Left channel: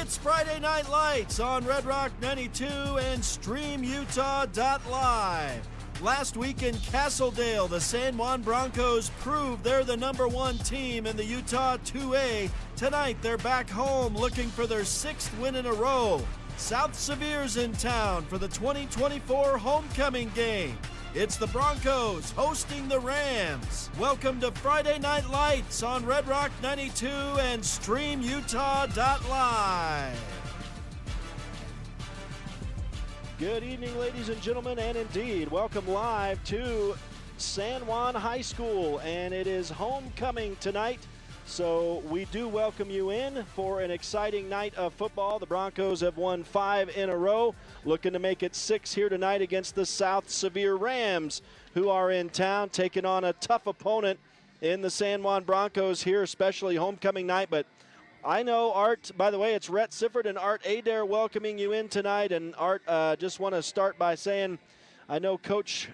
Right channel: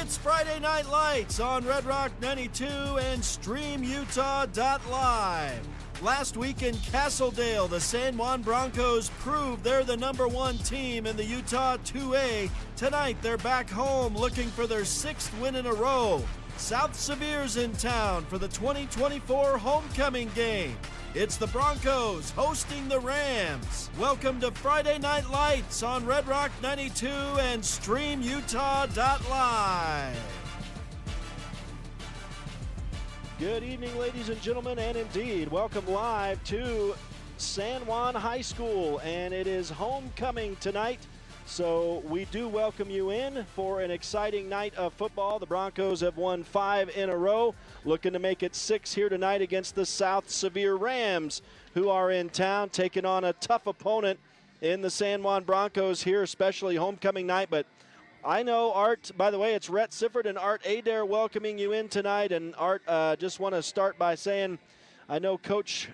It's Friday Night Lights on Red Rock 92 and StreamUtah.Live. Last week in Castledale, the San Juan Broncos proved they're the #1 team in the Utah 2A. Tonight, they're back home looking for their 6th win in a row. South Sevier's in town for the 2024 homecoming game. It's the Broncos hosting the Rams. Welcome to Friday Night Lights on Red Rock 92 and StreamUtah.Live. Good evening, ladies and gentlemen, and indeed, welcome live to San Juan High School, and it is homecoming tonight. So we do welcome you in for an exciting night of football. The Broncos have won 5 in a row, looking to make it 6 here tonight against the South Sevier Rams, who are in town taking on a tough opponent in the San Juan Broncos here, especially homecoming night. But I know, Art, by the way, it's Rhett Sifford and Art Adair welcoming you in tonight. And Art, just want to start by saying I know Coach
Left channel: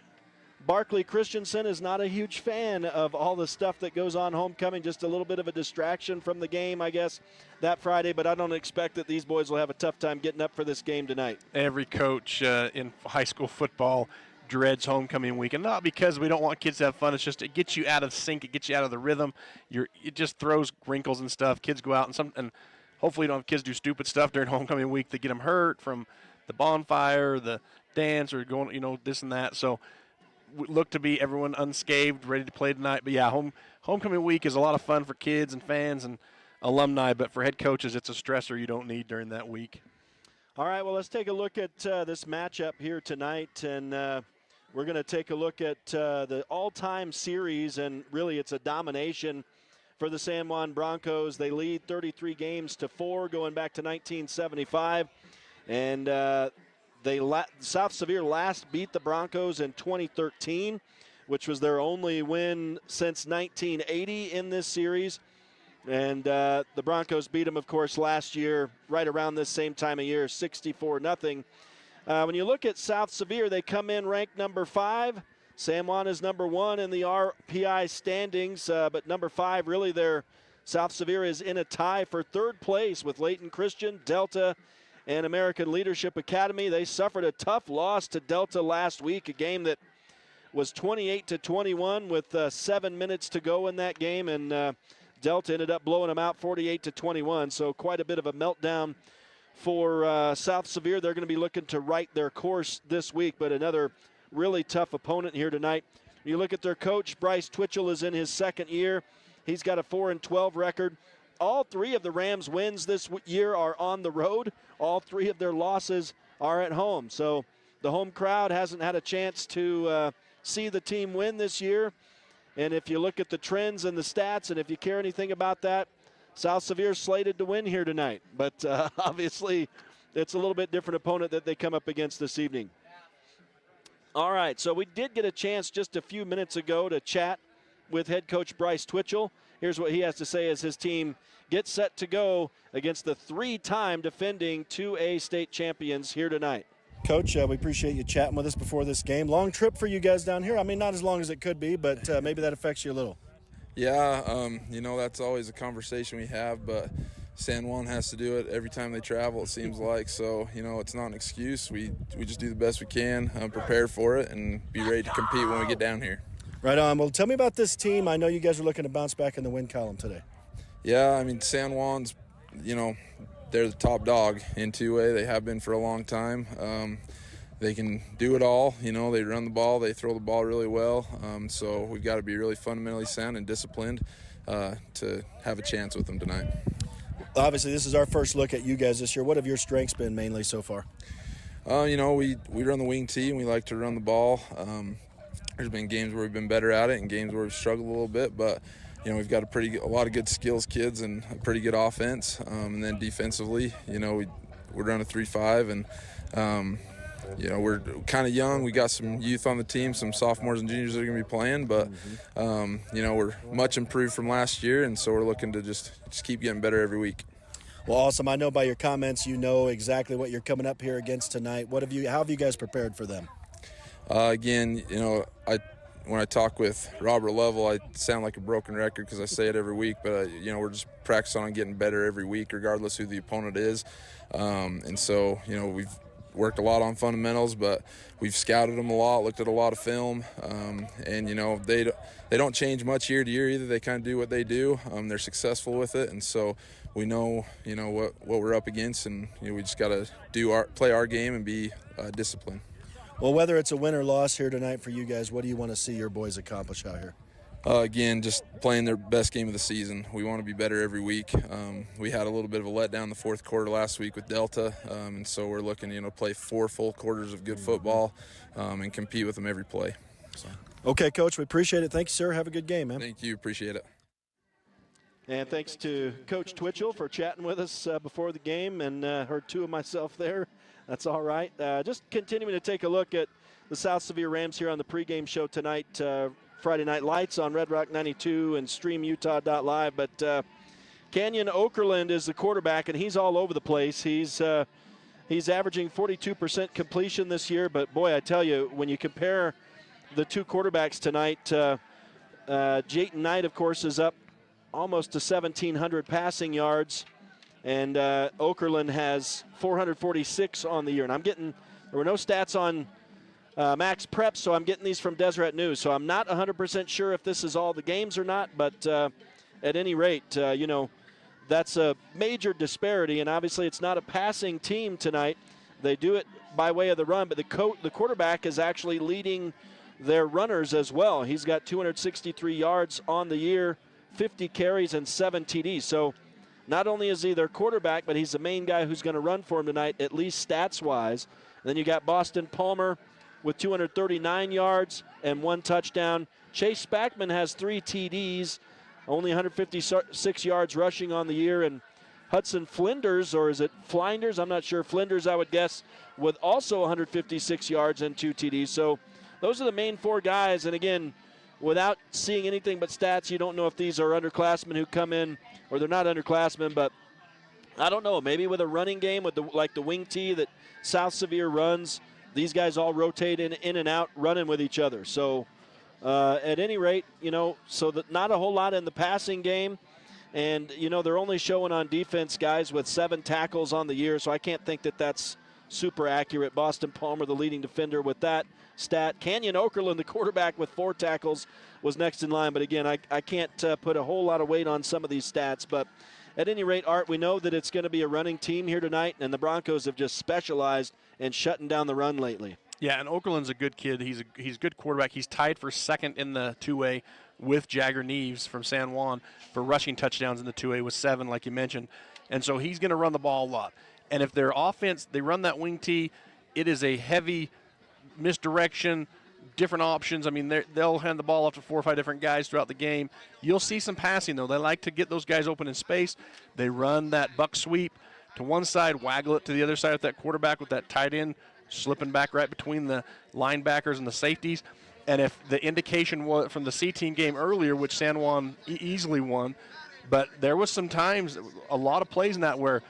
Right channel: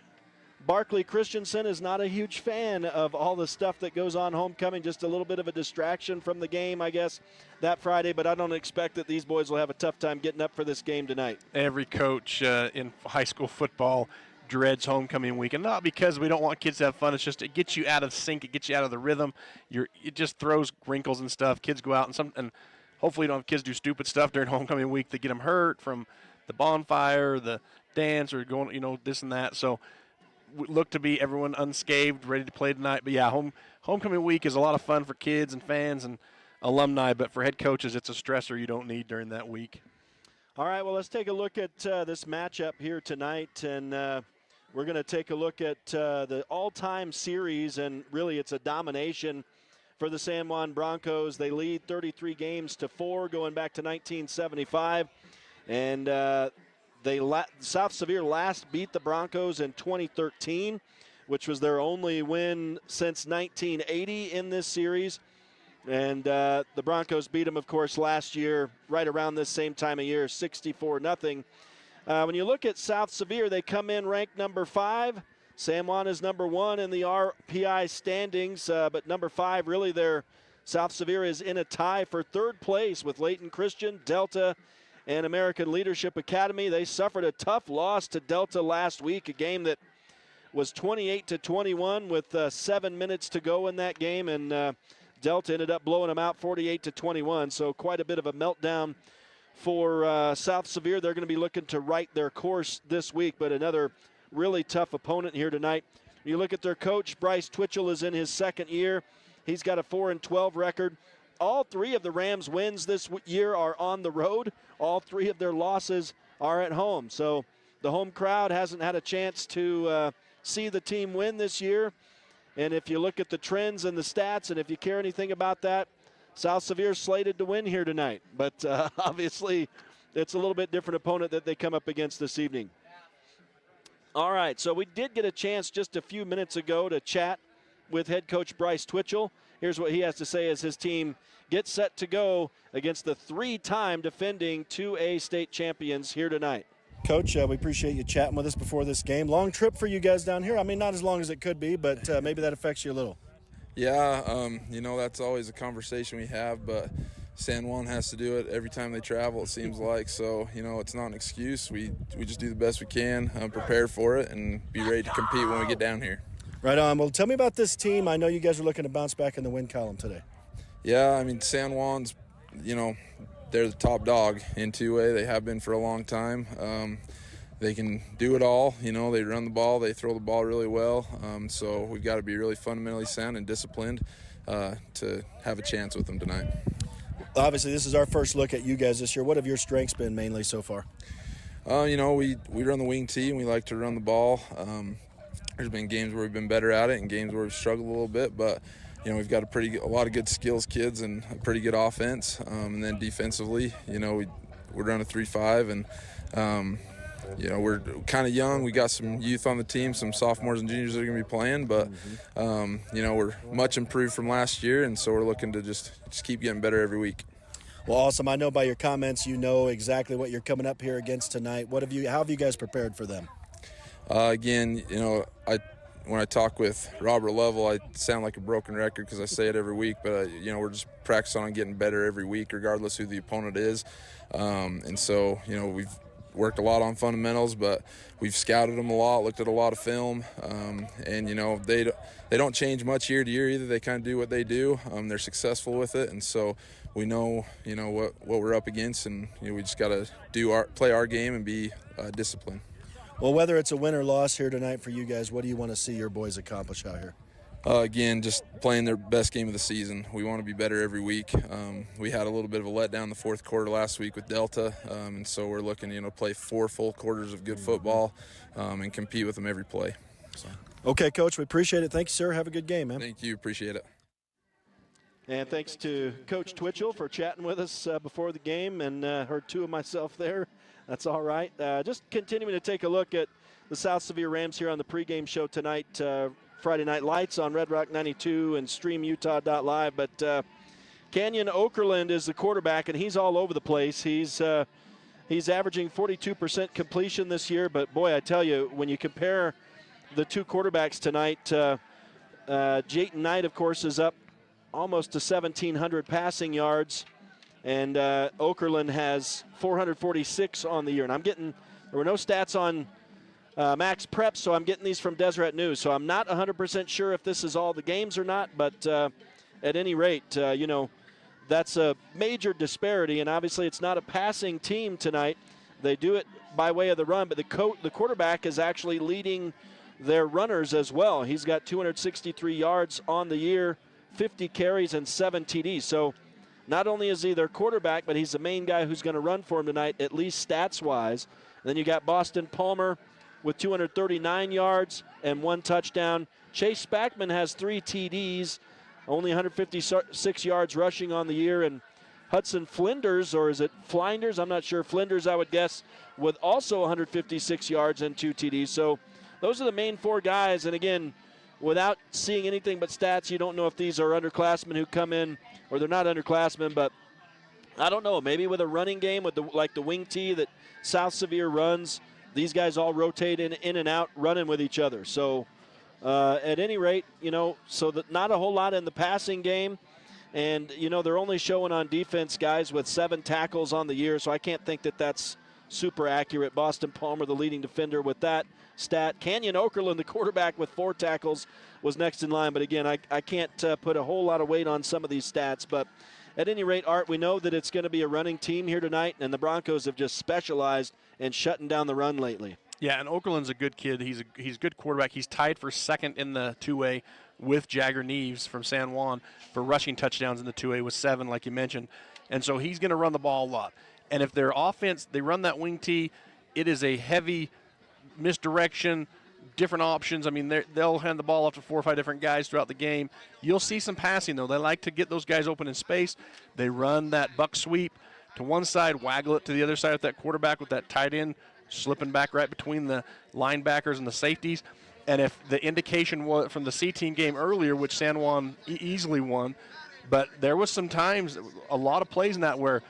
Barkley Christensen is not a huge fan of all the stuff that goes on homecoming, just a little bit of a distraction from the game, I guess, that Friday. But I don't expect that these boys will have a tough time getting up for this game tonight. Every coach in high school football dreads homecoming week, and not because we don't want kids to have fun. It's just it gets you out of sync, it gets you out of the rhythm. It just throws wrinkles and stuff. Kids go out and hopefully you don't have kids do stupid stuff during homecoming week that get them hurt from the bonfire, the dance, or going, this and that. So look to be everyone unscathed, ready to play tonight. But yeah, homecoming week is a lot of fun for kids and fans and alumni, but for head coaches, it's a stressor you don't need during that week. All right, well, let's take a look at this matchup here tonight, and we're going to take a look at the all-time series, and really it's a domination for the San Juan Broncos. They lead 33 games to 4 going back to 1975, and South Sevier last beat the Broncos in 2013, which was their only win since 1980 in this series. And the Broncos beat them, of course, last year, right around this same time of year, 64-0. When you look at South Sevier, they come in ranked number 5. San Juan is number 1 in the RPI standings, but number 5, really, South Sevier is in a tie for 3rd place with Layton Christian, Delta, and American Leadership Academy. They suffered a tough loss to Delta last week, a game that was 28-21 with 7 minutes to go in that game, and Delta ended up blowing them out 48-21, so quite a bit of a meltdown for South Sevier. They're going to be looking to right their course this week, but another really tough opponent here tonight. You look at their coach, Bryce Twitchell is in his 2nd year. He's got a 4-12 record. All 3 of the Rams' wins this year are on the road. All 3 of their losses are at home. So the home crowd hasn't had a chance to see the team win this year. And if you look at the trends and the stats, and if you care anything about that, South Sevier is slated to win here tonight. But obviously, it's a little bit different opponent that they come up against this evening. All right, so we did get a chance just a few minutes ago to chat with head coach Bryce Twitchell. Here's what he has to say as his team gets set to go against the 3-time defending 2A state champions here tonight. Coach, we appreciate you chatting with us before this game. Long trip for you guys down here. I mean, not as long as it could be, but maybe that affects you a little. Yeah, that's always a conversation we have, but San Juan has to do it every time they travel, it seems like. So, it's not an excuse. We just do the best we can, prepare for it, and be ready to compete when we get down here. Right on. Well, tell me about this team. I know you guys are looking to bounce back in the win column today. Yeah, San Juan's, they're the top dog in 2A. They have been for a long time. They can do it all. They run the ball. They throw the ball really well. So we've got to be really fundamentally sound and disciplined to have a chance with them tonight. Obviously, this is our first look at you guys this year. What have your strengths been mainly so far? We run the wing tee, and we like to run the ball. There's been games where we've been better at it and games where we've struggled a little bit, but we've got a lot of good skills kids and a pretty good offense. And then defensively, we run a 3-5, and we're kind of young. We got some youth on the team, some sophomores and juniors that are going to be playing, but we're much improved from last year, and so we're looking to just keep getting better every week. Well, awesome. I know by your comments you know exactly what you're coming up here against tonight. How have you guys prepared for them? Again, when I talk with Robert Lovell, I sound like a broken record because I say it every week, but we're just practicing on getting better every week, regardless who the opponent is. And so, we've worked a lot on fundamentals, but we've scouted them a lot, looked at a lot of film, and they don't change much year to year either. They kind of do what they do. They're successful with it, and so we know what we're up against, and we just got to play our game and be disciplined. Well, whether it's a win or loss here tonight for you guys, what do you want to see your boys accomplish out here? Again, just playing their best game of the season. We want to be better every week. We had a little bit of a letdown in the fourth quarter last week with Delta, and so we're looking to play 4 full quarters of good football and compete with them every play. So. Okay, Coach, we appreciate it. Thank you, sir. Have a good game, man. Thank you. Appreciate it. And thanks to Coach Twitchell for chatting with us before the game, and heard 2 of myself there. That's all right. Just continuing to take a look at the South Sevier Rams here on the pregame show tonight. Friday Night Lights on Red Rock 92 and StreamUtah.Live. But Canyon Okerlund is the quarterback, and he's all over the place. He's averaging 42% completion this year. But, boy, I tell you, when you compare the 2 quarterbacks tonight, Jayton Knight, of course, is up almost to 1,700 passing yards. And Okerlund has 446 on the year. And there were no stats on Max Prep, so I'm getting these from Deseret News. So I'm not 100% sure if this is all the games or not, but at any rate, that's a major disparity. And obviously it's not a passing team tonight. They do it by way of the run, but the quarterback is actually leading their runners as well. He's got 263 yards on the year, 50 carries, and 7 TDs. So not only is he their quarterback, but he's the main guy who's going to run for him tonight, at least stats-wise. And then you got Boston Palmer with 239 yards and 1 touchdown. Chase Spackman has 3 TDs, only 156 yards rushing on the year. And Hudson Flinders, or is it Flinders? I'm not sure. Flinders, I would guess, with also 156 yards and 2 TDs. So those are the main 4 guys. And again, without seeing anything but stats, you don't know if these are underclassmen who come in, or they're not underclassmen, but I don't know. Maybe with a running game, with the wing tee that South Sevier runs, these guys all rotate in and out, running with each other. So at any rate, so that not a whole lot in the passing game. And, they're only showing on defense guys with 7 tackles on the year, so I can't think that that's super accurate. Boston Palmer, the leading defender, with that stat. Canyon Okerlund, the quarterback, with 4 tackles, was next in line. But again, I can't put a whole lot of weight on some of these stats. But at any rate, Art, we know that it's going to be a running team here tonight, and the Broncos have just specialized in shutting down the run lately. Yeah, and Okerlund's a good kid. He's a good quarterback. He's tied for second in the 2A with Jagger Neves from San Juan for rushing touchdowns in the 2A with 7, like you mentioned. And so he's going to run the ball a lot. And if their offense, they run that wing tee, it is a heavy misdirection, different options. I mean, they'll hand the ball off to 4 or 5 different guys throughout the game. You'll see some passing, though. They like to get those guys open in space. They run that buck sweep to one side, waggle it to the other side with that quarterback with that tight end slipping back right between the linebackers and the safeties. And if the indication was from the C-team game earlier, which San Juan easily won, but there was some times, a lot of plays in that where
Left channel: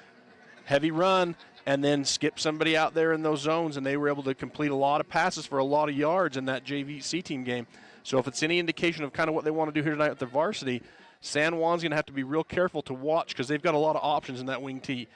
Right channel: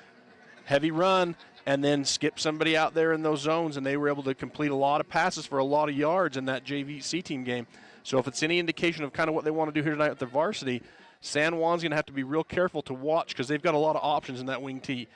heavy run and then skip somebody out there in those zones, and they were able to complete a lot of passes for a lot of yards in that JV C-team game. So if it's any indication of kind of what they want to do here tonight with the varsity, San Juan's going to have to be real careful to watch because they've got a lot of options in that wing tee.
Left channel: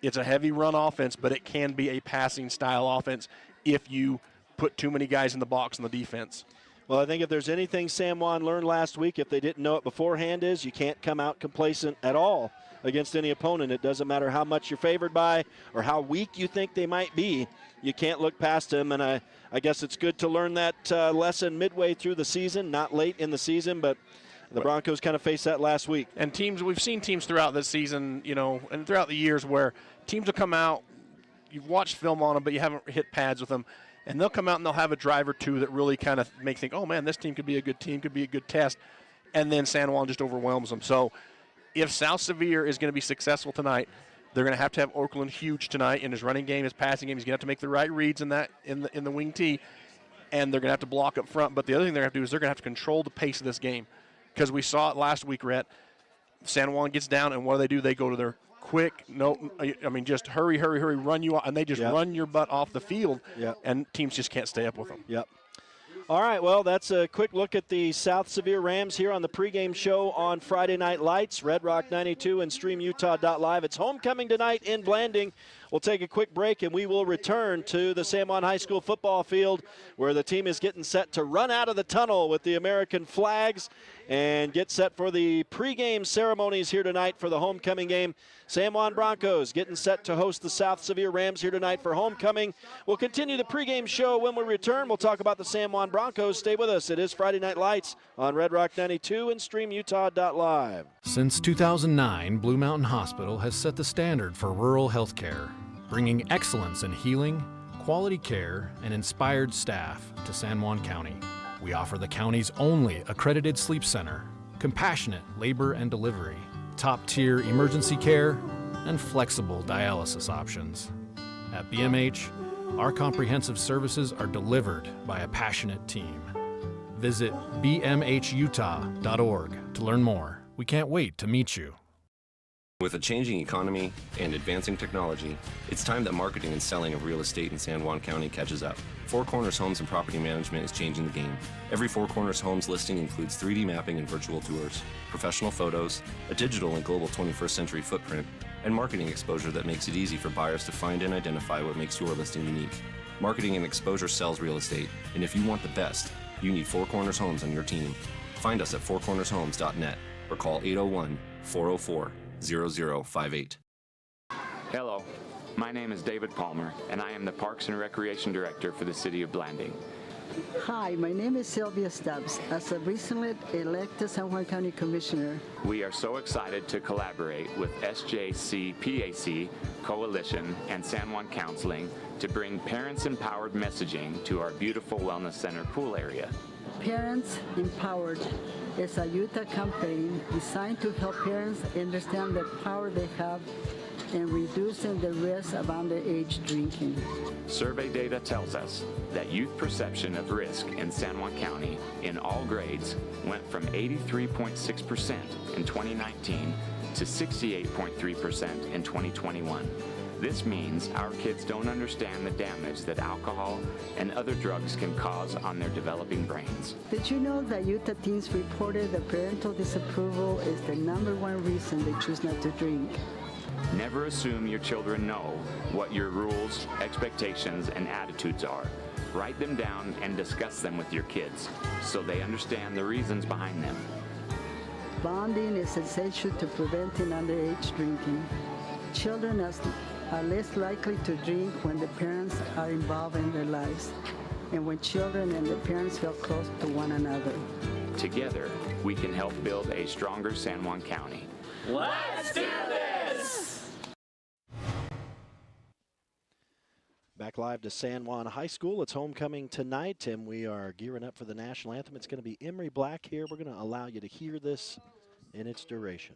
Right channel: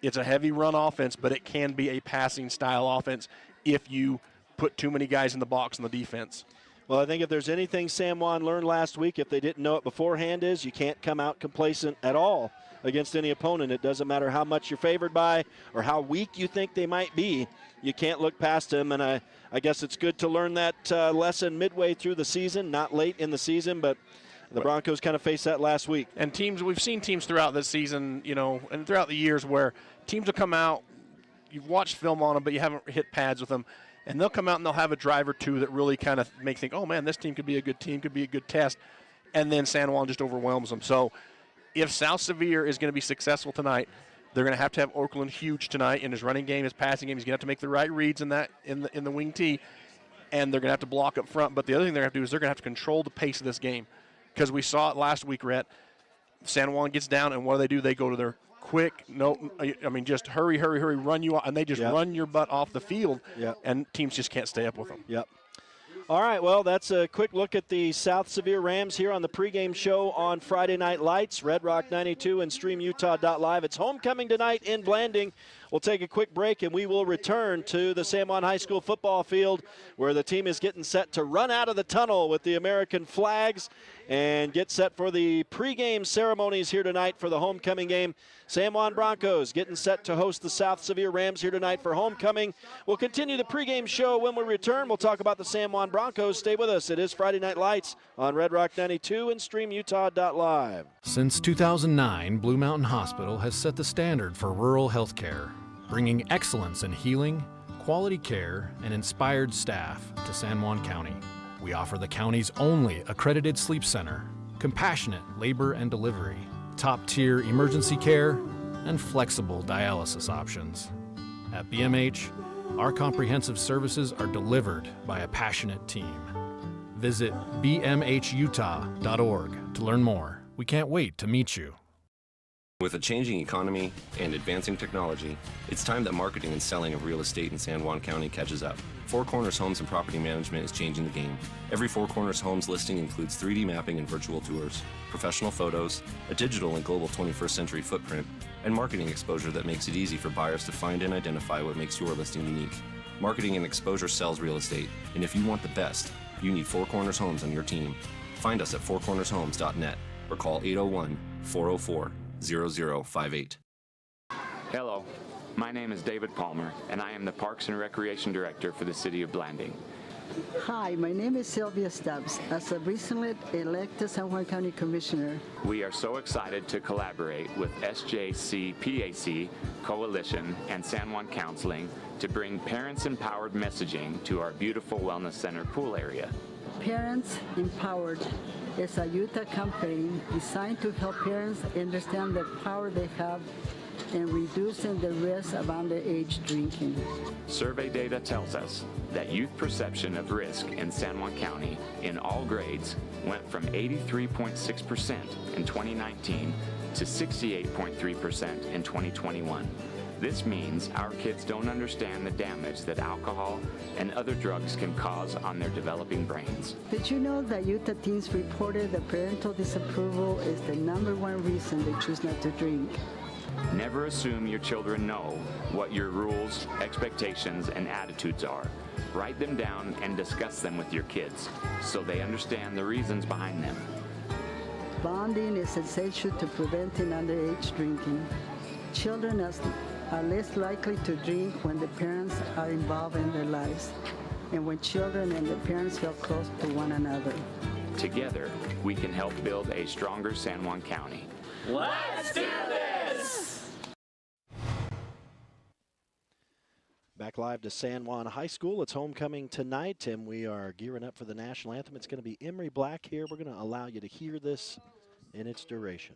It's a heavy run offense, but it can be a passing style offense if you put too many guys in the box on the defense. Well, I think if there's anything San Juan learned last week, if they didn't know it beforehand, is you can't come out complacent at all against any opponent. It doesn't matter how much you're favored by or how weak you think they might be. You can't look past them, and I guess it's good to learn that lesson midway through the season, not late in the season, but the Broncos kind of faced that last week. And we've seen teams throughout this season, and throughout the years where teams will come out, you've watched film on them, but you haven't hit pads with them, and they'll come out and they'll have a drive or two that really kind of make think, oh, man, this team could be a good team, could be a good test, and then San Juan just overwhelms them. So if South Sevier is going to be successful tonight, they're going to have Okerlund huge tonight in his running game, his passing game. He's going to have to make the right reads in the wing tee, and they're going to have to block up front. But the other thing they're going to have to do is they're going to have to control the pace of this game, because we saw it last week, Rhett. San Juan gets down, and what do? They go to their quick, just hurry, run you off, and they just run your butt off the field, and teams just can't stay up with them. Yep. All right, well, that's a quick look at the South Sevier Rams here on the pregame show on Friday Night Lights, Red Rock 92 and StreamUtah.Live. It's homecoming tonight in Blanding. We'll take a quick break, and we will return to the San Juan High School football field where the team is getting set to run out of the tunnel with the American flags and get set for the pregame ceremonies here tonight for the homecoming game. San Juan Broncos getting set to host the South Sevier Rams here tonight for homecoming. We'll continue the pregame show when we return. We'll talk about the San Juan Broncos. Stay with us. It is Friday Night Lights on Red Rock 92 and StreamUtah.Live. Since 2009, Blue Mountain Hospital has set the standard for rural health care, bringing excellence in healing, quality care, and inspired staff to San Juan County. We offer the county's only accredited sleep center, compassionate labor and delivery, top-tier emergency care, and flexible dialysis options. At BMH, our comprehensive services are delivered by a passionate team. Visit bmhutah.org to learn more. We can't wait to meet you. With a changing economy and advancing technology, it's time that marketing and selling of real estate in San Juan County catches up. Four Corners Homes and Property Management is changing the game. Every Four Corners Homes listing includes 3D mapping and virtual tours, professional photos, a digital and global 21st century footprint, and marketing exposure that makes it easy for buyers to find and identify what makes your listing unique. Marketing and exposure sells real estate, and if you want the best, you need Four Corners Homes on your team. Find us at fourcornershomes.net or call 801-404-0058. Hello, my name is David Palmer, and I am the Parks and Recreation Director for the City of Blanding. Hi, my name is Sylvia Stubbs. As a recently elected San Juan County Commissioner, We are so excited to collaborate with SJC-PAC, Coalition, and San Juan Counseling to bring parents-empowered messaging to our beautiful Wellness Center pool area. Parents Empowered is a Utah campaign designed to help parents understand the power they have in reducing the risk of underage drinking. Survey data tells us that youth perception of risk in San Juan County in all grades went from 83.6% in 2019 to 68.3% in 2021. This means our kids don't understand the damage that alcohol and other drugs can cause on their developing brains. Did you know that Utah teens reported that parental disapproval is the #1 reason they choose not to drink? Never assume your children know what your rules, expectations, and attitudes are. Write them down and discuss them with your kids so they understand the reasons behind them. Bonding is essential to preventing underage drinking. Children are less likely to drink when the parents are involved in their lives and when children and the parents feel close to one another. Together, we can help build a stronger San Juan County. Let's do this! Back live to San Juan High School. It's homecoming tonight, and we are gearing up for the national anthem. It's going to be Emery Black here. We're going to allow you to hear this in its duration.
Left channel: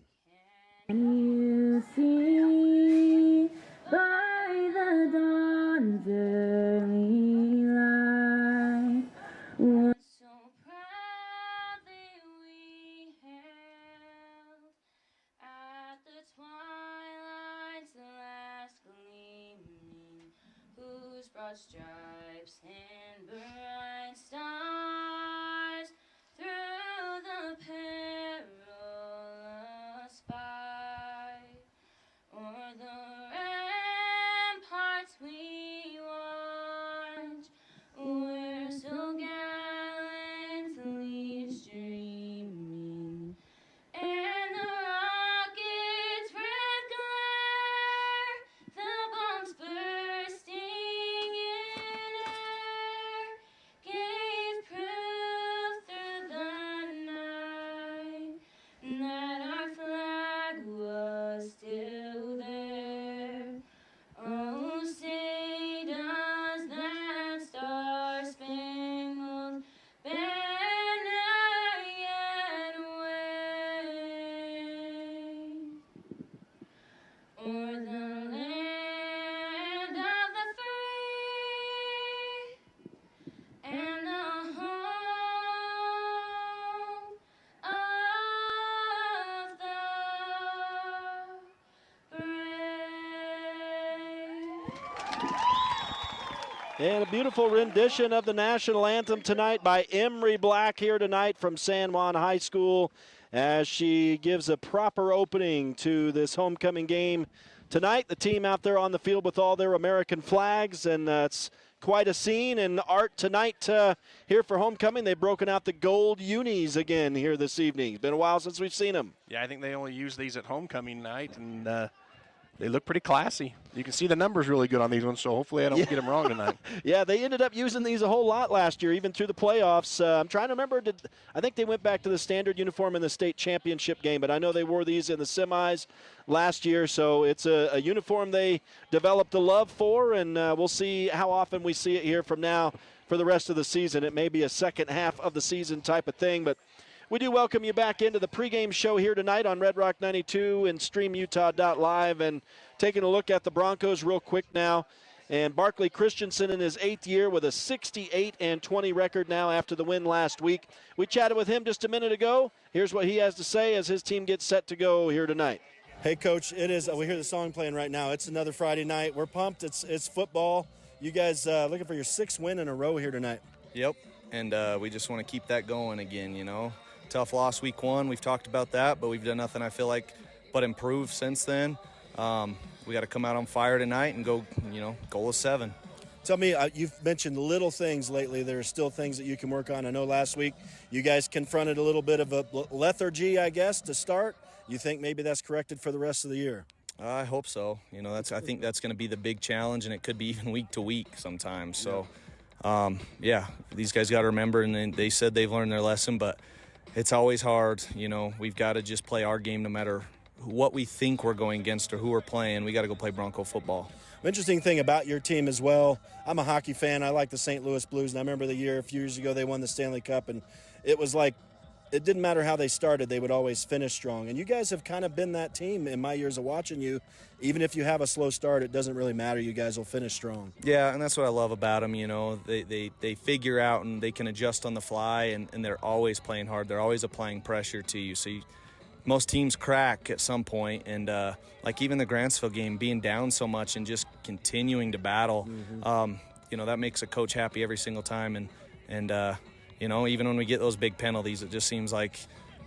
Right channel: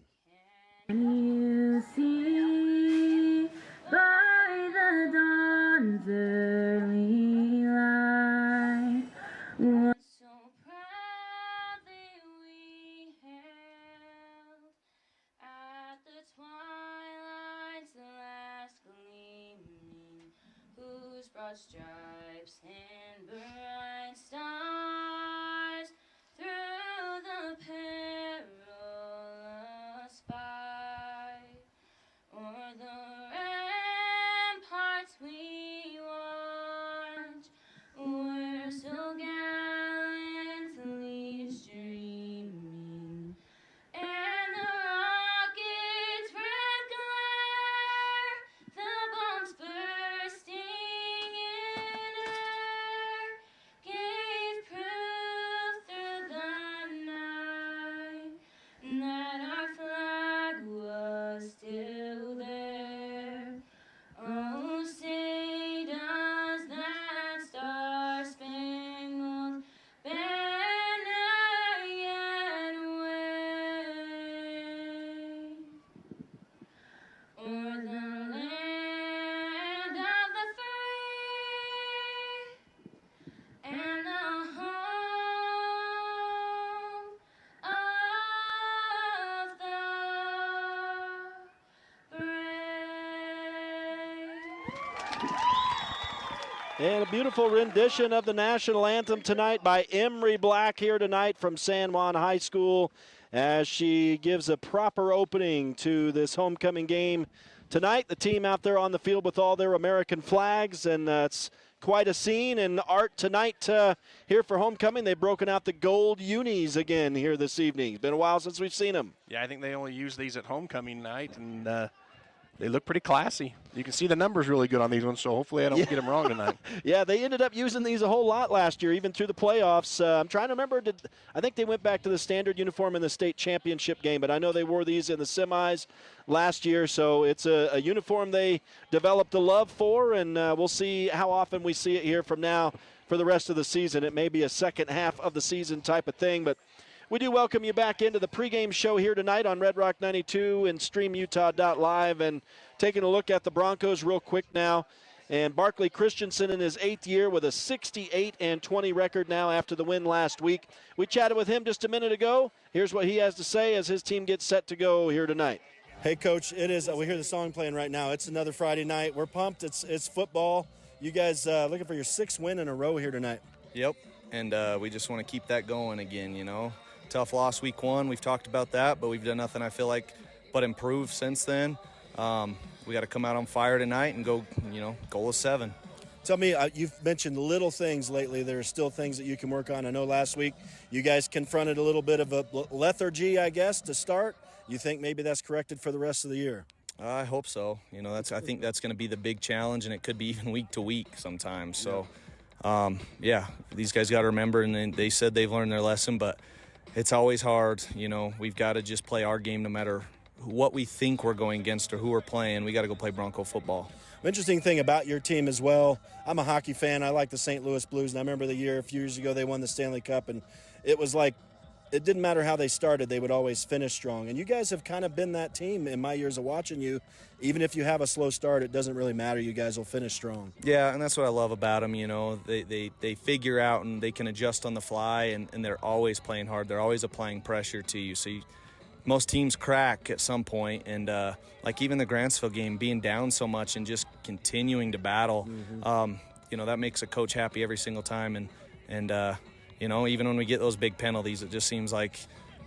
You see by the dawn's early light what so proudly we hailed at the twilight's last gleaming, whose broad stripes and bright stars through the perilous fight o'er the ramparts we watch, we're so gallantly streaming, and the rocket's red glare, the bombs bursting in air, gave proof through the night that our flag was still there. Oh, say does that star-spangled banner yet wave o'er the land of the free and the home of the brave. And a beautiful rendition of the national anthem tonight by Emery Black here tonight from San Juan High School as she gives a proper opening to this homecoming game tonight. The team out there on the field with all their American flags, and it's quite a scene. And Art, tonight here for homecoming, they've broken out the gold unis again here this evening. It's been a while since we've seen them. Yeah, I think they only use these at homecoming night, and they look pretty classy. You can see the numbers really good on these ones, so hopefully I don't get them wrong tonight. Yeah, they ended up using these a whole lot last year, even through the playoffs. I'm trying to remember, I think they went back to the standard uniform in the state championship game, but I know they wore these in the semis last year, so it's a uniform they developed a love for, and we'll see how often we see it here from now for the rest of the season. It may be a second half of the season type of thing, but we do welcome you back into the pregame show here tonight on Red Rock 92 and StreamUtah.Live, and taking a look at the Broncos real quick now. And Barkley Christensen in his 8th year with a 68-20 record now after the win last week. We chatted with him just a minute ago. Here's what he has to say as his team gets set to go here tonight. Hey, Coach, it is. We hear the song playing right now. It's another Friday night. We're pumped. It's football. You guys looking for your 6th win in a row here tonight. Yep, and we just want to keep that going again, you know. Tough loss week 1. We've talked about that, but we've done nothing, I feel like, but improve since then. We got to come out on fire tonight and go, goal is 7. Tell me, you've mentioned little things lately. There are still things that you can work on. I know last week you guys confronted a little bit of a lethargy, I guess, to start. You think maybe that's corrected for the rest of the year? I hope so. I think that's going to be the big challenge, and it could be even week to week sometimes. So, these guys got to remember, and they said they've learned their lesson, but it's always hard. We've got to just play our game no matter what we think we're going against or who we're playing. We got to go play Bronco football. Interesting thing about your team as well, I'm a hockey fan. I like the St. Louis Blues, and I remember the year a few years ago they won the Stanley Cup, and it was like it didn't matter how they started, they would always finish strong. And you guys have kind of been that team in my years of watching you. Even if you have a slow start, it doesn't really matter. You guys will finish strong. Yeah, and that's what I love about them. They figure out and they can adjust on the fly, and they're always playing hard. They're always applying pressure to you. So most teams crack at some point, and like even the Grantsville game, being down so much and just continuing to battle, that makes a coach happy every single time. And even when we get those big penalties, it just seems like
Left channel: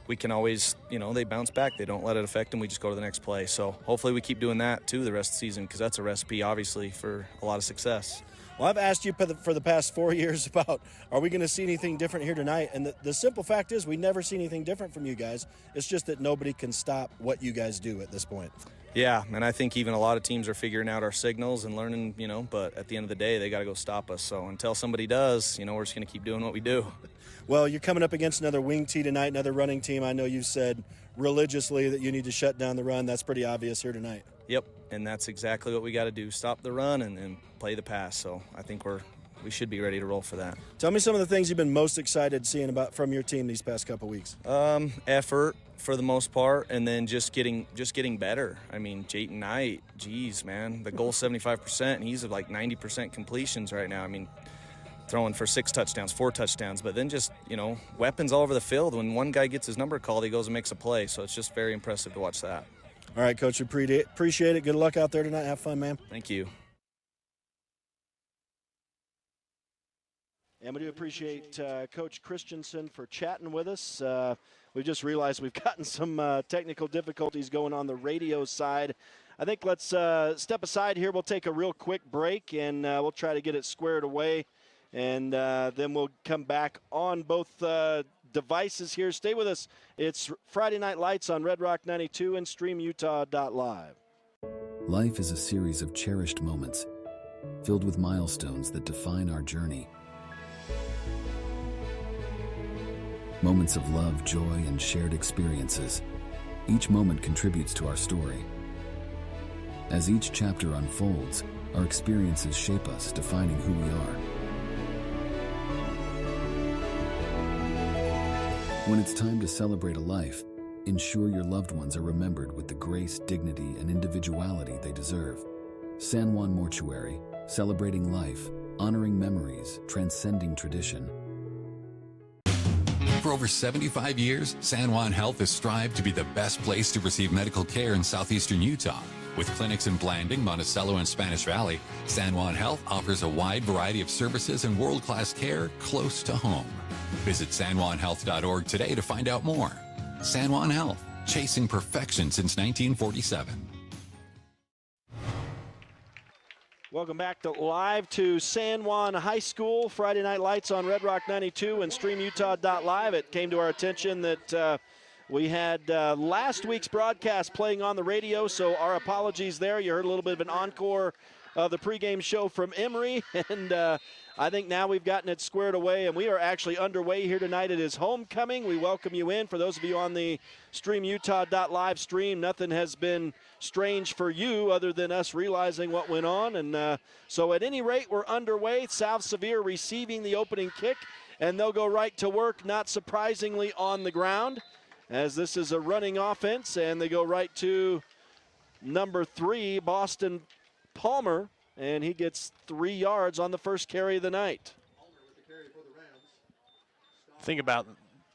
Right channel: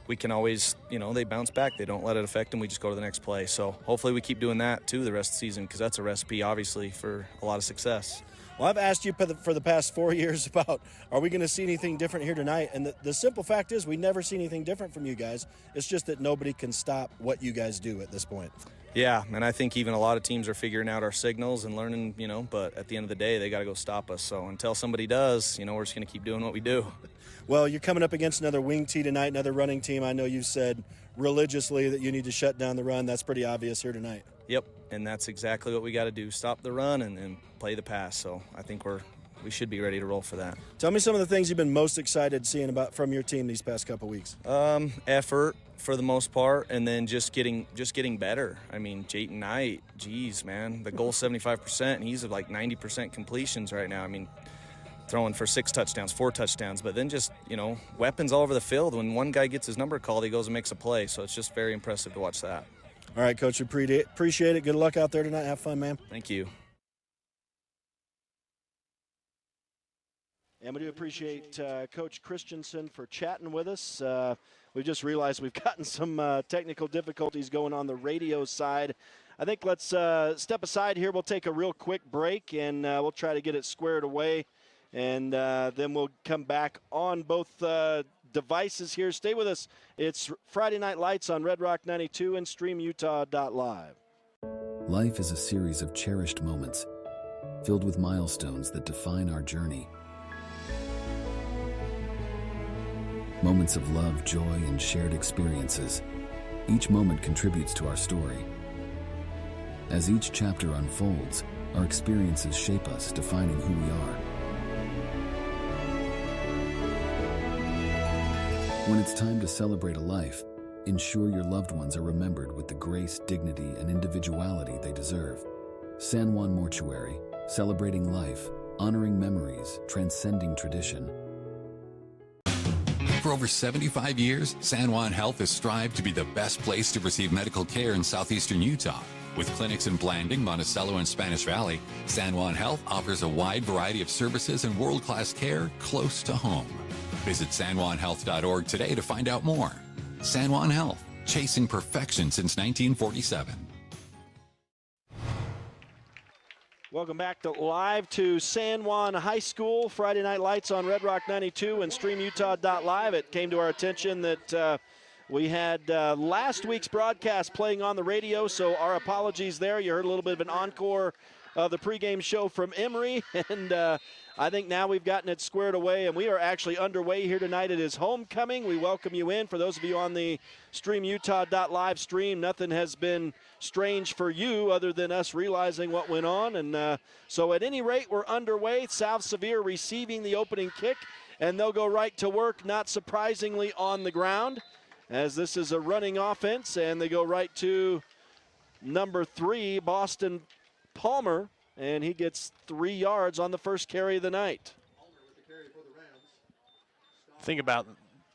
we can always, they bounce back. They don't let it affect them. We just go to the next play. So hopefully we keep doing that, too, the rest of the season, because that's a recipe, obviously, for a lot of success. Well, I've asked you for the past 4 years about, are we going to see anything different here tonight? And the simple fact is we never see anything different from you guys. It's just that nobody can stop what you guys do at this point. Yeah, and I think even a lot of teams are figuring out our signals and learning, but at the end of the day, they got to go stop us. So until somebody does, we're just going to keep doing what we do. Well, you're coming up against another wing tee tonight, another running team. I know you've said religiously that you need to shut down the run. That's pretty obvious here tonight. Yep, and that's exactly what we got to do, stop the run and play the pass. So I think we should be ready to roll for that. Tell me some of the things you've been most excited seeing from your team these past couple weeks. Effort for the most part, and then just getting better. I mean, Jayton Knight, geez, man, the goal's 75%, and he's at like 90% completions right now. I mean, throwing for 6 touchdowns, 4 touchdowns, but then just, weapons all over the field. When one guy gets his number called, he goes and makes a play. So it's just very impressive to watch that. All right, Coach, appreciate it. Good luck out there tonight. Have fun, man. Thank you. And we do appreciate Coach Christensen for chatting with us. We just realized we've gotten some technical difficulties going on the radio side. I think let's step aside here. We'll take a real quick break, and we'll try to get it squared away. And then we'll come back on both devices here. Stay with us. It's Friday Night Lights on Red Rock 92 and StreamUtah.Live. Life is a series of cherished moments, filled with milestones that define our journey. Moments of love, joy, and shared experiences. Each moment contributes to our story. As each chapter unfolds, our experiences shape us, defining who we are. When it's time to celebrate a life, ensure your loved ones are remembered with the grace, dignity, and individuality they deserve. San Juan Mortuary, celebrating life, honoring memories, transcending tradition. For over 75 years, San Juan Health has strived to be the best place to receive medical care in southeastern Utah. With clinics in Blanding, Monticello, and Spanish Valley, San Juan Health offers a wide variety of services and world-class care close to home. Visit sanjuanhealth.org today to find out more. San Juan Health, chasing perfection since 1947. Welcome back live to San Juan High School. Friday Night Lights on Red Rock 92 and StreamUtah.Live. It came to our attention that we had last week's broadcast playing on the radio, so our apologies there. You heard a little bit of an encore of the pregame show from Emory, and I think now we've gotten it squared away, and we are actually underway here tonight. It is homecoming. We welcome you in. For those of you on the StreamUtah.Live stream, nothing has been strange for you other than us realizing what went on. And so at any rate, we're underway. South Sevier receiving the opening kick, and they'll go right to work, not surprisingly, on the ground, as this is a running offense, and they go right to number 3, Boston Palmer, and he gets 3 yards on the first carry of the night. Think about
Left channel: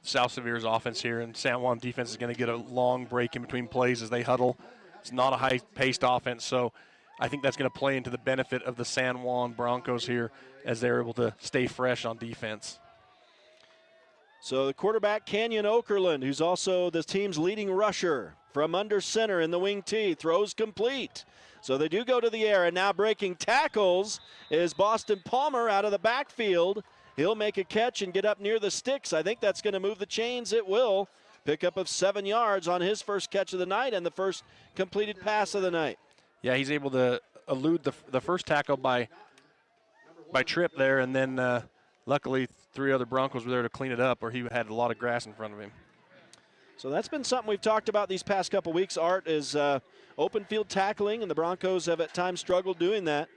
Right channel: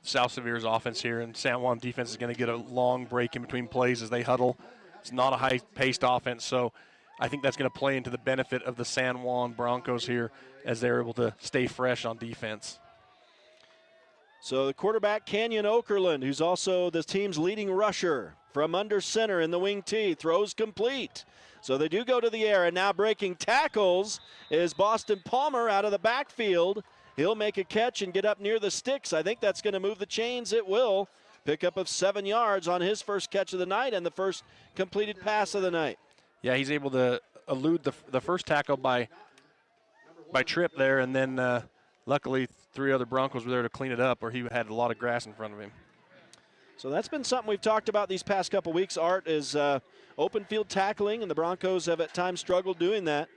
South Sevier's offense here, and San Juan defense is going to get a long break in between plays as they huddle. It's not a high-paced offense, so I think that's going to play into the benefit of the San Juan Broncos here as they're able to stay fresh on defense. So the quarterback, Canyon Okerlund, who's also the team's leading rusher, from under center in the wing T, throws complete. So they do go to the air, and now breaking tackles is Boston Palmer out of the backfield. He'll make a catch and get up near the sticks. I think that's going to move the chains. It will. Pickup of 7 yards on his first catch of the night and the first completed pass of the night. Yeah, he's able to elude the first tackle by trip there, and then luckily 3 other Broncos were there to clean it up, or he had a lot of grass in front of him. So that's been something we've talked about these past couple weeks, Art, is open field tackling, and the Broncos have at times struggled doing that.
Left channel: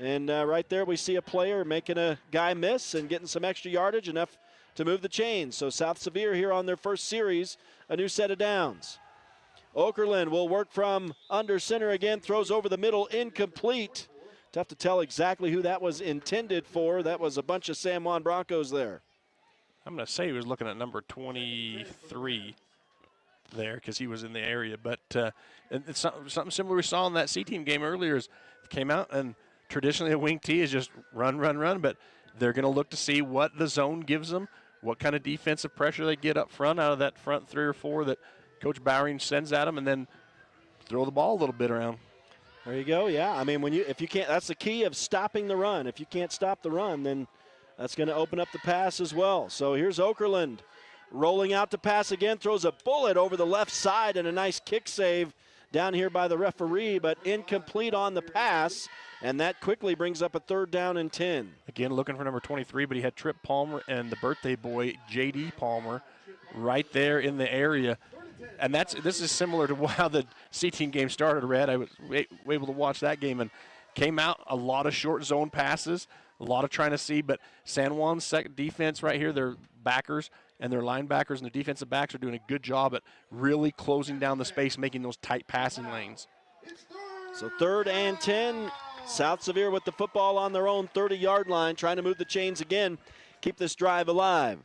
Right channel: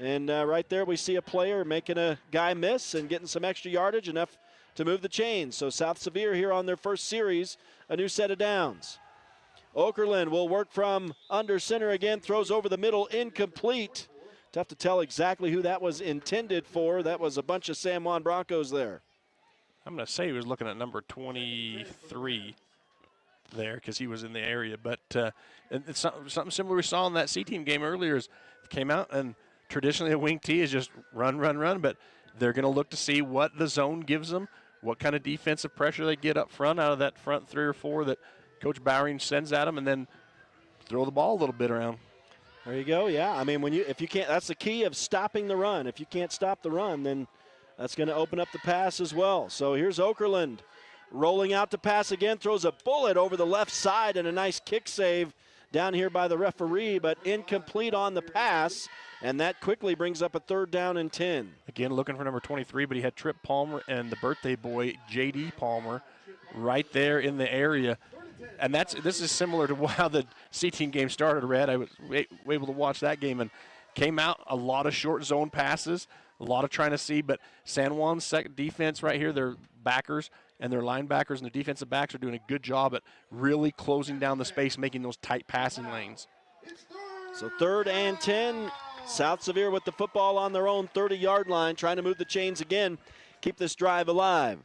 And right there we see a player making a guy miss and getting some extra yardage, enough to move the chains. So South Sevier here on their first series, a new set of downs. Okerlund will work from under center again, throws over the middle, incomplete. Tough to tell exactly who that was intended for. That was a bunch of San Juan Broncos there. I'm going to say he was looking at number 23 there because he was in the area. But it's something similar we saw in that C-team game earlier. Is came out, and traditionally a wing T is just run, but they're going to look to see what the zone gives them, what kind of defensive pressure they get up front out of that front 3 or 4 that Coach Bowering sends at them, and then throw the ball a little bit around. There you go. Yeah, I mean, if you can't, that's the key of stopping the run. If you can't stop the run, then that's going to open up the pass as well. So here's Okerlund rolling out to pass again, throws a bullet over the left side, and a nice kick save down here by the referee, but incomplete on the pass, and that quickly brings up a 3rd down and 10. Again, looking for number 23, but he had Trip Palmer and the birthday boy, J.D. Palmer, right there in the area. And this is similar to how the C-team game started, Red. I was able to watch that game, and came out a lot of short zone passes, a lot of trying to see, but San Juan's second defense right here, their backers and their linebackers and their defensive backs are doing a good job at really closing down the space, making those tight passing lanes. So 3rd and 10, South Sevier with the football on their own 30-yard line, trying to move the chains again, keep this drive alive.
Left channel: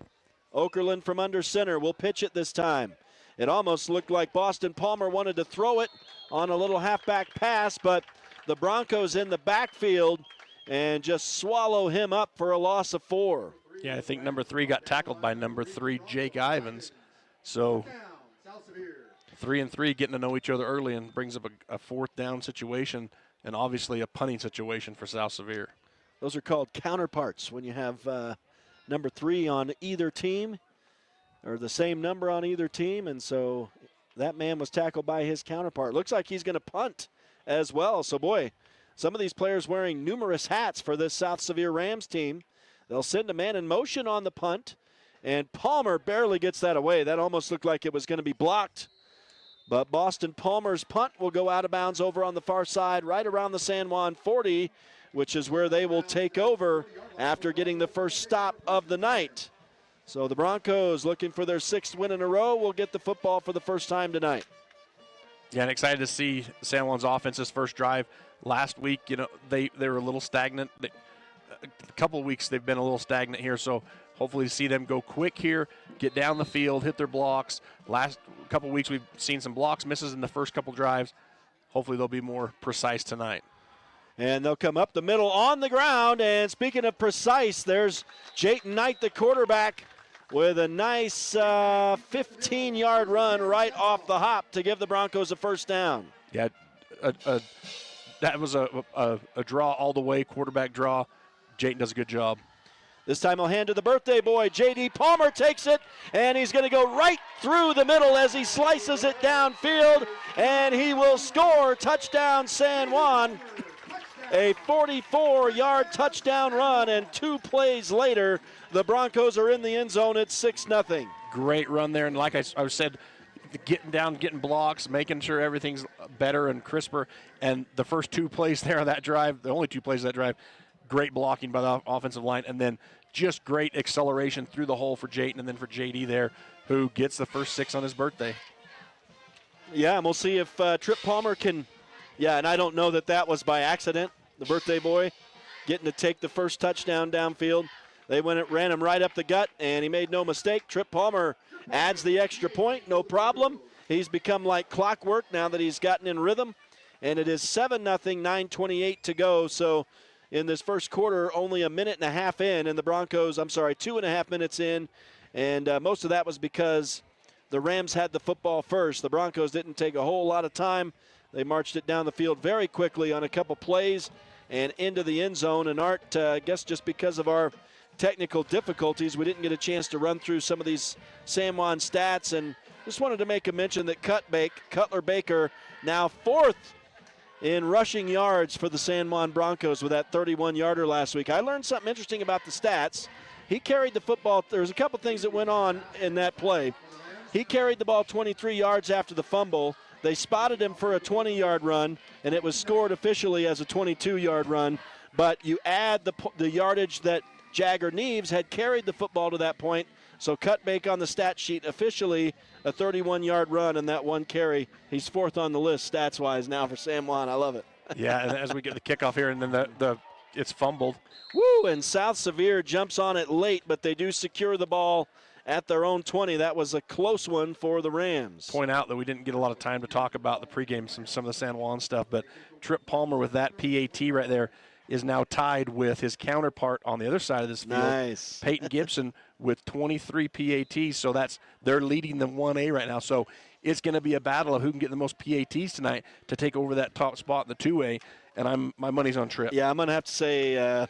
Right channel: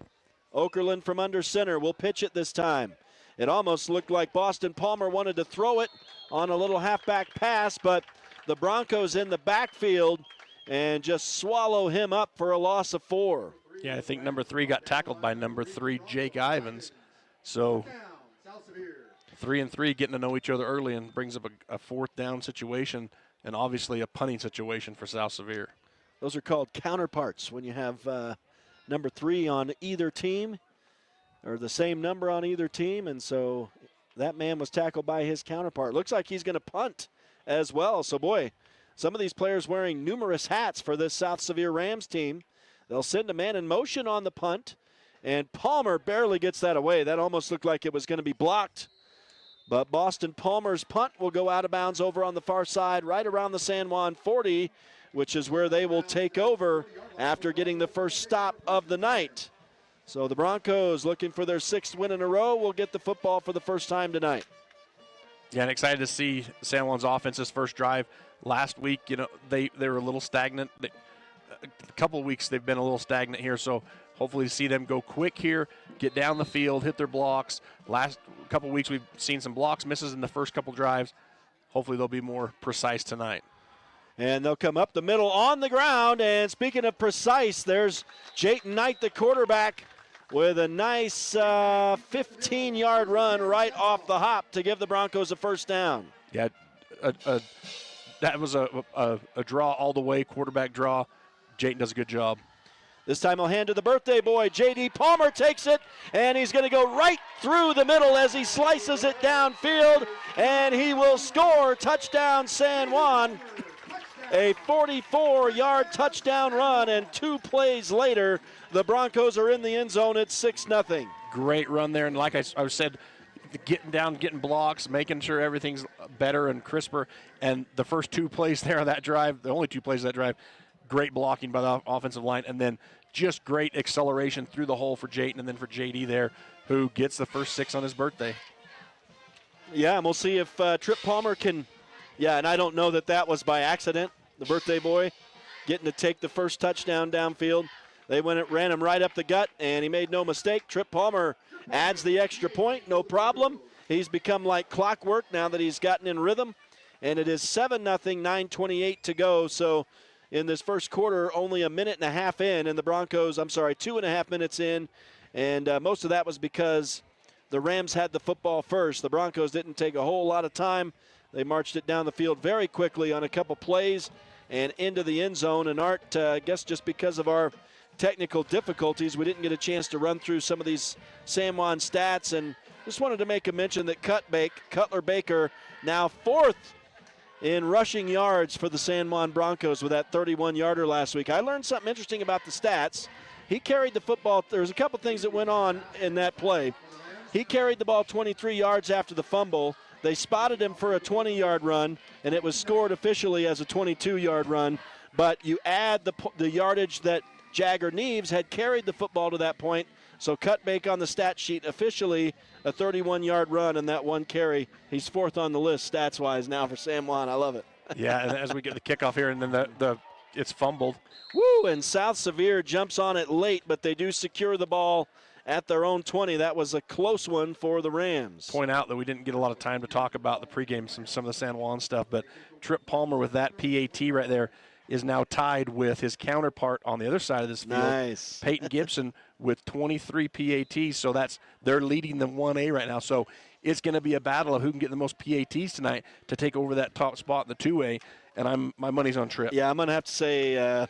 Okerlund from under center will pitch it this time. It almost looked like Boston Palmer wanted to throw it on a little halfback pass, but the Broncos in the backfield and just swallow him up for a loss of 4. Yeah, I think number 3 got tackled by number 3, Jake Ivins. So 3 and 3 getting to know each other early, and brings up a 4th down situation, and obviously a punting situation for South Sevier. Those are called counterparts when you have number 3 on either team, or the same number on either team, and so that man was tackled by his counterpart. Looks like he's going to punt as well. So, boy, some of these players wearing numerous hats for this South Sevier Rams team. They'll send a man in motion on the punt, and Palmer barely gets that away. That almost looked like it was going to be blocked. But Boston Palmer's punt will go out of bounds over on the far side, right around the San Juan 40, which is where they will take over after getting the first stop of the night. So the Broncos, looking for their 6th win in a row, will get the football for the first time tonight. Yeah, and excited to see San Juan's offense's first drive. Last week, they were a little stagnant. A couple of weeks they've been a little stagnant here, so hopefully to see them go quick here, get down the field, hit their blocks. Last couple of weeks we've seen some blocks misses in the first couple drives. hopefully they'll be more precise tonight. And they'll come up the middle on the ground. And speaking of precise, there's Jayton Knight, the quarterback, with a nice 15-yard run right off the hop to give the Broncos a first down. Yeah, that was a draw all the way, quarterback draw. Jayton does a good job. This time he'll hand to the birthday boy. J.D. Palmer takes it, and he's going to go right through the middle as he slices it downfield, and he will score. Touchdown, San Juan. A 44-yard touchdown run, and 2 plays later, the Broncos are in the end zone at 6-0. Great run there, and like I said, getting down, getting blocks, making sure everything's better and crisper. And the first 2 plays there on that drive, the only 2 plays of that drive, great blocking by the offensive line, and then just great acceleration through the hole for Jayton and then for J.D. there, who gets the first 6 on his birthday. Yeah, and we'll see if Trip Palmer can, and I don't know that was by accident. The birthday boy getting to take the first touchdown downfield. They ran him right up the gut, and he made no mistake. Trip Palmer adds the extra point, no problem. He's become like clockwork now that he's gotten in rhythm. And it is 7-0, 9:28 to go. So in this first quarter, only a minute and a half in, and the Broncos, 2.5 minutes in. And most of that was because the Rams had the football first. The Broncos didn't take a whole lot of time. They marched it down the field very quickly on a couple plays and into the end zone. And Art, I guess just because of our technical difficulties, we didn't get a chance to run through some of these San Juan stats. And just wanted to make a mention that Cutler Baker now 4th in rushing yards for the San Juan Broncos with that 31-yarder last week. I learned something interesting about the stats. He carried the football. There's a couple things that went on in that play. He carried the ball 23 yards after the fumble. They spotted him for a 20-yard run, and it was scored officially as a 22-yard run. But you add the yardage that Jagger Neves had carried the football to that point. So Cutbake on the stat sheet, officially a 31-yard run and that 1 carry. He's 4th on the list stats-wise now for San Juan. I love it. Yeah, and as we get the kickoff here, and then it's fumbled. Woo, and South Sevier jumps on it late, but they do secure the ball at their own 20. That was a close one for the Rams. Point out that we didn't get a lot of time to talk about the pregame, some of the San Juan stuff, but Trip Palmer with that PAT right there is now tied with his counterpart on the other side of this field. Nice. Peyton Gibson with 23 PATs, so they're leading the 1A right now. So it's going to be a battle of who can get the most PATs tonight to take over that top spot in the 2A, and my money's on Trip. Yeah, I'm going to have to say,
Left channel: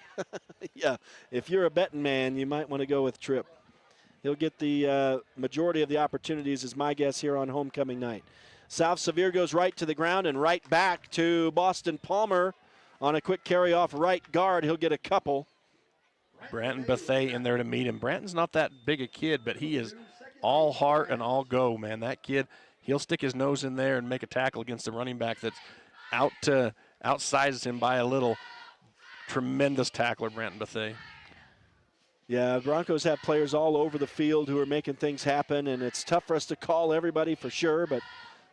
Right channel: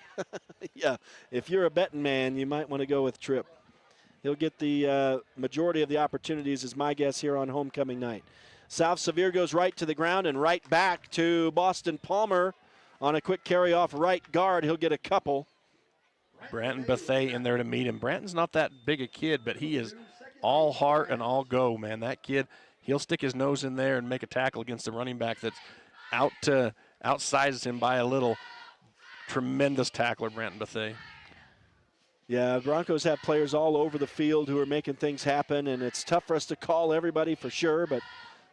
if you're a betting man, you might want to go with Trip. He'll get the majority of the opportunities, is my guess, here on homecoming night. South Sevier goes right to the ground and right back to Boston Palmer on a quick carry off right guard. He'll get a couple. Branton Bethay in there to meet him. Branton's not that big a kid, but he is all heart and all go, man. That kid, he'll stick his nose in there and make a tackle against the running back that's outsizes him by a little. Tremendous tackler, Branton Bethay. Yeah, Broncos have players all over the field who are making things happen, and it's tough for us to call everybody for sure, but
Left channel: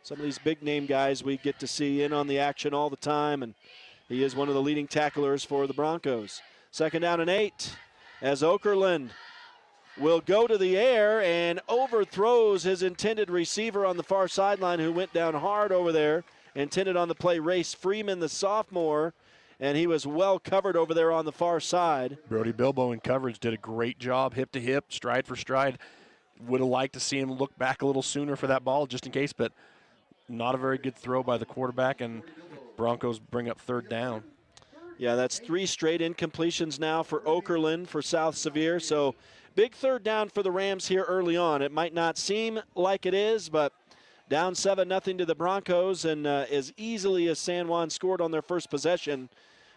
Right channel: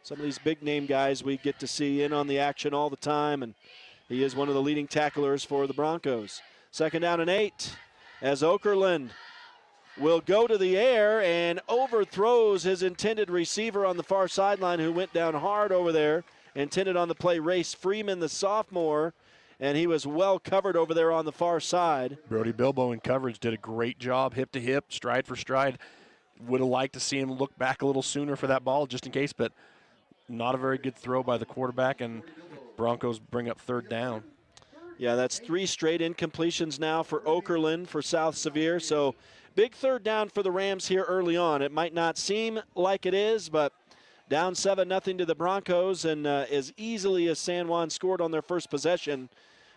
some of these big-name guys we get to see in on the action all the time, and he is one of the leading tacklers for the Broncos. 2nd down and 8 as Okerlund will go to the air and overthrows his intended receiver on the far sideline, who went down hard over there. Intended on the play, Race Freeman, the sophomore, and he was well covered over there on the far side. Brody Bilbo in coverage did a great job, hip to hip, stride for stride. Would have liked to see him look back a little sooner for that ball just in case, but not a very good throw by the quarterback, and Broncos bring up 3rd down. Yeah, that's 3 straight incompletions now for Okerlund for South Sevier. So big 3rd down for the Rams here early on. It might not seem like it is, but down 7-0 to the Broncos, and as easily as San Juan scored on their first possession,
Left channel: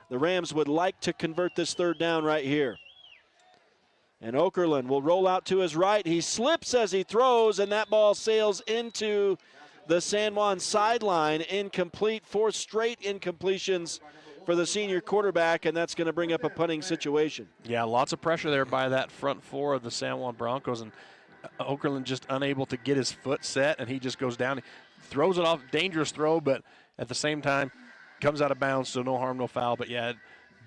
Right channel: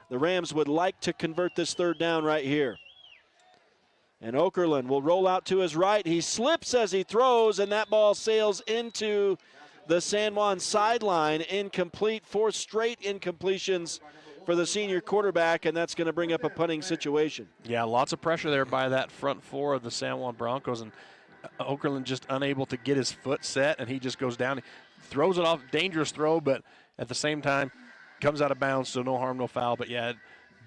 the Rams would like to convert this 3rd down right here. And Okerlund will roll out to his right. He slips as he throws, and that ball sails into the San Juan sideline. Incomplete. 4 straight incompletions for the senior quarterback, and that's going to bring up a punting situation. Yeah, lots of pressure there by that front 4 of the San Juan Broncos, and Okerlund just unable to get his foot set, and he just goes down. He throws it off, dangerous throw, but at the same time comes out of bounds, so no harm, no foul. But, yeah,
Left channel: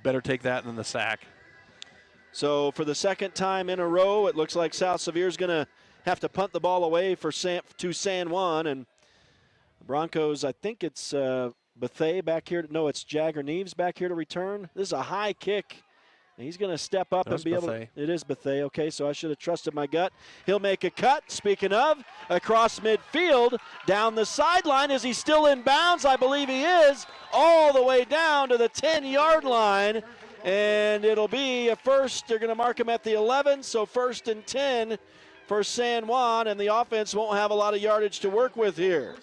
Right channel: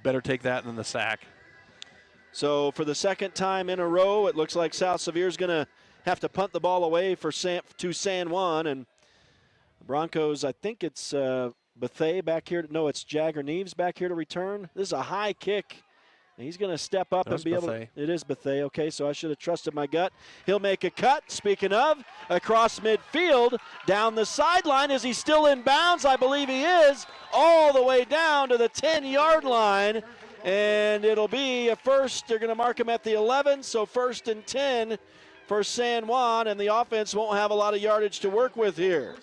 better take that than the sack. So for the 2nd time in a row, it looks like South Sevier is going to have to punt the ball away to San Juan, and the Broncos, I think it's Bethea back here. No, it's Jagger Neves back here to return. This is a high kick. And he's going to step up and be able to. It is Bethea. Okay, so I should have trusted my gut. He'll make a cut. Speaking of, across midfield, down the sideline. Is he still in bounds? I believe he is. All the way down to the 10-yard line. And it'll be a first. They're going to mark him at the 11, so 1st and 10 for San Juan, and the offense won't have a lot of yardage to work with here.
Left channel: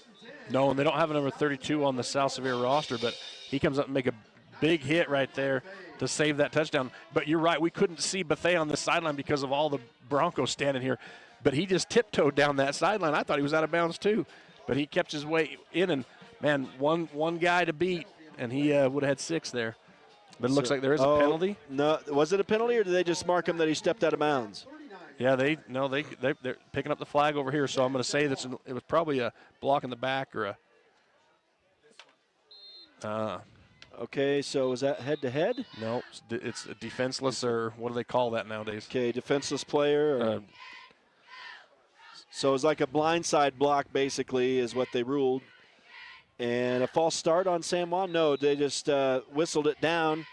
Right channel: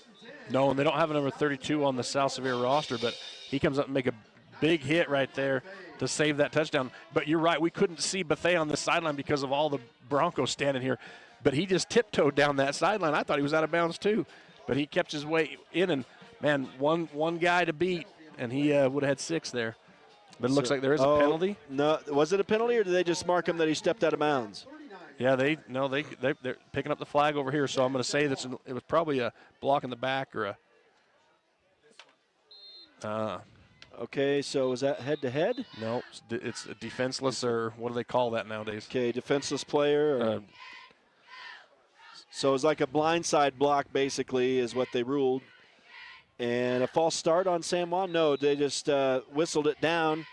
No, and they don't have a number 32 on the South Sevier roster, but he comes up and make a big hit right there to save that touchdown. But you're right, we couldn't see Bethea on the sideline because of all the Broncos standing here. But he just tiptoed down that sideline. I thought he was out of bounds too. But he kept his way in, and, man, one guy to beat, and he would have had 6 there. But it looks like there is a penalty. No, was it a penalty, or did they just mark him that he stepped out of bounds? Yeah, they're picking up the flag over here, so I'm going to say that it was probably a block in the back or a okay, so is that head-to-head? No, it's a defenseless, or what do they call that nowadays? Okay, defenseless player. So it's like a blindside block, basically, is what they ruled. And a false start on San Juan? No, they just whistled it down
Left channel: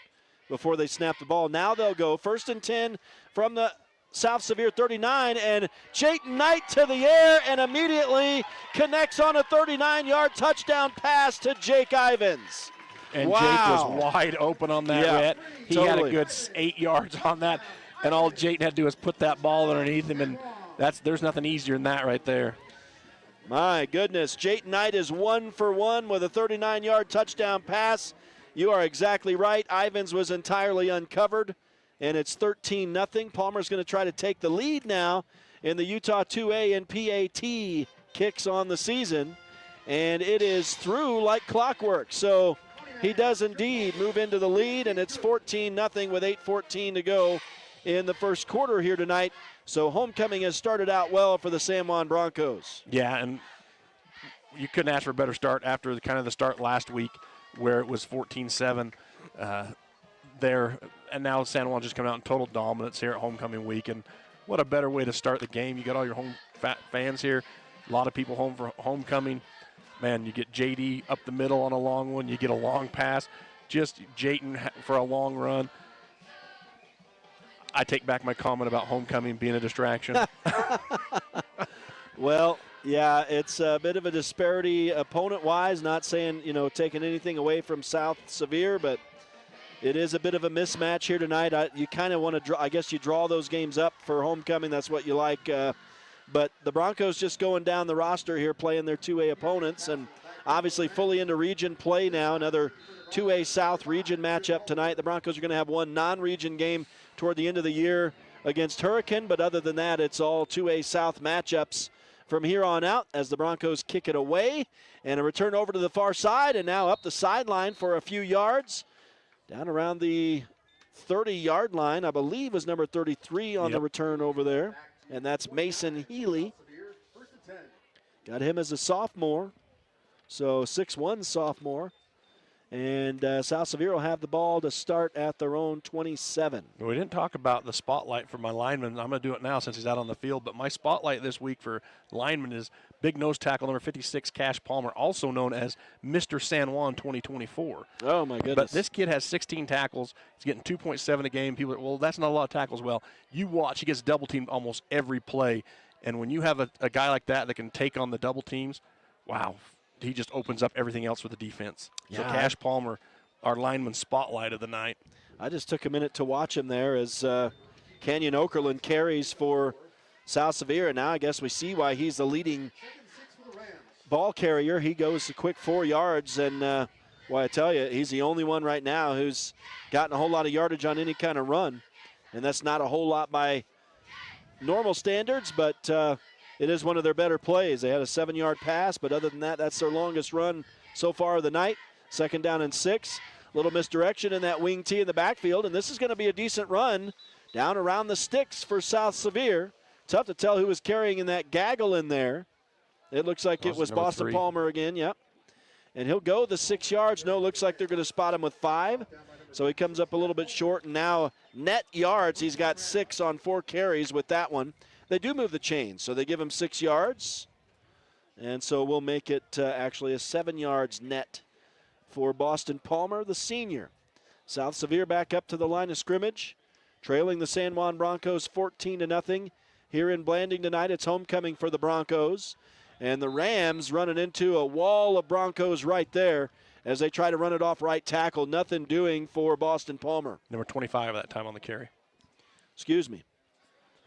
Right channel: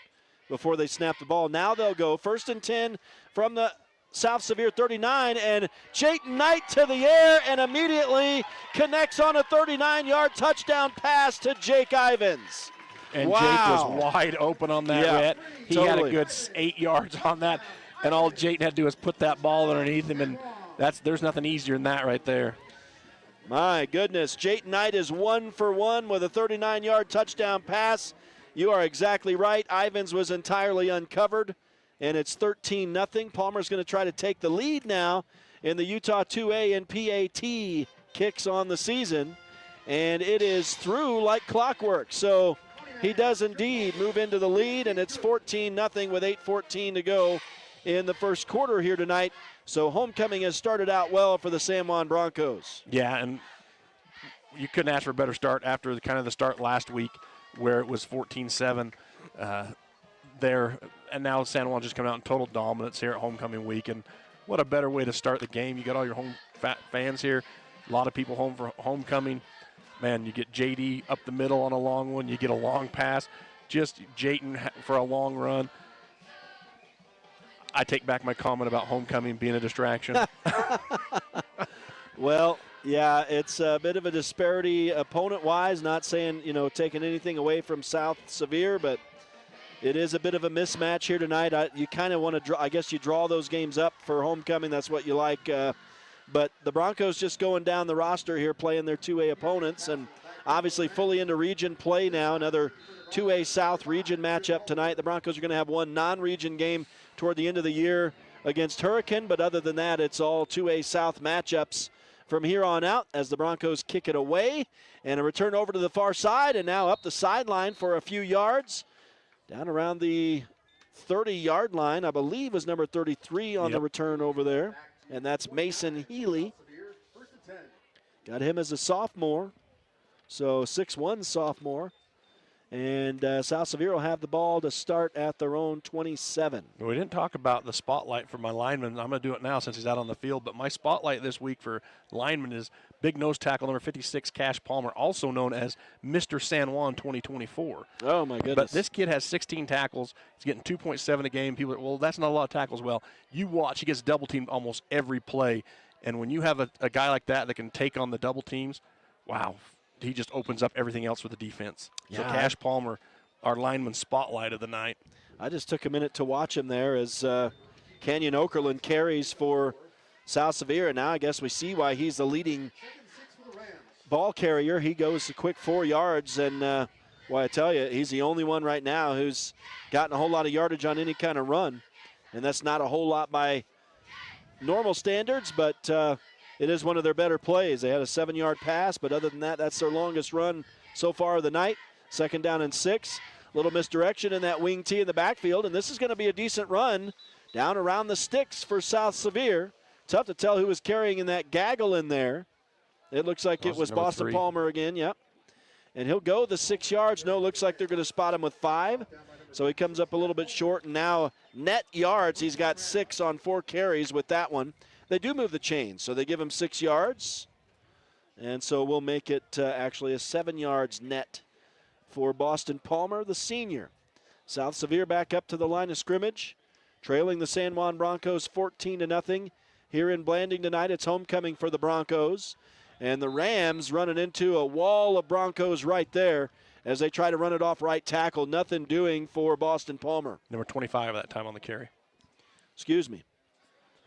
before they snapped the ball. Now they'll go 1st and 10 from the South Sevier 39, and Jayton Knight to the air and immediately connects on a 39-yard touchdown pass to Jake Ivins. And wow. Jake was wide open on that, Rhett. He totally had a good 8 yards on that, and all Jayton had to do was put that ball underneath him, and there's nothing easier than that right there. My goodness, Jayton Knight is 1 for 1 with a 39-yard touchdown pass. You are exactly right. Ivins was entirely uncovered, and it's 13-0. Palmer's going to try to take the lead now in the Utah 2A and PAT kicks on the season, and it is through like clockwork. So he does indeed move into the lead, and it's 14-0 with 8:14 to go in the first quarter here tonight. So homecoming has started out well for the San Juan Broncos. Yeah, and you couldn't ask for a better start after the start last week where it was 14-7 there. And now San Juan just coming out in total dominance here at homecoming week. And what a better way to start the game. You got all your home fans here. A lot of people home for homecoming. Man, you get JD up the middle on a long one. You get a long pass. Just Jayton for a long run. I take back my comment about homecoming being a distraction. Well, yeah, it's a bit of a disparity opponent-wise. Not saying, taking anything away from South Sevier, but it is a bit of a mismatch here tonight. You kind of want to draw. I guess you draw those games up for homecoming. That's what you like. But the Broncos just going down the roster here, playing their 2A opponents, and obviously fully into region play now. Another 2A South region matchup tonight. The Broncos are going to have one non-region game toward the end of the year against Hurricane, but other than that, it's all 2A South matchups from here on out as the Broncos kick it away, and a return over to the far side, and now up the sideline for a few yards, down around the 30-yard line. I believe was number 33 on the return over there, and that's Mason Healy. Got him as a sophomore, so 6'1" sophomore. And South Sevier will have the ball to start at their own 27. We didn't talk about the spotlight for my lineman. I'm going to do it now since he's out on the field. But my spotlight this week for lineman is big nose tackle number 56, Cash Palmer, also known as Mr. San Juan 2024. Oh, my goodness. But this kid has 16 tackles. He's getting 2.7 a game. People are, well, that's not a lot of tackles. Well, you watch. He gets double teamed almost every play. And when you have a guy like that can take on the double teams, wow. He just opens up everything else for the defense. So Cash Palmer, our lineman spotlight of the night. I just took a minute to watch him there as Canyon Okerlund carries for South Sevier. And now I guess we see why he's the leading ball carrier. He goes a quick 4 yards. And, well, I tell you, he's the only one right now who's gotten a whole lot of yardage on any kind of run. And that's not a whole lot by normal standards, but it is one of their better plays. They had a 7-yard pass, but other than that, that's their longest run so far of the night. 2nd down and 6. Little misdirection in that wing tee in the backfield, and this is going to be a decent run down around the sticks for South Sevier. Tough to tell who was carrying in that gaggle in there. It looks like it was Boston 3. Palmer again, yep. And he'll go the 6 yards. No, looks like they're going to spot him with 5. So he comes up a little bit short, and now net yards, he's got 6 on 4 carries with that one. They do move the chains, so they give him 6 yards. And so we'll make it actually a 7 yards net for Boston Palmer, the senior. South Sevier back up to the line of scrimmage, trailing the San Juan Broncos 14-0 here in Blanding tonight. It's homecoming for the Broncos. And the Rams running into a wall of Broncos right there as they try to run it off right tackle. Nothing doing for Boston Palmer. Number 25 that time on the carry. Excuse me.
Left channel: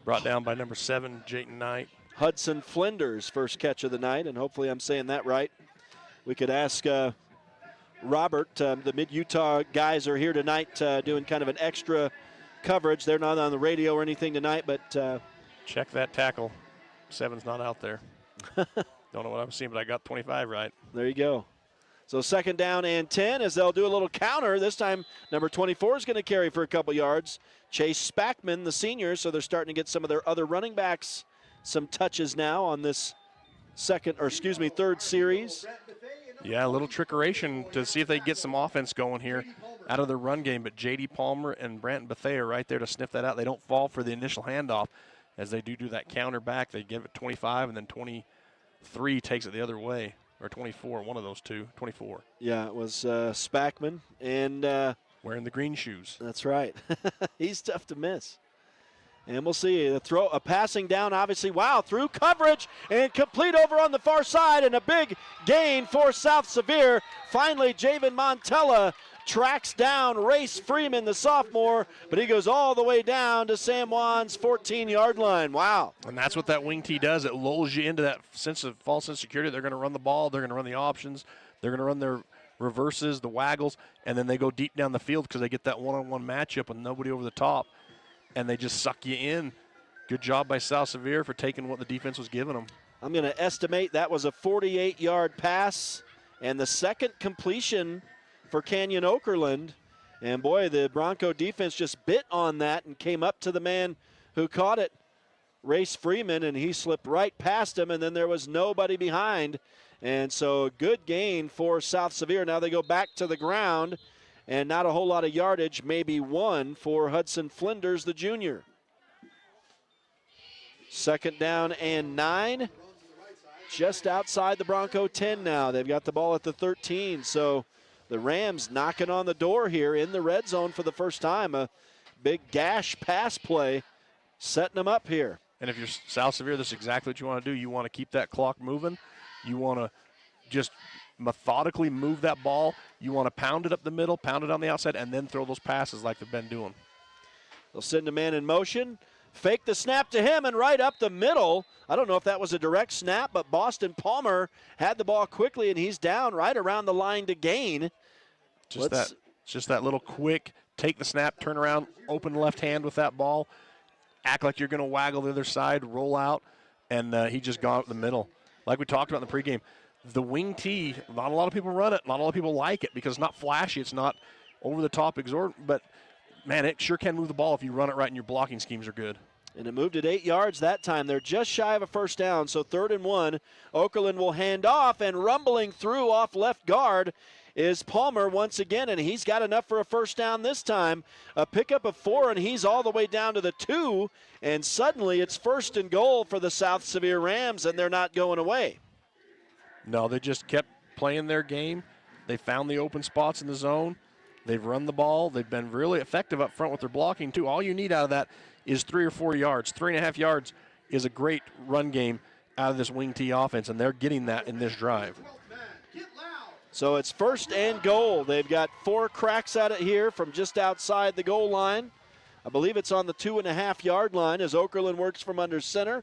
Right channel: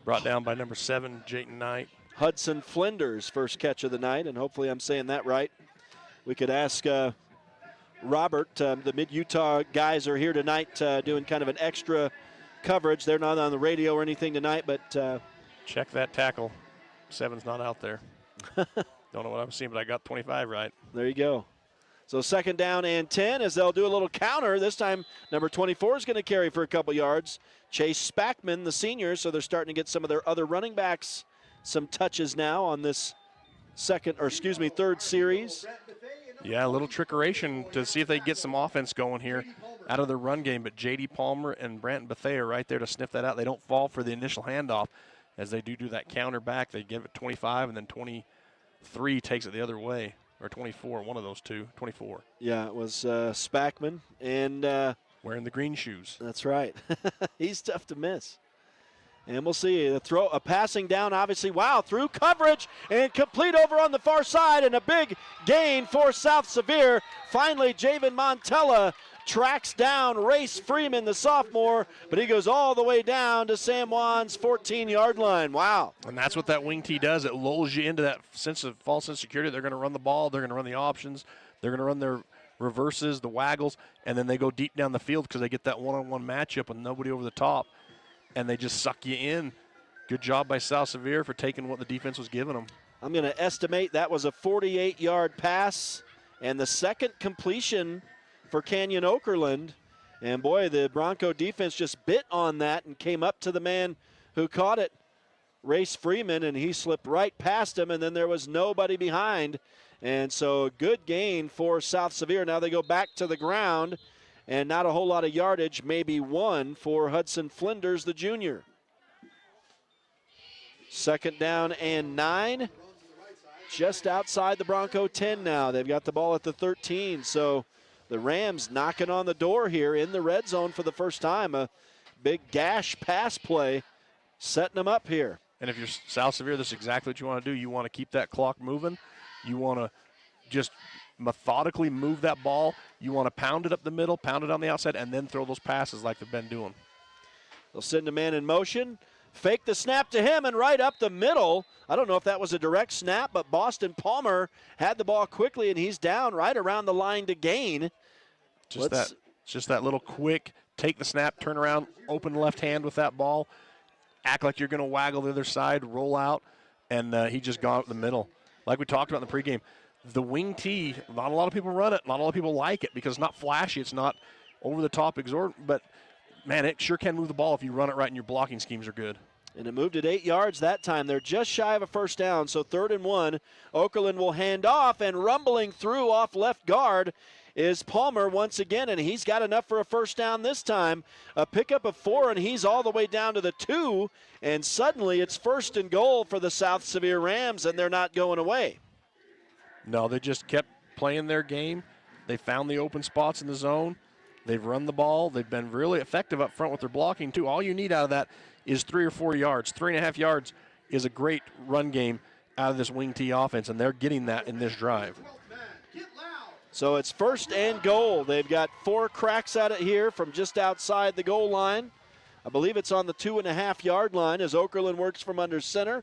Brought down by number 7, Jayton Knight. Hudson Flinders' first catch of the night, and hopefully I'm saying that right. We could ask Robert. The Mid-Utah guys are here tonight doing kind of an extra coverage. They're not on the radio or anything tonight, but check that tackle. 7's not out there. Don't know what I'm seeing, but I got 25 right. There you go. So 2nd down and 10 as they'll do a little counter. This time, number 24 is going to carry for a couple yards. Chase Spackman, the senior, so they're starting to get some of their other running backs some touches now on this third series. Yeah, a little trickeration to see if they get some offense going here out of the run game. But J.D. Palmer and Branton Bethea are right there to sniff that out. They don't fall for the initial handoff. As they do that counter back, they give it 25, and then 23 takes it the other way. Or 24, one of those two, 24. Yeah, it was Spackman. And wearing the green shoes. That's right. He's tough to miss. And we'll see a passing down, obviously. Wow, through coverage and complete over on the far side, and a big gain for South Sevier. Finally, Javen Montella tracks down Race Freeman, the sophomore, but he goes all the way down to San Juan's 14-yard line. Wow. And that's what that wing tee does. It lulls you into that false sense of security. They're going to run the ball. They're going to run the options. They're going to run their reverses, the waggles, and then they go deep down the field because they get that one-on-one matchup with nobody over the top, and they just suck you in. Good job by South Sevier for taking what the defense was giving them. I'm going to estimate that was a 48-yard pass, and the second completion for Canyon Okerlund. And boy, the Bronco defense just bit on that and came up to the man who caught it, Race Freeman, and he slipped right past him, and then there was nobody behind. And so good gain for South Sevier. Now they go back to the ground, and not a whole lot of yardage, maybe one for Hudson Flinders, the junior. 2nd down and 9. Just outside the Bronco 10 now. They've got the ball at the 13, so the Rams knocking on the door here in the red zone for the first time. A big gash pass play setting them up here. And if you're South Sevier, this is exactly what you want to do. You want to keep that clock moving. You want to just methodically move that ball. You want to pound it up the middle, pound it on the outside, and then throw those passes like they've been doing. They'll send a man in motion. Fake the snap to him and right up the middle. I don't know if that was a direct snap, but Boston Palmer had the ball quickly, and he's down right around the line to gain. Just that little quick, take the snap, turn around, open left hand with that ball, act like you're going to waggle the other side, roll out, and he just got up the middle. Like we talked about in the pregame, the wing tee, not a lot of people run it. Not a lot of people like it because it's not flashy. It's not over-the-top exorbitant, but, man, it sure can move the ball if you run it right and your blocking schemes are good. And it moved it 8 yards that time. They're just shy of a first down, so 3rd and 1. Okerlund will hand off, and rumbling through off left guard is Palmer once again, and he's got enough for a first down this time. A pickup of 4, and he's all the way down to the 2, and suddenly it's 1st and goal for the South Sevier Rams, and they're not going away. No, they just kept playing their game. They found the open spots in the zone. They've run the ball. They've been really effective up front with their blocking, too. All you need out of that is 3 or 4 yards. 3.5 yards is a great run game out of this wing tee offense, and they're getting that in this drive. So it's 1st and goal. They've got 4 cracks at it here from just outside the goal line. I believe it's on the 2.5-yard line as Okerlund works from under center.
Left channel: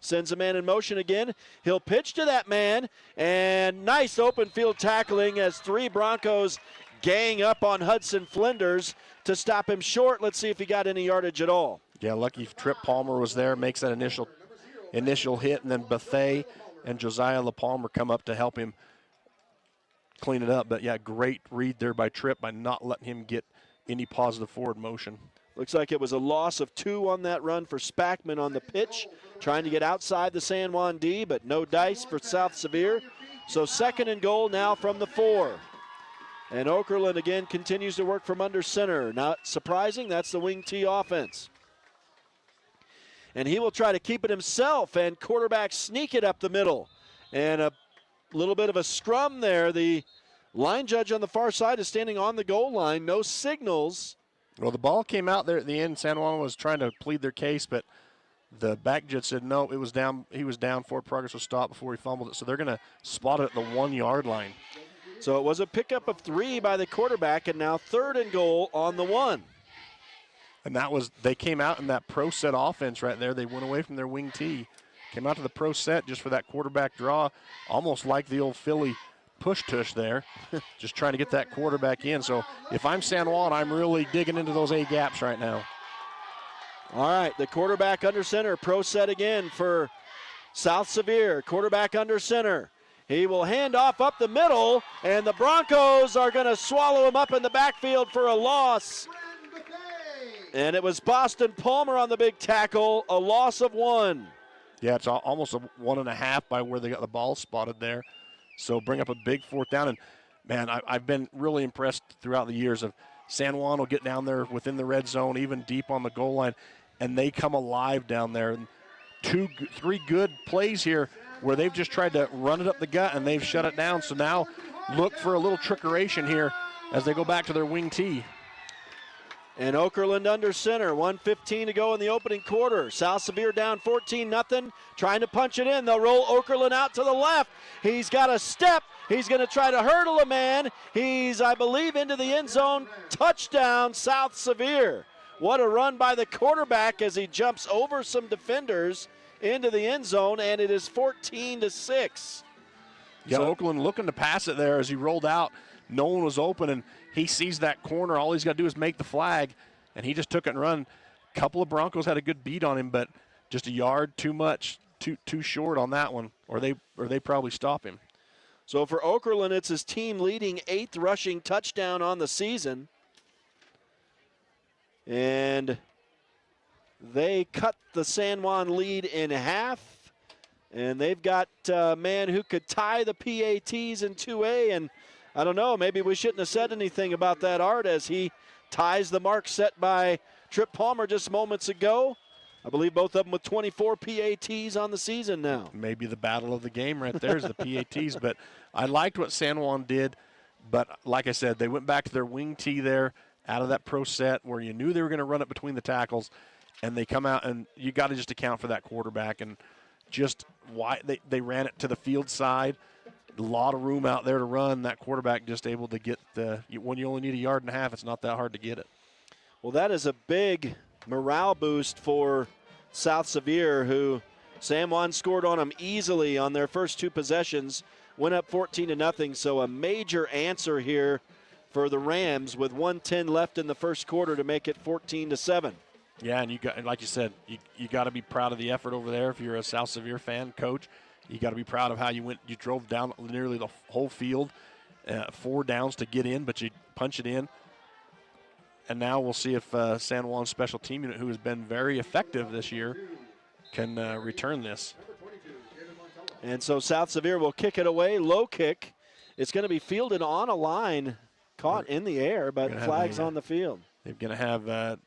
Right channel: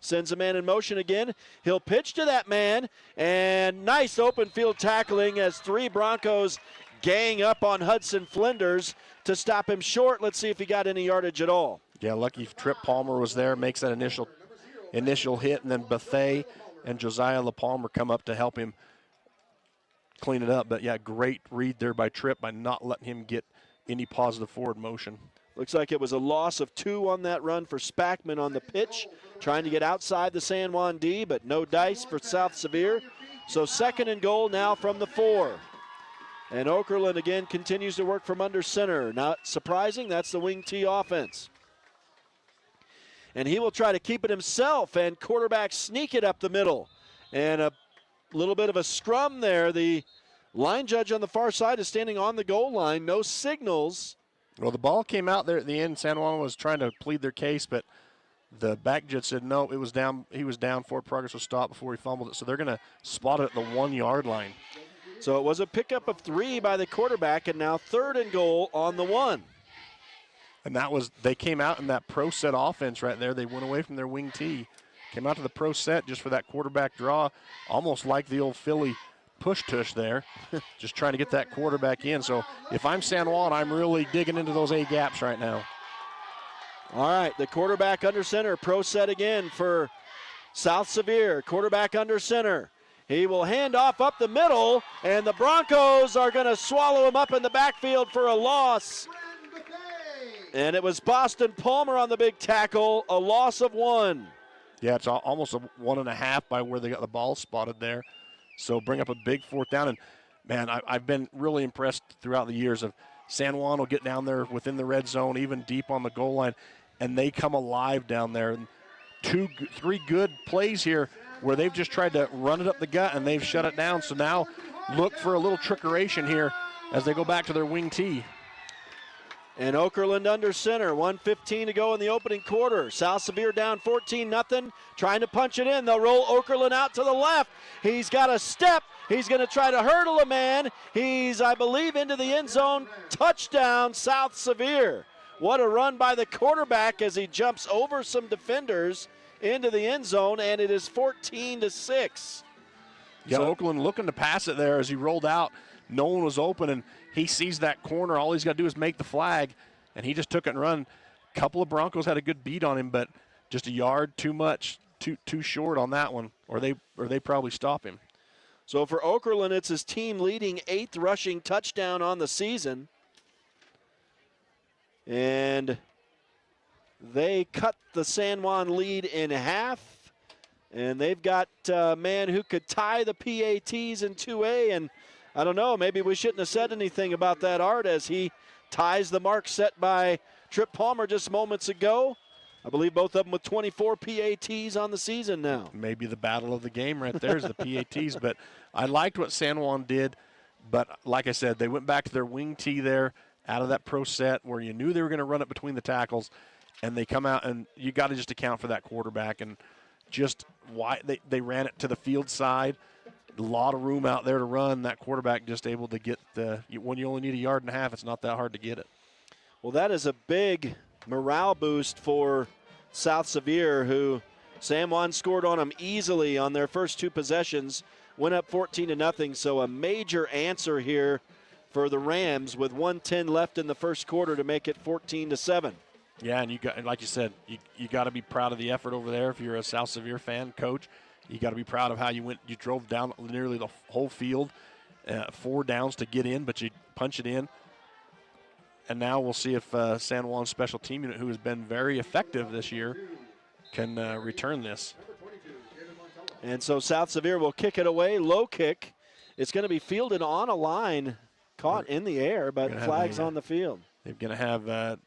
Sends a man in motion again. He'll pitch to that man, and nice open field tackling as 3 Broncos gang up on Hudson Flinders to stop him short. Let's see if he got any yardage at all. Yeah, lucky Trip Palmer was there, makes that initial hit, and then Bethea and Josiah LaPalmer come up to help him clean it up. But, yeah, great read there by Tripp by not letting him get any positive forward motion. Looks like it was a loss of 2 on that run for Spackman on the pitch, trying to get outside the San Juan D, but no dice for South Sevier. So 2nd and goal now from the 4. And Okerlund again continues to work from under center. Not surprising, that's the wing tee offense. And he will try to keep it himself, and quarterback sneak it up the middle. And a little bit of a scrum there. The line judge on the far side is standing on the goal line. No signals. Well, the ball came out there at the end. San Juan was trying to plead their case, but the back judge said no, it was down. He was down. Forward progress was stopped before he fumbled it. So they're going to spot it at the 1 yard line. So it was a pickup of 3 by the quarterback, and now 3rd and goal on the 1. And they came out in that pro set offense right there. They went away from their wing tee. Came out to the pro set just for that quarterback draw, almost like the old Philly push-tush there, just trying to get that quarterback in. So if I'm San Juan, I'm really digging into those A gaps right now. All right, the quarterback under center, pro set again for South Sevier. Quarterback under center. He will hand off up the middle, and the Broncos are going to swallow him up in the backfield for a loss. And it was Boston Palmer on the big tackle, a loss of 1. Yeah, it's almost a 1.5 by where they got the ball spotted there. So bring up a big 4th down. And, man, I've been really impressed throughout the years of San Juan will get down there within the red zone, even deep on the goal line, and they come alive down there. And 3 good plays here where they've just tried to run it up the gut, and they've shut it down. So now look for a little trickeration here as they go back to their wing tee. And Okerlund under center, 1:15 to go in the opening quarter. South Sevier down 14-0, trying to punch it in. They'll roll Okerlund out to the left. He's got a step. He's going to try to hurdle a man. He's, I believe, into the end zone. Touchdown, South Sevier. What a run by the quarterback as he jumps over some defenders into the end zone, and it is 14-6. Yeah, so Okerlund looking to pass it there as he rolled out. No one was open, and he sees that corner. All he's got to do is make the flag, and he just took it and run. A couple of Broncos had a good beat on him, but just a yard too much, too short on that one, or they probably stop him. So for Okerlund, it's his team leading 8th rushing touchdown on the season. And they cut the San Juan lead in half, and they've got a man who could tie the PATs in 2A, and I don't know, maybe we shouldn't have said anything about that, Art, as he ties the mark set by Trip Palmer just moments ago. I believe both of them with 24 PATs on the season now. Maybe the battle of the game right there is the PATs, but I liked what San Juan did. But like I said, they went back to their wing tee there out of that pro set where you knew they were going to run it between the tackles, and they come out, and you got to just account for that quarterback and just why they ran it to the field side. A lot of room out there to run. That quarterback just able to get when you only need 1.5 yards, it's not that hard to get it. Well, that is a big morale boost for South Sevier, who San Juan scored on them easily on their first 2 possessions, went up 14-0. So a major answer here for the Rams with 1:10 left in the first quarter to make it 14-7. Yeah, and you got, like you said, you got to be proud of the effort over there. If you're a South Sevier fan, coach, you got to be proud of how you drove down nearly the whole field, 4 downs to get in, but you punch it in. And now we'll see if San Juan's special team unit, who has been very effective this year, can return this. And so South Sevier will kick it away, low kick. It's going to be fielded on a line, caught in the air, but flags on the field. They're going to have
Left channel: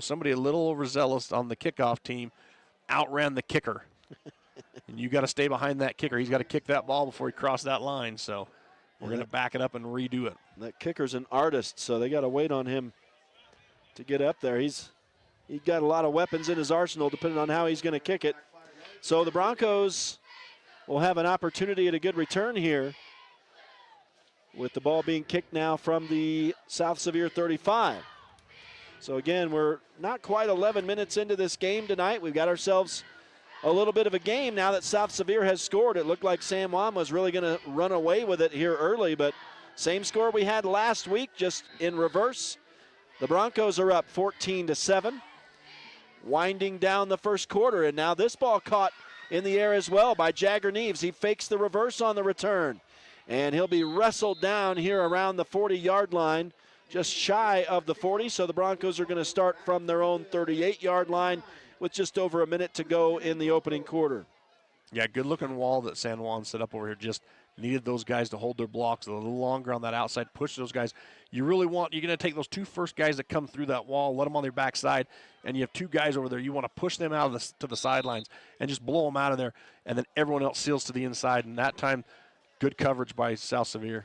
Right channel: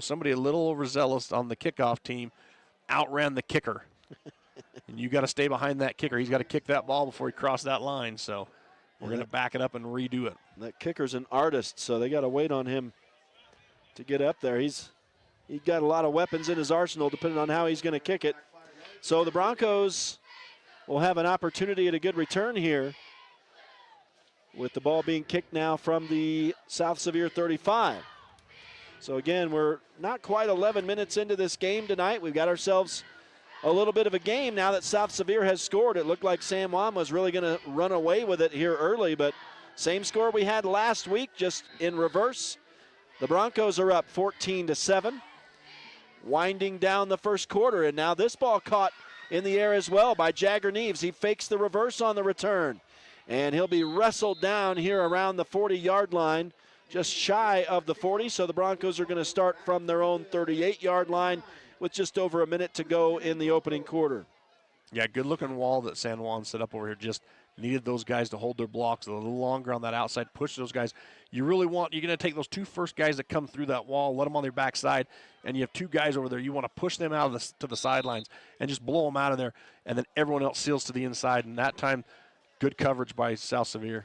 somebody a little overzealous on the kickoff team outran the kicker. And you got to stay behind that kicker. He's got to kick that ball before he crosses that line. So we're going to back it up and redo it. That kicker's an artist, so they got to wait on him to get up there. He's got a lot of weapons in his arsenal depending on how he's going to kick it. So the Broncos will have an opportunity at a good return here with the ball being kicked now from the South Sevier 35. So again, we're not quite 11 minutes into this game tonight. We've got ourselves a little bit of a game now that South Sevier has scored. It looked like San Juan was really going to run away with it here early, but same score we had last week, just in reverse. The Broncos are up 14-7, winding down the first quarter, and now this ball caught in the air as well by Jagger Neves. He fakes the reverse on the return, and he'll be wrestled down here around the 40-yard line, just shy of the 40, so the Broncos are going to start from their own 38-yard line with just over a minute to go in the opening quarter. Yeah, good-looking wall that San Juan set up over here. Just needed those guys to hold their blocks a little longer on that outside, push those guys. You're going to take those 2 first guys that come through that wall, let them on their backside, and you have 2 guys over there. You want to push them out to the sidelines and just blow them out of there, and then everyone else seals to the inside. And that time, good coverage by South Sevier.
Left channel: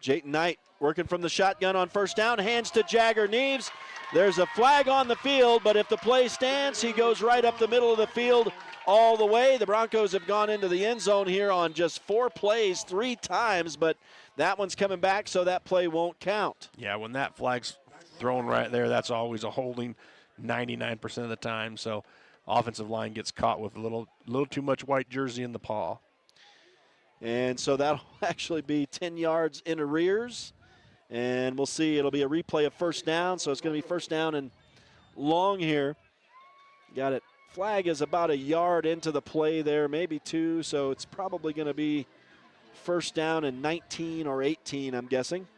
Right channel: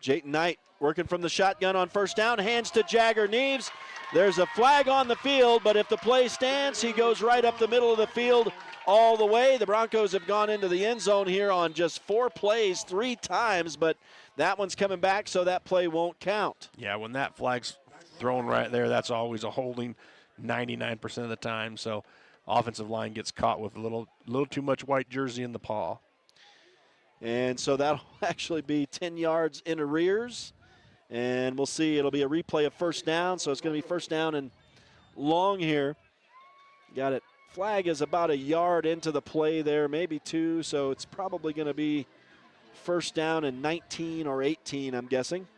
Jayton Knight working from the shotgun on first down, hands to Jagger Neves. There's a flag on the field, but if the play stands, he goes right up the middle of the field all the way. The Broncos have gone into the end zone here on just 4 plays 3 times, but that one's coming back, so that play won't count. Yeah, when that flag's thrown right there, that's always a holding 99% of the time. So offensive line gets caught with a little too much white jersey in the paw. And so that'll actually be 10 yards in arrears. And we'll see, it'll be a replay of first down, so it's going to be first down and long here. Got it. Flag is about a yard into the play there, maybe 2, so it's probably going to be first down and 19 or 18, I'm guessing.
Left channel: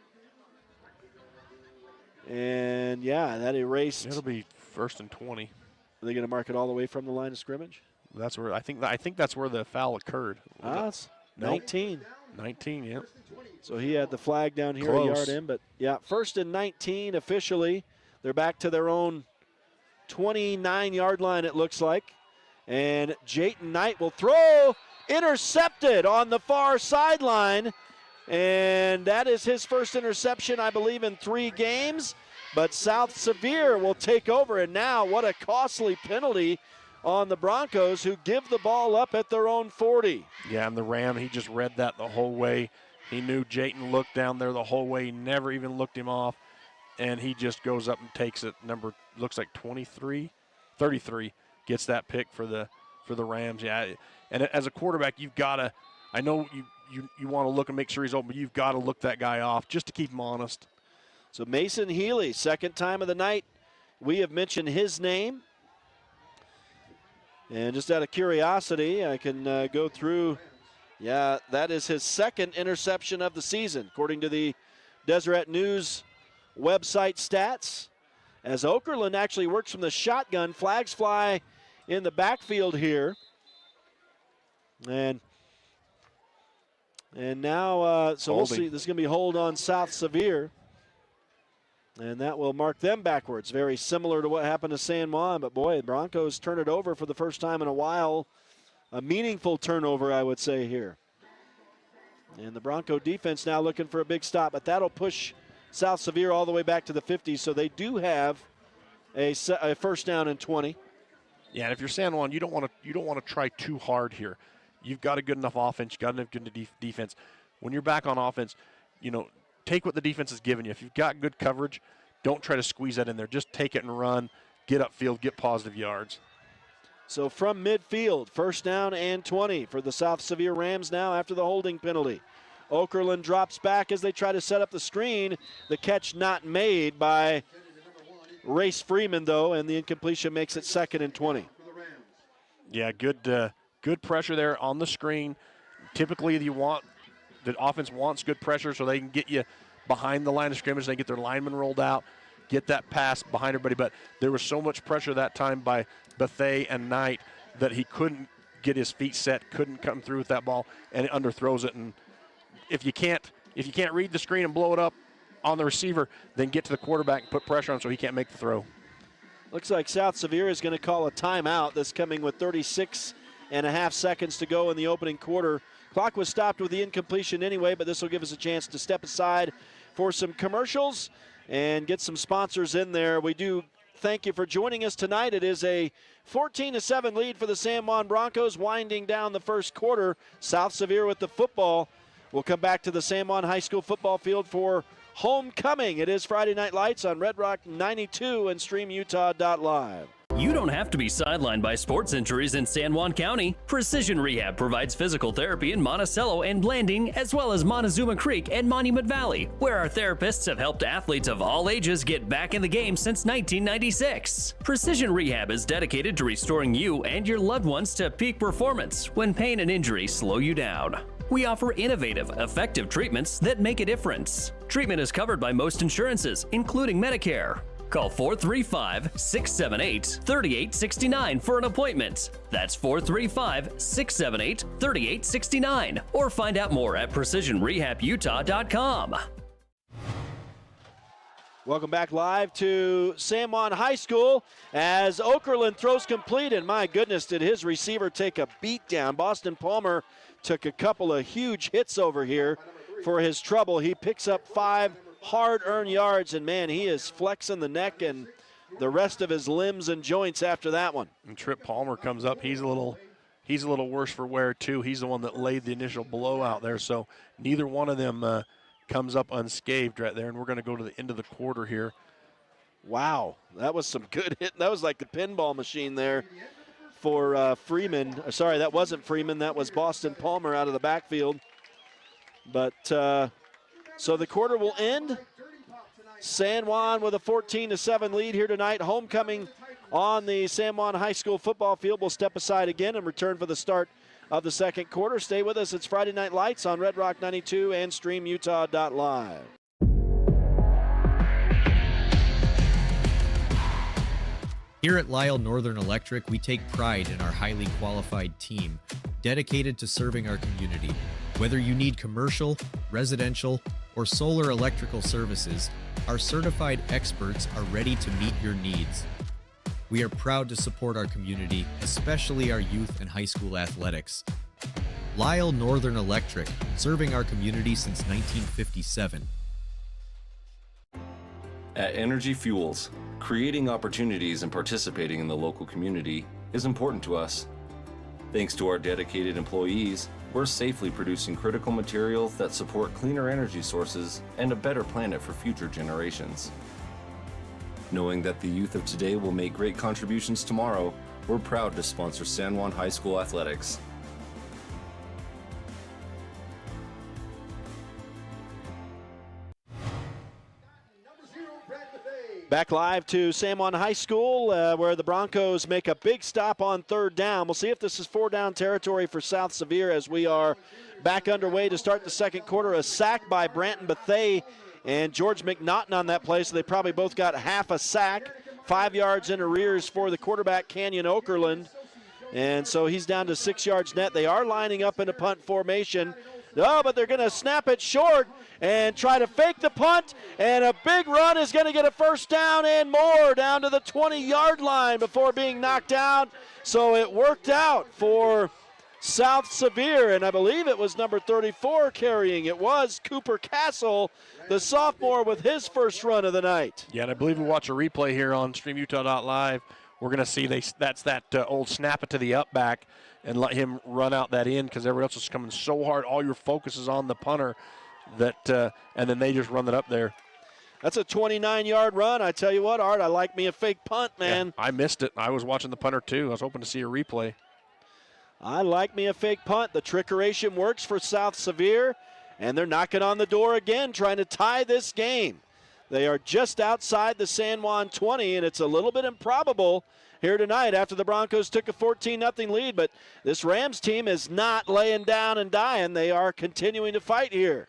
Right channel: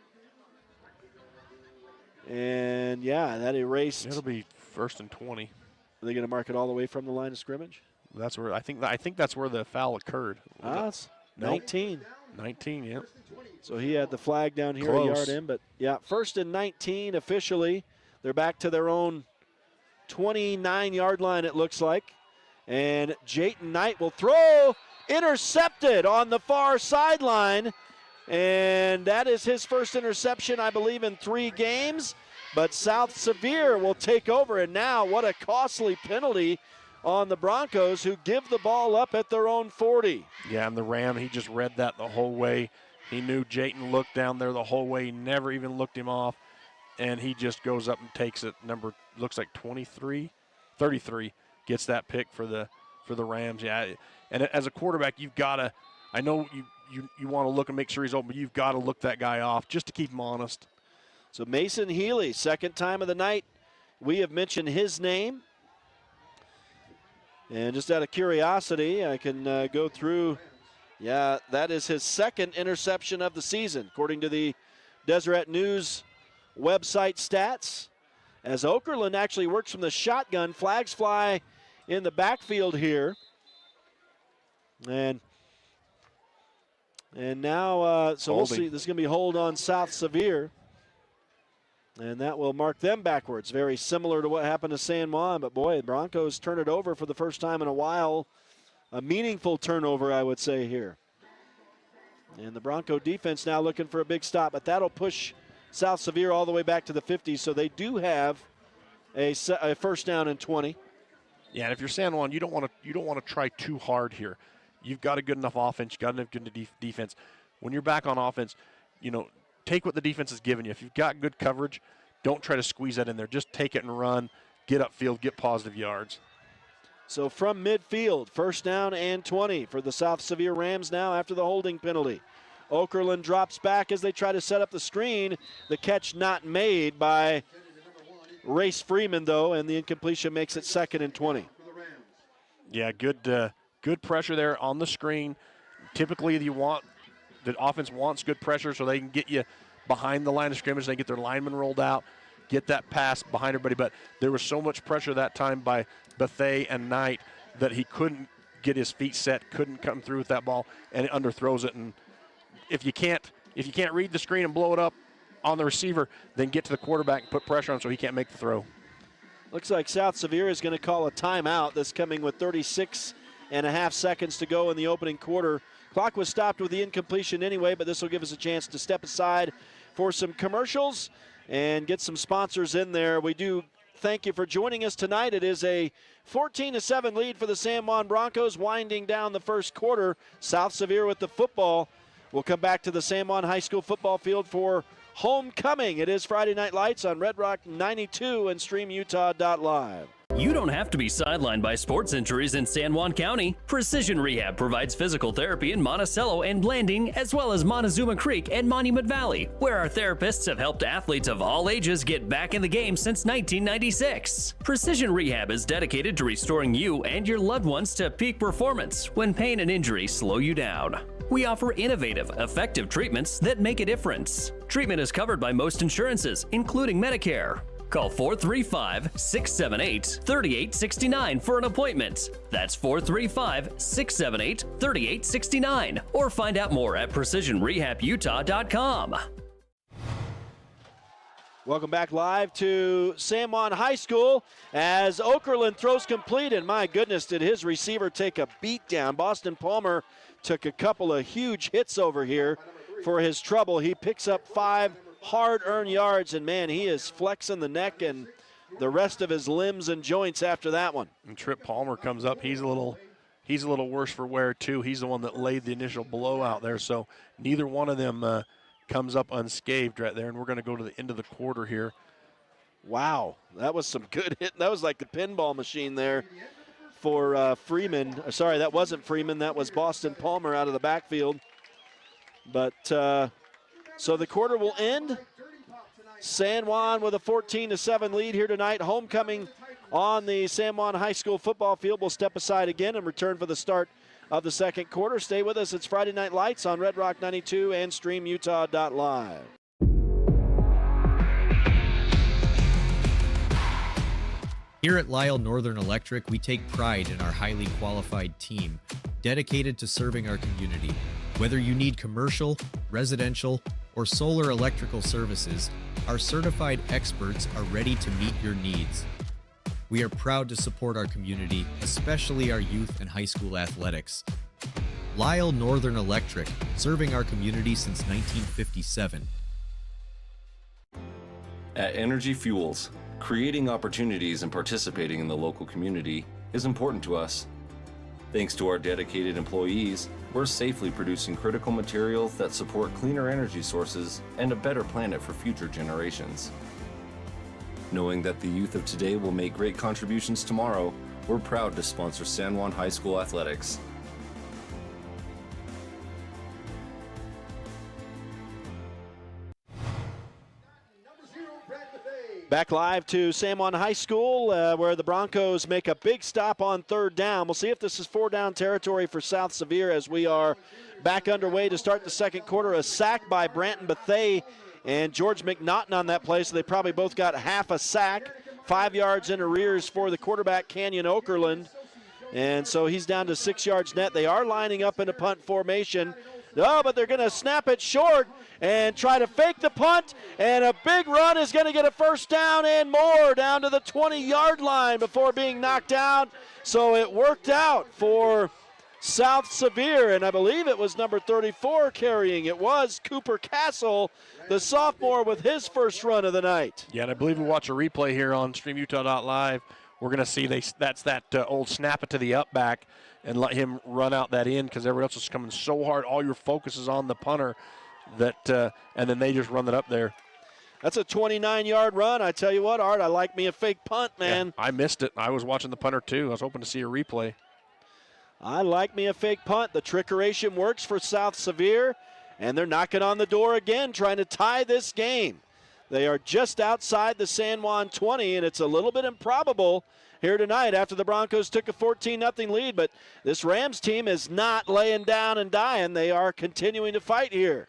And, yeah, that erased. It'll be first and 20. Are they going to mark it all the way from the line of scrimmage? That's where I think that's where the foul occurred. It's 19. 19, yeah. So he had the flag down here Close. a yard in, but yeah, first and 19 officially. They're back to their own 29-yard line, it looks like. And Jayton Knight will throw, intercepted on the far sideline. And that is his first interception, I believe, in 3 games. But South Sevier will take over, and now what a costly penalty on the Broncos, who give the ball up at their own 40. Yeah, and the Ram, he just read that the whole way. He knew Jayton looked down there the whole way. He never even looked him off. And he just goes up and takes it. Number looks like 33, 33 gets that pick for the Rams. Yeah, and as a quarterback, you've got to. I know you want to look and make sure he's open, but you've got to look that guy off just to keep him honest. So Mason Healy, second time of the night, we have mentioned his name. And just out of curiosity, I can go through. Yeah, that is his second interception of the season, according to the Deseret News website stats. As Okerlund actually works from the shotgun, flags fly in the backfield here. And now, so we'll see. This is going to be hold on South Sevier. And that will mark them backwards. Very similar to what happened to San Juan. But, boy, the Broncos turn it over for the first time in a while. A meaningful turnover, I would say, here. And the Bronco defense now looking for a big stop. But that'll push South Sevier all the way back to the 50. So they do have a first down and 20. Yeah, and if you're San Juan, you don't want to try too hard here. You've got a good enough offense. You've got enough good defense. When you're back on offense, take what the defense has given you. If you've got good coverage, don't try to squeeze that in there. Just take it and run, get upfield, get positive yards. So from midfield, first down and 20 for the South Sevier Rams now after the holding penalty. Okerlund drops back as they try to set up the screen. The catch not made by Race Freeman, though, and the incompletion makes it second and 20. Yeah, good pressure there on the screen. Typically, the offense wants good pressure so they can get you behind the line of scrimmage. They get their linemen rolled out, get that pass behind everybody. But there was so much pressure that time by Bethea and Knight that he couldn't get his feet set, couldn't come through with that ball, and it underthrows it. And if you can't read the screen and blow it up on the receiver, then get to the quarterback and put pressure on him so he can't make the throw. Looks like South Sevier is going to call a timeout. This coming with 36.5 seconds to go in the opening quarter. Clock was stopped with the incompletion anyway, but this will give us a chance to step aside for some commercials and get some sponsors in there. We do thank you for joining us tonight. It is a 14-7 lead for the San Juan Broncos, winding down the first quarter. South Sevier with the football. We'll come back to the San Juan High School football field for homecoming. It is Friday Night Lights on Red Rock 92 and StreamUtah.Live. You don't have to be sidelined by sports injuries in San Juan County. Precision Rehab provides physical therapy in Monticello and Blanding, as well as Montezuma Creek and Monument Valley, where our therapists have helped athletes of all ages get back in the game since 1996. Precision Rehab is dedicated to restoring you and your loved ones to peak performance when pain and injury slow you down. We offer innovative, effective treatments that make a difference. Treatment is covered by most insurances, including Medicare. Call 435-678-3869 for an appointment. That's 435-678-3869. Or find out more at PrecisionRehabUtah.com. Welcome back live to San Juan High School as Okerlund throws complete, and my goodness, did his receiver take a beat down. Boston Palmer took a couple of huge hits over here. for his trouble. He picks up 5 hard-earned yards, and, man, he is flexing the neck and the rest of his limbs and joints after that one. And Trip Palmer comes up. He's a little worse for wear, too. He's the one that laid the initial blow out there, so neither one of them comes up unscathed right there, and we're going to go to the end of the quarter here. Wow, that was some good hit. That was like the pinball machine there for Freeman. Sorry, that wasn't Freeman. That was Boston Palmer out of the backfield. But so the quarter will end. San Juan with a 14-7 lead here tonight. Homecoming on the San Juan High School football field. We'll step aside again and return for the start of the second quarter. Stay with us. It's Friday Night Lights on Red Rock 92 and StreamUtah.Live. Here at Lyle Northern Electric, we take pride in our highly qualified team, dedicated to serving our community. Whether you need commercial, residential, or solar electrical services, our certified experts are ready to meet your needs. We are proud to support our community, especially our youth and high school athletics. Lyle Northern Electric, serving our community since 1957. At Energy Fuels, creating opportunities and participating in the local community is important to us. Thanks to our dedicated employees, we're safely producing critical materials that support cleaner energy sources and a better planet for future generations. Knowing that the youth of today will make great contributions tomorrow, we're proud to sponsor San Juan High School athletics. Back live to San Juan High School where the Broncos make a big stop on third down. We'll see if this is 4-down territory for South Sevier as we are back underway to start the second quarter. A sack by Branton Bethay and George McNaughton on that play, so they probably both got half a sack. 5 yards in arrears for the quarterback, Canyon Okerlund. And so he's down to 6 yards net. They are lining up in a punt formation. Oh, but they're going to snap it short and try to fake the punt, and a big run is going to get a first down and more down to the 20-yard line before being knocked out. So it worked out for South Sevier, and I believe it was number 34 carrying. It was Cooper Castle, the sophomore, with his first run of the night. Yeah, and I believe we'll watch a replay here on StreamUtah.Live. We're going to see that's that old snap it to the up back and let him run out that end because everybody else is coming so hard. All your focus is on the punter, that and then they just run it up there. That's a 29-yard run. I tell you what, Art, I like me a fake punt, man. Yeah, I missed it. I was watching the punter, too. I was hoping to see a replay. I like me a fake punt. The trickeration works for South Sevier, and they're knocking on the door again, trying to tie this game. They are just outside the San Juan 20, and it's a little bit improbable here tonight after the Broncos took a 14-0 lead. But this Rams team is not laying down and dying. They are continuing to fight here.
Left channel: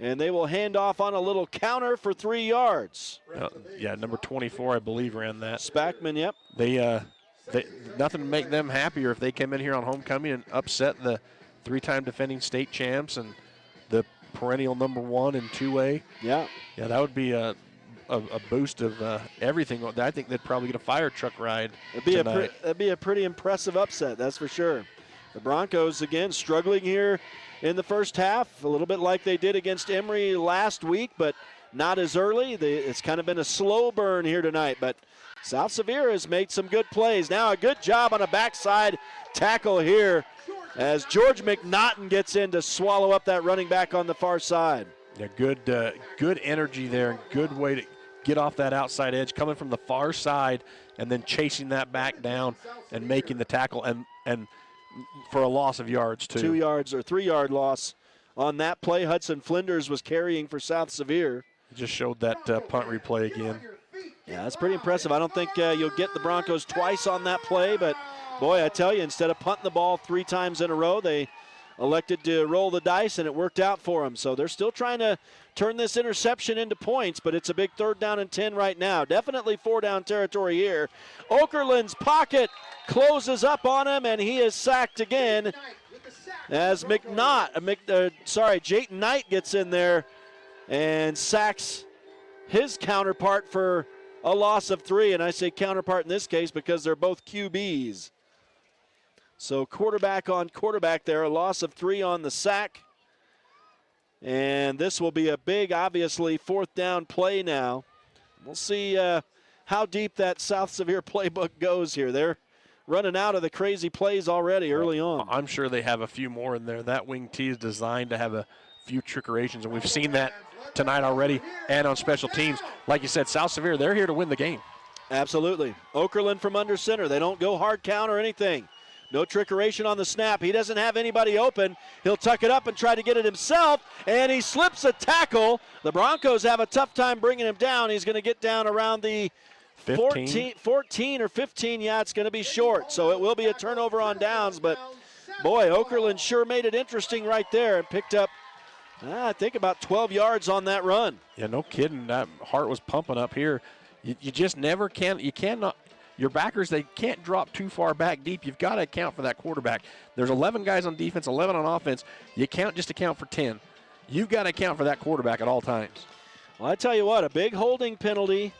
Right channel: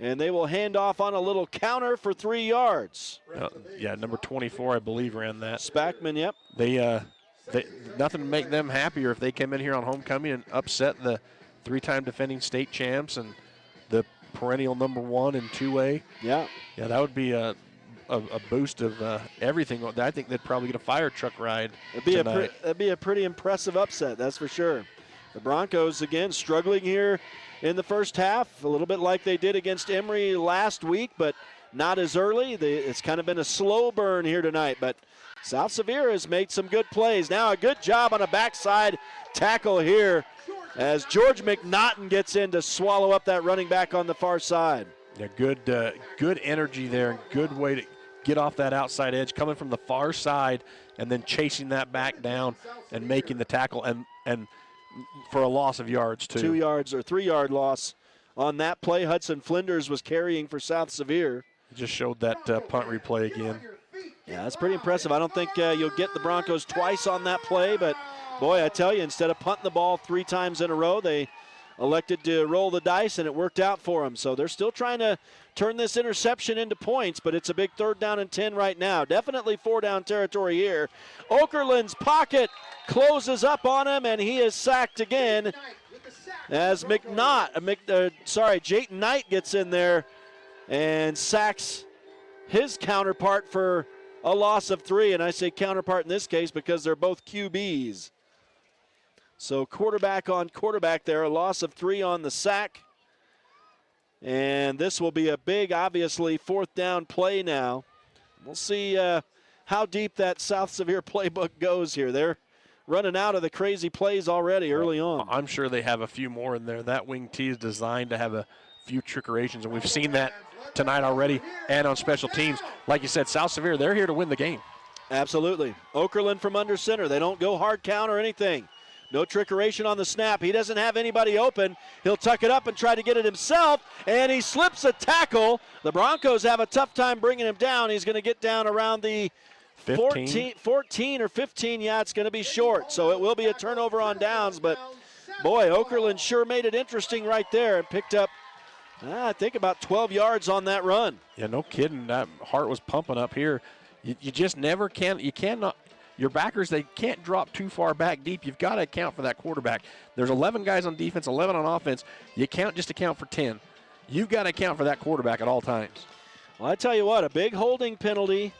And they will hand off on a little counter for 3 yards. Yeah, number 24, I believe, ran that. Spackman, yep. They nothing to make them happier if they came in here on homecoming and upset the 3-time defending state champs and the perennial number 1 in 2A. Yeah. Yeah, that would be a boost of everything. I think they'd probably get a fire truck ride tonight. That'd be a pretty impressive upset, that's for sure. The Broncos, again, struggling here in the first half, a little bit like they did against Emory last week, but not as early. It's kind of been a slow burn here tonight, but South Sevier has made some good plays. Now a good job on a backside tackle here as George McNaughton gets in to swallow up that running back on the far side. Yeah, good energy there, good way to get off that outside edge, coming from the far side and then chasing that back down and making the tackle and for a loss of yards, too. 2 yards or 3-yard loss on that play. Hudson Flinders was carrying for South Sevier. Just showed that punt replay again. Yeah, that's pretty impressive. I don't think you'll get the Broncos twice on that play, but, boy, I tell you, instead of punting the ball 3 times in a row, they elected to roll the dice, and it worked out for them. So they're still trying to turn this interception into points, but it's a big 3rd down and 10 right now. Definitely 4-down territory here. Okerlund's pocket closes up on him, and he is sacked again as Jayton Knight gets in there and sacks his counterpart for a loss of 3. And I say counterpart in this case because they're both QBs. So quarterback on quarterback there, a loss of 3 on the sack. And this will be a big, obviously, fourth down play now. We'll see how deep that South Sevier playbook goes here. They're running out of the crazy plays already early on. I'm sure they have a few more in there. That wing T is designed to have a few trickerations, and we've seen that tonight already and on special teams. Like you said, South Sevier, they're here to win the game. Absolutely. Okerlund from under center. They don't go hard count or anything. No trickeration on the snap. He doesn't have anybody open. He'll tuck it up and try to get it himself, and he slips a tackle. The Broncos have a tough time bringing him down. He's going to get down around the 14 or 15. Yeah, it's going to be short, so it will be a turnover on downs. But, boy, Okerlund sure made it interesting right there and picked up, I think, about 12 yards on that run. Yeah, no kidding. That heart was pumping up here. You just never can. You cannot. Your backers, they can't drop too far back deep. You've got to account for that quarterback. There's 11 guys on defense, 11 on offense. You can't just account for 10. You've got to account for that quarterback at all times. Well, I tell you what, a big holding penalty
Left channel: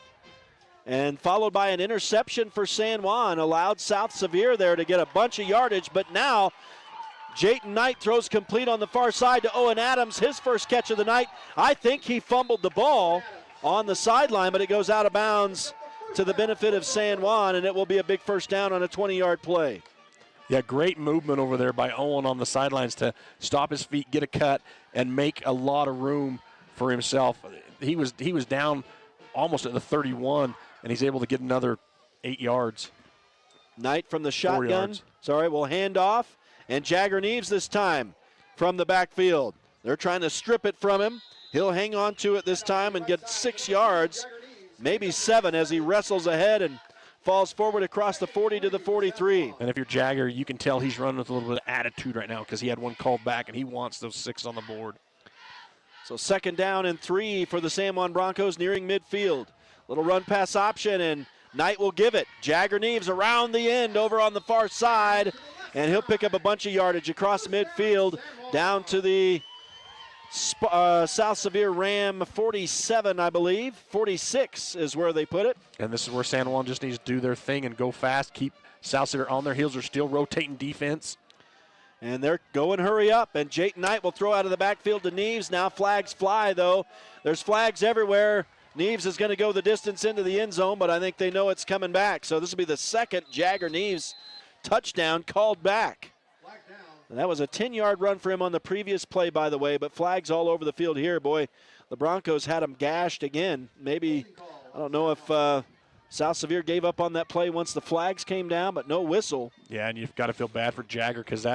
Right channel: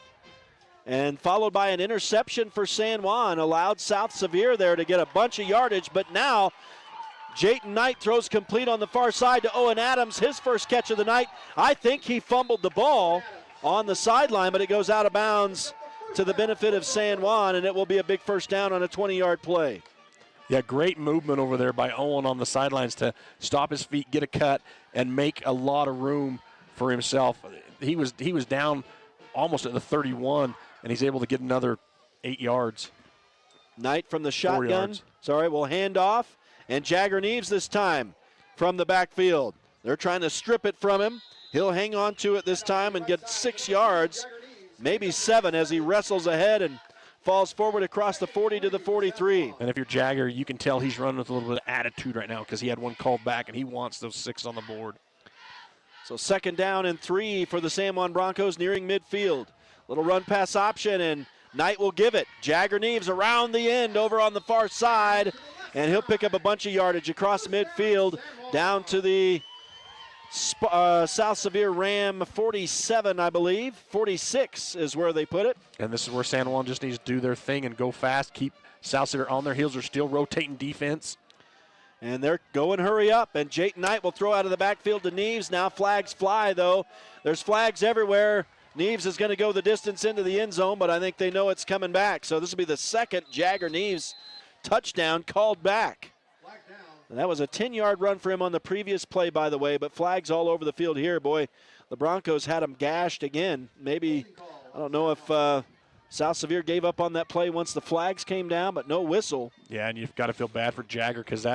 and followed by an interception for San Juan allowed South Sevier there to get a bunch of yardage. But now Jayton Knight throws complete on the far side to Owen Adams, his first catch of the night. I think he fumbled the ball on the sideline, but it goes out of bounds to the benefit of San Juan, and it will be a big first down on a 20-yard play. Yeah, great movement over there by Owen on the sidelines to stop his feet, get a cut, and make a lot of room for himself. He was down almost at the 31, and he's able to get another 8 yards. Knight from the shotgun. Will hand off, and Jagger Neves this time from the backfield. They're trying to strip it from him. He'll hang on to it this time and get 6 yards. Maybe 7 as he wrestles ahead and falls forward across the 40 to the 43. And if you're Jagger, you can tell he's running with a little bit of attitude right now because he had one called back, and he wants those 6 on the board. So 2nd down and 3 for the San Juan Broncos nearing midfield. Little run pass option, and Knight will give it. Jagger Neves around the end over on the far side, and he'll pick up a bunch of yardage across midfield down to the South Sevier Ram 47, I believe. 46 is where they put it. And this is where San Juan just needs to do their thing and go fast, keep South Sevier on their heels. They're still rotating defense. And they're going hurry up, and Jayton Knight will throw out of the backfield to Neves. Now flags fly, though. There's flags everywhere. Neves is going to go the distance into the end zone, but I think they know it's coming back. So this will be the second Jagger Neves touchdown called back. And that was a 10-yard run for him on the previous play, by the way, but flags all over the field here. Boy, the Broncos had him gashed again. Maybe, I don't know if South Sevier gave up on that play once the flags came down, but no whistle. Yeah, and you've got to feel bad for Jagger because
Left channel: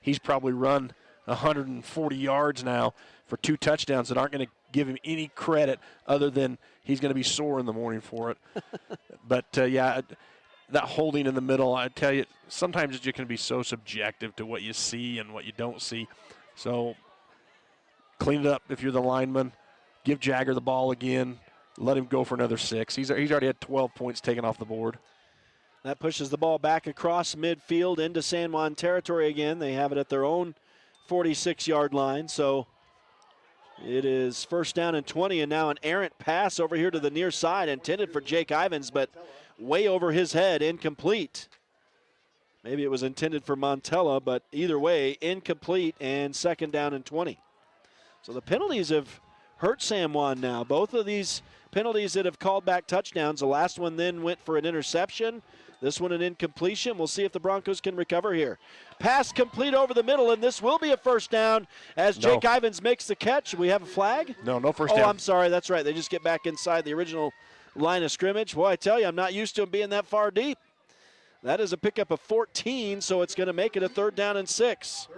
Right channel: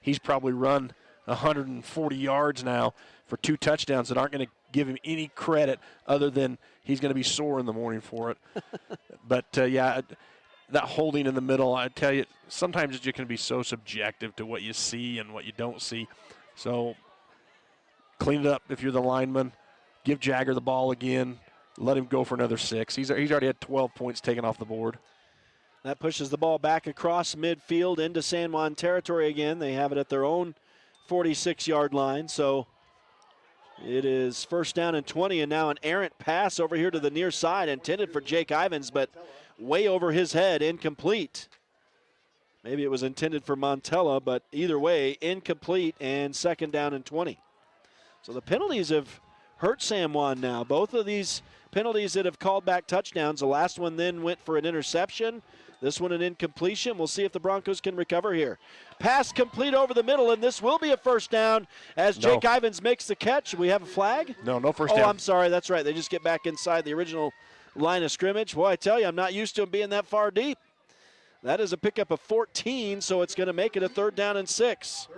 he's probably run 140 yards now for 2 touchdowns that aren't going to give him any credit other than he's going to be sore in the morning for it. But, yeah, that holding in the middle, I tell you, sometimes it can be so subjective to what you see and what you don't see. So clean it up if you're the lineman. Give Jagger the ball again. Let him go for another 6. He's already had 12 points taken off the board. That pushes the ball back across midfield into San Juan territory again. They have it at their own 46-yard line. So it is 1st down and 20, and now an errant pass over here to the near side intended for Jake Ivins, but way over his head, incomplete. Maybe it was intended for Montella, but either way, incomplete, and 2nd down and 20. So the penalties have hurt San Juan now. Both of these penalties that have called back touchdowns, the last one then went for an interception. This one an incompletion. We'll see if the Broncos can recover here. Pass complete over the middle, and this will be a 1st down as Jake Ivins makes the catch. We have a flag? No 1st down. Oh, I'm sorry. That's right. They just get back inside the original line of scrimmage. Boy, I tell you, I'm not used to him being that far deep. That is a pickup of 14, so it's going to make it a 3rd down and 6.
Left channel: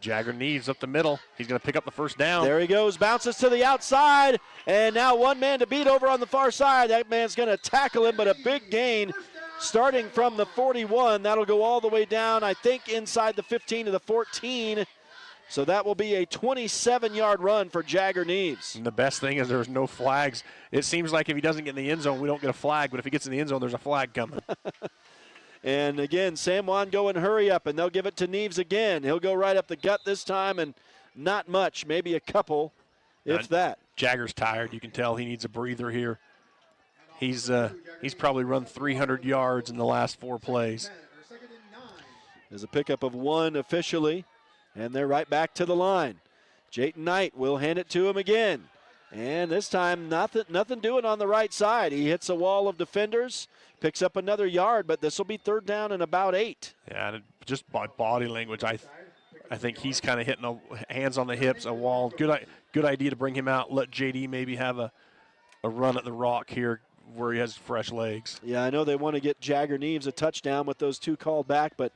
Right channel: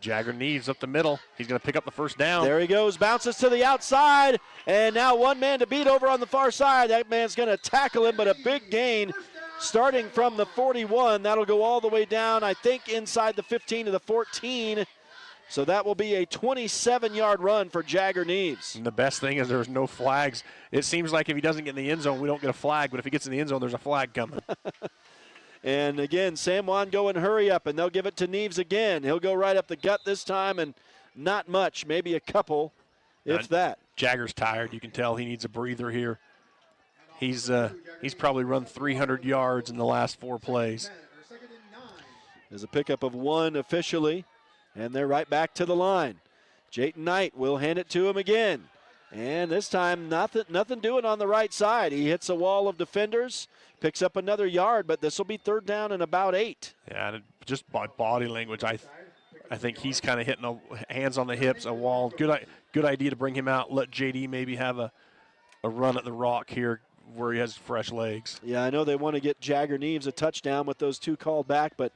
Jagger Neves up the middle. He's going to pick up the 1st down. There he goes, bounces to the outside, and now one man to beat over on the far side. That man's going to tackle him, but a big gain starting from the 41. That'll go all the way down, I think, inside the 15 to the 14. So that will be a 27-yard run for Jagger Neves. And the best thing is there's no flags. It seems like if he doesn't get in the end zone, we don't get a flag, but if he gets in the end zone, there's a flag coming. And again, San Juan going hurry up, and they'll give it to Neves again. He'll go right up the gut this time, and not much, maybe a couple, if that. Jagger's tired. You can tell he needs a breather here. He's probably run 300 yards in the last 4 plays. There's a pickup of 1 officially. And they're right back to the line. Jayton Knight will hand it to him again. And this time, nothing doing on the right side. He hits a wall of defenders, picks up another yard, but this will be 3rd down and about 8. Yeah, and just by body language, I think he's kind of hitting hands on the hips, a wall. Good idea to bring him out, let JD maybe have a run at the rock here where he has fresh legs. Yeah, I know they want to get Jagger Neves a touchdown with those 2 called back, but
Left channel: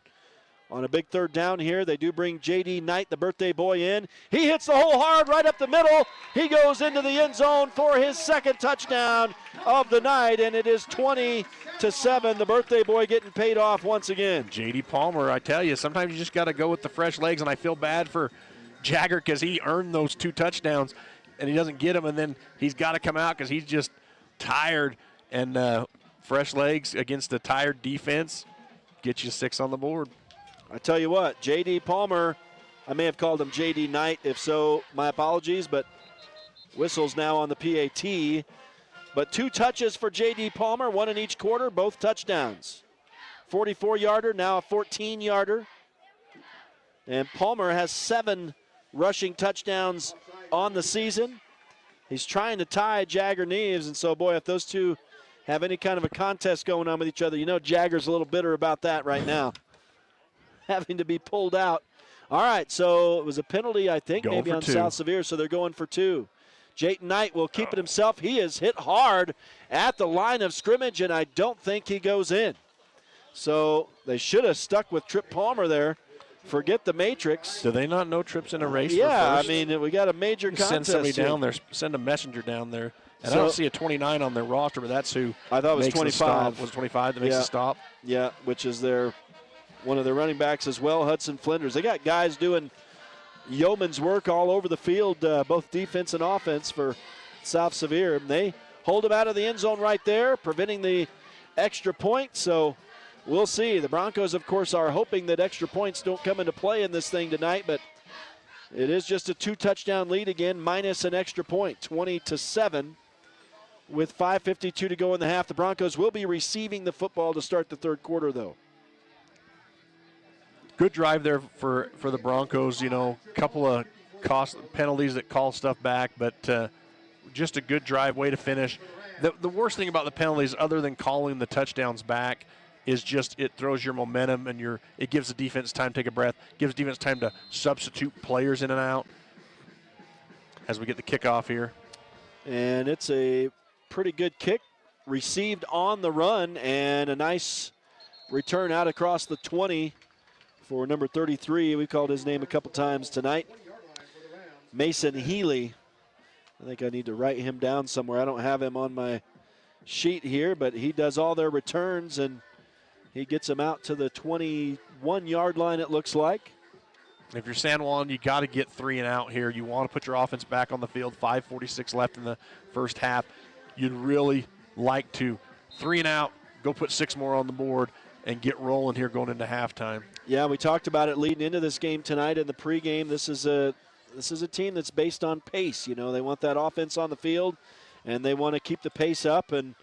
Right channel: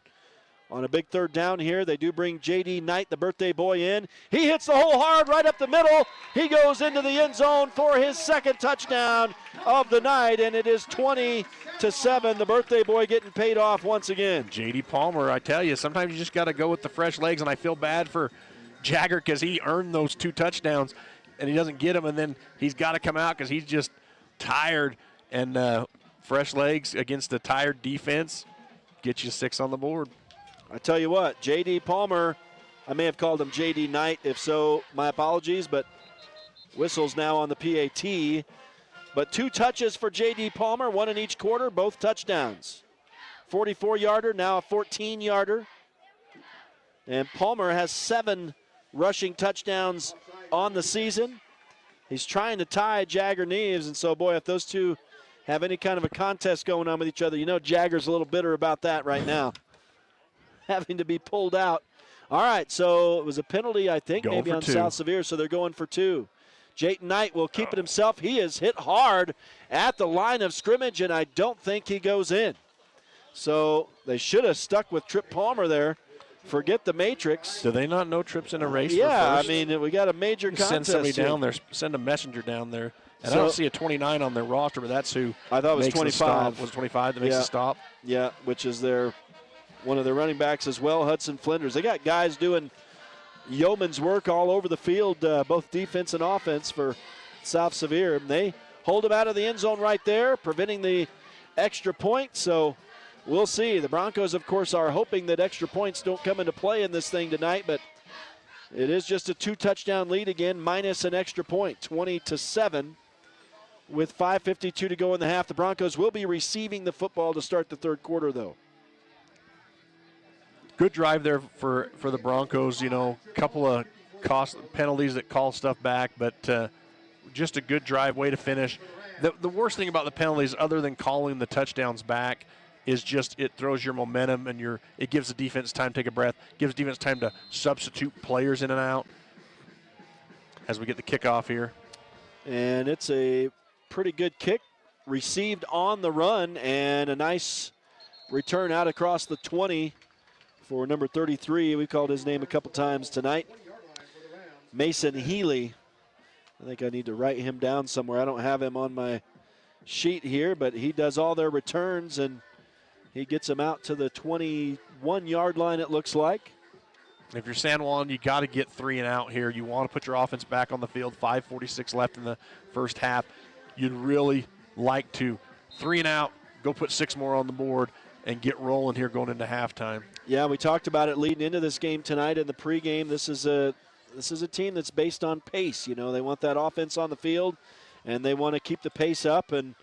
on a big 3rd down here, they do bring J.D. Knight, the birthday boy, in. He hits the hole hard right up the middle. He goes into the end zone for his 2nd touchdown of the night, and it is 20-7. The birthday boy getting paid off once again. J.D. Palmer, I tell you, sometimes you just got to go with the fresh legs, and I feel bad for Jagger because he earned those 2 touchdowns, and he doesn't get them, and then he's got to come out because he's just tired, and fresh legs against a tired defense get you 6 on the board. I tell you what, J.D. Palmer, I may have called him J.D. Knight. If so, my apologies, but whistles now on the PAT. But 2 touches for J.D. Palmer, 1 in each quarter, both touchdowns. 44-yarder, now a 14-yarder. And Palmer has 7 rushing touchdowns on the season. He's trying to tie Jagger Neves, and so, boy, if those two have any kind of a contest going on with each other, you know Jagger's a little bitter about that right now. Having to be pulled out. All right, so it was a penalty, I think, maybe on 2. South Sevier, so they're going for 2. Jayton Knight will keep it himself. He is hit hard at the line of scrimmage, and I don't think he goes in. So they should have stuck with Trip Palmer there. Forget the matrix. Do they not know Trip's in a race? Yeah, for first? I mean, we got a major contest. Send somebody here. down there, send a messenger down there. And So, I don't see a 29 on their roster, but that's who I thought it was makes 25. the stop. Was it 25 that makes the stop? Yeah, which is one of their running backs as well, Hudson Flinders. They got guys doing yeoman's work all over the field, both defense and offense for South Sevier. And they hold him out of the end zone right there, preventing the extra point. So we'll see. The Broncos, of course, are hoping that extra points don't come into play in this thing tonight, but it is just a 2-touchdown lead again, minus an extra point, 20-7. With 5:52 to go in the half, the Broncos will be receiving the football to start the 3rd quarter, though. Good drive there for the Broncos. You know, a couple of cost penalties that call stuff back, but just a good drive, way to finish. The worst thing about the penalties, other than calling the touchdowns back, is just it throws your momentum and it gives the defense time to take a breath, gives defense time to substitute players in and out as we get the kickoff here. And it's a pretty good kick, received on the run, and a nice return out across the 20 for number 33. We called his name a couple times tonight. Mason Healy. I think I need to write him down somewhere. I don't have him on my sheet here, but he does all their returns, and he gets them out to the 21-yard line, it looks like. If you're San Juan, you got to get 3 and out here. You want to put your offense back on the field. 5:46 left in the first half. You'd really like to 3 and out, go put 6 more on the board, and get rolling here going into halftime. Yeah, we talked about it leading into this game tonight in the pregame. This is a team that's based on pace. You know, they want that offense on the field, and they want to keep the pace up, and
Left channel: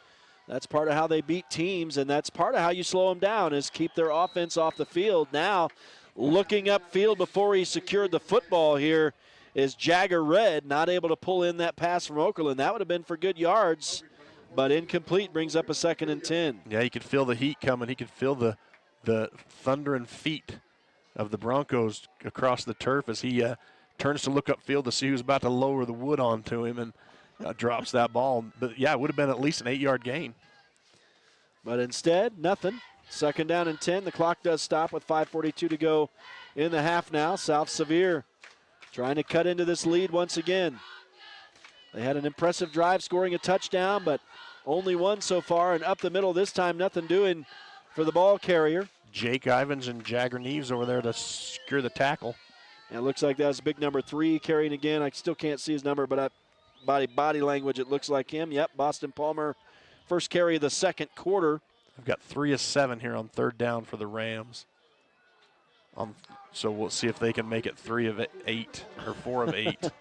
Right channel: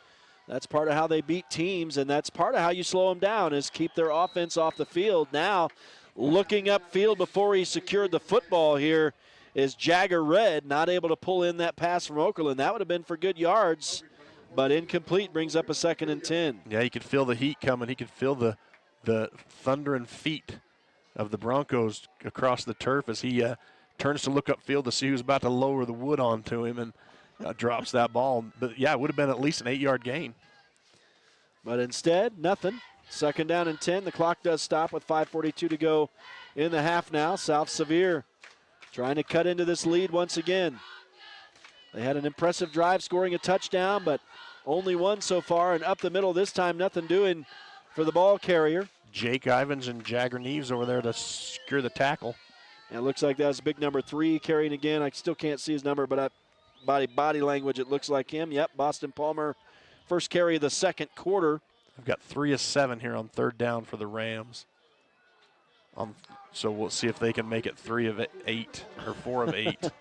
that's part of how they beat teams, and that's part of how you slow them down is keep their offense off the field. Now, looking upfield before he secured the football here is Jagger Red, not able to pull in that pass from Okerlund. That would have been for good yards, but incomplete, brings up a 2nd and 10. Yeah, he could feel the heat coming. He could feel the thundering feet of the Broncos across the turf as he turns to look upfield to see who's about to lower the wood onto him and drops that ball. But, yeah, it would have been at least an 8-yard gain. But instead, nothing. 2nd down and 10. The clock does stop with 5:42 to go in the half now. South Sevier trying to cut into this lead once again. They had an impressive drive scoring a touchdown, but only one so far, and up the middle this time, nothing doing for the ball carrier. Jake Ivins and Jagger Neves over there to secure the tackle. And it looks like that's big number 3 carrying again. I still can't see his number, but body language, it looks like him. Yep, Boston Palmer, first carry of the 2nd quarter. I've got 3 of 7 here on 3rd down for the Rams. So we'll see if they can make it 3 of 8 or 4 of 8.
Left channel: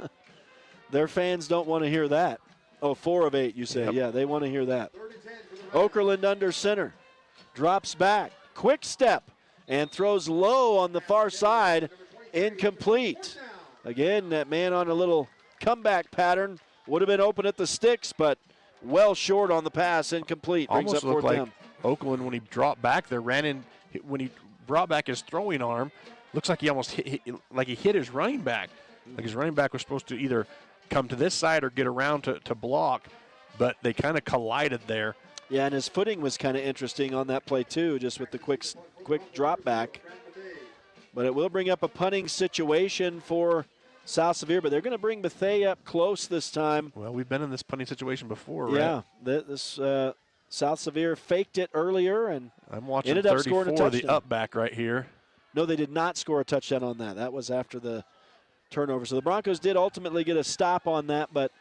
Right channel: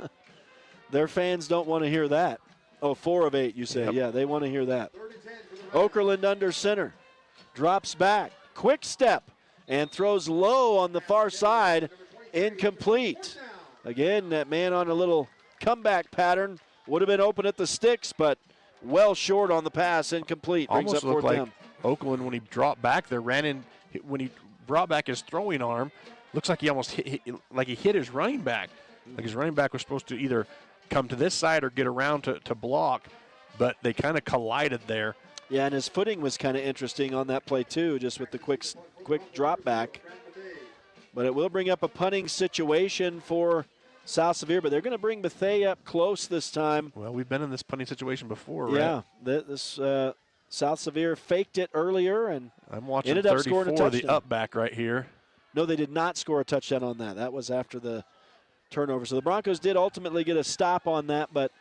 Their fans don't want to hear that. Oh, 4 of 8, you say. Yep. Yeah, they want to hear that. Okerlund under center. Drops back. Quick step. And throws low on the far side. incomplete. Again, that man on a little comeback pattern would have been open at the sticks, but well short on the pass, incomplete. Brings Almost up looked fourth like down. Oakland, when he dropped back there, ran in. When he brought back his throwing arm, looks like he almost hit his running back. Like his running back was supposed to either come to this side or get around to block, but they kind of collided there. Yeah, and his footing was kind of interesting on that play too, just with the quick drop back. But it will bring up a punting situation for South Sevier, but they're going to bring Bethea up close this time. Well, we've been in this punting situation before, right? Yeah, this South Sevier faked it earlier and I'm watching ended up scoring a 34, touchdown. the up back right here. No, they did not score a touchdown on that. That was after the turnover. So the Broncos did ultimately get a stop on that, but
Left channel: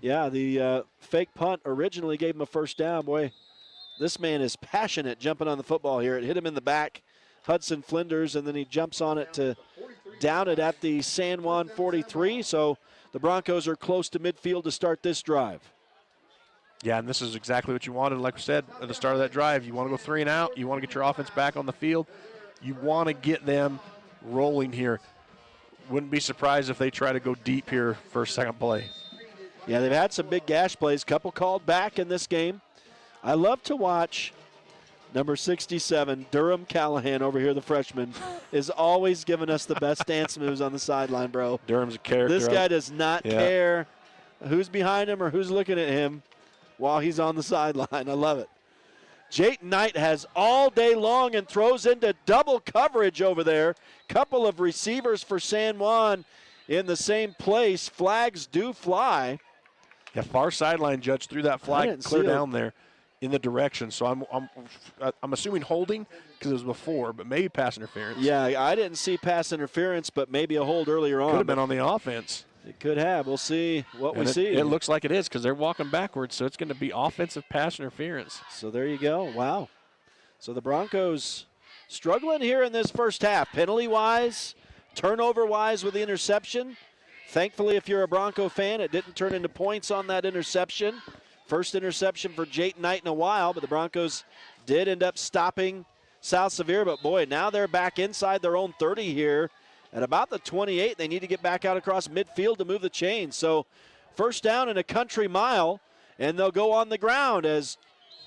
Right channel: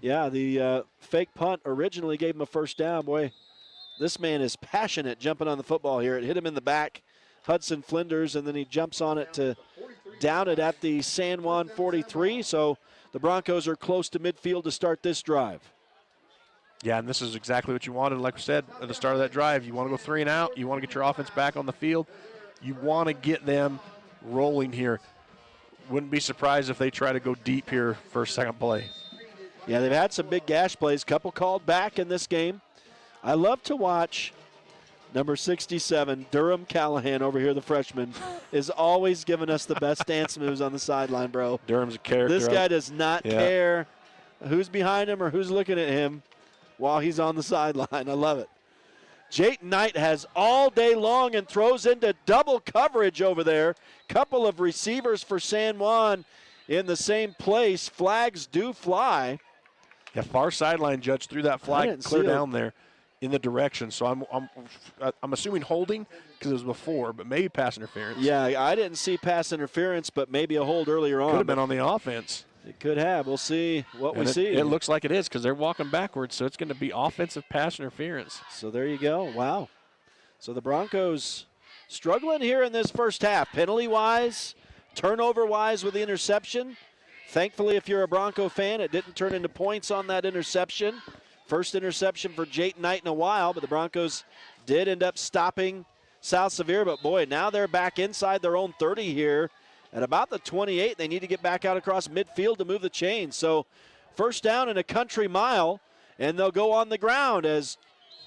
yeah, the fake punt originally gave him a first down. Boy, this man is passionate jumping on the football here. It hit him in the back, Hudson Flinders, and then he jumps on it to down it at the San Juan 43. So the Broncos are close to midfield to start this drive. Yeah, and this is exactly what you wanted. Like we said at the start of that drive, you want to go 3 and out. You want to get your offense back on the field. You want to get them rolling here. Wouldn't be surprised if they try to go deep here for second play. Yeah, they've had some big gash plays, couple called back in this game. I love to watch number 67, Durham Callahan over here, the freshman, is always giving us the best dance moves on the sideline, bro. Durham's a character. This guy does not care who's behind him or who's looking at him while he's on the sideline. I love it. Jayton Knight has all day long and throws into double coverage over there. Couple of receivers for San Juan in the same place. Flags do fly. Yeah, far sideline judge threw that flag clear down there in the direction. So I'm assuming holding because it was before, but maybe pass interference. Yeah, I didn't see pass interference, but maybe a hold earlier on. Could have been on the offense. It could have. We'll see what we see. It looks like it is because they're walking backwards, so it's going to be offensive pass interference. So there you go. Wow. So the Broncos struggling here in this first half. Penalty-wise, turnover-wise with the interception. Thankfully, if you're a Bronco fan, it didn't turn into points on that interception. First interception for Jayton Knight in a while, but the Broncos did end up stopping South Sevier. But, boy, now they're back inside their own 30 here. At about the 28, they need to get back out across midfield to move the chains. So first down and a country mile, and they'll go on the ground as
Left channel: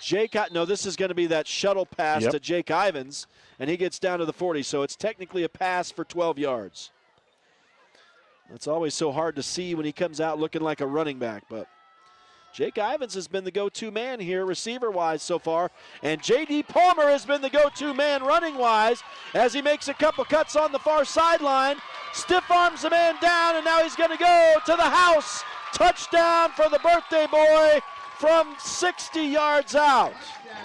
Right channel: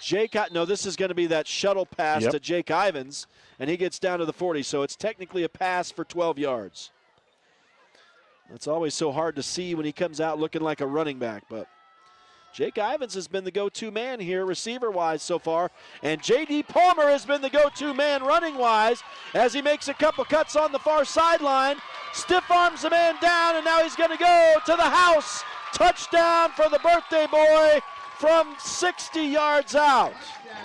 this is going to be that shuttle pass to Jake Ivins, and he gets down to the 40. So it's technically a pass for 12 yards. That's always so hard to see when he comes out looking like a running back, but Jake Ivins has been the go-to man here receiver-wise so far, and J.D. Palmer has been the go-to man running-wise as he makes a couple cuts on the far sideline, stiff arms the man down, and now he's going to go to the house. Touchdown for the birthday boy from 60 yards out.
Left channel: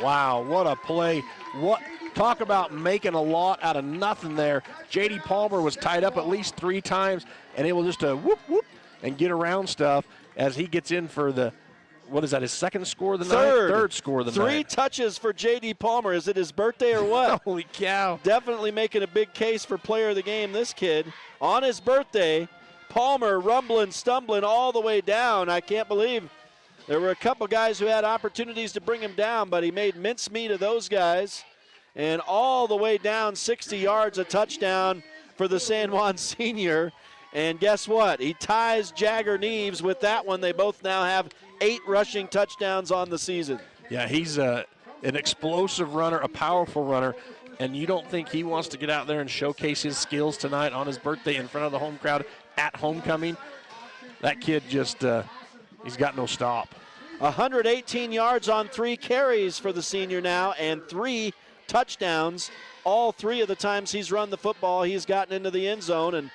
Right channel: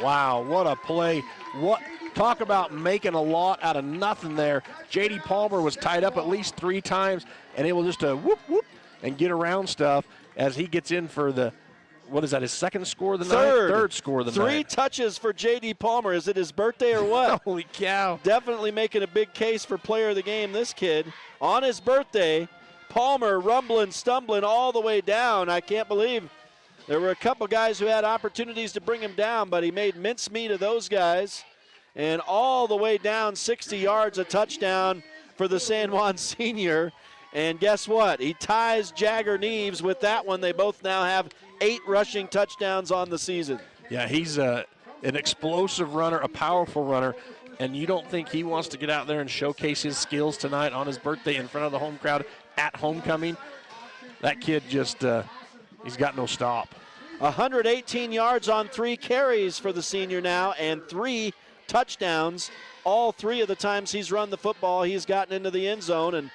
Wow, what a play. Talk about making a lot out of nothing there. J.D. Palmer was tied up at least 3 times and able just to whoop, whoop, and get around stuff as he gets in for the, what is that, his second score of the night? Third score of the night. 3 touches for J.D. Palmer. Is it his birthday or what? Holy cow. Definitely making a big case for player of the game, this kid. On his birthday, Palmer rumbling, stumbling all the way down. I can't believe there were a couple guys who had opportunities to bring him down, but he made mincemeat of those guys. And all the way down 60 yards, a touchdown for the San Juan senior. And guess what? He ties Jagger Neves with that one. They both now have 8 rushing touchdowns on the season. Yeah, he's an explosive runner, a powerful runner, and you don't think he wants to get out there and showcase his skills tonight on his birthday in front of the home crowd at homecoming? That kid just, he's got no stop. 118 yards on 3 carries for the senior now, and 3 touchdowns. All 3 of the times he's run the football, he's gotten into the end zone, and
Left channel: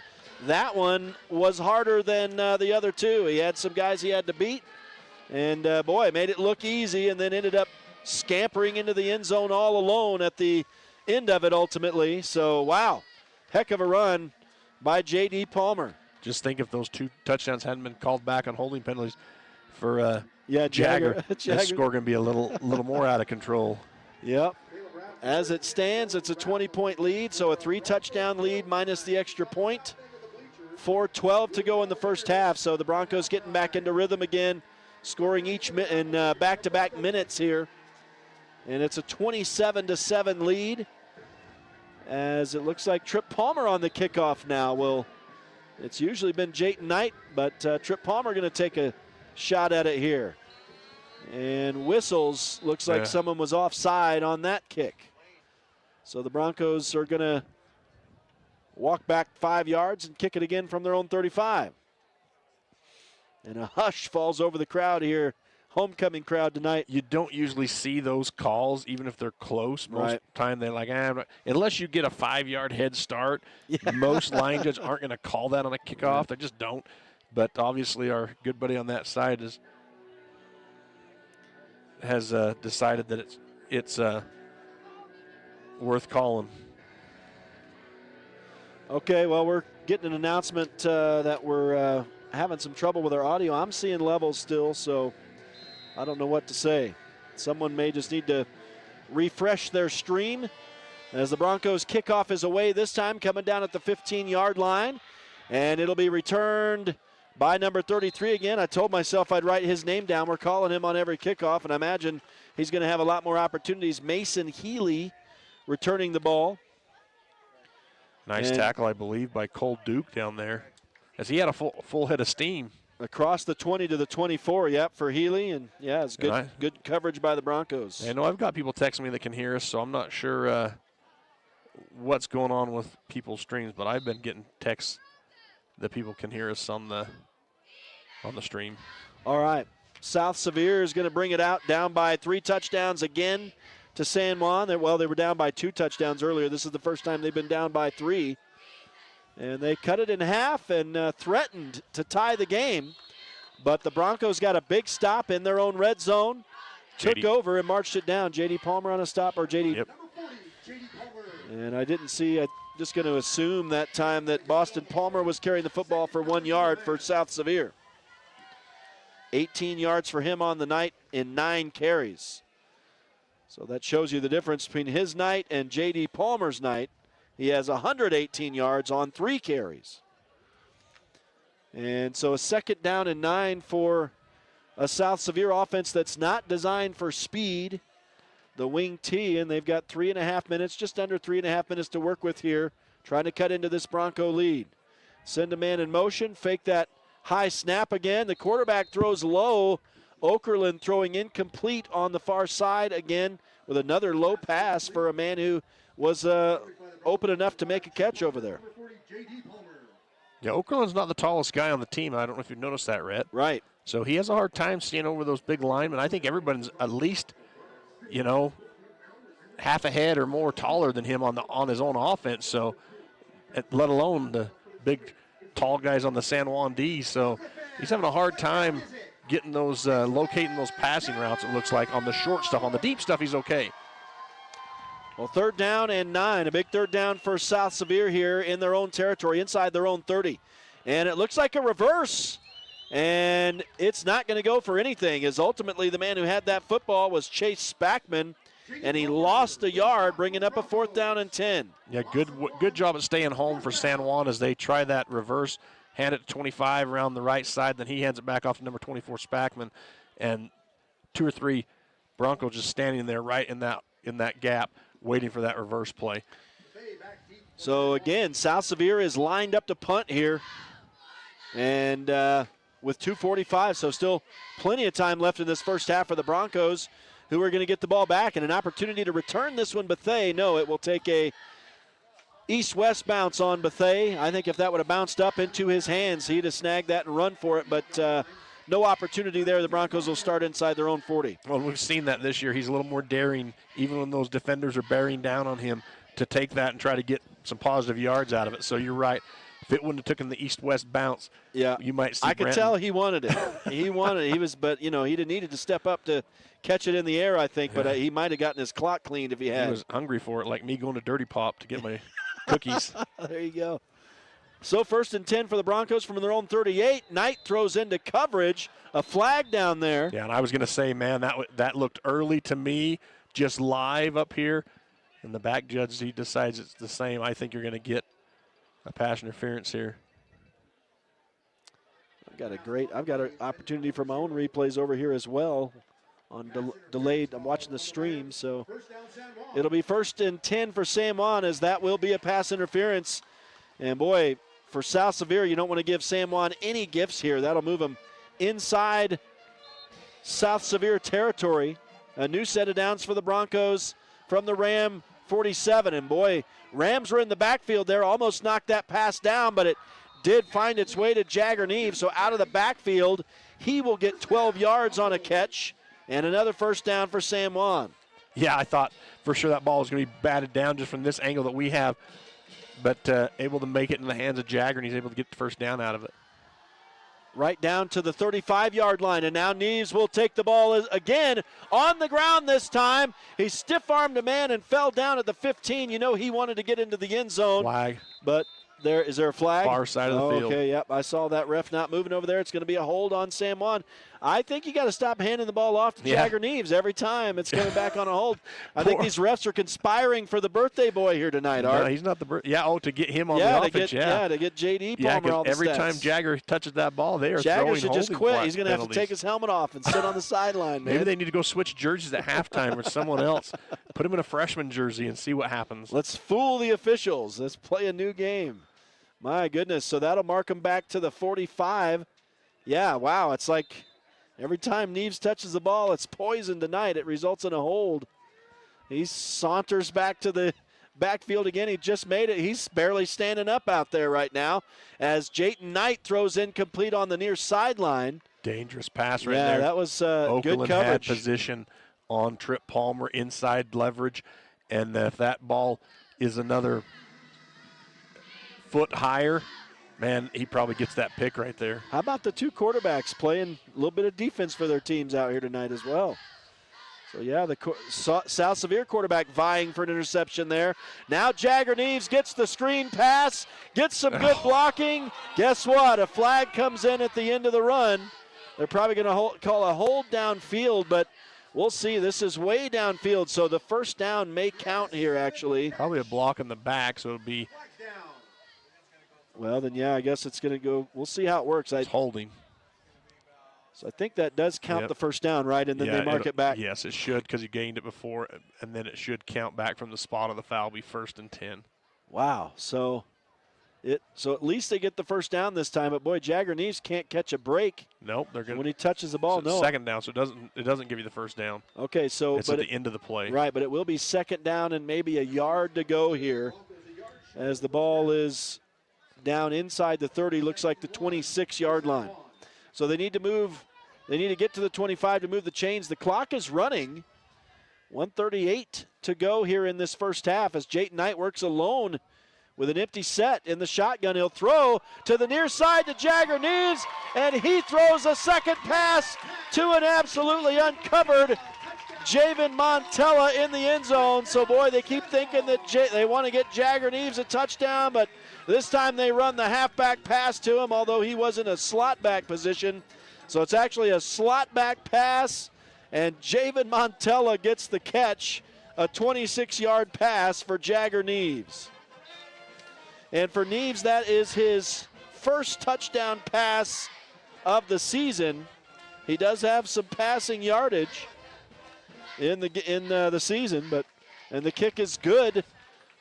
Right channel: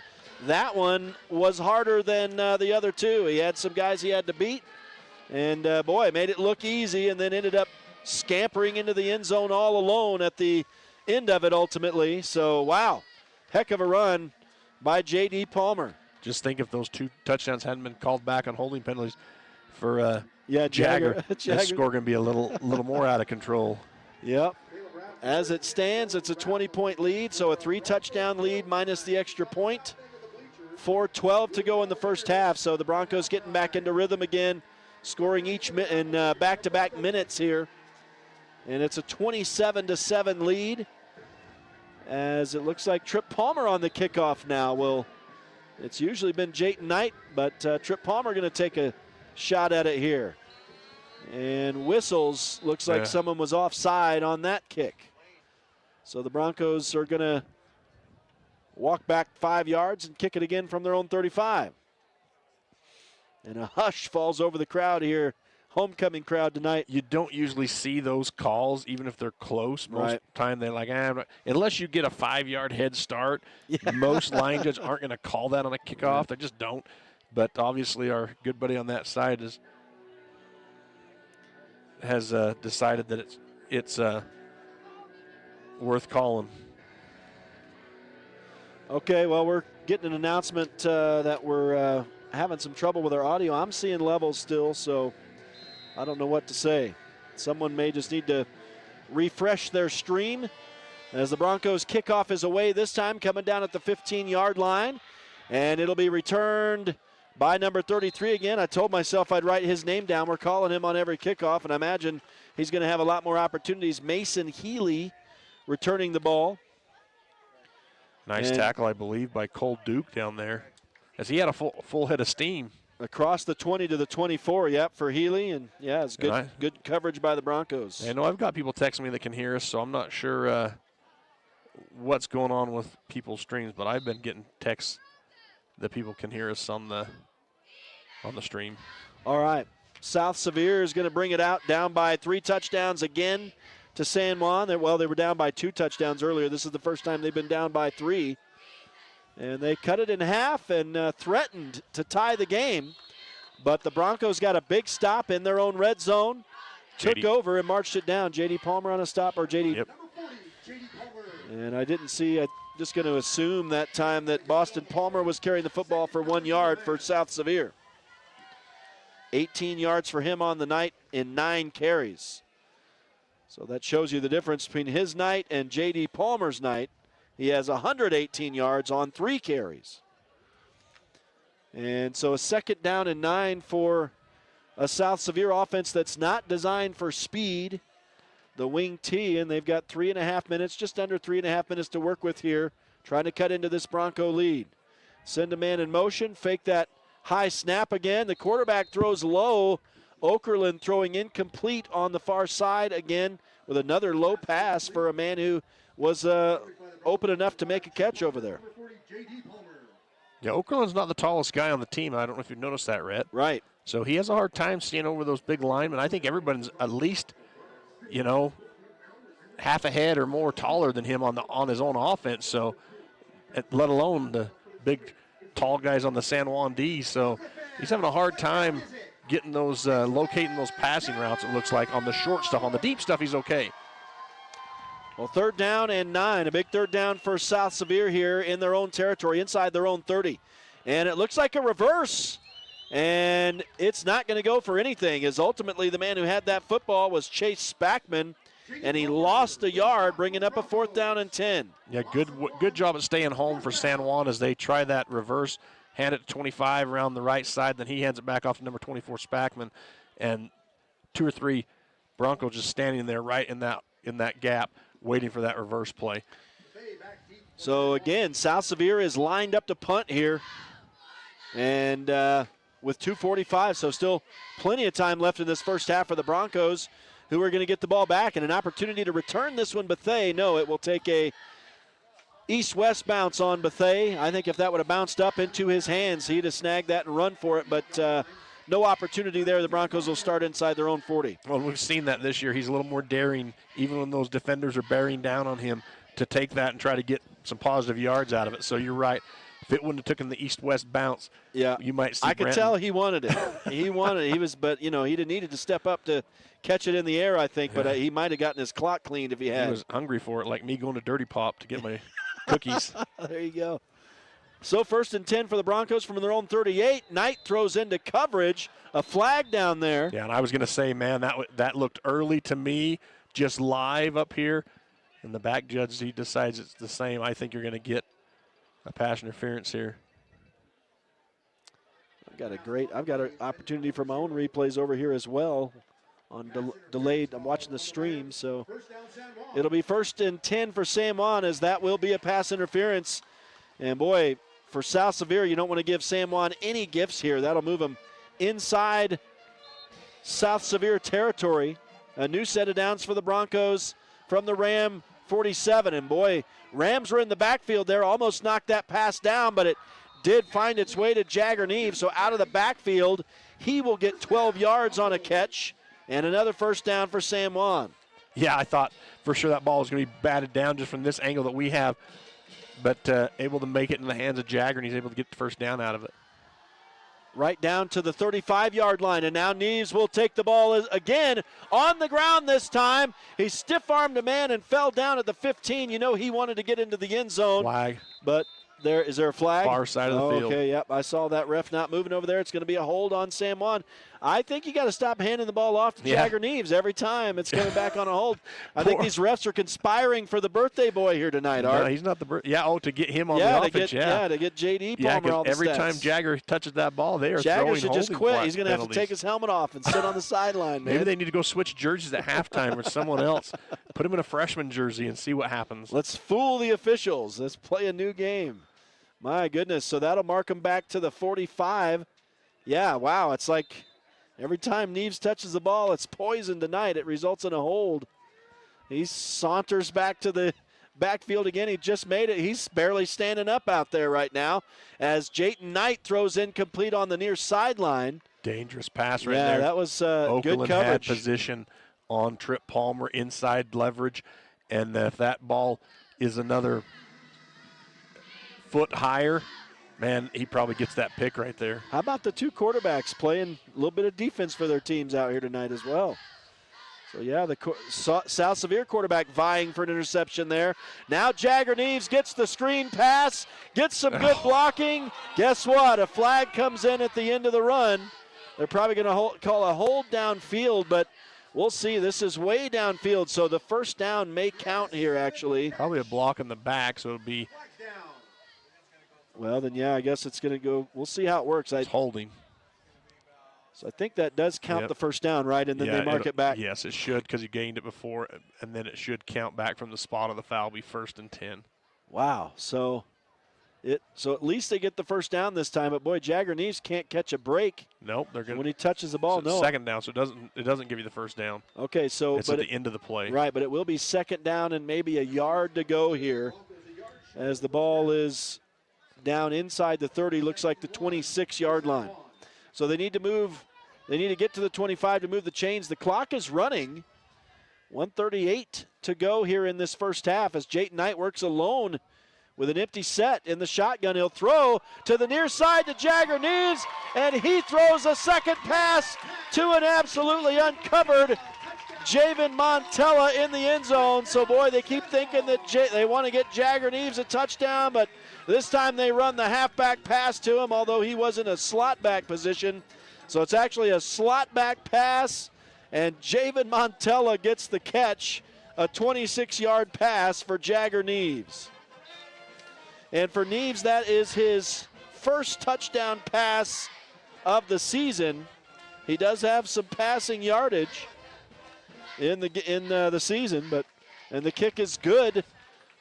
that one was harder than the other 2. He had some guys he had to beat, and boy, made it look easy, and then ended up scampering into the end zone all alone at the end of it ultimately. So, wow, heck of a run by J.D. Palmer. Just think if those 2 touchdowns hadn't been called back on holding penalties for Jagger. That score going to be a little more out of control. Yep. As it stands, it's a 20-point lead, so a 3-touchdown lead minus the extra point. 4:12 to go in the first half, so the Broncos getting back into rhythm again, scoring each in back-to-back minutes here. And it's a 27-7 lead as it looks like Trip Palmer on the kickoff now. Well, it's usually been Jayton Knight, but Trip Palmer going to take a shot at it here. And whistles, looks like someone was offside on that kick. So the Broncos are going to walk back 5 yards and kick it again from their own 35. And a hush falls over the crowd here. Homecoming crowd tonight. You don't usually see those calls, even if they're close. Most of the time they're like, unless you get a 5-yard head start, most line judges aren't going to call that on a kickoff. They just don't. But obviously our good buddy on that side has decided that it's worth calling. Okay, well, we're getting an announcement that we're having some trouble with our audio. I'm seeing levels still, so I don't know what to say. Someone may just need to refresh their stream as the Broncos kickoff is away this time, coming down at the 15-yard line, and it'll be returned by number 33 again. I told myself I'd write his name down. We're calling him on every kickoff, and I imagine he's going to have a lot more opportunities. Mason Healy returning the ball. Nice tackle, I believe, by Cole Duke down there, as he had a full head of steam. Across the 20 to the 24, for Healy, and it's good coverage by the Broncos. I know I've got people texting me that can hear us, so I'm not sure what's going on with people's streams, but I've been getting texts that people can hear us on the stream. All right, South Sevier is going to bring it out, down by 3 touchdowns again to San Juan. They were down by 2 touchdowns earlier. This is the first time they've been down by 3. And they cut it in half and threatened to tie the game. But the Broncos got a big stop in their own red zone, took over and marched it down. J.D. Palmer on a stop, or J.D. Yep. And I didn't see, I'm just going to assume that time that Boston Palmer was carrying the football for 1 yard for South Sevier. 18 yards for him on the night in 9 carries. So that shows you the difference between his night and J.D. Palmer's night. He has 118 yards on 3 carries. And so a 2nd down and 9 for a South Sevier offense that's not designed for speed. The wing T, and they've got 3.5 minutes, just under 3.5 minutes to work with here, trying to cut into this Bronco lead. Send a man in motion, fake that high snap again. The quarterback throws low. Okerlund throwing incomplete on the far side again with another low pass for a man who was open enough to make a catch over there. Yeah, Okerlund's not the tallest guy on the team. I don't know if you've noticed that, Rhett. Right. So he has a hard time seeing over those big linemen. I think everybody's at least, half a head or more taller than him on his own offense. So, let alone the big, tall guys on the San Juan D. So he's having a hard time getting those, locating those passing routes, it looks like. On the short stuff. On the deep stuff, he's okay. Well, 3rd down and 9. A big 3rd down for South Sevier here in their own territory, inside their own 30. And it looks like a reverse. And it's not going to go for anything, as ultimately the man who had that football was Chase Spackman, and he lost a yard, bringing up a 4th down and 10. Yeah, good job at staying home for San Juan as they try that reverse, hand it to 25 around the right side, then he hands it back off to number 24, Spackman, and 2 or 3 Broncos just standing there right in that gap, waiting for that reverse play. So again, South Sevier is lined up to punt here, and with 2:45, so still plenty of time left in this first half for the Broncos, who are going to get the ball back, and an opportunity to return this one. Bethea, no, it will take a east-west bounce on Bethea. I think if that would have bounced up into his hands, he'd have snagged that and run for it, but no opportunity there. The Broncos will start inside their own 40. Well, we've seen that this year. He's a little more daring, even when those defenders are bearing down on him, to take that and try to get some positive yards out of it. So you're right. If it wouldn't have taken the east-west bounce, you might see I could tell he wanted it. He wanted it. He was, but he'd have needed to step up to catch it in the air, I think. But he might have gotten his clock cleaned if he had. He was hungry for it, like me going to Dirty Pop to get my cookies. There you go. So 1st and 10 for the Broncos from their own 38. Knight throws into coverage. A flag down there. Yeah, and I was going to say, man, that looked early to me, just live up here. And the back judge, he decides it's the same. I think you're going to get a pass interference here. I've got an opportunity for my own replays over here as well. on delayed. I'm watching the stream, so it'll be 1st and 10 for San Juan, as that will be a pass interference. And boy, for South Sevier, you don't want to give San Juan any gifts here. That'll move them inside South Sevier territory. A new set of downs for the Broncos from the Ram 47. And boy, Rams were in the backfield there, almost knocked that pass down, but it did find its way to Jagger Neves. So out of the backfield, he will get 12 yards on a catch and another first down for San Juan. Yeah, I thought for sure that ball was going to be batted down just from this angle that we have, but able to make it in the hands of Jagger, and he's able to get the first down out of it. Right down to the 35-yard line, and now Neves will take the ball again on the ground this time. He stiff-armed a man and fell down at the 15. You know he wanted to get into the end zone. Flag. But is there a flag? Far side of the field. Okay, yep, I saw that ref not moving over there. It's going to be a hold on San Juan. I think you got to stop handing the ball off to Jagger Neves every time it's coming back on a hold. I think these refs are conspiring for the birthday boy here tonight, Art. No, he's not the to get him on the offense. To get J.D. Palmer all the every stats. time Jagger touches that ball, they are Jagger throwing should just holding quit. He's going to have to take his helmet off and sit on the sideline, man. Maybe they need to go switch jerseys at halftime with someone else. Put him in a freshman jersey and see what happens. Let's fool the officials. Let's play a new game. My goodness. So that'll mark him back to the 45. Yeah, wow. It's like every time Neves touches the ball, it's poison tonight. It results in a hold. He saunters back to the backfield again. He just made it. He's barely standing up out there right now as Jayton Knight throws incomplete on the near sideline. Dangerous pass right there. Yeah, that was Oakland good coverage. Had position on Trip Palmer, inside leverage, and if that ball is another foot higher, man, he probably gets that pick right there. How about the two quarterbacks playing a little bit of defense for their teams out here tonight as well? So, yeah, the South Sevier quarterback vying for an interception there. Now Jagger Neves gets the screen pass, gets some good blocking. Guess what? A flag comes in at the end of the run. They're probably going to call a hold downfield, but we'll see. This is way downfield, so the first down may count here, actually. Probably a block in the back, so it'll be. Well, then, yeah, I guess it's going to go. We'll see how it works. It's holding. So I think that does count the first down, right? And then they mark it back. Yes, it should, because you gained it before, and then it should count back from the spot of the foul, be 1st and 10. Wow. So at least they get the first down this time. But boy, Jagger Neves can't catch a break. Nope, they're going when he touches the ball. So second down, so it doesn't give you the first down. Okay, so it's at the end of the play. Right, but it will be second down and maybe a yard to go here, as the ball is down inside the 30, looks like the 26-yard line. So they need to move. They need to get to the 25 to move the chains. The clock is running. 1:38 to go here in this first half as Jayton Knight works alone with an empty set in the shotgun. He'll throw to the near side to Jagger Neves, and he throws a second pass to an absolutely uncovered Javen Montella in the end zone. So, boy, they keep thinking that they want to get Jagger Neves a touchdown, but this time they run the halfback pass to him, although he was in a slot back position. So it's actually a slot back pass, and Javen Montella gets the catch, a 26-yard pass for Jagger Neves. And for Neves, that is his first touchdown pass of the season. He does have some passing yardage in the season, and the kick is good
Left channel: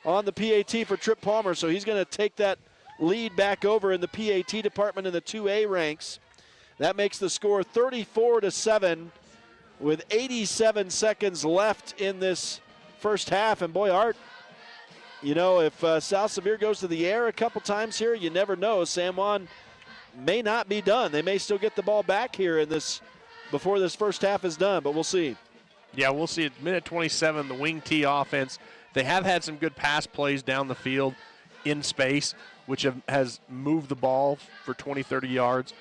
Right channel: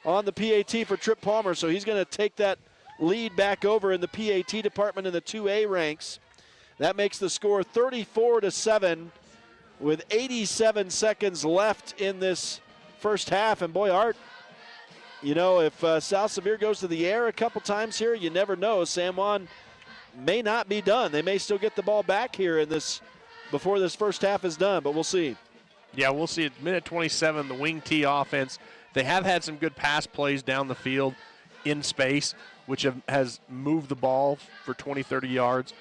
on the PAT for Trip Palmer, so he's going to take that lead back over in the PAT department in the 2A ranks. That makes the score 34-7 with 87 seconds left in this first half. And boy, Art, you know, if South Sevier goes to the air a couple times here, you never know. San Juan may not be done. They may still get the ball back here in this before this first half is done, but we'll see. Yeah, we'll see. At minute 27, the wing T offense, they have had some good pass plays down the field in space, which has moved the ball for 20, 30 yards.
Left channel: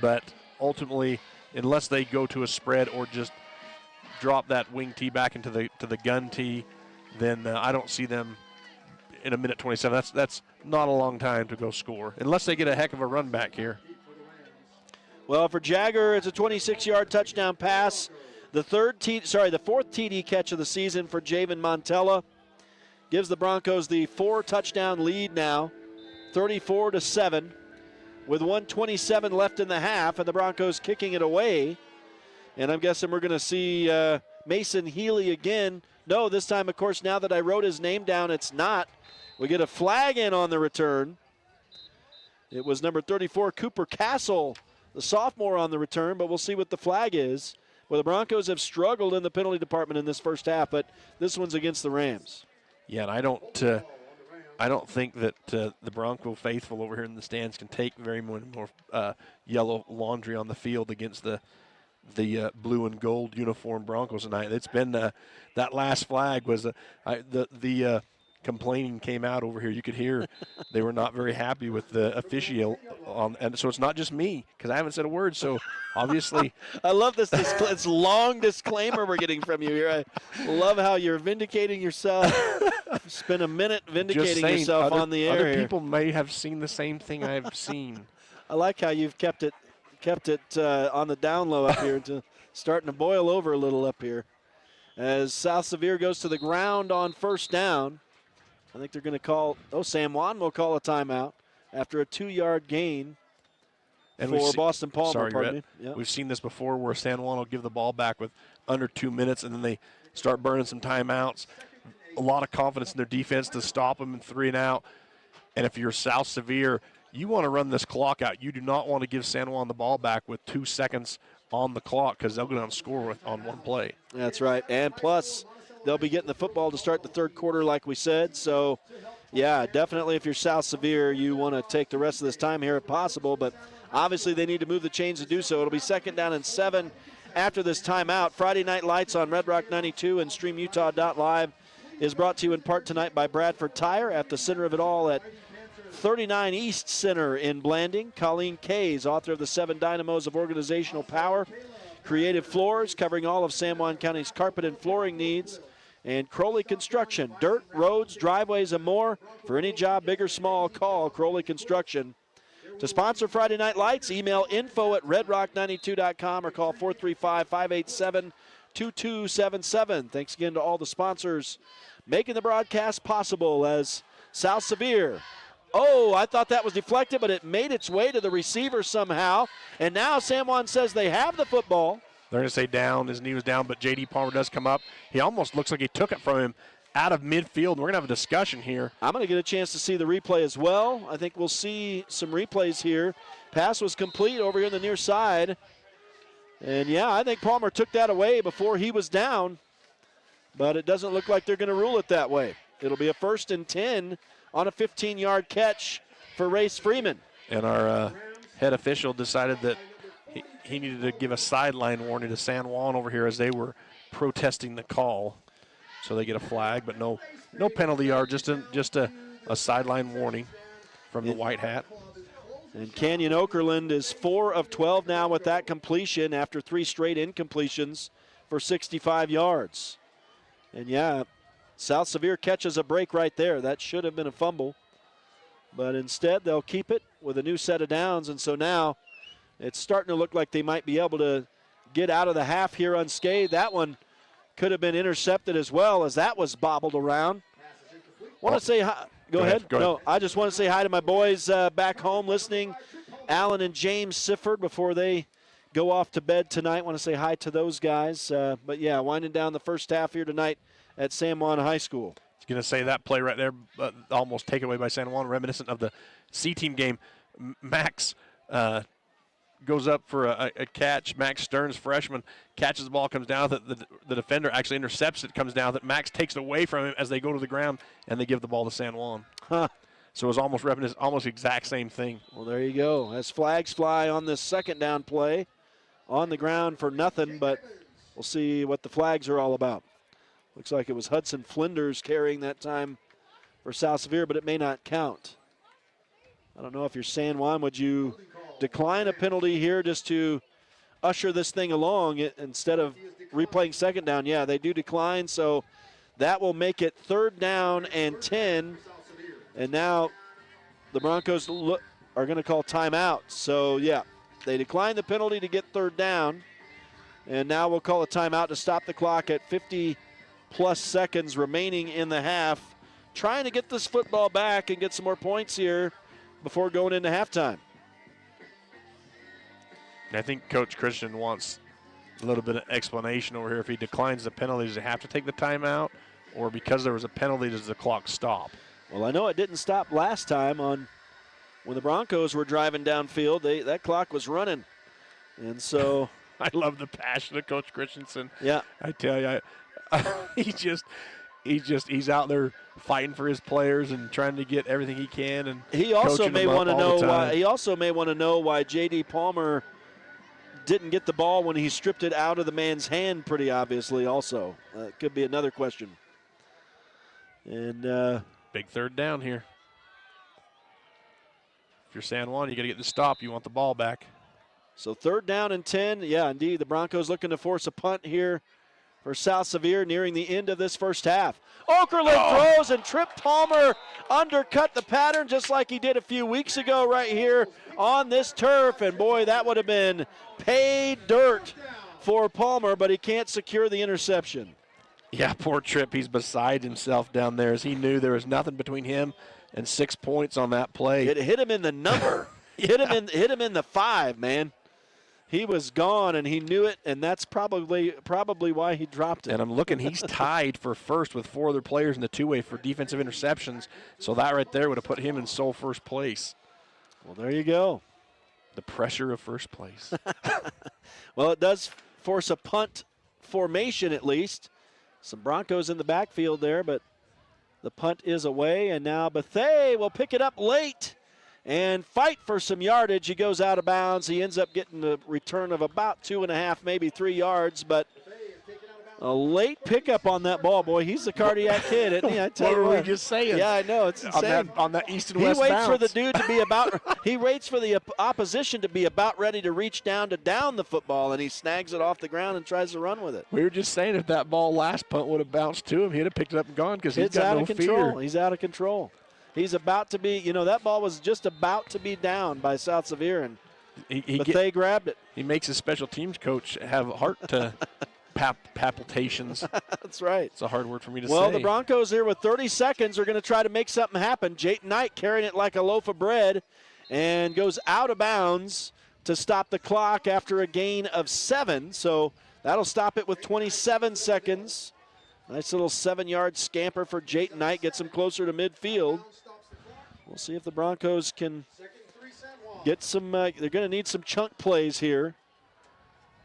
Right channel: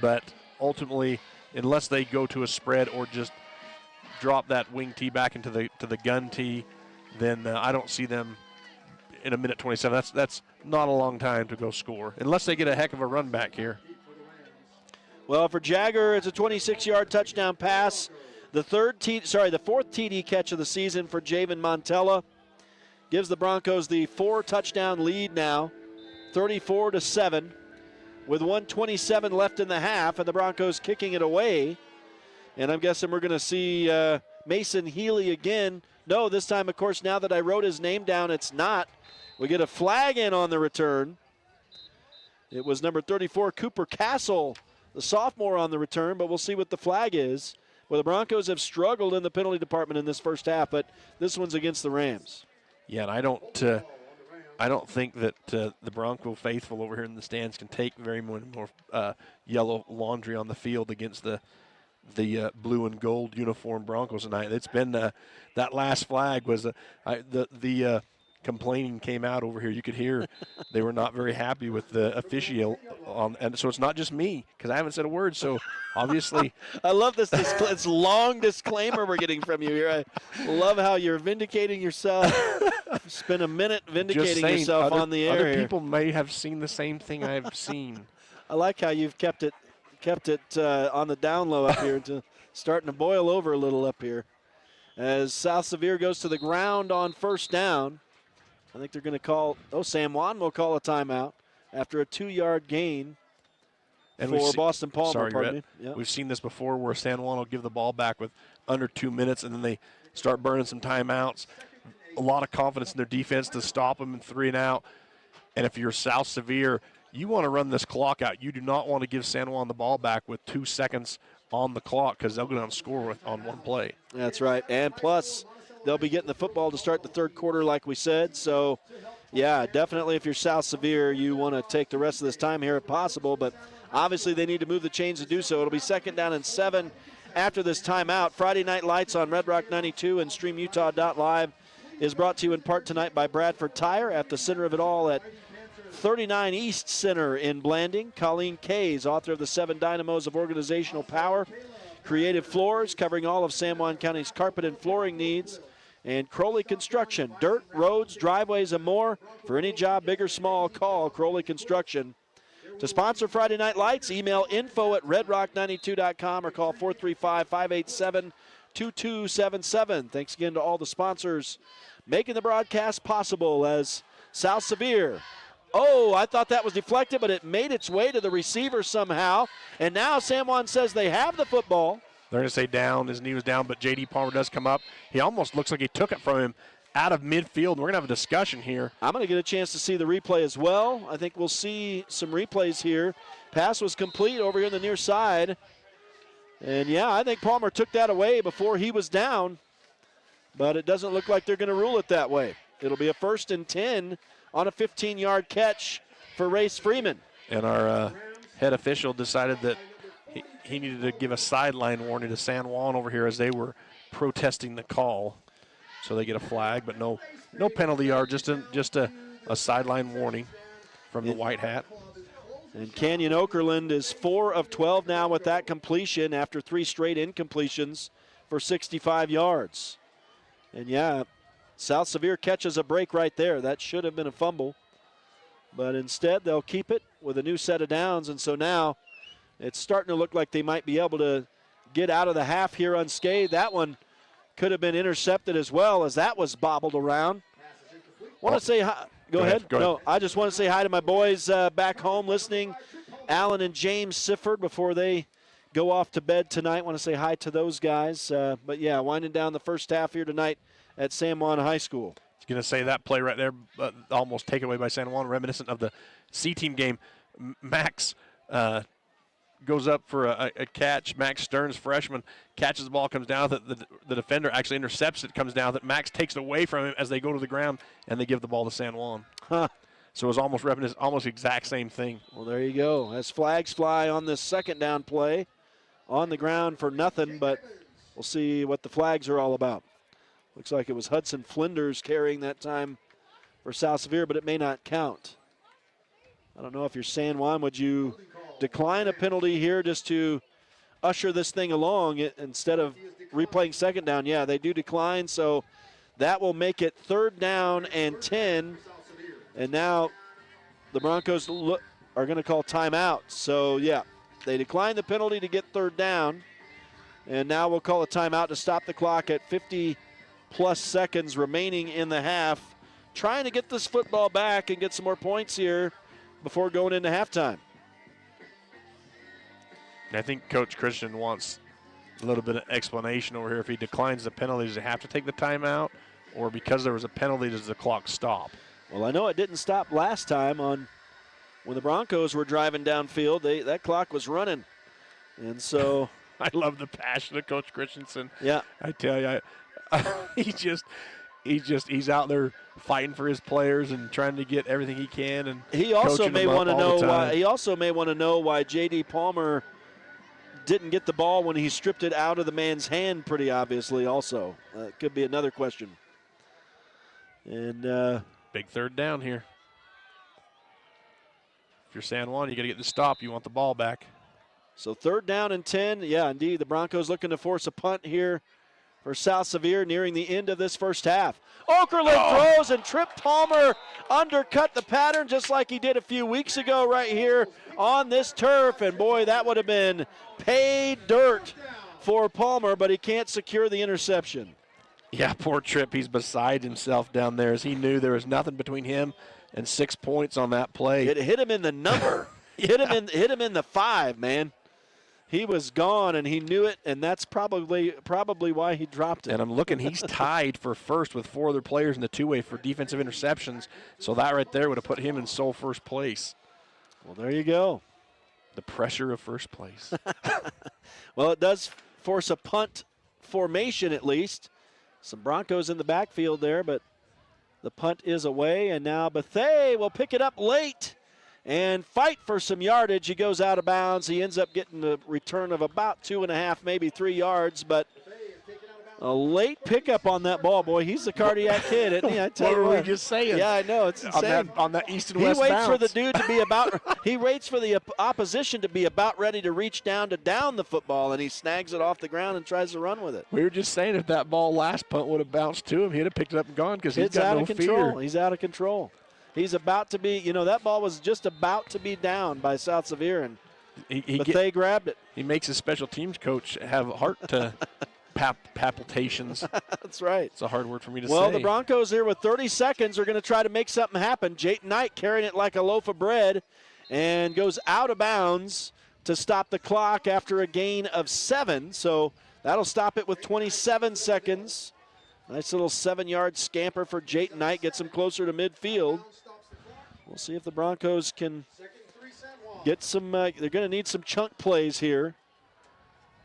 But ultimately, unless they go to a spread or just drop that wing T back into the gun T, then I don't see them in a minute 27. That's not a long time to go score, unless they get a heck of a run back here. Well, for Jagger, it's a 26-yard touchdown pass. The fourth TD catch of the season for Javen Montella gives the Broncos the 4-touchdown lead now, 34-7. With 1:27 left in the half, and the Broncos kicking it away. And I'm guessing we're going to see Mason Healy again. No, this time, of course, now that I wrote his name down, it's not. We get a flag in on the return. It was number 34, Cooper Castle, the sophomore, on the return, but we'll see what the flag is. Well, the Broncos have struggled in the penalty department in this first half, but this one's against the Rams. Yeah, and I don't think that the Bronco faithful over here in the stands can take very more yellow laundry on the field against the blue and gold uniform Broncos tonight. It's been that last flag was the complaining came out over here. You could hear they were not very happy with the official, and so it's not just me because I haven't said a word. So obviously, I love this long disclaimer we're getting from you here. I love how you're vindicating yourself. Spend a minute vindicating yourself on the air. Other people may have seen the same thing I've seen. I like how you've kept it on the down low up here, to starting to boil over a little up here. As South Sevier goes to the ground on first down, I think they're going to call, San Juan will call a timeout after a 2-yard gain for Boston Palmer. Sorry, pardon Rhett. me. Yep. We've seen this before where San Juan will give the ball back with under 2 minutes, and then they start burning some timeouts. A lot of confidence in their defense to stop them in 3 and out. And if you're South Sevier, you want to run this clock out. You do not want to give San Juan the ball back with 2 seconds on the clock because they'll go down and score on one play. That's right. And plus, they'll be getting the football to start the third quarter like we said. So, yeah, definitely if you're South Sevier, you want to take the rest of this time here if possible. But obviously they need to move the chains to do so. It'll be 2nd down and 7 after this timeout. Friday Night Lights on Red Rock 92 and StreamUtah.Live is brought to you in part tonight by Bradford Tire, at the center of it all at 39 East Center in Blanding. Colleen Kays, author of the 7 Dynamos of Organizational Power. Creative Floors, covering all of San Juan County's carpet and flooring needs. And Crowley Construction, dirt, roads, driveways, and more. For any job, big or small, call Crowley Construction. To sponsor Friday Night Lights, email info@redrock92.com or call 435-587-2277. Thanks again to all the sponsors making the broadcast possible as South Sevier. Oh, I thought that was deflected, but it made its way to the receiver somehow. And now San Juan says they have the football. They're going to say down. His knee was down, but J.D. Palmer does come up. He almost looks like he took it from him out of midfield. We're going to have a discussion here. I'm going to get a chance to see the replay as well. I think we'll see some replays here. Pass was complete over here on the near side. And, yeah, I think Palmer took that away before he was down. But it doesn't look like they're going to rule it that way. It'll be a 1st and 10 on a 15-yard catch for Race Freeman. And our head official decided that he needed to give a sideline warning to San Juan over here as they were protesting the call. So they get a flag, but no penalty yard, just a sideline warning from the white hat. And Canyon Okerlund is 4 of 12 now with that completion after 3 straight incompletions for 65 yards. And, yeah, South Sevier catches a break right there. That should have been a fumble. But instead, they'll keep it with a new set of downs. And so now it's starting to look like they might be able to get out of the half here unscathed. That one could have been intercepted as well, as that was bobbled around. Want to say hi. Go ahead. No, I just want to say hi to my boys back home listening, Alan and James Sifford, before they go off to bed tonight. Want to say hi to those guys. But, yeah, winding down the first half here tonight at San Juan High School. I was going to say that play right there, almost taken away by San Juan, reminiscent of the C-team game. Max goes up for a catch. Max Stearns, freshman, catches the ball, comes down. The defender actually intercepts it, comes down. That Max takes it away from him as they go to the ground, and they give the ball to San Juan. Huh. So it was almost reminiscent, almost the exact same thing. Well, there you go. As flags fly on this 2nd down play, on the ground for nothing, but we'll see what the flags are all about. Looks like it was Hudson Flinders carrying that time for South Sevier, but it may not count. I don't know if you're San Juan, would you decline a penalty here just to usher this thing along instead of replaying 2nd down? Yeah, they do decline, so that will make it 3rd down and 10. And now the Broncos are going to call timeout. So, yeah, they decline the penalty to get 3rd down. And now we'll call a timeout to stop the clock at 50-plus seconds remaining in the half. Trying to get this football back and get some more points here before going into halftime. I think Coach Christian wants a little bit of explanation over here. If he declines the penalty, does he have to take the timeout? Or because there was a penalty, does the clock stop? Well, I know it didn't stop last time when the Broncos were driving downfield. That clock was running. And so I love the passion of Coach Christensen. Yeah. I tell you, he's out there fighting for his players and trying to get everything he can. And he also may want to know why. He also may want to know why J.D. Palmer didn't get the ball when he stripped it out of the man's hand. Pretty obviously, also could be another question. And big third down here. If you're San Juan, you got to get the stop. You want the ball back. So 3rd down and 10. Yeah, indeed, the Broncos looking to force a punt here for South Sevier nearing the end of this first half. Okerlund throws, and Trip Palmer undercut the pattern just like he did a few weeks ago right here on this turf. And boy, that would have been paid dirt for Palmer, but he can't secure the interception. Yeah, poor Trip. He's beside himself down there as he knew there was nothing between him and 6 points on that play. It hit him in the number. hit him in the 5, man. He was gone, and he knew it, and that's probably why he dropped it. And I'm looking, he's tied for first with 4 other players in the two-way for defensive interceptions. So that right there would have put him in sole first place. Well, there you go. The pressure of first place. Well, it does force a punt formation at least. Some Broncos in the backfield there, but the punt is away, and now Bethea will pick it up late and fight for some yardage. He goes out of bounds. He ends up getting a return of about 2.5, maybe 3 yards, but a late pickup on that ball, boy. He's the cardiac kid, isn't he? I tell you what what. were we just saying? Yeah, I know. It's insane. On that east and west He waits bounce. for the dude to be about – he waits for the opposition to be about ready to reach down to down the football, and he snags it off the ground and tries to run with it. We were just saying if that ball last punt would have bounced to him, he'd have picked it up and gone because he's got out no of control. fear. He's out of control. He's about to be – that ball was just about to be down by South Sevier, and they grabbed it. He makes his special teams coach have heart to palpitations. That's right. It's a hard word for me to say. Well, the Broncos here with 30 seconds are going to try to make something happen. Jayton Knight carrying it like a loaf of bread and goes out of bounds to stop the clock after a gain of 7. So that'll stop it with 27 seconds. Nice little 7-yard scamper for Jayton Knight. Gets him closer to midfield. We'll see if the Broncos can get some they're going to need some chunk plays here.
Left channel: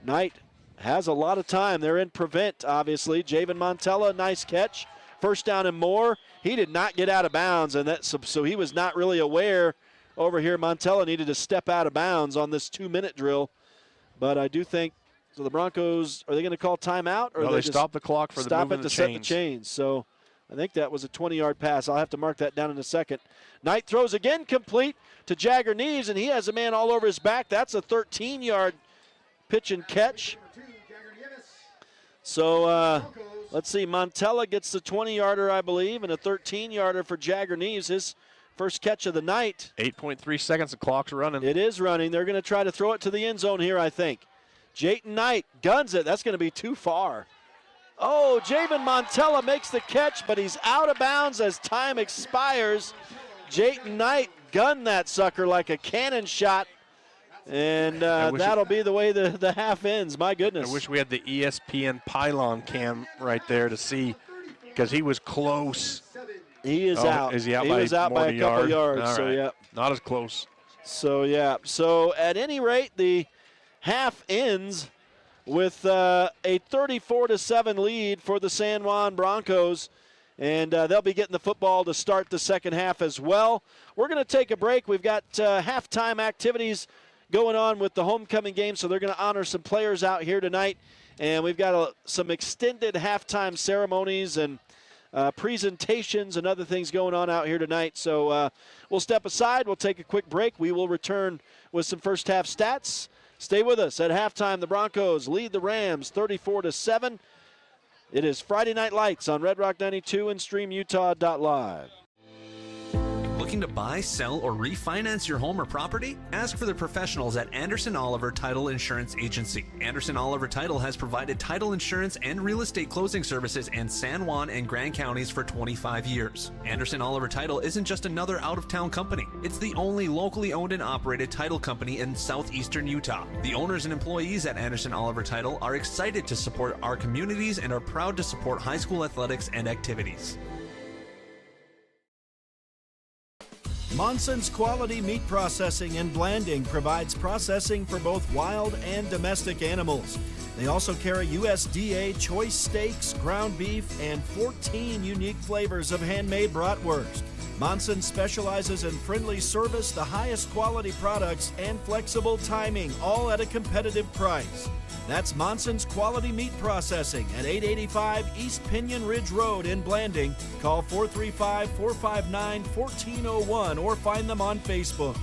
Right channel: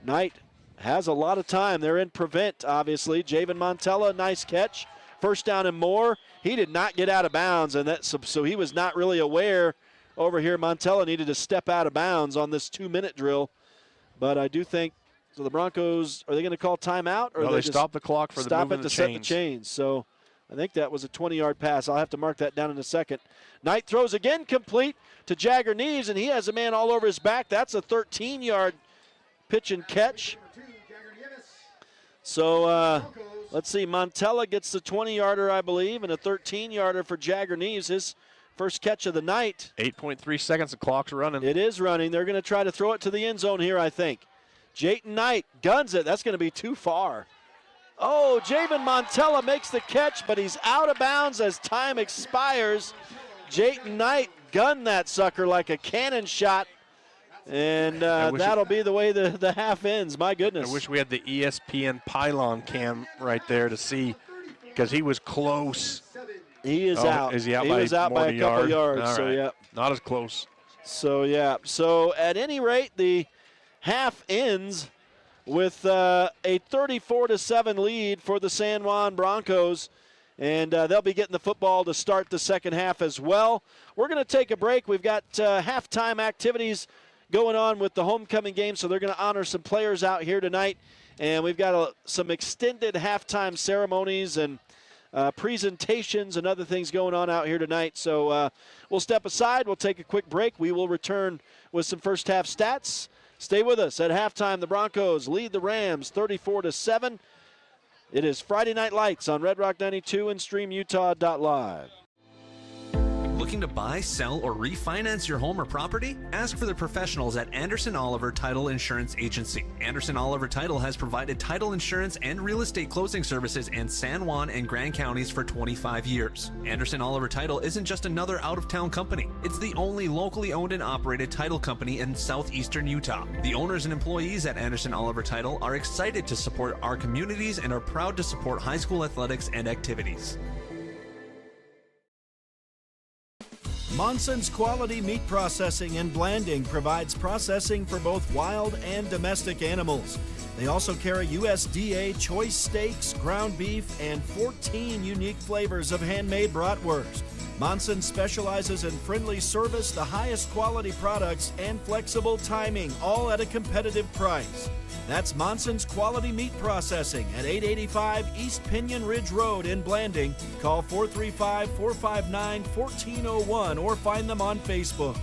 Knight has a lot of time. They're in prevent, obviously. Javen Montella, nice catch. First down and more. He did not get out of bounds, and so he was not really aware over here. Montella needed to step out of bounds on this 2-minute drill. But I do think, so the Broncos, are they going to call timeout? Or no, they stop the clock for the movement of the chains. Set the chains. So I think that was a 20-yard pass. I'll have to mark that down in a second. Knight throws again complete to Jagger Neves, and he has a man all over his back. That's a 13-yard pitch and catch. So let's see. Montella gets the 20-yarder, I believe, and a 13-yarder for Jagger Neves, his first catch of the night. 8.3 seconds. The clock's running. It is running. They're going to try to throw it to the end zone here, I think. Jayton Knight guns it. That's going to be too far. Oh, Javen Montella makes the catch, but he's out of bounds as time expires. Jayton Knight gunned that sucker like a cannon shot. And that'll be the way the half ends. My goodness. I wish we had the ESPN pylon cam right there to see, because he was close. He is out. Is he out? He was out by a couple yards. All so right. yeah, not as close. So yeah. So at any rate, the half ends with a 34-7 lead for the San Juan Broncos. And they'll be getting the football to start the second half as well. We're going to take a break. We've got halftime activities going on with the homecoming game, so they're going to honor some players out here tonight. And we've got some extended halftime ceremonies and presentations and other things going on out here tonight. So we'll step aside. We'll take a quick break. We will return with some first half stats. Stay with us. At halftime, the Broncos lead the Rams 34-7. It is Friday Night Lights on Red Rock 92 and StreamUtah.Live. Looking to buy, sell, or refinance your home or property? Ask for the professionals at Anderson Oliver Title Insurance Agency. Anderson Oliver Title has provided title insurance and real estate closing services in San Juan and Grand counties for 25 years. Anderson Oliver Title isn't just another out-of-town company. It's the only locally owned and operated title company in southeastern Utah. The owners and employees at Anderson Oliver Title are excited to support our communities and are proud to support high school athletics and activities. Monson's Quality Meat Processing and Blanding provides processing for both wild and domestic animals. They also carry USDA choice steaks, ground beef, and 14 unique flavors of handmade bratwurst. Monson specializes in friendly service, the highest quality products, and flexible timing, all at a competitive price. That's Monson's Quality Meat Processing at 885 East Pinion Ridge Road in Blanding. Call 435-459-1401 or find them on Facebook.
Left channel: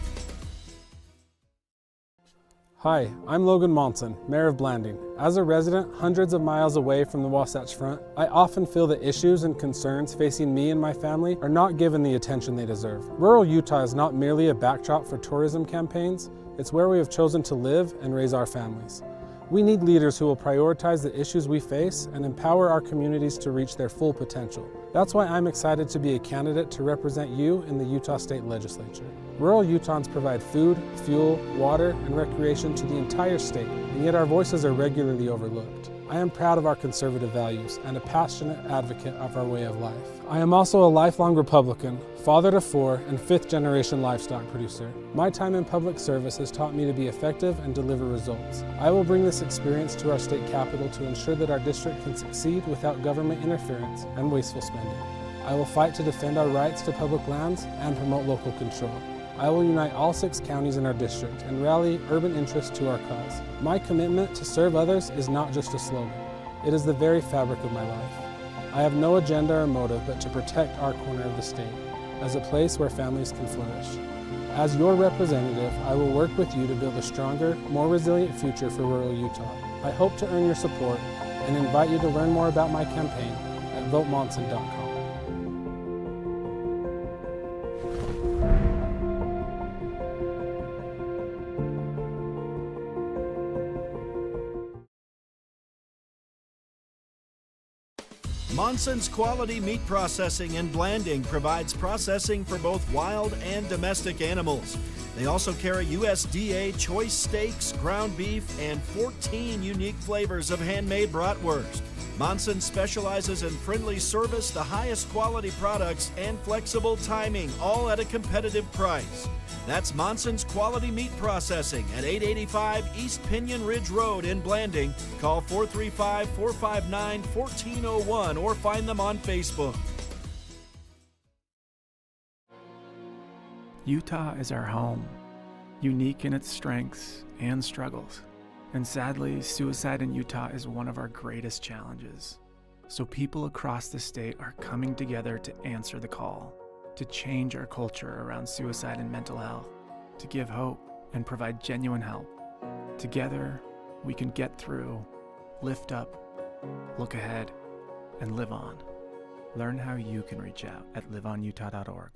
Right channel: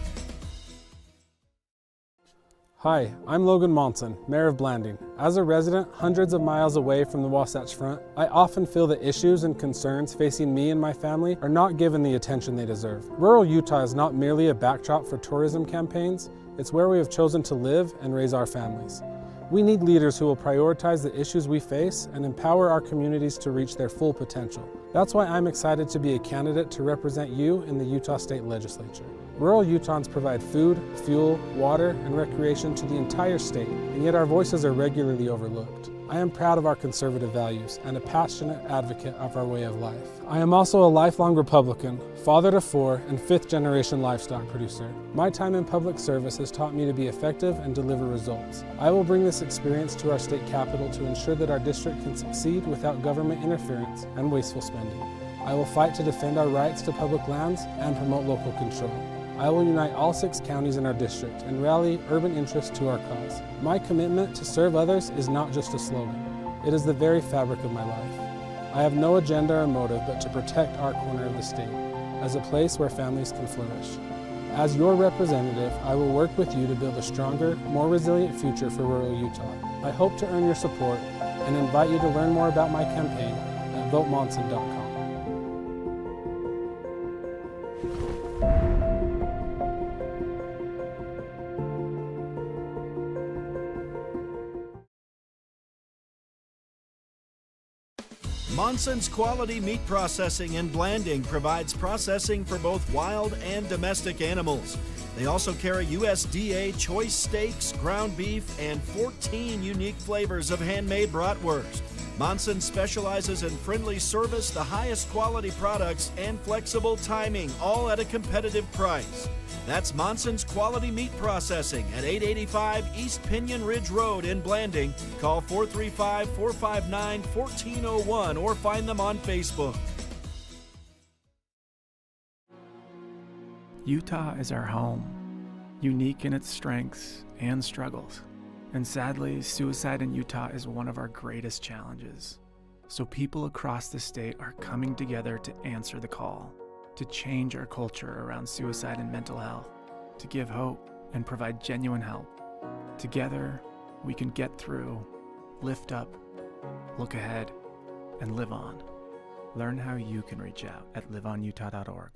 Hi, I'm Logan Monson, Mayor of Blanding. As a resident hundreds of miles away from the Wasatch Front, I often feel the issues and concerns facing me and my family are not given the attention they deserve. Rural Utah is not merely a backdrop for tourism campaigns, it's where we have chosen to live and raise our families. We need leaders who will prioritize the issues we face and empower our communities to reach their full potential. That's why I'm excited to be a candidate to represent you in the Utah State Legislature. Rural Utahns provide food, fuel, water, and recreation to the entire state, and yet our voices are regularly overlooked. I am proud of our conservative values and a passionate advocate of our way of life. I am also a lifelong Republican, father to 4, and 5th-generation livestock producer. My time in public service has taught me to be effective and deliver results. I will bring this experience to our state capitol to ensure that our district can succeed without government interference and wasteful spending. I will fight to defend our rights to public lands and promote local control. I will unite all 6 counties in our district and rally urban interests to our cause. My commitment to serve others is not just a slogan. It is the very fabric of my life. I have no agenda or motive but to protect our corner of the state as a place where families can flourish. As your representative, I will work with you to build a stronger, more resilient future for rural Utah. I hope to earn your support and invite you to learn more about my campaign at votemonson.com. Monson's Quality Meat Processing and Blanding provides processing for both wild and domestic animals. They also carry USDA choice steaks, ground beef, and 14 unique flavors of handmade bratwurst. Monson specializes in friendly service, the highest quality products, and flexible timing, all at a competitive price. That's Monson's Quality Meat Processing at 885 East Pinion Ridge Road in Blanding. Call 435-459-1401 or find them on Facebook. Utah is our home, unique in its strengths and struggles. And sadly, suicide in Utah is one of our greatest challenges. So people across the state are coming together to answer the call, to change our culture around suicide and mental health, to give hope and provide genuine help. Together, we can get through, lift up, look ahead, and live on. Learn how you can reach out at liveonutah.org.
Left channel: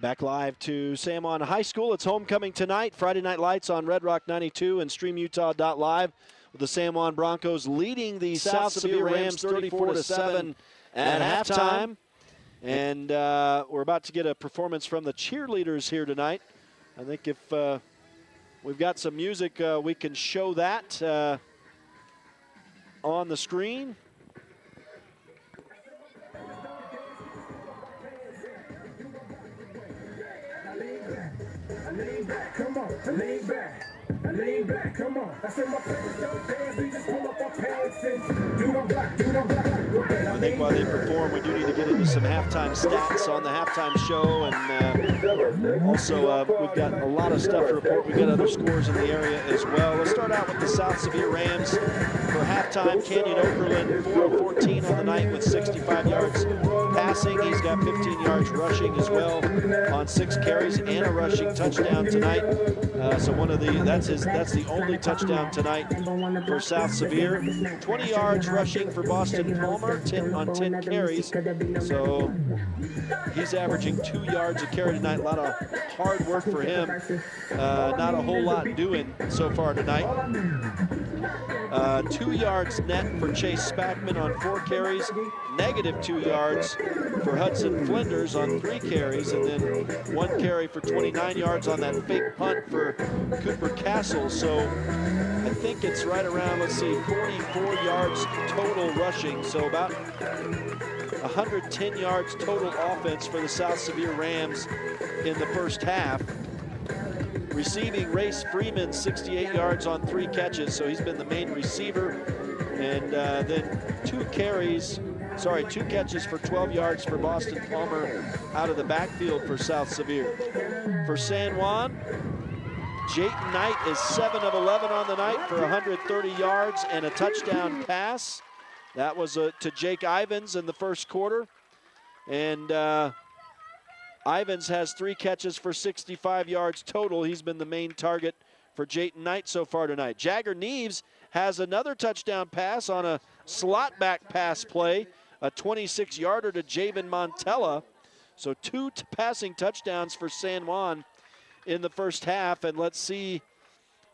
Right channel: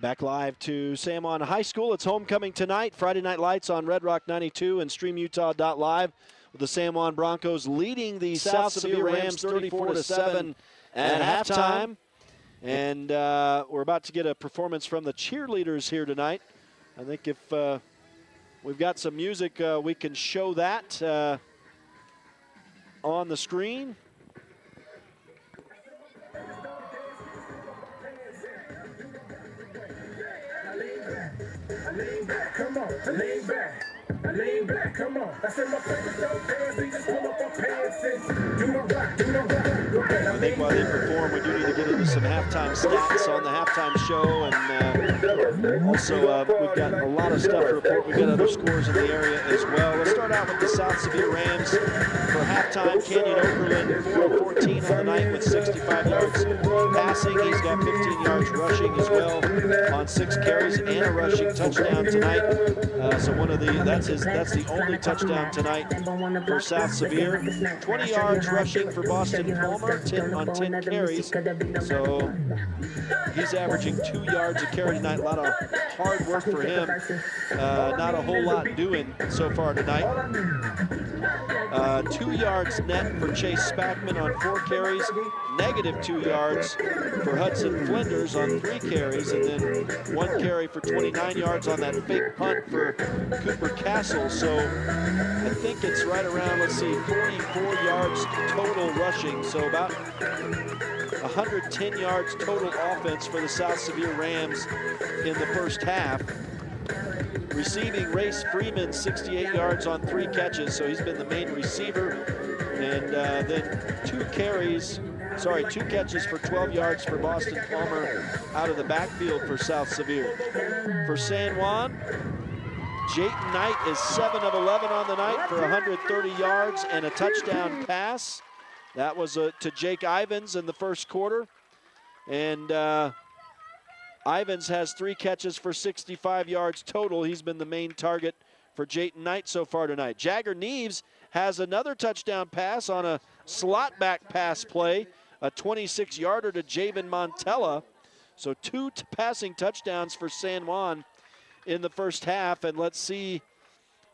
Back live to San Juan High School. It's homecoming tonight. Friday Night Lights on Red Rock 92 and StreamUtah.Live, with the San Juan Broncos leading the South Sevier Rams 34-7 at halftime. And we're about to get a performance from the cheerleaders here tonight. I think if we've got some music, we can show that on the screen. Lean back, come on, lean back. Lean back, come on. I said my pants don't dance, we just pull up our pants and do them black, do them black. I think while they perform, we do need to get into some halftime stats on the halftime show, and also we've got a lot of stuff to report. We've got other scores in the area as well. Let's start out with the South Sevier Rams for halftime, Canyon Oberlin 4 of 14 on the night with 65 yards passing. He's got 15 yards rushing as well on 6 carries and a rushing touchdown tonight. So that's the only touchdown tonight for South Sevier. 20 yards rushing for Boston Palmer on 10 carries. So he's averaging 2 yards a carry tonight. A lot of hard work for him. Not a whole lot doing so far tonight. 2 yards net for Chase Spackman on 4 carries. Negative 2 yards for Hudson Flinders on 3 carries, and then 1 carry for 29 yards on that fake punt for Cooper Castle. So I think it's right around, 44 yards total rushing. So about 110 yards total offense for the South Sevier Rams in the first half. Receiving, Race Freeman, 68 yards on 3 catches, so he's been the main receiver. And then 2 catches for 12 yards for Boston Palmer out of the backfield for South Sevier. For San Juan, Jayton Knight is 7 of 11 on the night for 130 yards and a touchdown pass. That was to Jake Ivins in the first quarter. And Ivins has 3 catches for 65 yards total. He's been the main target for Jayton Knight so far tonight. Jagger Neves has another touchdown pass on a slot back pass play, a 26-yarder to Javen Montella. So 2 passing touchdowns for San Juan in the first half. And let's see,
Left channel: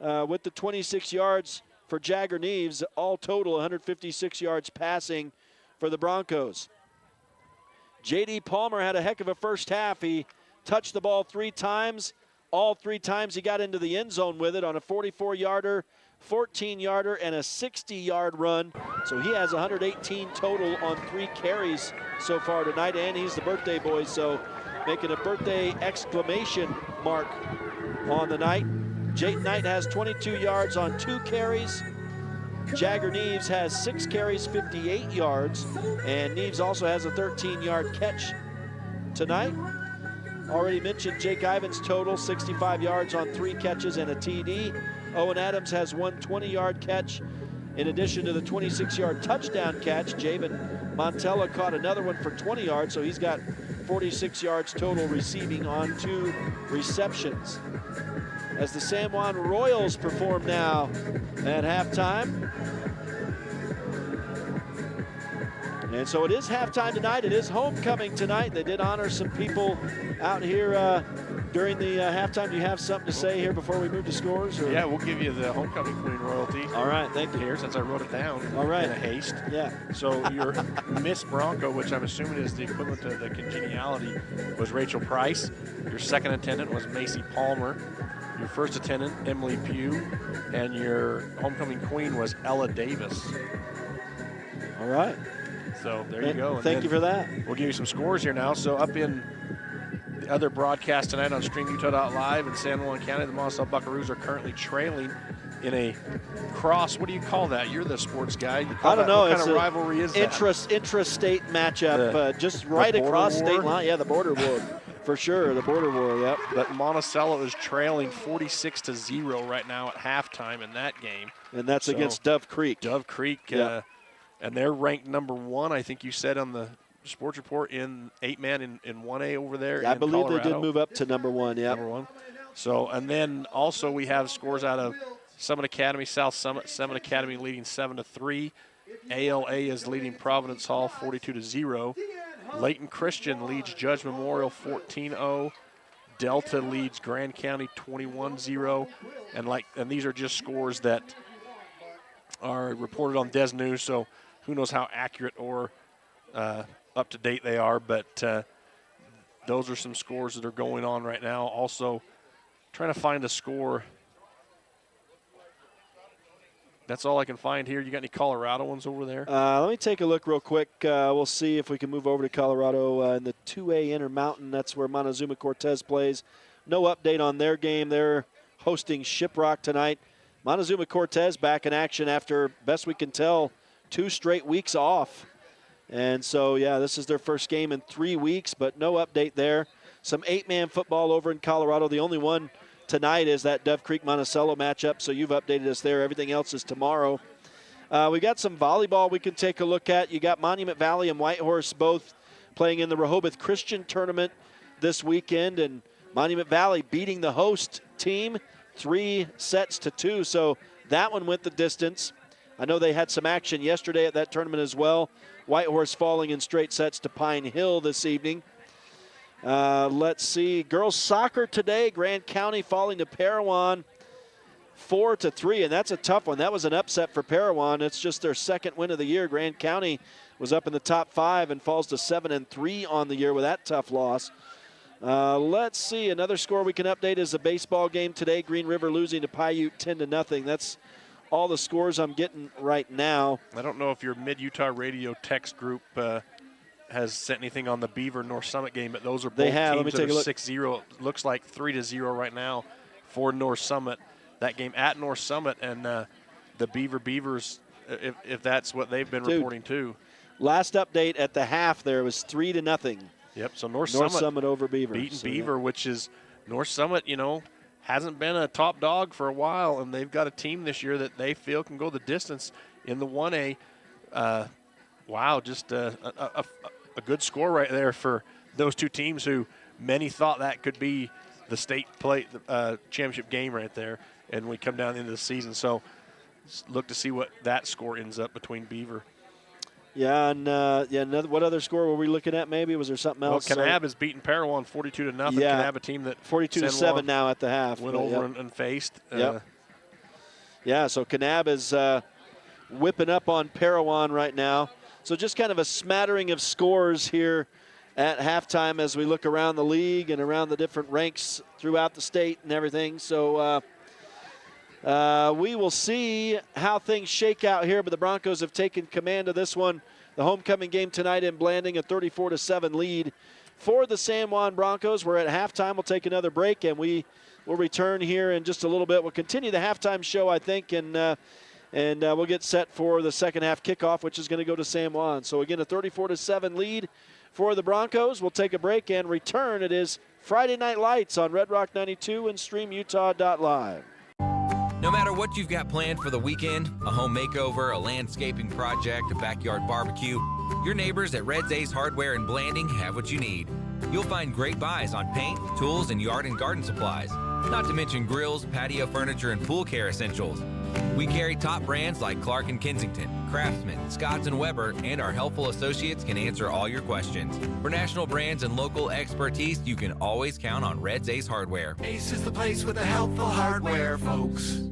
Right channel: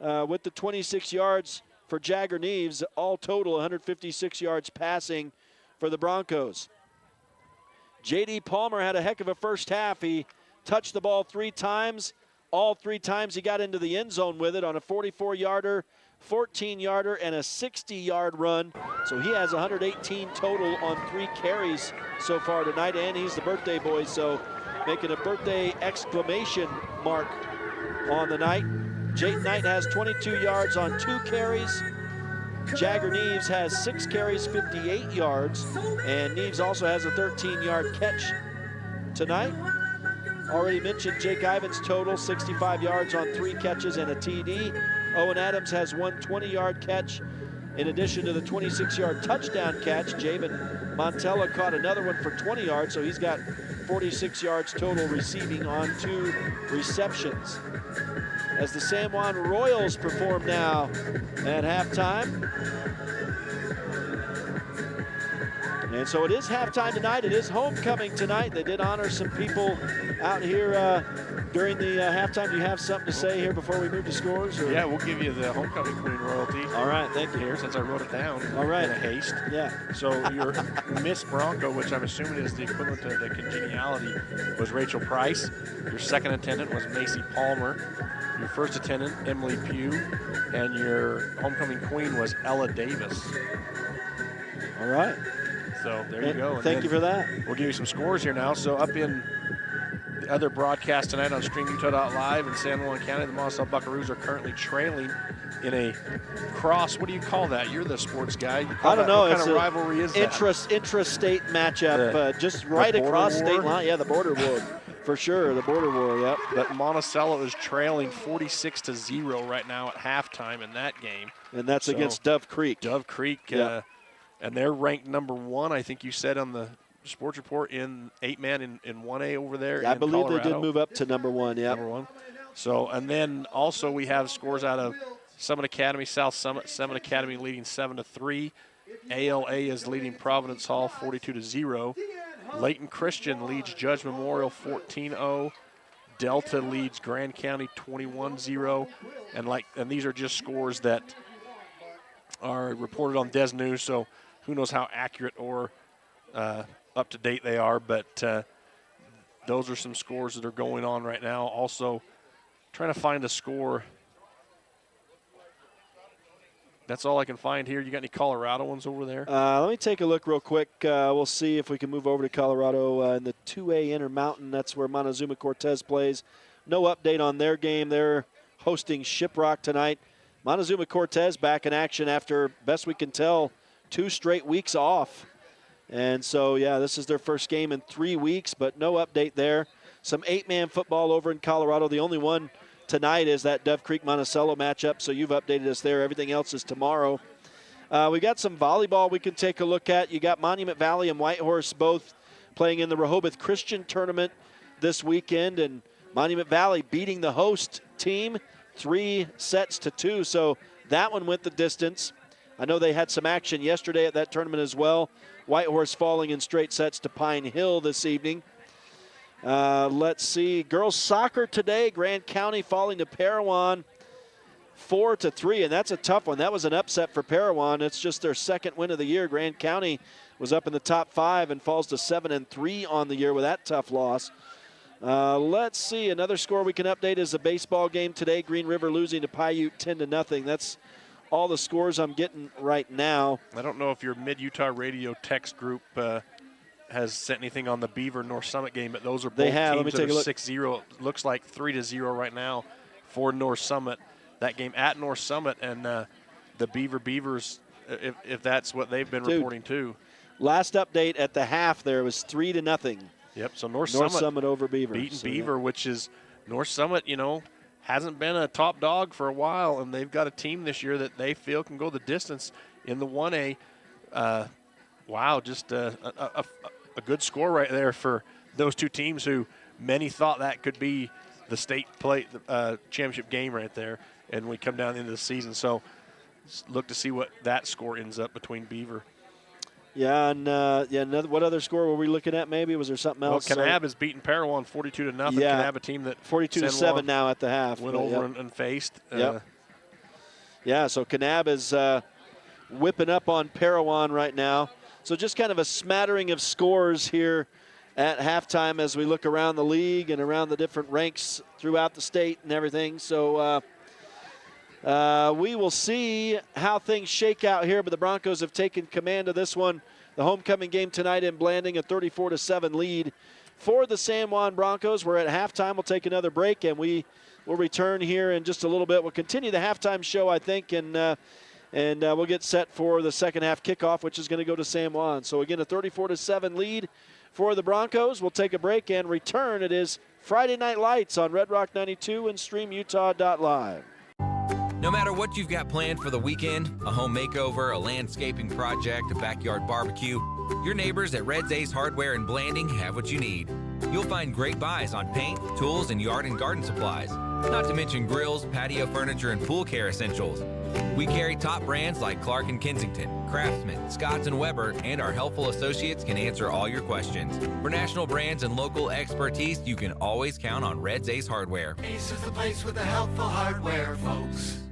with the 26 yards for Jagger Neves, all total 156 yards passing for the Broncos. J.D. Palmer had a heck of a first half. He touched the ball 3 times. All 3 times he got into the end zone with it on a 44-yarder, 14-yarder, and a 60-yard run. So he has 118 total on 3 carries so far tonight, and he's the birthday boy, so making a birthday exclamation mark on the night. Jayton Knight has 22 yards on 2 carries. Jagger Neves has 6 carries, 58 yards, and Neves also has a 13-yard catch tonight. Already mentioned Jake Ivins' total, 65 yards on 3 catches and a TD. Owen Adams has 1 20-yard catch. In addition to the 26-yard touchdown catch, Javen Montella caught another one for 20 yards, so he's got 46 yards total receiving on 2 receptions. As the San Juan Royals perform now at halftime. And so it is halftime tonight. It is homecoming tonight. They did honor some people out here during the halftime. Do you have something to say here before we move to scores? Or? Yeah, we'll give you the homecoming queen royalty. All right, thank you. Here, since I wrote it down. All right. In a haste. Yeah. So your Miss Bronco, which I'm assuming is the equivalent to the congeniality, was Rachel Price. Your second attendant was Macy Palmer. Your first attendant, Emily Pugh, and your homecoming queen was Ella Davis. All right. So there you go. Thank you for that. We'll give you some scores here now. So up in the other broadcast tonight on StreamUtah.Live in San Juan County, the Monticello Buckaroos are currently trailing in a cross. What do you call that? You're the sports guy. I don't know. What It's kind of rivalry is that? Intrastate matchup, just right across state line. Yeah, the border war. For sure, the border war, yep. But Monticello is trailing 46-0 right now at halftime in that game. And that's against Dove Creek. Dove Creek, yeah. And they're ranked number 1, I think you said on the sports report, in 8-man in 1A over there. Yeah, I believe Colorado. they did move up to number 1, yeah. Number 1. So, and then also we have scores out of Summit Academy, South Summit. Summit Academy leading 7-3. ALA is leading Providence Hall 42-0. Layton Christian leads Judge Memorial 14-0. Delta leads Grand County 21-0. And these are just scores that are reported on Des News, so who knows how accurate or up to date they are, but those are some scores that are going on right now. Also, trying to find a score. That's all I can find here. You got any Colorado ones over there? Let me take a look real quick. We'll see if we can move over to Colorado in the 2A Intermountain. That's where Montezuma Cortez plays. No update on their game. They're hosting Shiprock tonight. Montezuma Cortez back in action after, best we can tell, 2 straight weeks off. And so, yeah, this is their first game in 3 weeks, but no update there. Some 8-man football over in Colorado. The only one tonight is that Dove Creek Monticello matchup, so you've updated us there. Everything else is tomorrow. We got some volleyball we can take a look at. You got Monument Valley and Whitehorse both playing in the Rehoboth Christian tournament this weekend, and Monument Valley beating the host team 3-2. So that one went the distance. I know they had some action yesterday at that tournament as well. Whitehorse falling in straight sets to Pine Hill this evening. Let's see. Girls soccer today, Grand County falling to Parowan 4-3, and that's a tough one. That was an upset for Parowan. It's just their second win of the year. Grand County was up in the top 5 and falls to 7-3 on the year with that tough loss. Let's see. Another score we can update is the baseball game today. Green River losing to Paiute 10-0. That's all the scores I'm getting right now. I don't know if your Mid-Utah Radio text group has sent anything on the Beaver North Summit game, but those are both teams that are 6-0. Looks like 3-0 right now for North Summit. That game at North Summit, and the Beavers, if that's what they've been reporting too. Last update at the half there was 3-0. Yep, so North Summit over Beaver. Beating Beaver, which is North Summit, hasn't been a top dog for a while, and they've got a team this year that they feel can go the distance in the 1A. Wow, just a good score right there for those two teams who many thought that could be the state championship game right there, and we come down into the season. So look to see what that score ends up between Beaver. Yeah, and what other score were we looking at maybe? Was there something else? Well, Kanab has beaten Parowan 42-0. Yeah. Kanab, a team that 42-7 now at the half. Went over and faced. Yeah, so Kanab is whipping up on Parowan right now. So just kind of a smattering of scores here at halftime as we look around the league and around the different ranks throughout the state and everything. So we will see how things shake out here, but the Broncos have taken command of this one. The homecoming game tonight in Blanding, a 34-7 lead for the San Juan Broncos. We're at halftime. We'll take another break, and we will return here in just a little bit. We'll continue the halftime show, I think, and we'll get set for the second half kickoff, which is going to go to San Juan. So, again, a 34-7 lead for the Broncos. We'll take a break and return. It is Friday Night Lights on Red Rock 92 and StreamUtah.Live. No matter what you've got planned for the weekend, a home makeover, a landscaping project, a backyard barbecue, your neighbors at Red's Ace Hardware in Blanding have what you need. You'll find great buys on paint, tools, and yard and garden supplies, not to mention grills, patio furniture, and pool care essentials. We carry top brands like Clark & Kensington, Craftsman, Scotts & Weber, and our helpful associates can answer all your questions. For national brands and local expertise, you can always count on Red's Ace Hardware. Ace is the place with the helpful hardware, folks.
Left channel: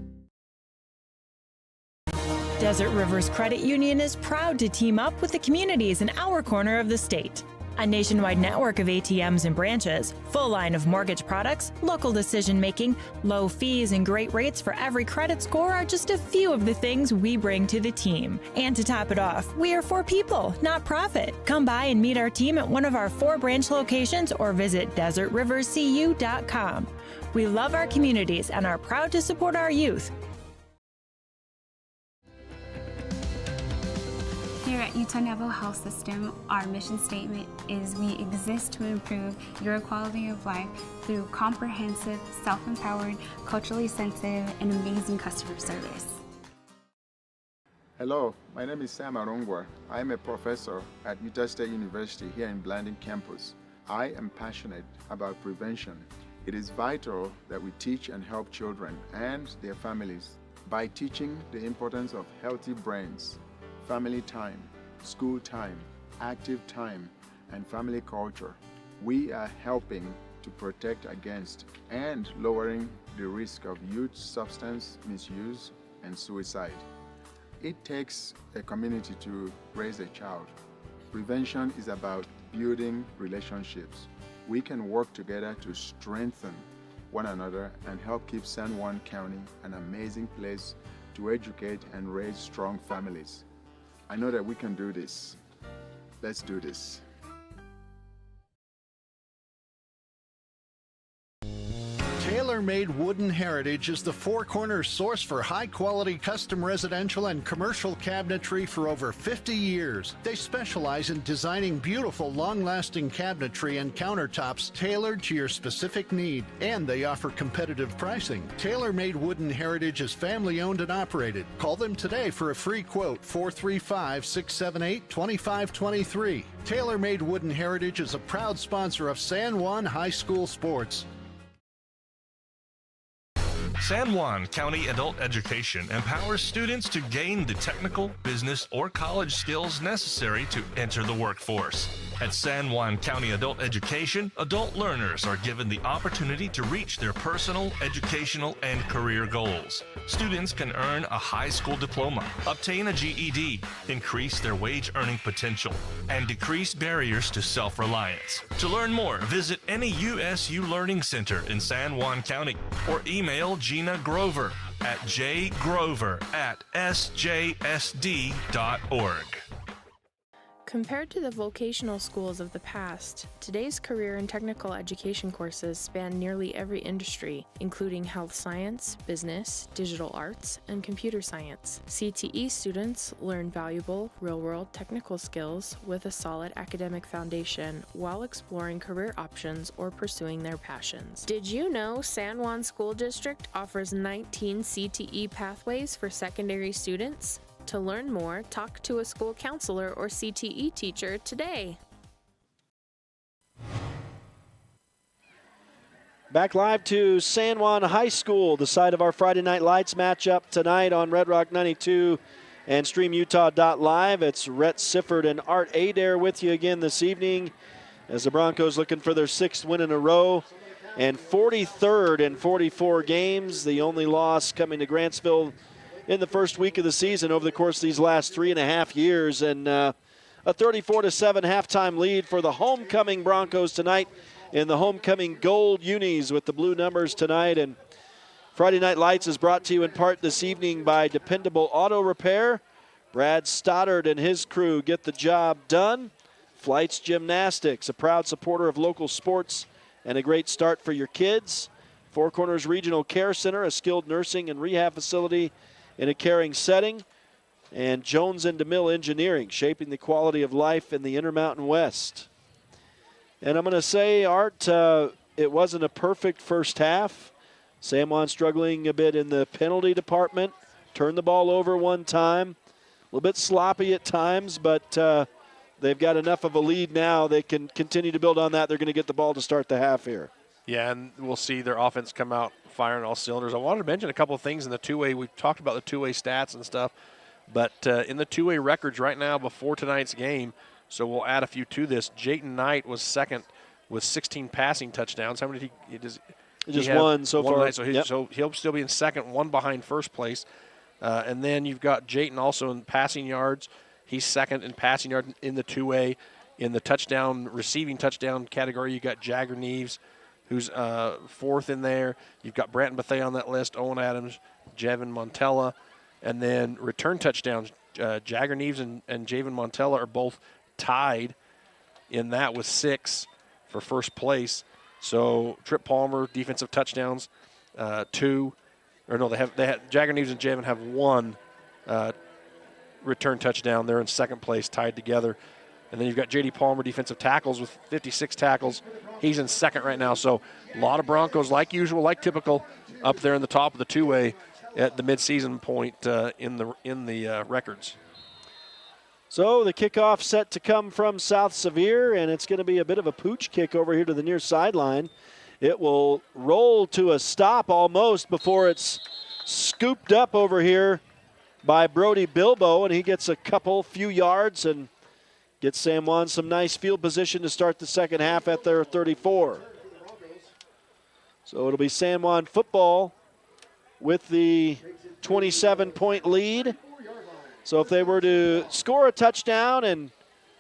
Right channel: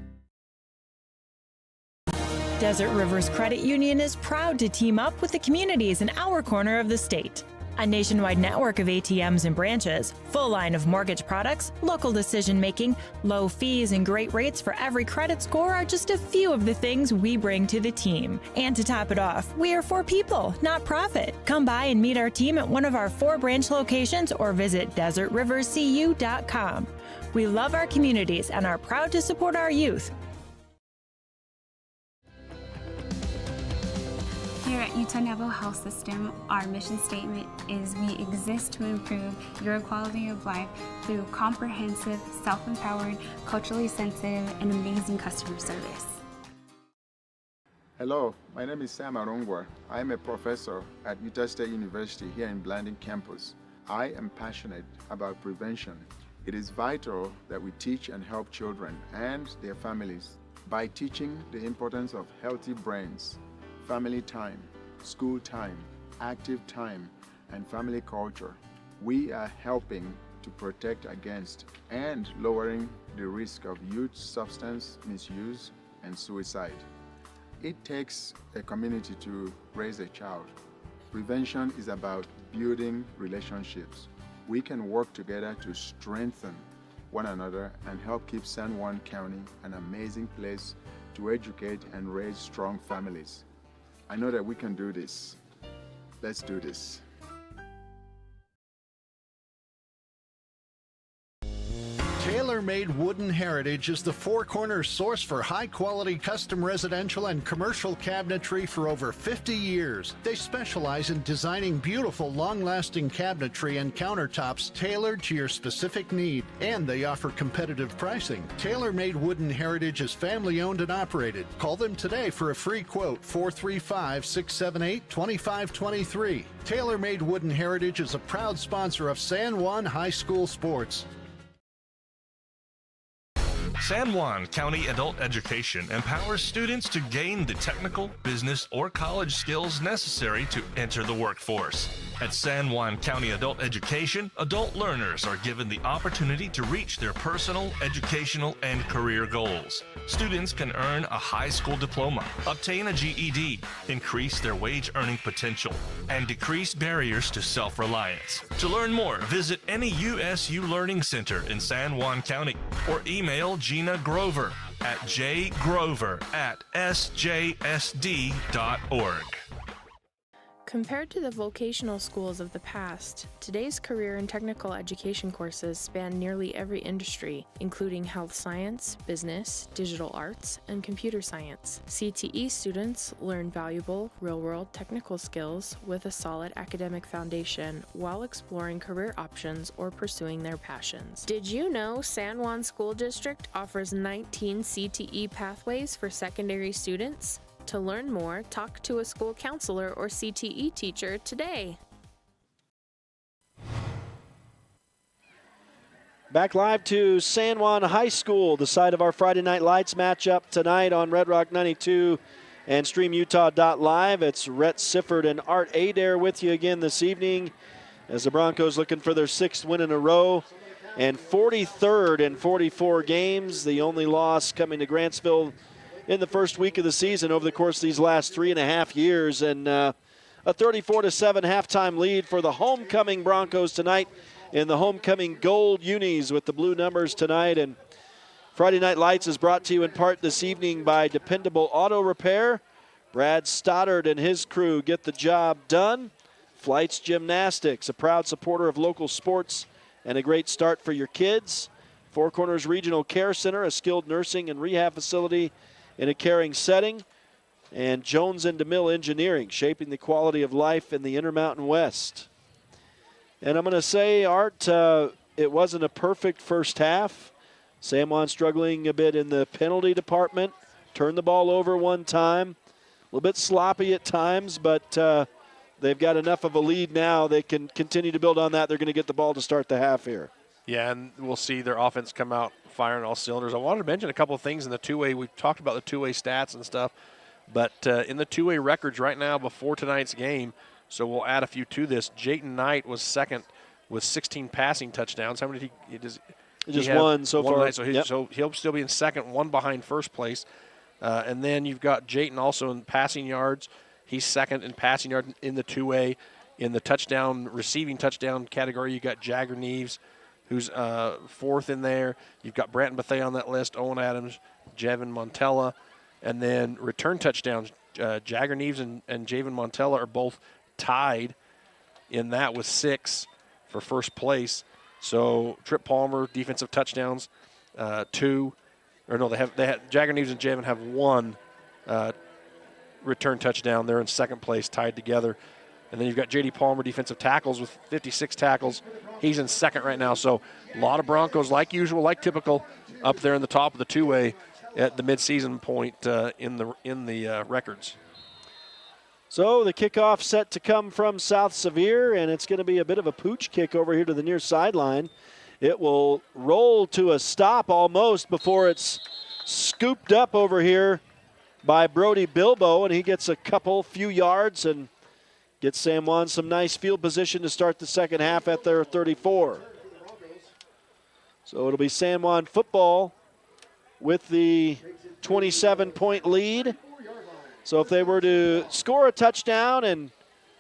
Desert Rivers Credit Union is proud to team up with the communities in our corner of the state. A nationwide network of ATMs and branches, full line of mortgage products, local decision-making, low fees, and great rates for every credit score are just a few of the things we bring to the team. And to top it off, we are for people, not profit. Come by and meet our team at one of our 4 branch locations or visit desertriverscu.com. We love our communities and are proud to support our youth. Here at Utah Navajo Health System, our mission statement is we exist to improve your quality of life through comprehensive, self-empowered, culturally sensitive, and amazing customer service. Hello, my name is Sam Arongwa. I am a professor at Utah State University here in Blanding campus. I am passionate about prevention. It is vital that we teach and help children and their families by teaching the importance of healthy brains, family time, school time, active time, and family culture. We are helping to protect against and lowering the risk of youth substance misuse and suicide. It takes a community to raise a child. Prevention is about building relationships. We can work together to strengthen one another and help keep San Juan County an amazing place to educate and raise strong families. I know that we can do this. Let's do this. Taylor Tailor-Made Wooden Heritage is the Four Corners source for high-quality custom residential and commercial cabinetry for over 50 years. They specialize in designing beautiful, long-lasting cabinetry and countertops tailored to your specific need, and they offer competitive pricing. Tailor-Made Wooden Heritage is family-owned and operated. Call them today for a free quote, 435-678-2523. Tailor-Made Wooden Heritage is a proud sponsor of San Juan High School sports. San Juan County Adult Education empowers students to gain the technical, business, or college skills necessary to enter the workforce. At San Juan County Adult Education, adult learners are given the opportunity to reach their personal, educational, and career goals. Students can earn a high school diploma, obtain a GED, increase their wage earning potential, and decrease barriers to self-reliance. To learn more, visit any USU Learning Center in San Juan County or email Gina Grover at jgrover@sjsd.org. Compared to the vocational schools of the past, today's career and technical education courses span nearly every industry, including health science, business, digital arts, and computer science. CTE students learn valuable, real-world technical skills with a solid academic foundation while exploring career options or pursuing their passions. Did you know San Juan School District offers 19 CTE pathways for secondary students? To learn more, talk to a school counselor or CTE teacher today. Back live to San Juan High School, the site of our Friday Night Lights matchup tonight on Red Rock 92 and StreamUtah.Live. It's Rhett Sifford and Art Adair with you again this evening as the Broncos looking for their 6th win in a row and 43rd in 44 games. The only loss coming to Grantsville in the first week of the season over the course of these last 3.5 years. And a 34-7 halftime lead for the homecoming Broncos tonight in the homecoming gold unis with the blue numbers tonight. And Friday Night Lights is brought to you in part this evening by Dependable Auto Repair. Brad Stoddard and his crew get the job done. Flights Gymnastics, a proud supporter of local sports and a great start for your kids. Four Corners Regional Care Center, a skilled nursing and rehab facility in a caring setting. And Jones and DeMille Engineering, shaping the quality of life in the Intermountain West. And I'm going to say, Art, it wasn't a perfect first half. San Juan struggling a bit in the penalty department. Turned the ball over one time. A little bit sloppy at times, but they've got enough of a lead now. They can continue to build on that. They're going to get the ball to start the half here. Yeah, and we'll see their offense come out firing all cylinders. I wanted to mention a couple of things in the two-way. We've talked about the two-way stats and stuff, but in the two-way records right now before tonight's game, so we'll add a few to this. Jayton Knight was second with 16 passing touchdowns. How many did he just one so far. Night, so he'll still be in second, one behind first place. And then you've got Jayton also in passing yards. He's second in passing yards in the two-way. In the receiving touchdown category, you got Jagger Neves, who's fourth in there. You've got Branton Bethea on that list, Owen Adams, Jevin Montella. And then return touchdowns, Jagger Neves and Javin Montella are both tied in that with 6 for first place. So Trip Palmer, defensive touchdowns, 2. Or no, they have Jagger Neves and Javin have 1 return touchdown. They're in second place, tied together. And then you've got J.D. Palmer, defensive tackles, with 56 tackles. He's in second right now. So a lot of Broncos, like usual, like typical, up there in the top of the two-way at the midseason point in the records. So the kickoff set to come from South Sevier, and it's going to be a bit of a pooch kick over here to the near sideline. It will roll to a stop almost before it's scooped up over here by Brody Bilbo, and he gets a few yards and gets San Juan some nice field position to start the second half at their 34. So it'll be San Juan football with the 27-point lead. So if they were to score a touchdown and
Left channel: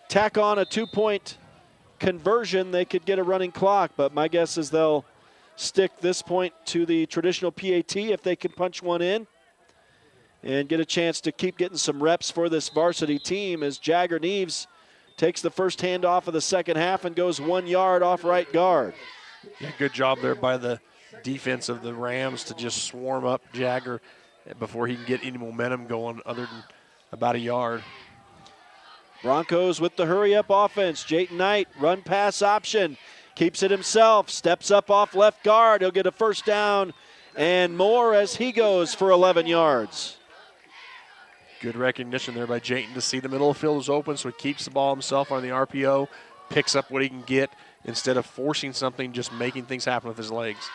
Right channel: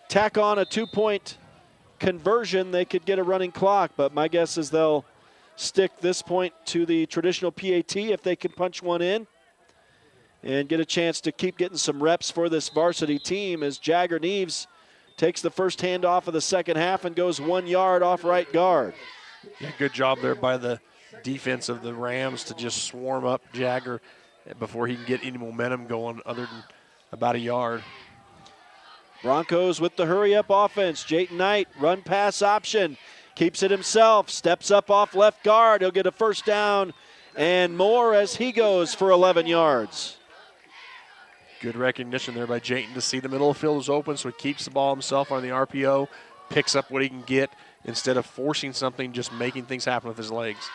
tack on a 2-point conversion, they could get a running clock. But my guess is they'll stick this point to the traditional PAT if they can punch one in and get a chance to keep getting some reps for this varsity team as Jagger Neves takes the first handoff of the second half and goes 1 yard off right guard. Yeah, good job there by the defense of the Rams to just swarm up Jagger before he can get any momentum going other than about a yard. Broncos with the hurry-up offense. Jayton Knight, run-pass option. Keeps it himself. Steps up off left guard. He'll get a first down and more as he goes for 11 yards. Good recognition there by Jayton to see the middle of the field is open, so he keeps the ball himself on the RPO, picks up what he can get instead of forcing something, just making things happen with his legs.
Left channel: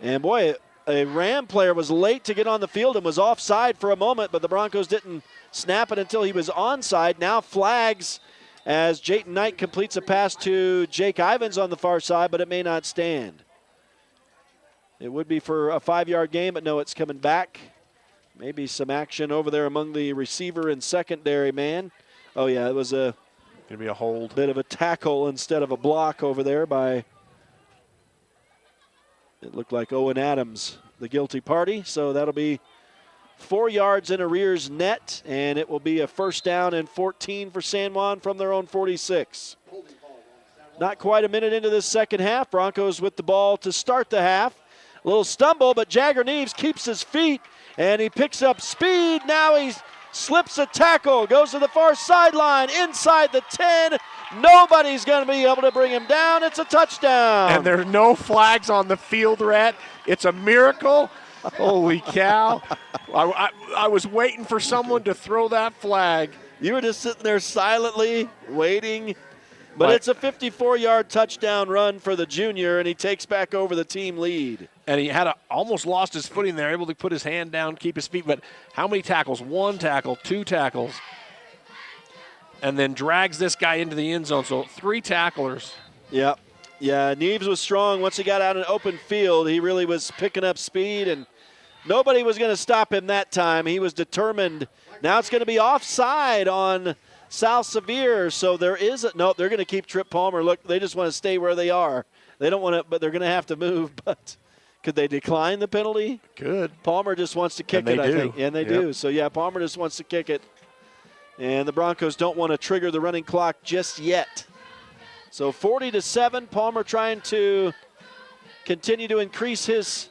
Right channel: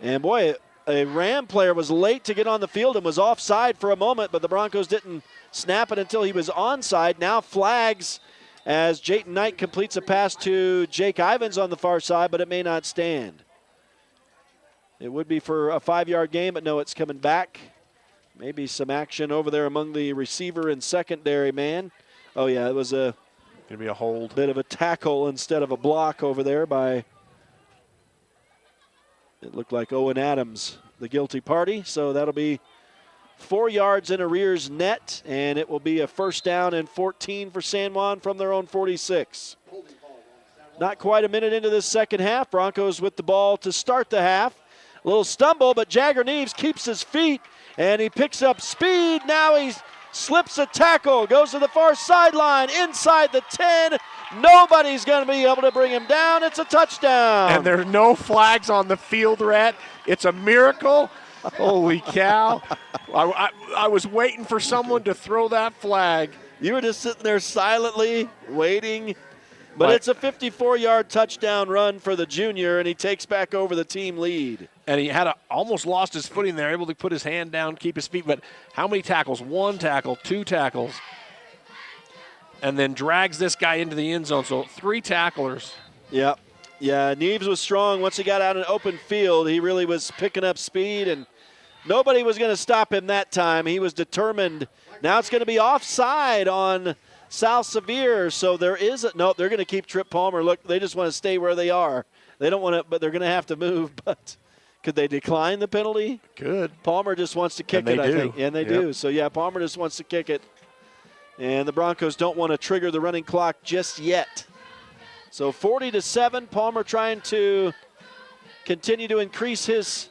And boy, a Ram player was late to get on the field and was offside for a moment, but the Broncos didn't snap it until he was onside. Now flags as Jayton Knight completes a pass to Jake Ivins on the far side, but it may not stand. It would be for a 5-yard gain, but no, it's coming back. Maybe some action over there among the receiver and secondary man. Oh, yeah, it was a gonna be a hold. Bit of a tackle instead of a block over there by, it looked like Owen Adams, the guilty party. So that'll be 4 yards in arrears net, and it will be a first down and 14 for San Juan from their own 46. Not quite a minute into this second half. Broncos with the ball to start the half. A little stumble, but Jagger Neves keeps his feet, and he picks up speed. Now he slips a tackle, goes to the far sideline, inside the 10. Nobody's going to be able to bring him down. It's a touchdown. And there's no flags on the field, Rhett. It's a miracle. Holy cow. I was waiting for someone to throw that flag. You were just sitting there silently waiting. But it's a 54-yard touchdown run for the junior, and he takes back over the team lead. And he had almost lost his footing there, able to put his hand down, keep his feet. But how many tackles? 1 tackle, 2 tackles. And then drags this guy into the end zone. So 3 tacklers. Yep. Yeah, Neves was strong. Once he got out in open field, he really was picking up speed, and nobody was going to stop him that time. He was determined. Now it's going to be offside on South Sevier, so there is a, no, they're going to keep Trip Palmer. Look, they just want to stay where they are. They don't want to, but they're going to have to move. But could they decline the penalty? Good. Palmer just wants to kick it, I think. And they do. So, yeah, Palmer just wants to kick it. And the Broncos don't want to trigger the running clock just yet. So 40-7, Palmer trying to continue to increase his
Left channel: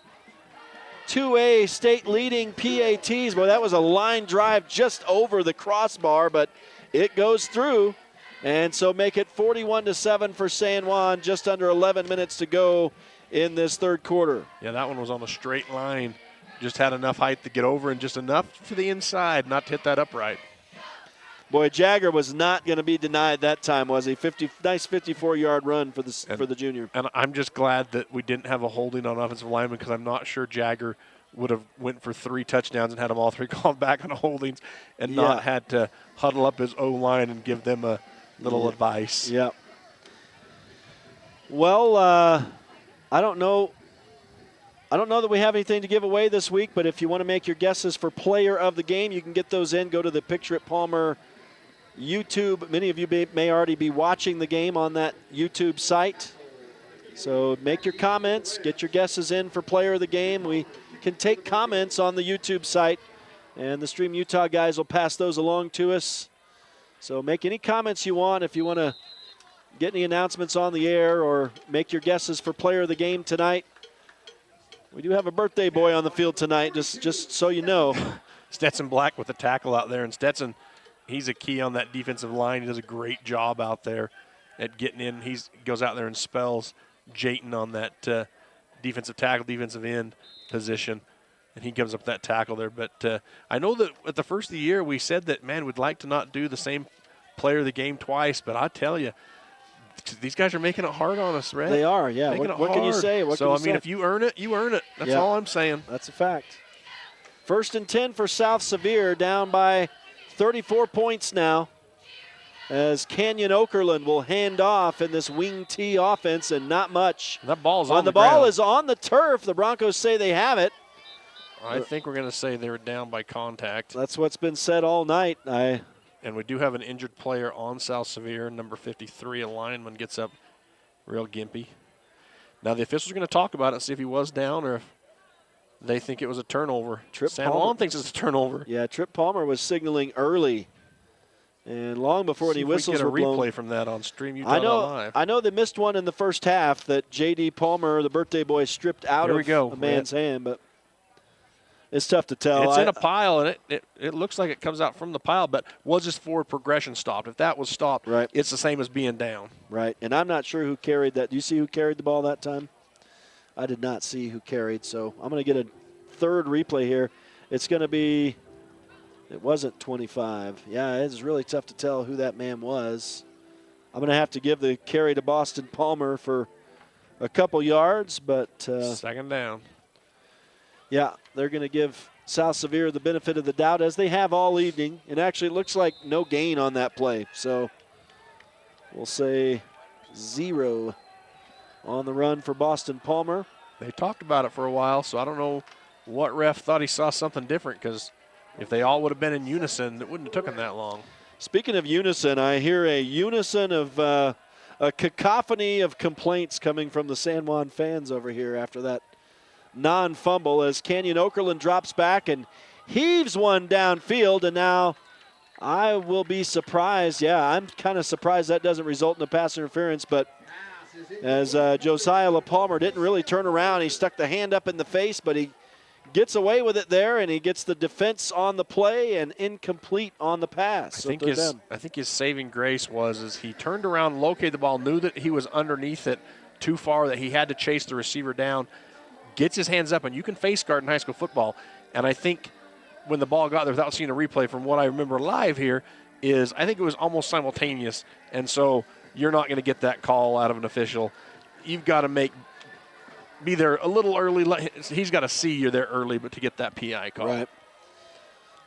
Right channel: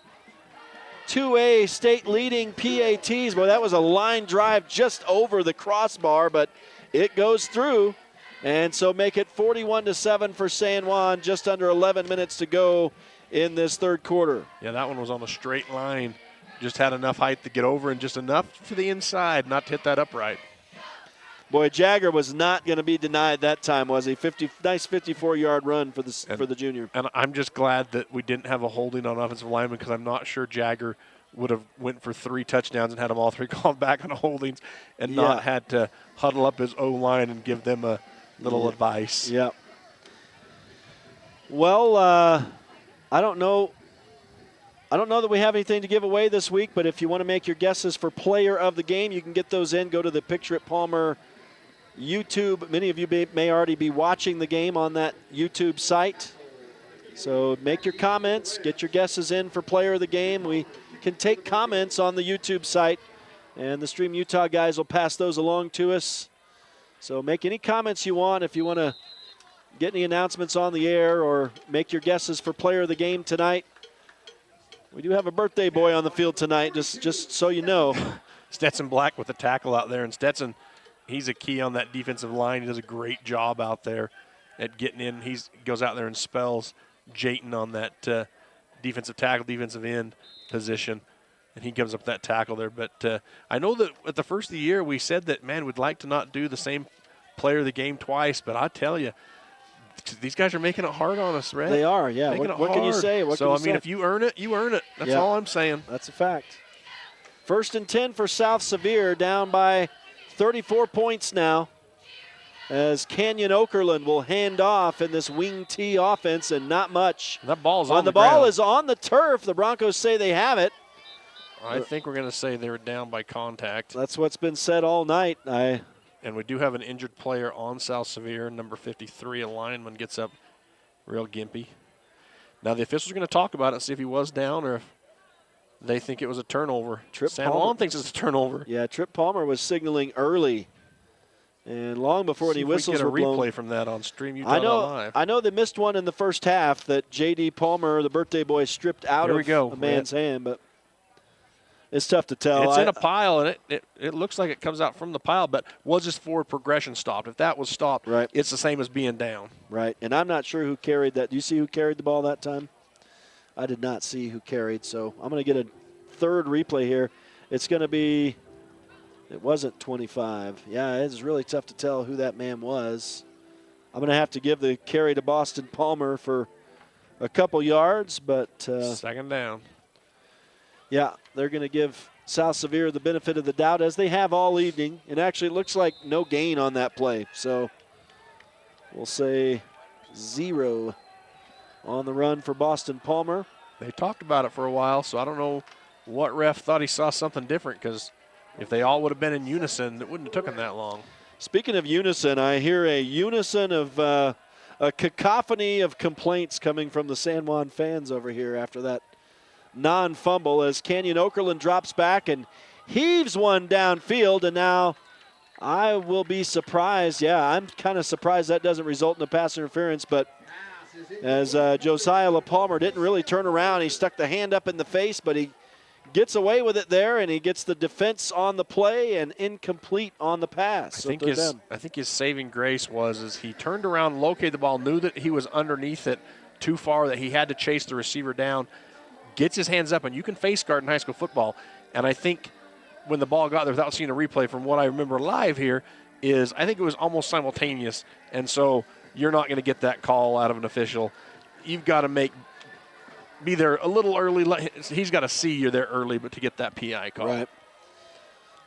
2A state leading PATs. Boy, that was a line drive just over the crossbar, but it goes through. And so make it 41-7 for San Juan, just under 11 minutes to go in this third quarter. Yeah, that one was on a straight line. Just had enough height to get over and just enough to the inside not to hit that upright. Boy, Jagger was not going to be denied that time, was he? Nice 54-yard run for the junior. And I'm just glad that we didn't have a holding on offensive lineman, because I'm not sure Jagger would have went for 3 touchdowns and had them all 3 called back on holdings and not had to huddle up his O-line and give them a little advice. Yep. Well, I don't know that we have anything to give away this week, but if you want to make your guesses for player of the game, you can get those in. Go to the Picture It Palmer YouTube. Many of you may already be watching the game on that YouTube site. So make your comments, get your guesses in for player of the game. We can take comments on the YouTube site, and the Stream Utah guys will pass those along to us. So make any comments you want if you want to get any announcements on the air or make your guesses for player of the game tonight. We do have a birthday boy on the field tonight, just so you know. Stetson Black with the tackle out there, and Stetson, he's a key on that defensive line. He does a great job out there at getting in. He goes out there and spells Jayton on that defensive tackle, defensive end position, and he comes up with that tackle there. But I know that at the first of the year we said that, man, we'd like to not do the same player of the game twice, but I tell you, these guys are making it hard on us, Red. They are, yeah. What can you say? If you earn it, you earn it. That's all I'm saying. That's a fact. 1st and 10 for South Sevier, down by 34 points now, as Canyon Okerlund will hand off in this wing T offense, and not much. That ball's on the ball ground. is on the turf. The Broncos say they have it. I think we're going to say they were down by contact. That's what's been said all night. And we do have an injured player on South Sevier, number 53, a lineman, gets up real gimpy. Now the officials are going to talk about it and see if he was down or if they think it was a turnover. San Juan thinks it's a turnover. Yeah, Trip Palmer was signaling early And long before any whistles were blown. Get a replay from that on StreamUtah.Live. I know they missed one in the first half that J.D. Palmer, the birthday boy, stripped out of a man's hand, but it's tough to tell. It's in a pile, and it looks like it comes out from the pile, but was his forward progression stopped? If that was stopped, right, it's the same as being down. Right, and I'm not sure who carried that. Do you see who carried the ball that time? I did not see who carried, so I'm going to get a third replay here. It's going to be, it wasn't 25. Yeah, it's really tough to tell who that man was. I'm going to have to give the carry to Boston Palmer for a couple yards, but second down. Yeah, they're going to give South Sevier the benefit of the doubt, as they have all evening. And actually, it looks like no gain on that play. So we'll say 0 on the run for Boston Palmer. They talked about it for a while, so I don't know what ref thought he saw something different, because if they all would have been in unison, it wouldn't have taken that long. Speaking of unison, I hear a unison of a cacophony of complaints coming from the San Juan fans over here after that non-fumble, as Canyon Okerlund drops back and heaves one downfield, and now I will be surprised. Yeah, I'm kind of surprised that doesn't result in a pass interference, but as Josiah LaPalmer didn't really turn around. He stuck the hand up in the face, but he gets away with it there, and he gets the defense on the play and incomplete on the pass. I think his saving grace was he turned around, located the ball, knew that he was underneath it too far, that he had to chase the receiver down, gets his hands up, and you can face guard in high school football. And I think when the ball got there, without seeing a replay, from what I remember live here, is I think it was almost simultaneous. And so you're not going to get that call out of an official. You've got to be there a little early. He's got to see you're there early, but to get that PI call. Right.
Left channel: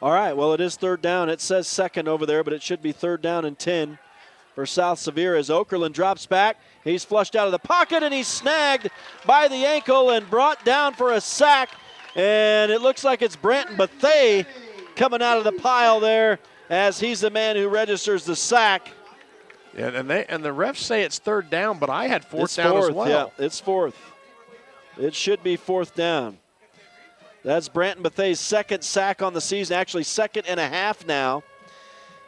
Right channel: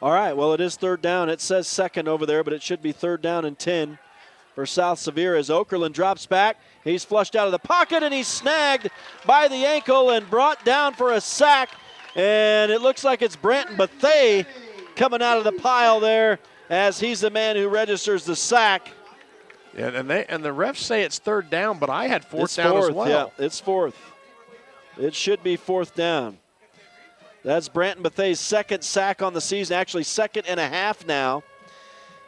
All right, well, it is third down. It says second over there, but it should be third down and 10 for South Sevier as Okerlund drops back. He's flushed out of the pocket, and he's snagged by the ankle and brought down for a sack. And it looks like it's Branton Bethea coming out of the pile there, as he's the man who registers the sack. Yeah, and the refs say it's third down, but I had fourth down as well. Yeah, it's fourth. It should be fourth down. That's Branton Bethea's second sack on the season, actually second and a half now.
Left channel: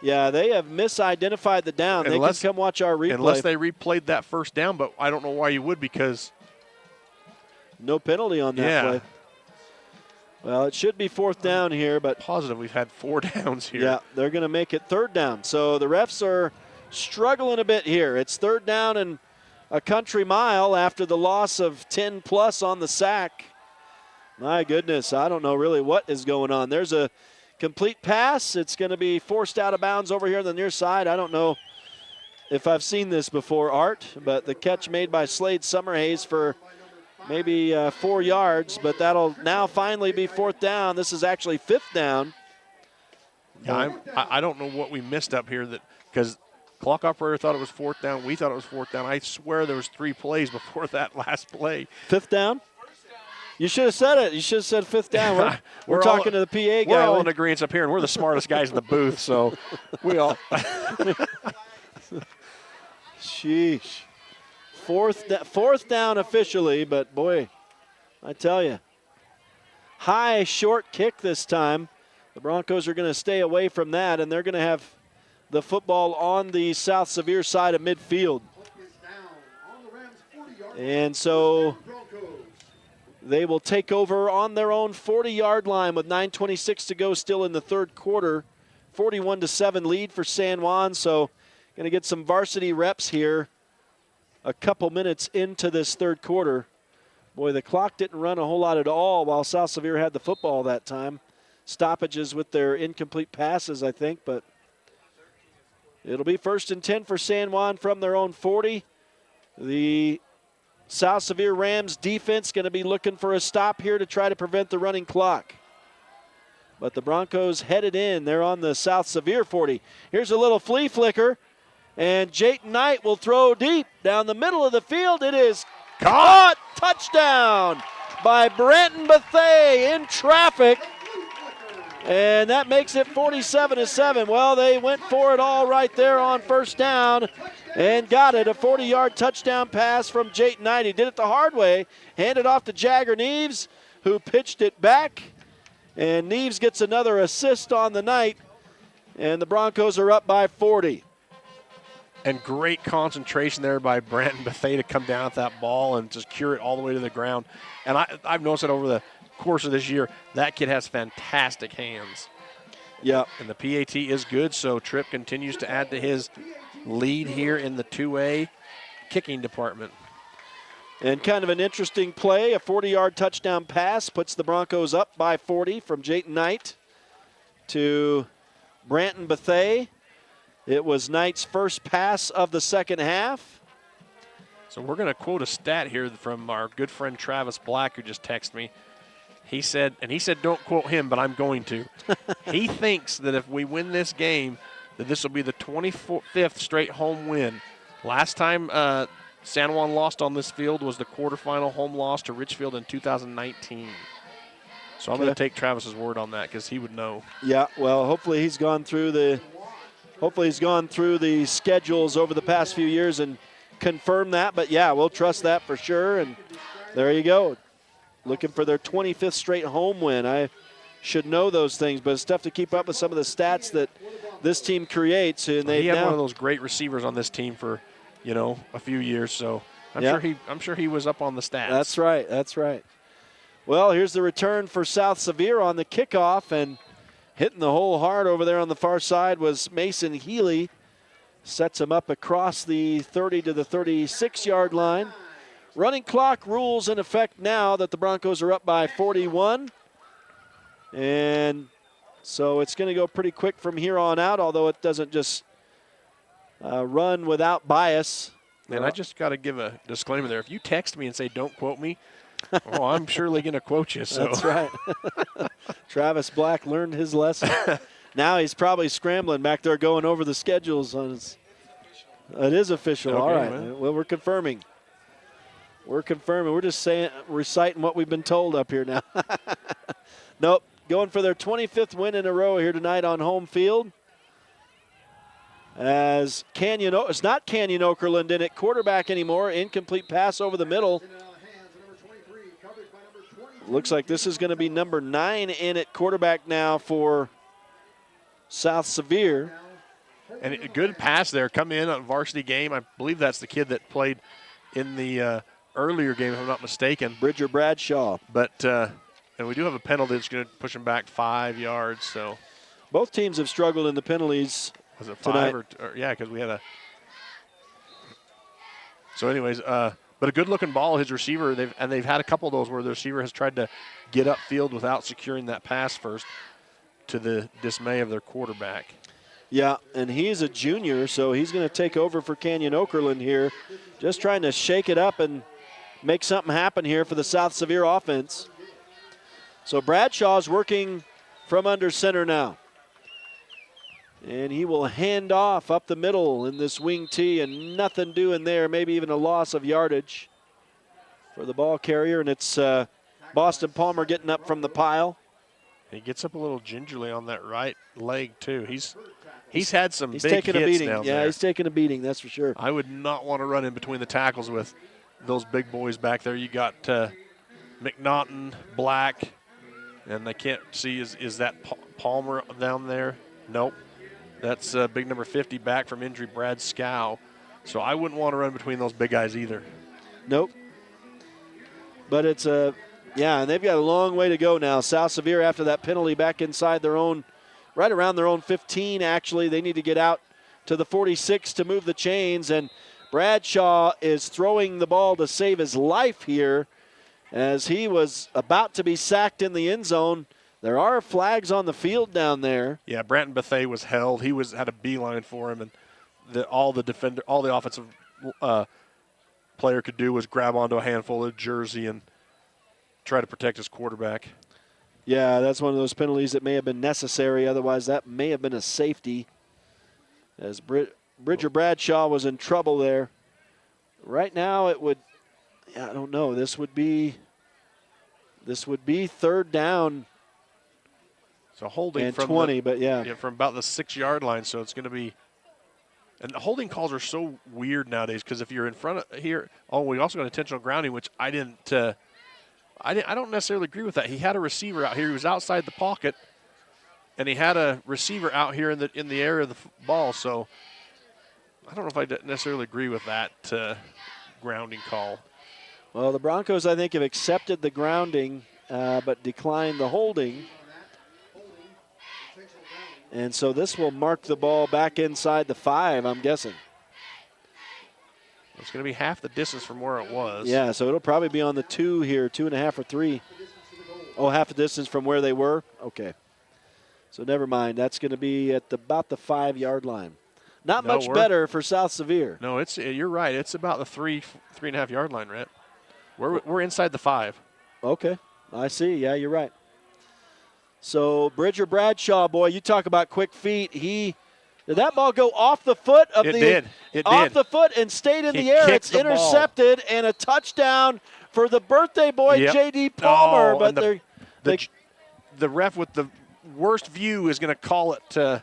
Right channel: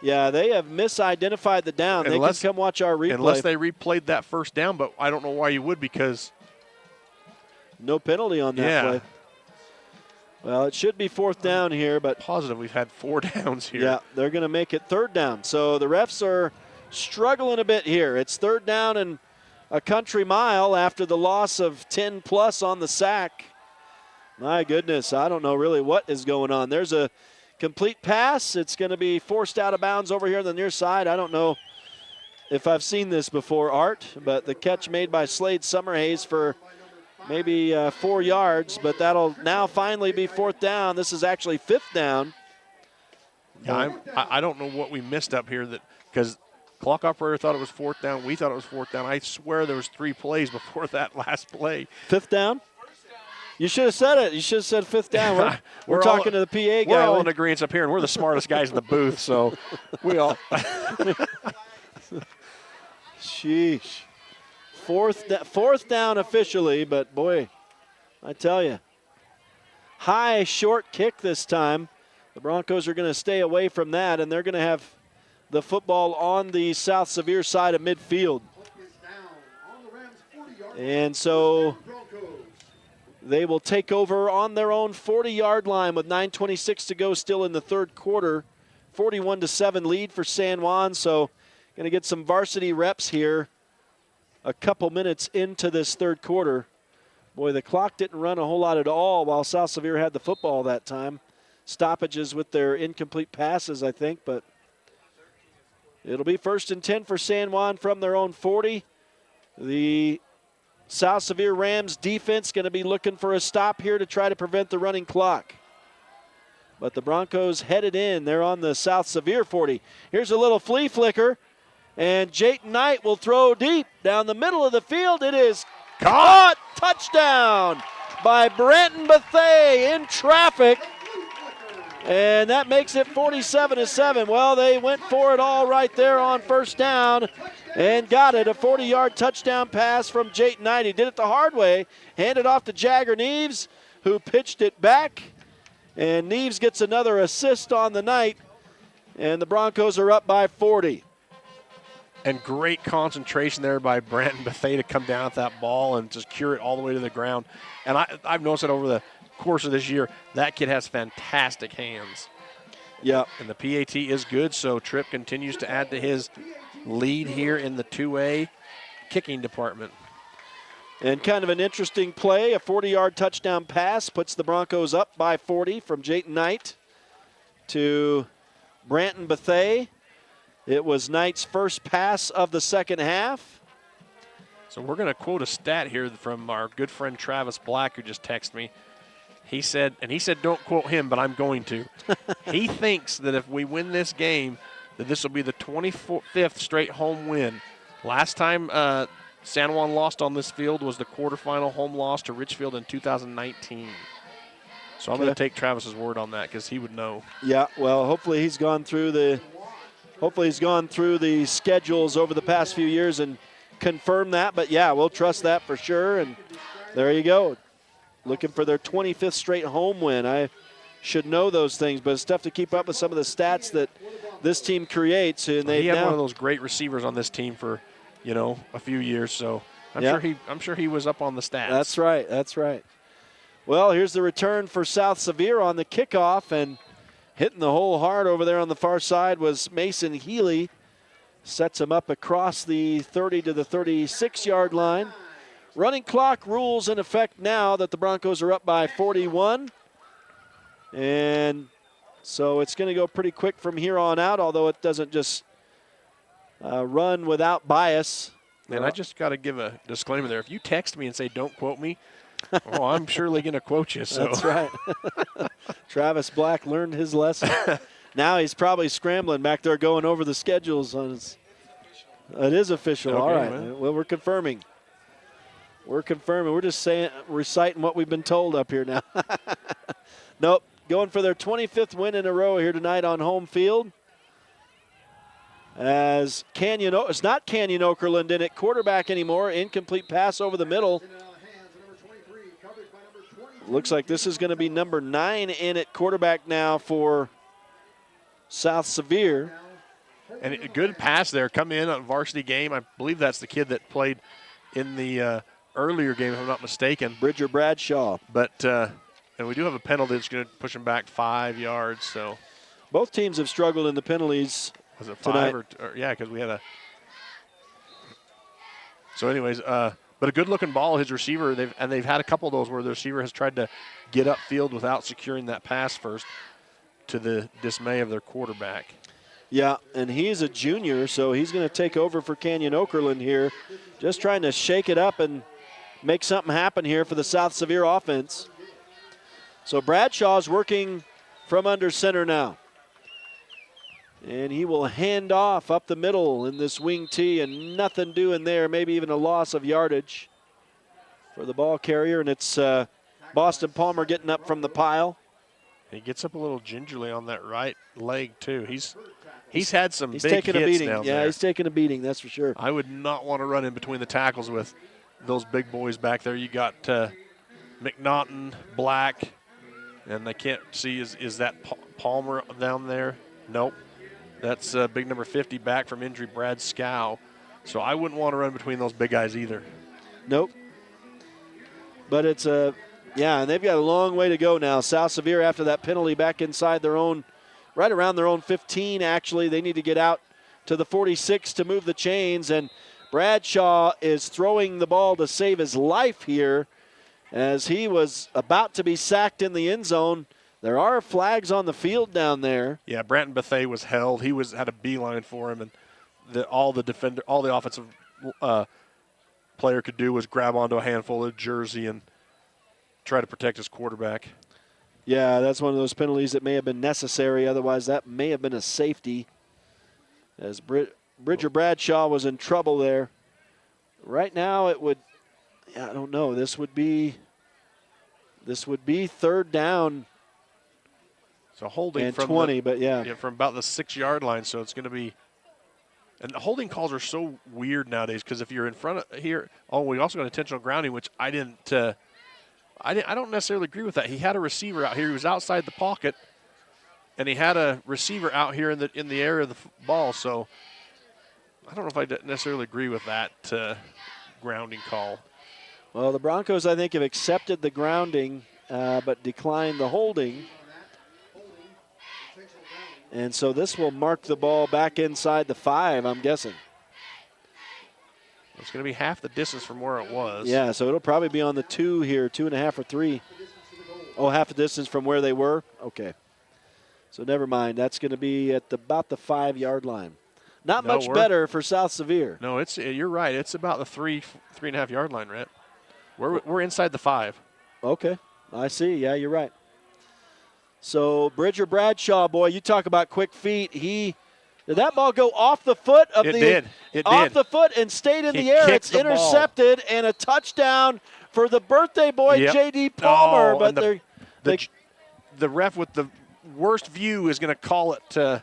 Yeah, they have misidentified the down. They can come watch our replay. Unless they replayed that first down, but I don't know why you would, because no penalty on that play. Well, it should be fourth down here, but positive we've had 4 downs here. Yeah, they're going to make it third down. So the refs are struggling a bit here. It's third down and a country mile after the loss of 10 plus on the sack. My goodness, I don't know really what is going on. There's a complete pass. It's going to be forced out of bounds over here on the near side. I don't know if I've seen this before, Art, but the catch made by Slade Summerhays for maybe 4 yards, but that'll now finally be fourth down. This is actually fifth down. Yeah, I don't know what we missed up here, because clock operator thought it was fourth down. We thought it was fourth down. I swear there was 3 plays before that last play. Fifth down? You should have said it. You should have said fifth down. We're talking to the PA guy. We're all in agreement up here, and we're the smartest guys in the booth, so we all. Sheesh. Fourth down officially, but boy, I tell you, high short kick this time. The Broncos are going to stay away from that, and they're going to have the football on the South Sevier side of midfield. And so they will take over on their own 40-yard line with 9:26 to go still in the third quarter. 41-7 lead for San Juan, so going to get some varsity reps here a couple minutes into this third quarter. Boy, the clock didn't run a whole lot at all while South Sevier had the football that time. Stoppages with their incomplete passes, I think, but it'll be 1st and 10 for San Juan from their own 40. The South Sevier Rams defense going to be looking for a stop here to try to prevent the running clock. But the Broncos headed in. They're on the South Sevier 40. Here's a little flea flicker, and Jayton Knight will throw deep down the middle of the field. It is caught. Touchdown by Branton Bethea in traffic. And that makes it 47-7. Well, they went for it all right there on first down and got it. A 40-yard touchdown pass from Jayton Knight. He did it the hard way. Handed off to Jagger Neves, who pitched it back. And Neves gets another assist on the night. And the Broncos are up by 40. And great concentration there by Brandon Bethea to come down at that ball and just cure it all the way to the ground. And I've noticed it over the course of this year. That kid has fantastic hands. Yeah. And the PAT is good, so Tripp continues to add to his lead here in the 2A kicking department. And kind of an interesting play, a 40-yard touchdown pass puts the Broncos up by 40 from Jayton Knight to Branton Bethea. It was Knight's first pass of the second half. So we're going to quote a stat here from our good friend Travis Black, who just texted me. He said don't quote him, but I'm going to. He thinks that if we win this game, that this will be the 25th straight home win. Last time San Juan lost on this field was the quarterfinal home loss to Richfield in 2019. So I'm going to take Travis's word on that because he would know. Yeah, well, hopefully he's gone through the schedules over the past few years and confirmed that. But yeah, we'll trust that for sure. And there you go. Looking for their 25th straight home win. I should know those things, but it's tough to keep up with some of the stats that this team creates. And he had one of those great receivers on this team for, a few years. So I'm sure he was up on the stats. That's right. That's right. Well, here's the return for South Sevier on the kickoff, and hitting the hole hard over there on the far side was Mason Healy. Sets him up across the 30 to the 36-yard line. Running clock rules in effect now that the Broncos are up by 41. And so it's going to go pretty quick from here on out, although it doesn't just run without bias. And I just got to give a disclaimer there. If you text me and say, don't quote me, I'm surely going to quote you. So. That's right. Travis Black learned his lesson. Now he's probably scrambling back there going over the schedules on his. It is official. Okay, all right. man. Well, we're confirming. We're just reciting what we've been told up here now. Nope. Going for their 25th win in a row here tonight on home field. As it's not Canyon Okerlund in it, quarterback anymore. Incomplete pass over the middle. Looks like this is going to be number 9 in at quarterback now for South Sevier. And a good pass there. Come in on a varsity game. I believe that's the kid that played in the earlier game, if I'm not mistaken. Bridger Bradshaw. But and we do have a penalty that's going to push him back 5 yards. So both teams have struggled in the penalties. Was it 5 tonight. or yeah, because we had a. So, anyways, but a good-looking ball. His receiver, they've had a couple of those where the receiver has tried to get upfield without securing that pass first, to the dismay of their quarterback. Yeah, and he's a junior, so he's going to take over for Canyon Okerlund here, just trying to shake it up and make something happen here for the South Sevier offense. So Bradshaw's working from under center now. And he will hand off up the middle in this wing tee, and nothing doing there, maybe even a loss of yardage for the ball carrier. And it's Boston Palmer getting up from the pile. He gets up a little gingerly on that right leg, too. He's had some big taking hits a beating. down Yeah, there. he's taking a beating, that's for sure. I would not want to run in between the tackles with those big boys back there. You got McNaughton, Black, and I can't see, is that Palmer down there? Nope. That's big number 50 back from injury, Brad Scow. So I wouldn't want to run between those big guys either. Nope. But it's and they've got a long way to go now. South Sevier, after that penalty, back inside their own, right around their own 15, actually. They need to get out to the 46 to move the chains. And Bradshaw is throwing the ball to save his life here as he was about to be sacked in the end zone. There are flags on the field down there. Yeah, Branton Bethea was held. He had a beeline for him, and all the offensive player could do was grab onto a handful of jersey and try to protect his quarterback. Yeah, that's one of those penalties that may have been necessary. Otherwise, that may have been a safety. As Bridger Bradshaw was in trouble there. Right now, I don't know. This would be third down. So holding and from 20, but yeah, from about the 6-yard line. So it's going to be, and the holding calls are so weird nowadays because if you're in front of here, we also got intentional grounding, which I don't necessarily agree with that. He had a receiver out here. He was outside the pocket, and he had a receiver out here in the area of the ball. So I don't know if I necessarily agree with that grounding call. Well, the Broncos, I think, have accepted the grounding, but declined the holding. And so this will mark the ball back inside the 5, I'm guessing. It's going to be half the distance from where it was. Yeah, so it'll probably be on the 2 here, 2.5 or 3. Oh, half the distance from where they were? Okay. So never mind. That's going to be at about the 5-yard line. Not much better for South Sevier. No, you're right. It's about the 3.5 yard line, Rhett. We're inside the 5. Okay, I see. Yeah, you're right. So Bridger Bradshaw, boy, you talk about quick feet. Did that ball go off the foot of It did. off the foot and stayed in the air? It's intercepted and a touchdown for the birthday boy, J.D. Palmer. But the ref with the worst view is going to call it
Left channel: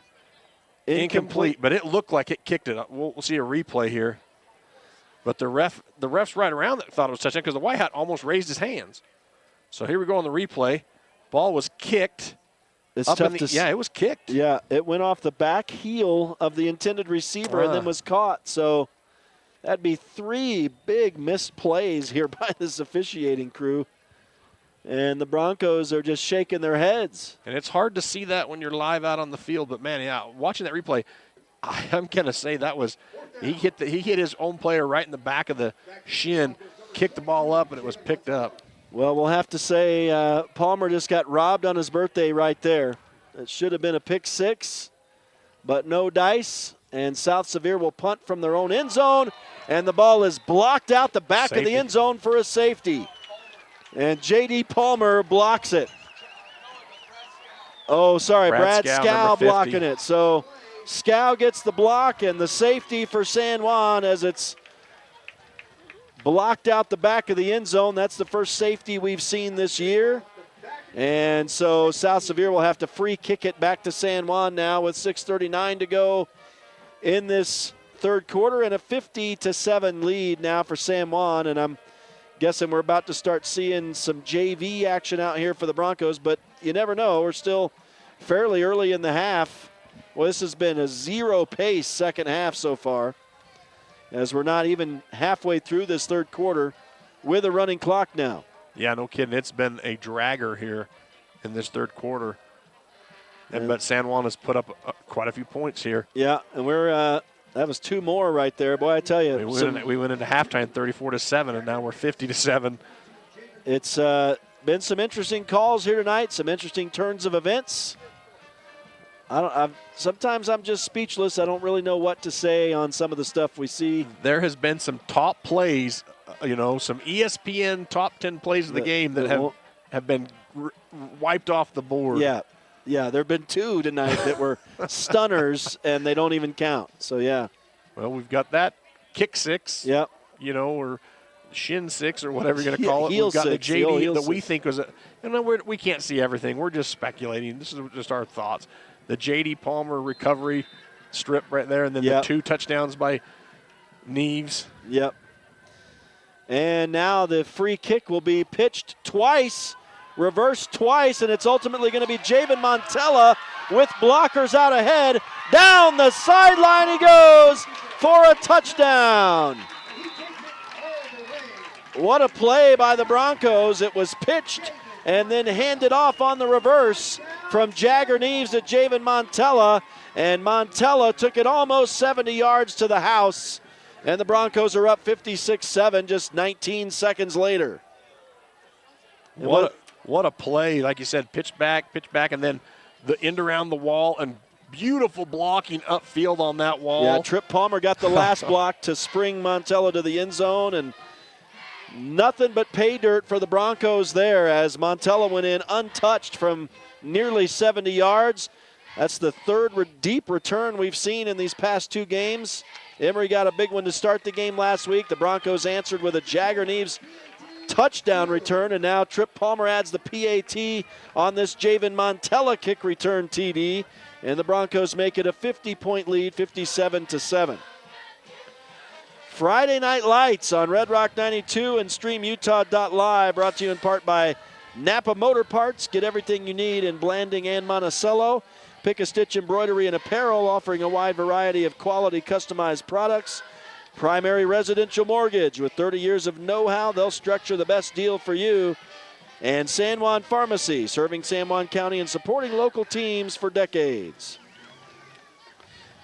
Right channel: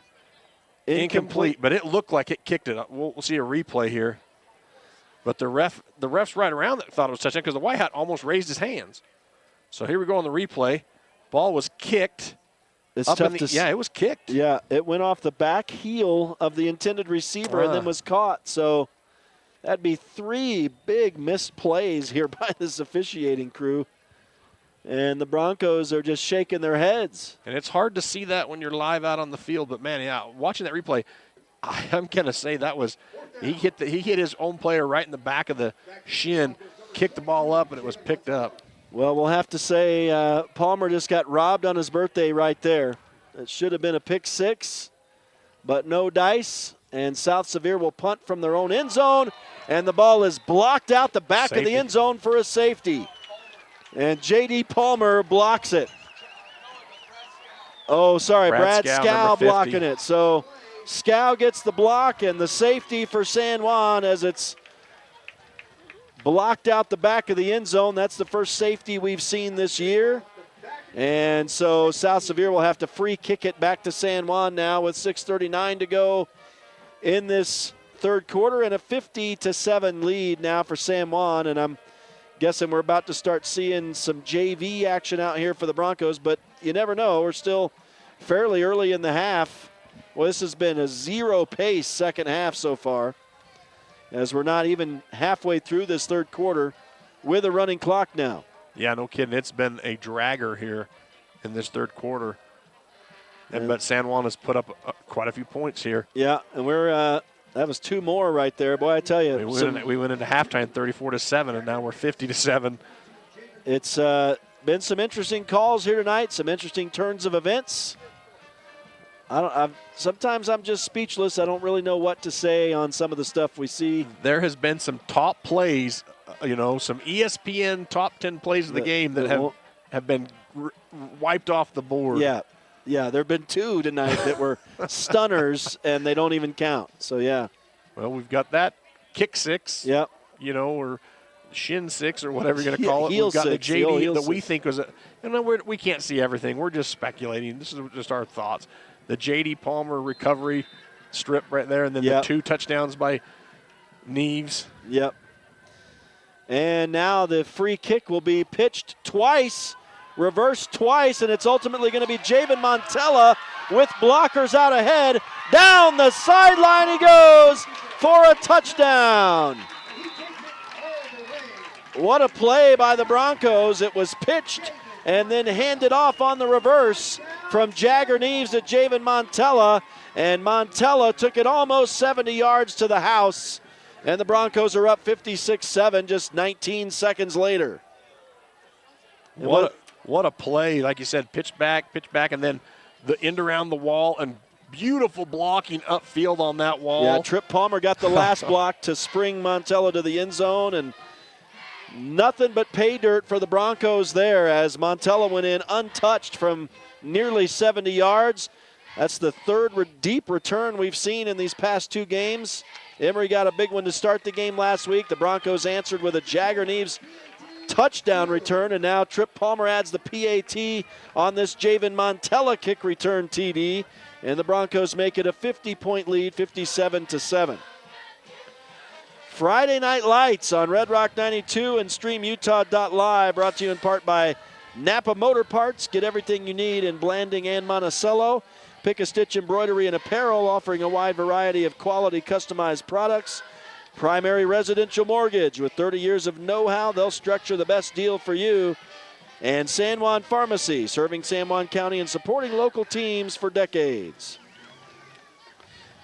incomplete. But it looked like it kicked it. We'll see a replay here. But the refs right around that thought it was touchdown because the white hat almost raised his hands. So here we go on the replay. Ball was kicked. It's tough to it was kicked. Yeah, it went off the back heel of the intended receiver and then was caught. So that'd be 3 big missed plays here by this officiating crew. And the Broncos are just shaking their heads. And it's hard to see that when you're live out on the field. But, man, yeah, watching that replay, I'm going to say that was he hit his own player right in the back of the shin, kicked the ball up, and it was picked up. Well, we'll have to say Palmer just got robbed on his birthday right there. It should have been a pick 6, but no dice. And South Sevier will punt from their own end zone, and the ball is blocked out the back of the end zone for a safety. And J.D. Palmer blocks it. Oh, sorry, Brad Scow blocking it. So Scow gets the block and the safety for San Juan as it's blocked out the back of the end zone. That's the first safety we've seen this year. And so South Sevier will have to free kick it back to San Juan now with 6:39 to go in this third quarter and a 50-7 lead now for San Juan. And I'm guessing we're about to start seeing some JV action out here for the Broncos, but you never know. We're still fairly early in the half. Well, this has been a zero-pace second half so far, as we're not even halfway through this third quarter with a running clock now. Yeah, no kidding. It's been a dragger here in this third quarter. But San Juan has put up quite a few points here. Yeah, and we're that was 2 more right there. Boy, I tell you. We went into halftime 34-7, and now we're 50-7. It's been some interesting calls here tonight, some interesting turns of events. Sometimes I'm just speechless. I don't really know what to say on some of the stuff we see. There has been some top plays, some ESPN top 10 plays of the game that have been wiped off the board. Yeah, there have been 2 tonight that were stunners, and they don't even count. So, yeah. Well, we've got that kick 6. Yep. Or shin 6 or whatever you're going to call it. Heel We've got 6, the JD that we six. think was we can't see everything. We're just speculating. This is just our thoughts. The J.D. Palmer recovery strip right there, and then the 2 touchdowns by Neves. Yep. And now the free kick will be pitched twice, reversed twice, and it's ultimately going to be Javen Montella with blockers out ahead. Down the sideline he goes for a touchdown. What a play by the Broncos. It was pitched and then handed off on the reverse from Jagger Neves to Javen Montella, and Montella took it almost 70 yards to the house, and the Broncos are up 56-7 just 19 seconds later. What a play. Like you said, pitch back, and then the end around the wall, and beautiful blocking upfield on that wall. Yeah, Trip Palmer got the last block to spring Montella to the end zone, and nothing but pay dirt for the Broncos there as Montella went in untouched from nearly 70 yards. That's the third deep return we've seen in these past 2 games. Emory got a big one to start the game last week. The Broncos answered with a Jagger Neves touchdown return, and now Trip Palmer adds the PAT on this Javen Montella kick return TD, and the Broncos make it a 50-point lead, 57-7. Friday Night Lights on Red Rock 92 and StreamUtah.Live, brought to you in part by Napa Motor Parts. Get everything you need in Blanding and Monticello. Pick a Stitch Embroidery and Apparel, offering a wide variety of quality customized products. Primary Residential Mortgage. With 30 years of know-how, they'll structure the best deal for you. And San Juan Pharmacy, serving San Juan County and supporting local teams for decades.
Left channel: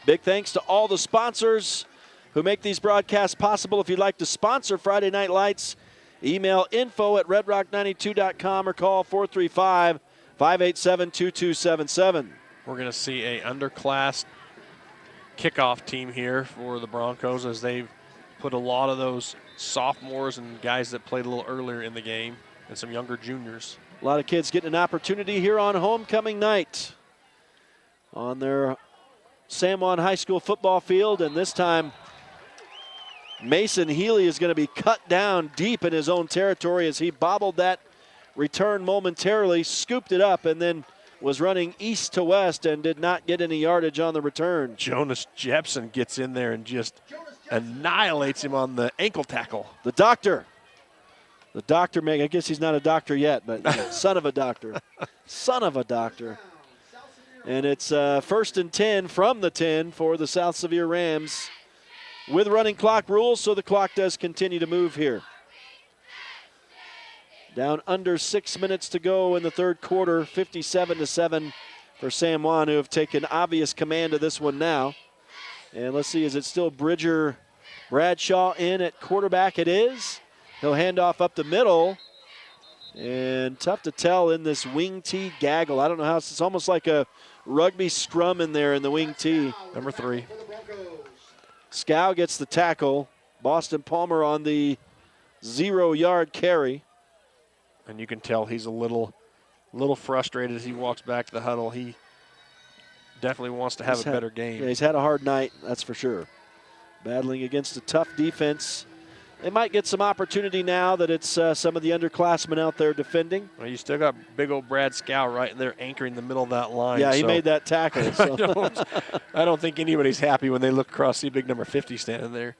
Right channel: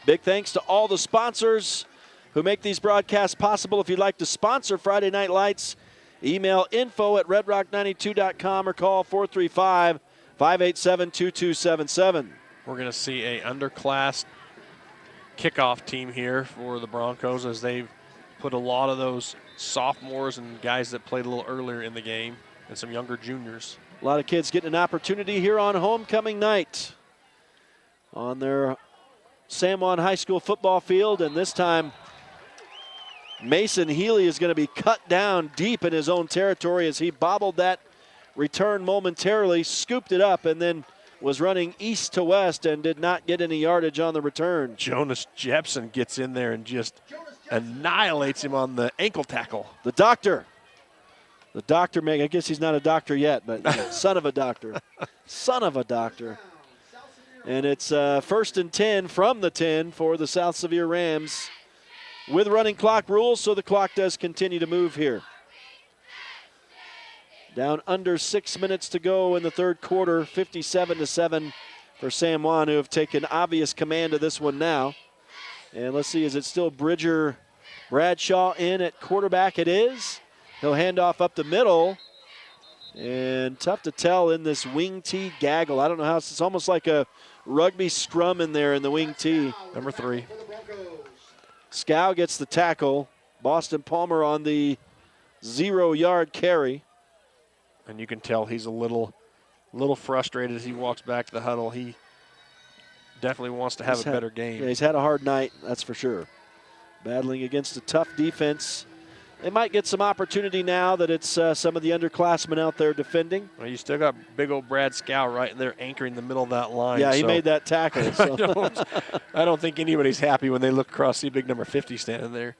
Big thanks to all the sponsors who make these broadcasts possible. If you'd like to sponsor Friday Night Lights, email info@redrock92.com or call 435-587-2277. We're going to see a underclass kickoff team here for the Broncos as they've put a lot of those sophomores and guys that played a little earlier in the game and some younger juniors. A lot of kids getting an opportunity here on homecoming night on their San Juan High School football field, and this time Mason Healy is going to be cut down deep in his own territory as he bobbled that return momentarily, scooped it up, and then was running east to west and did not get any yardage on the return. Jonas Jepson gets in there and just annihilates him on the ankle tackle. The doctor, I guess he's not a doctor yet, but son of a doctor. Son of a doctor. And it's 1st and 10 from the 10 for the South Sevier Rams with running clock rules, so the clock does continue to move here. Down under 6 minutes to go in the third quarter, 57-7 for San Juan, who have taken obvious command of this one now. And let's see, is it still Bridger Bradshaw in at quarterback? It is. He'll hand off up the middle. And tough to tell in this wing tee gaggle. I don't know how, it's almost like a rugby scrum in there in the wing tee. Number 3. Scow gets the tackle. Boston Palmer on the 0-yard carry. And you can tell he's a little frustrated as he walks back to the huddle. He definitely wants to have a better game. Yeah, he's had a hard night, that's for sure. Battling against a tough defense. They might get some opportunity now that it's some of the underclassmen out there defending. Well, you still got big old Brad Scow right in there anchoring the middle of that line. Yeah, he made that tackle. So. I don't think anybody's happy when they look across, see big number 50 standing there.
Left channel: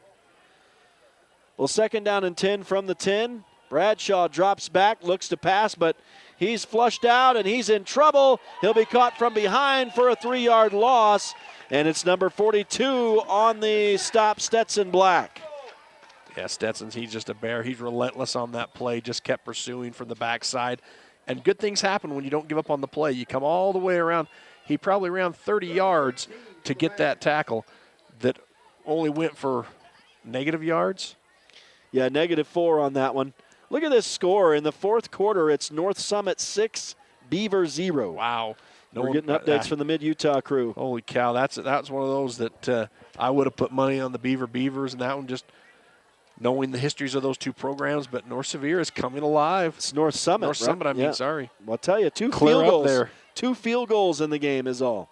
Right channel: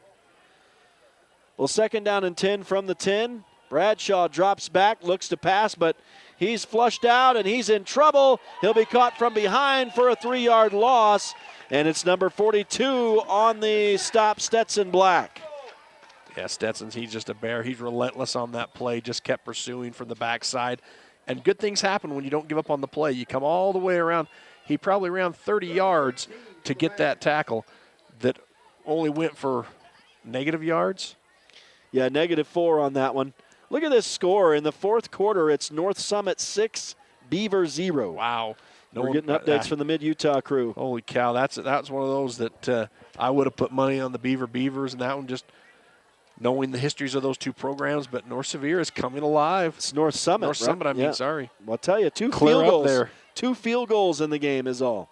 Well, 2nd down and 10 from the 10. Bradshaw drops back, looks to pass, but he's flushed out and he's in trouble. He'll be caught from behind for a 3-yard loss, and it's number 42 on the stop, Stetson Black. Yeah, Stetson's, he's just a bear. He's relentless on that play, just kept pursuing from the backside. And good things happen when you don't give up on the play. You come all the way around. He probably ran 30 yards to get that tackle that only went for negative yards. Yeah, -4 on that one. Look at this score. In the fourth quarter, it's North Summit 6, Beaver 0. Wow. We're getting updates from the Mid-Utah crew. Holy cow, that's one of those that I would have put money on the Beavers, and that one just knowing the histories of those two programs, but North Sevier is coming alive. It's North Summit, North Summit, I mean, sorry. Well, I'll tell you, two Clear field up goals. there. 2 field goals in the game is all.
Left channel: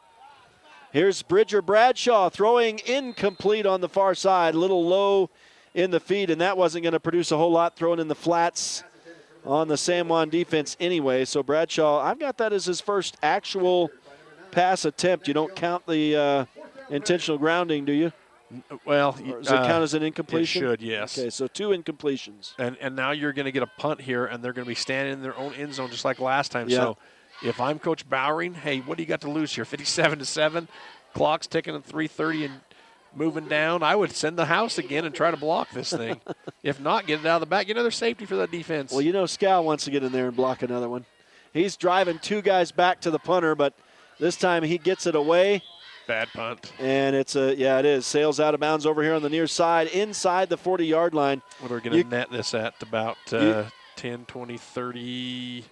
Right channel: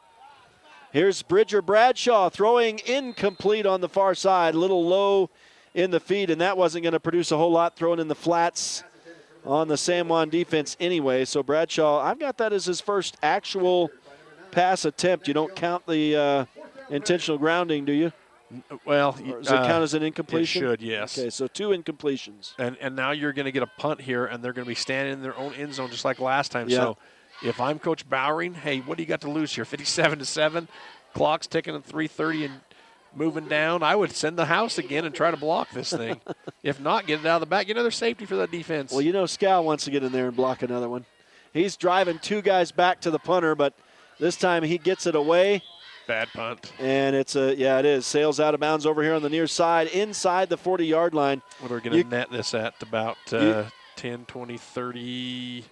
Here's Bridger Bradshaw throwing incomplete on the far side, a little low in the feed, and that wasn't going to produce a whole lot, throwing in the flats on the San Juan defense anyway. So Bradshaw, I've got that as his first actual pass attempt. You don't count the intentional grounding, do you? Well, or does it count as an incompletion? It should, yes. Okay, so 2 incompletions. And now you're going to get a punt here, and they're going to be standing in their own end zone just like last time. Yeah. So if I'm Coach Bowering, hey, what do you got to lose here? 57-7, clock's ticking at 3:30 and moving down. I would send the house again and try to block this thing. If not, get it out of the back. Get another safety for that defense. Well, you know Scow wants to get in there and block another one. He's driving 2 guys back to the punter, but this time he gets it away. Bad punt. And it's it is. Sails out of bounds over here on the near side, inside the 40-yard line. What are we going to net this at? About 10, 20, 30,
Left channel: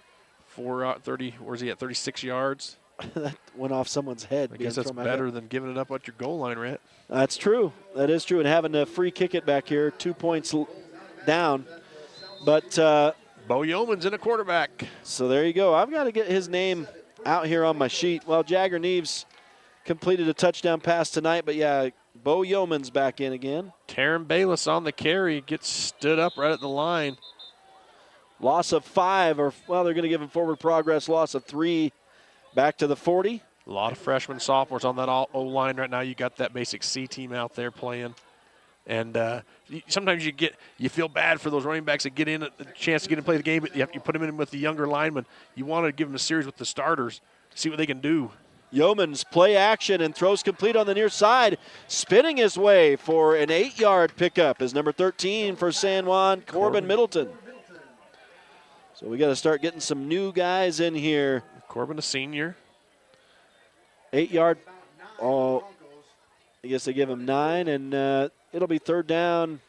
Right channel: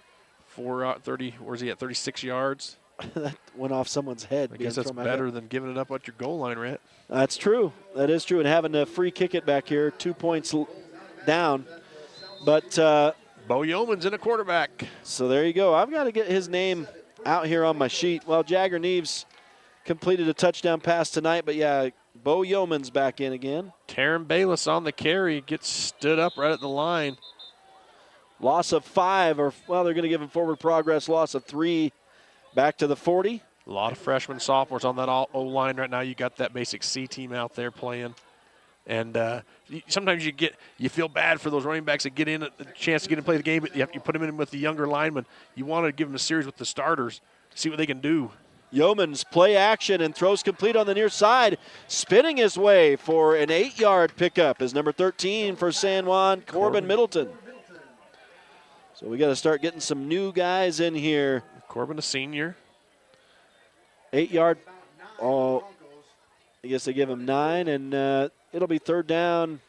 30, where's he at, 36 yards? That went off someone's head. I guess that's better than giving it up at your goal line, Rhett. That's true. That is true. And having to free kick it back here, 2 points down. But Bo Yeoman's in a quarterback. So there you go. I've got to get his name out here on my sheet. Well, Jagger Neves completed a touchdown pass tonight, but yeah, Bo Yeoman's back in again. Taryn Bayless on the carry, gets stood up right at the line. Loss of 5, or well, they're going to give him forward progress. Loss of 3, back to the 40. A lot of freshmen, sophomores on that O-line right now. You got that basic C team out there playing. And sometimes you feel bad for those running backs that get in a chance to get in and play the game, but you put them in with the younger linemen. You want to give them a series with the starters, see what they can do. Yeomans play action and throws complete on the near side, spinning his way for an 8-yard pickup is number 13 for San Juan, Corbin Middleton. So we got to start getting some new guys in here. Corbin, a senior. 8-yard. Oh, I guess they give him 9, and it'll be third down.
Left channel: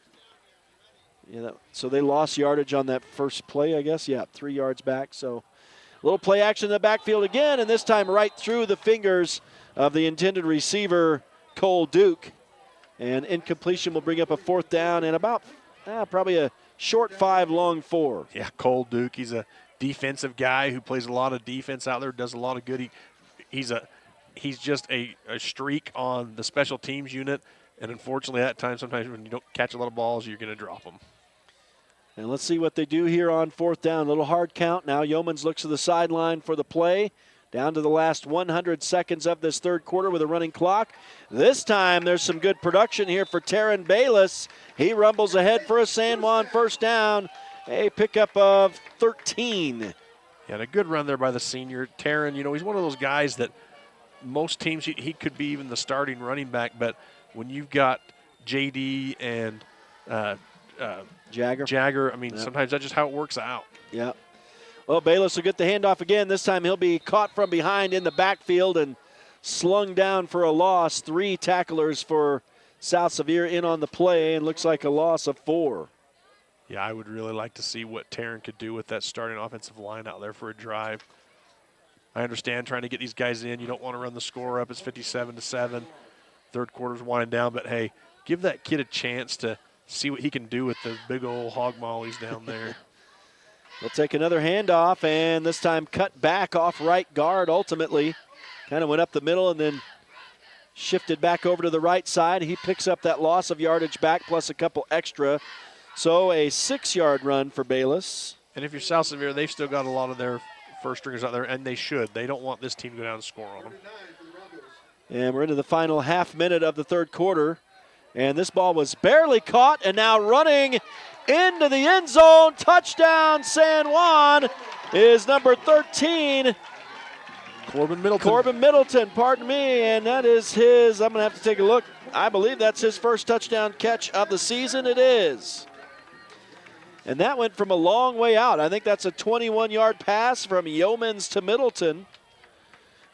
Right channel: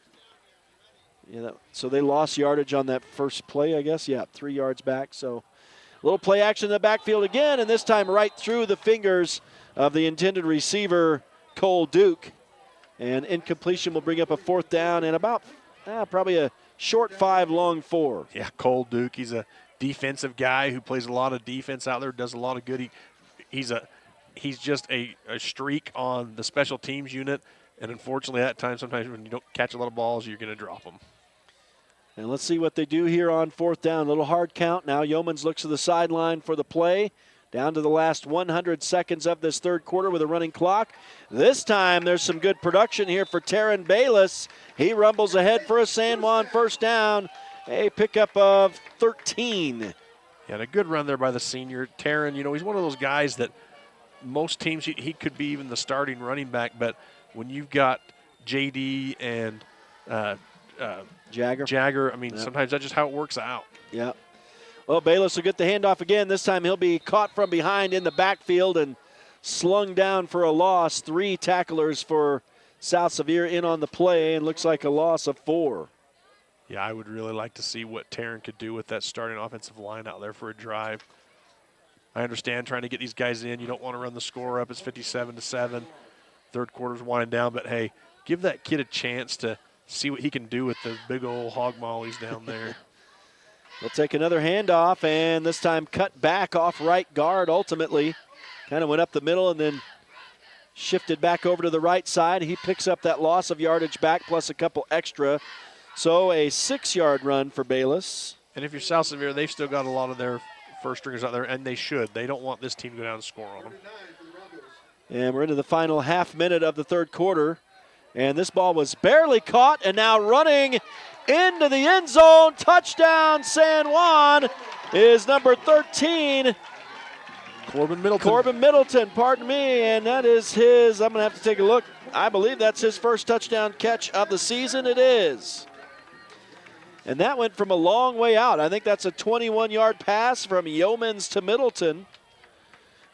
Yeah, so they lost yardage on that first play, I guess. Yeah, 3 yards back. So a little play action in the backfield again, and this time right through the fingers of the intended receiver, Cole Duke. And incompletion will bring up a 4th down and about probably a short 5, long 4. Yeah, Cole Duke. He's a defensive guy who plays a lot of defense out there, does a lot of good. He's just a streak on the special teams unit, and unfortunately at times, sometimes when you don't catch a lot of balls, you're going to drop them. And let's see what they do here on 4th down. A little hard count now. Yeomans looks to the sideline for the play. Down to the last 100 seconds of this third quarter with a running clock. This time there's some good production here for Taryn Bayless. He rumbles ahead for a San Juan first down. A pickup of 13. Yeah, and a good run there by the senior. Taryn, he's one of those guys that most teams, he could be even the starting running back, but when you've got JD and Jagger, I mean, sometimes that's just how it works out. Yeah. Well, Bayless will get the handoff again. This time he'll be caught from behind in the backfield and slung down for a loss. 3 tacklers for South Sevier in on the play, and looks like a loss of 4. Yeah, I would really like to see what Taryn could do with that starting offensive line out there for a drive. I understand trying to get these guys in. You don't want to run the score up. It's 57-7. Third quarter's winding down, but hey, give that kid a chance to see what he can do with the big old hog mollies down there. They'll take another handoff, and this time cut back off right guard ultimately. Kind of went up the middle and then shifted back over to the right side. He picks up that loss of yardage back plus a couple extra. So a 6-yard run for Bayless. And if you're South Sevier, they've still got a lot of their first stringers out there, and they should. They don't want this team to go down and score on them. And we're into the final half minute of the third quarter. And this ball was barely caught, and now running into the end zone. Touchdown, San Juan, is number 13. Corbin Middleton. Corbin Middleton, pardon me, and that is his, I'm going to have to take a look. I believe that's his first touchdown catch of the season. It is. And that went from a long way out. I think that's a 21-yard pass from Yeomans to Middleton.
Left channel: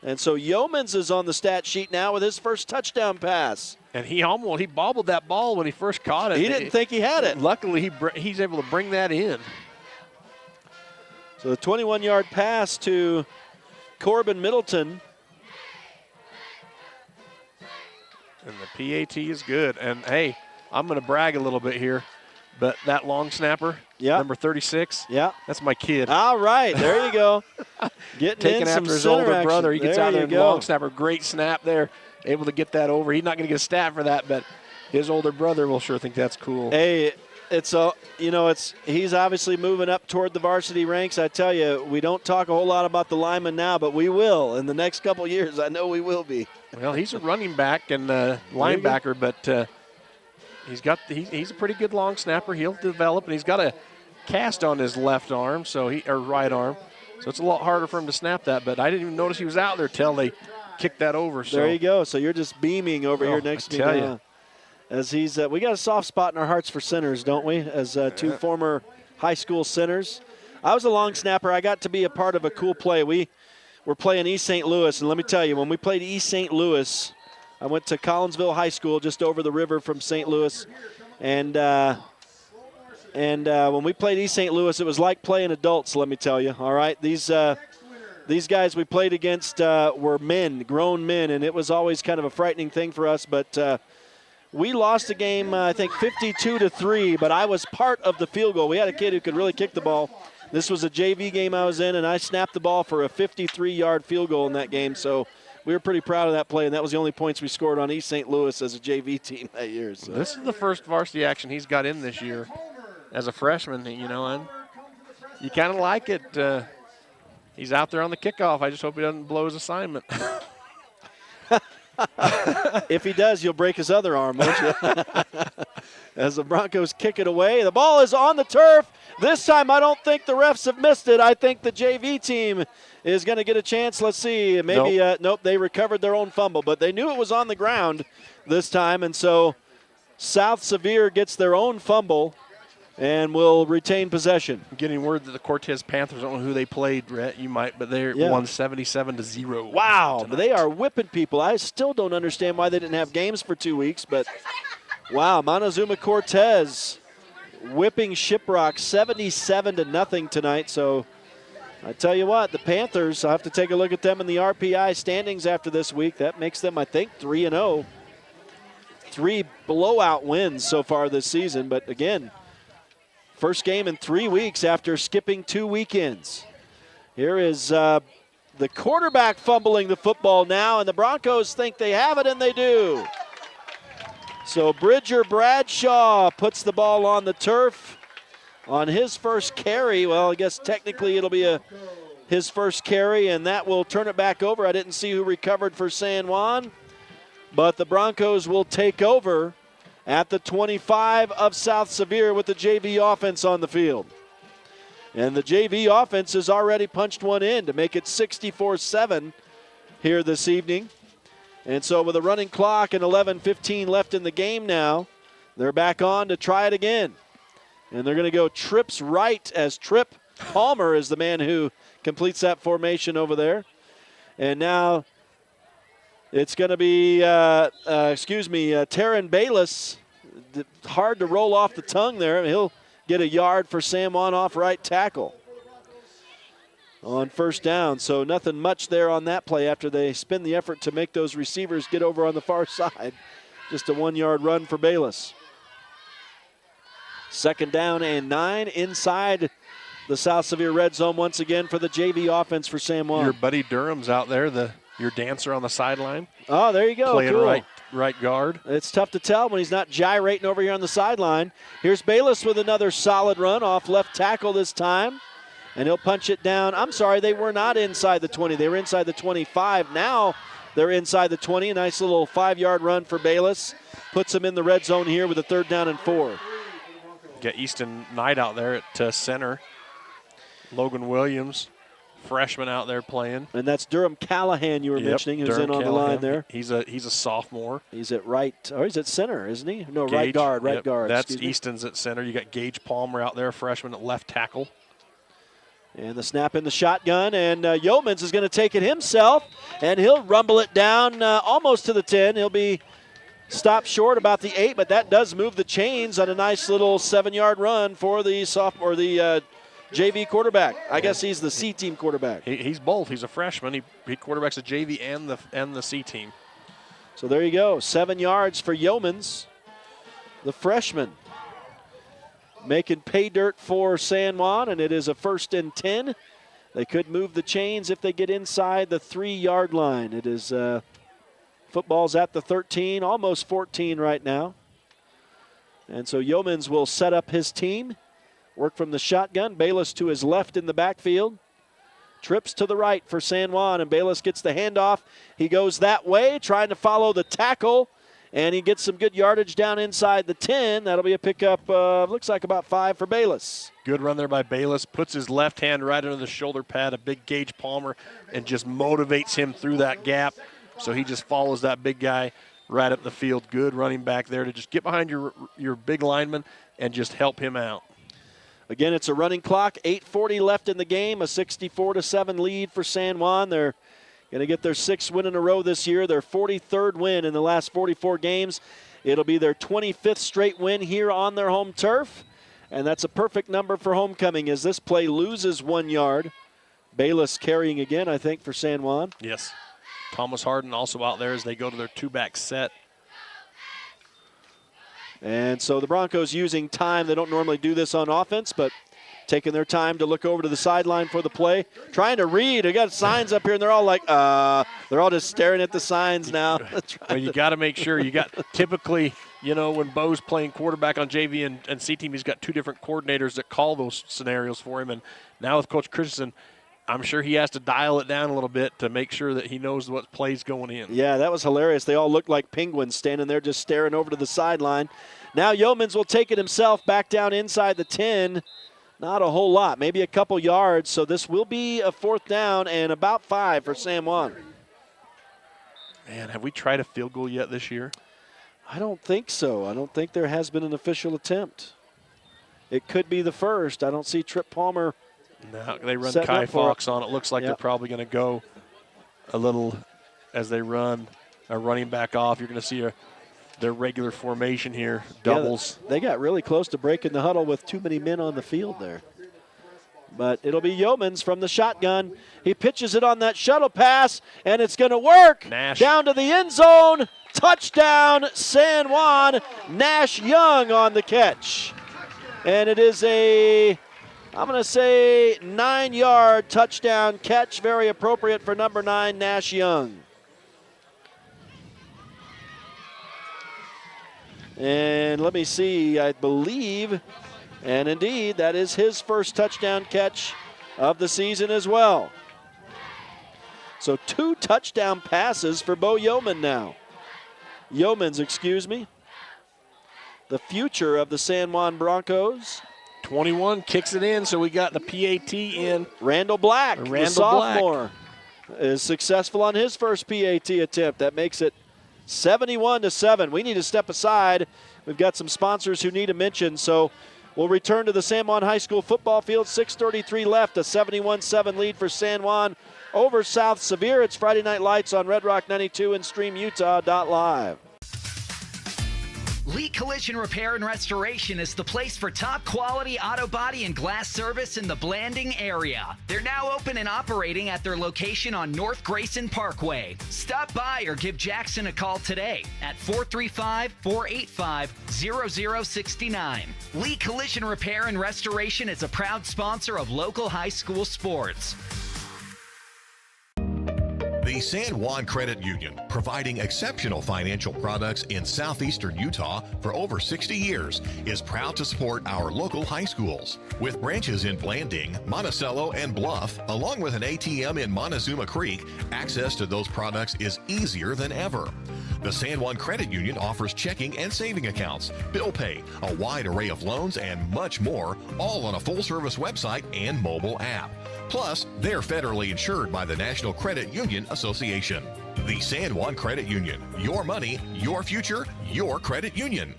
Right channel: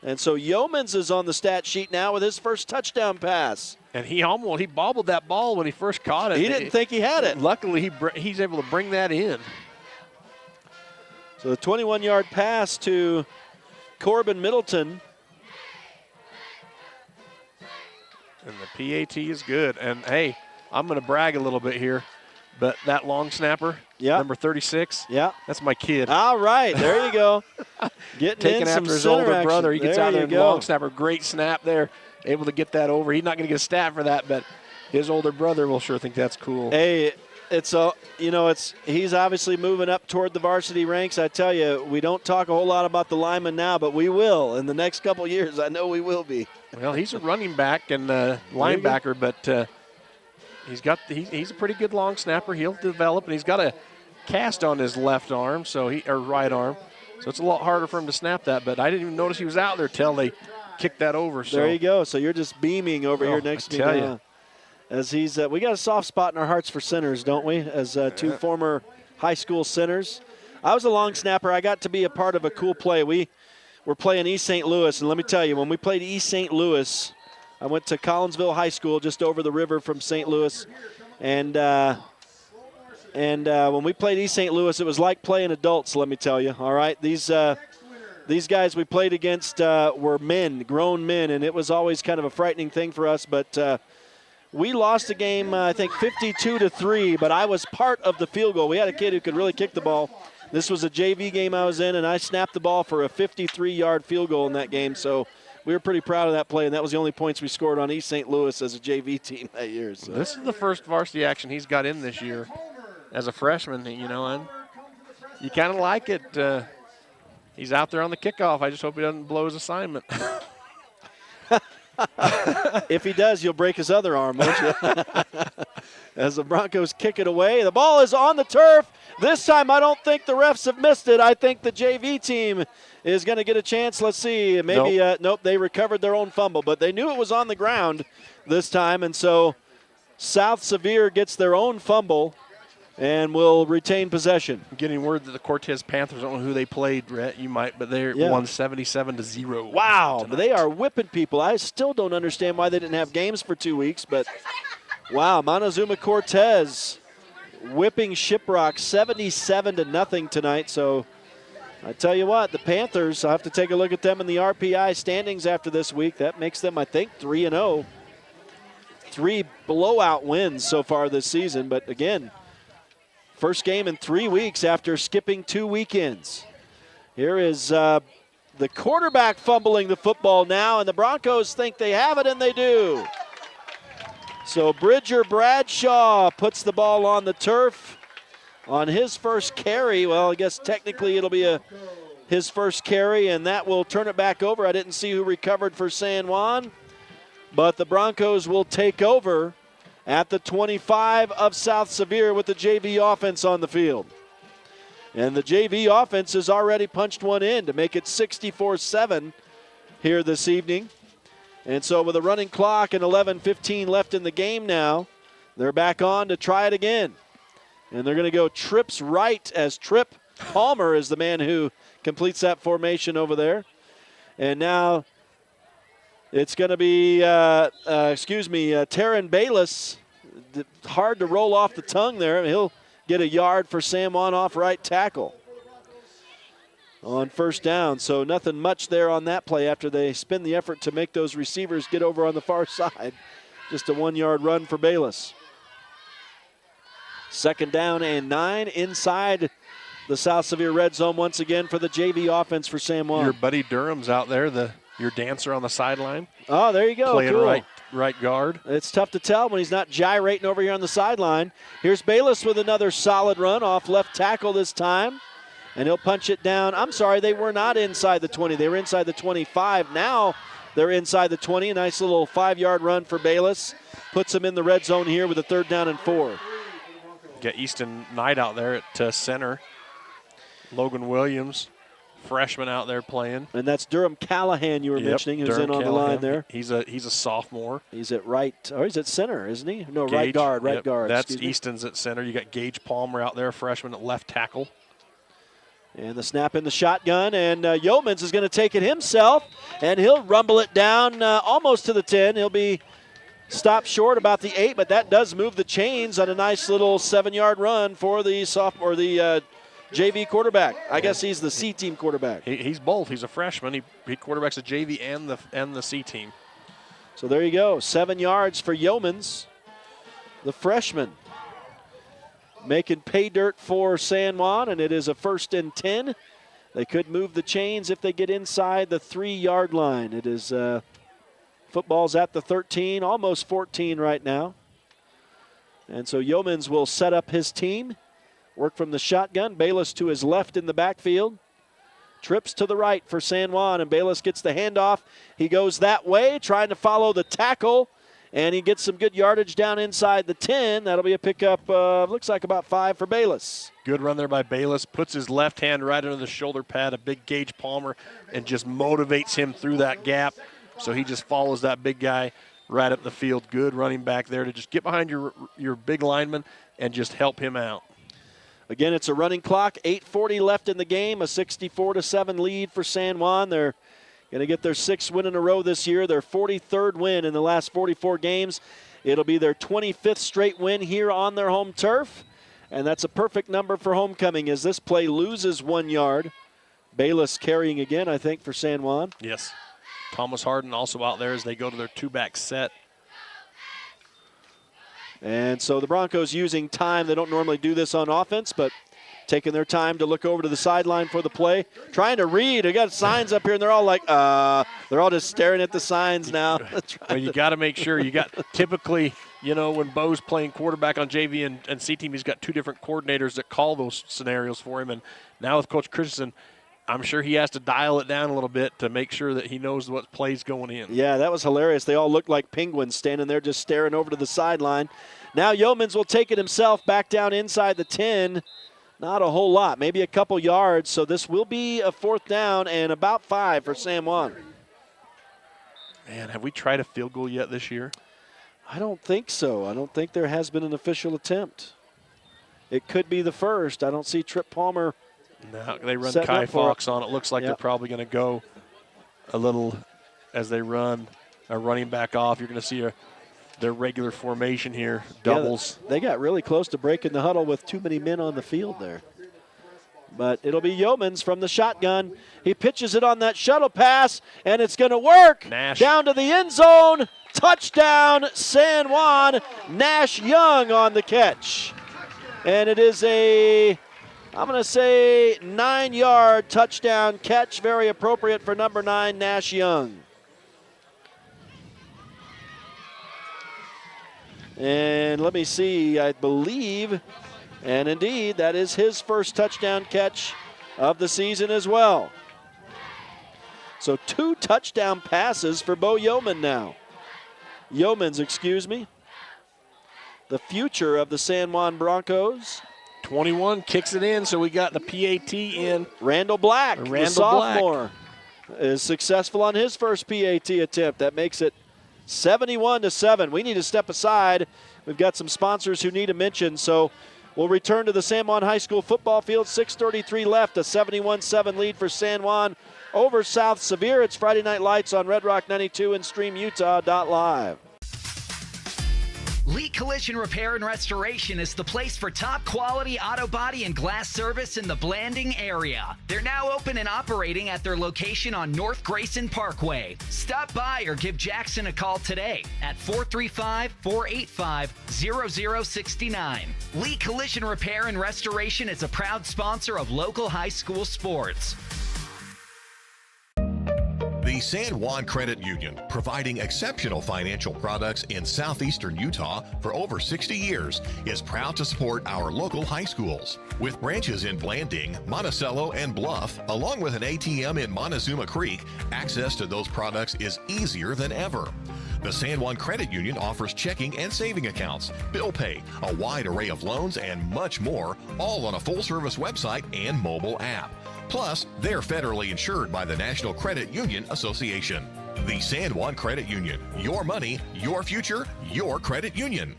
And so Yeomans is on the stat sheet now with his first touchdown pass. And he bobbled that ball when he first caught it. He didn't think he had it. Luckily, he's able to bring that in. So the 21-yard pass to Corbin Middleton. And the PAT is good. And, hey, I'm going to brag a little bit here, but that long snapper, number 36, that's my kid. All right, there you go. Taking after his older brother. He gets out there and long snapper. Great snap there. Able to get that over. He's not going to get a stat for that, but his older brother will sure think that's cool. Hey, he's obviously moving up toward the varsity ranks. I tell you, we don't talk a whole lot about the linemen now, but we will in the next couple of years. I know we will be. Well, he's a running back and linebacker, but he's a pretty good long snapper. He'll develop, and he's got a cast on his left arm, or right arm, so it's a lot harder for him to snap that. But I didn't even notice he was out there till they kicked that over. So. There you go. So you're just beaming over here next to me now. You. As we got a soft spot in our hearts for centers, don't we? As two former high school centers. I was a long snapper. I got to be a part of a cool play. We were playing East St. Louis, and let me tell you, when we played East St. Louis, I went to Collinsville High School just over the river from St. Louis, and when we played East St. Louis, it was like playing adults, let me tell you, all right? These guys we played against were men, grown men, and it was always kind of a frightening thing for us, but we lost the game, I think, 52-3, but I was part of the field goal. We had a kid who could really kick the ball. This was a JV game I was in, and I snapped the ball for a 53-yard field goal in that game, so we were pretty proud of that play, and that was the only points we scored on East St. Louis as a JV team that year. So. This is the first varsity action he's got in this year as a freshman, and you kind of like it. He's out there on the kickoff. I just hope he doesn't blow his assignment. If he does, you'll break his other arm, won't you? as the Broncos kick it away. The ball is on the turf. This time I don't think the refs have missed it. I think the JV team is going to get a chance. Let's see. Maybe, nope, they recovered their own fumble, but they knew it was on the ground this time, and so South Sevier gets their own fumble and will retain possession. I'm getting word that the Cortez Panthers, I don't know who they played, Rhett, you might, but they won 77-0. Wow, they are whipping people. I still don't understand why they didn't have games for 2 weeks, but wow, Montezuma Cortez whipping Shiprock 77-0 tonight. So I tell you what, the Panthers, I'll have to take a look at them in the RPI standings after this week. That makes them, I think, 3-0. 3 blowout wins so far this season, but again, first game in 3 weeks after skipping 2 weekends. Here is the quarterback fumbling the football now, and the Broncos think they have it, and they do. So Bridger Bradshaw puts the ball on the turf on his first carry. Well, I guess technically it'll be his first carry, and that will turn it back over. I didn't see who recovered for San Juan, but the Broncos will take over at the 25 of South Sevier with the JV offense on the field. And the JV offense has already punched one in to make it 64-7 here this evening. And so with a running clock and 11:15 left in the game now, they're back on to try it again. And they're going to go trips right, as Trip Palmer is the man who completes that formation over there. And now it's going to be, Taryn Bayless. Hard to roll off the tongue there. He'll get a yard for San Juan off right tackle on first down. So nothing much there on that play after they spin the effort to make those receivers get over on the far side. Just a 1-yard run for Bayless. Second down and 9 inside the South Sevier red zone once again for the JV offense for San Juan. Your buddy Durham's out there, your dancer on the sideline. Oh, there you go. Playing cool. right guard. It's tough to tell when he's not gyrating over here on the sideline. Here's Bayless with another solid run off left tackle this time. And he'll punch it down. I'm sorry, they were not inside the 20. They were inside the 25. Now they're inside the 20. A nice little 5-yard run for Bayless. Puts them in the red zone here with a 3rd down and 4. Got Easton Knight out there at center. Logan Williams, freshman out there playing. And that's Durham Callahan you were mentioning, who's Durham in on Callahan. The line there. He's a sophomore. He's at right, or he's at center, isn't he? No, Gage, right guard. That's Easton's at center. You got Gage Palmer out there, freshman at left tackle. And the snap in the shotgun, and Yeomans is going to take it himself, and he'll rumble it down almost to the 10. He'll be stopped short about the 8, but that does move the chains on a nice little 7-yard run for the sophomore, the JV quarterback. I guess he's the C team quarterback. He's both. He's a freshman. He quarterbacks the JV and the C team. So there you go. 7 yards for Yeomans, the freshman. Making pay dirt for San Juan, and it is a 1st and 10. They could move the chains if they get inside the 3-yard line. It is football's at the 13, almost 14 right now. And so Yeomans will set up his team. Work from the shotgun. Bayless to his left in the backfield. Trips to the right for San Juan, and Bayless gets the handoff. He goes that way, trying to follow the tackle. And he gets some good yardage down inside the 10. That'll be a pickup, looks like about 5 for Bayless. Good run there by Bayless. Puts his left hand right under the shoulder pad, a big Gage Palmer, and just motivates him through that gap. So he just follows that big guy right up the field. Good running back there to just get behind your big lineman and just help him out. Again, it's a running clock. 8:40 left in the game. A 64-7 lead for San Juan. They're going to get their 6th win in a row this year, their 43rd win in the last 44 games. It'll be their 25th straight win here on their home turf, and that's a perfect number for homecoming as this play loses 1 yard. Bayless carrying again, I think, for San Juan. Yes. Thomas Harden also out there as they go to their 2-back set. And so the Broncos using time. They don't normally do this on offense, but taking their time to look over to the sideline for the play. Trying to read. They got signs up here, and they're all like, they're all just staring at the signs now. Well, you got to make sure. You got typically, when Bo's playing quarterback on JV and C team, he's got 2 different coordinators that call those scenarios for him. And now with Coach Christensen, I'm sure he has to dial it down a little bit to make sure that he knows what play's going in. Yeah, that was hilarious. They all looked like penguins standing there just staring over to the sideline. Now Yeomans will take it himself back down inside the 10. Not a whole lot, maybe a couple yards. So this will be a 4th down and about 5 for San Juan. Man, have we tried a field goal yet this year? I don't think so. I don't think there has been an official attempt. It could be the first. I don't see Trip Palmer. No, they run Kai Fox on. It looks like they're probably going to go a little as they run a running back off. You're going to see their regular formation here, doubles. Yeah, they got really close to breaking the huddle with too many men on the field there. But it'll be Yeomans from the shotgun. He pitches it on that shuttle pass, and it's going to work. Nash. Down to the end zone. Touchdown, San Juan. Nash Young on the catch. And it is I'm going to say 9-yard touchdown catch. Very appropriate for number 9, Nash Young. And let me see, I believe, and indeed, that is his first touchdown catch of the season as well. So 2 touchdown passes for Bo Yeomans, excuse me. The future of the San Juan Broncos. 21 kicks it in, so we got the PAT in. Randall Black, the sophomore, is successful on his first PAT attempt. That makes it 71-7. We need to step aside. We've got some sponsors who need a mention, so we'll return to the San Juan High School football field. 6:33 left, a 71-7 lead for San Juan over South Sevier. It's Friday Night Lights on Red Rock 92 and StreamUtah.Live. Lee Collision Repair and Restoration is the place for top quality auto body and glass service in the Blanding area. They're now open and operating at their location on North Grayson Parkway. Stop by or give Jackson a call today at 435-485-0069. Lee Collision Repair and Restoration is a proud sponsor of local high school sports. The San Juan Credit Union, providing exceptional financial products in southeastern Utah for over 60 years, is proud to support our local high schools. With branches in Blanding, Monticello, and Bluff, along with an ATM in Montezuma Creek, access to those products is easier than ever. The San Juan Credit Union offers checking and saving accounts, bill pay, a wide array of loans, and much more, all on a full-service website and mobile app. Plus, they're federally insured by the National Credit Union Association. The San Juan Credit Union. Your money, your future, your credit union.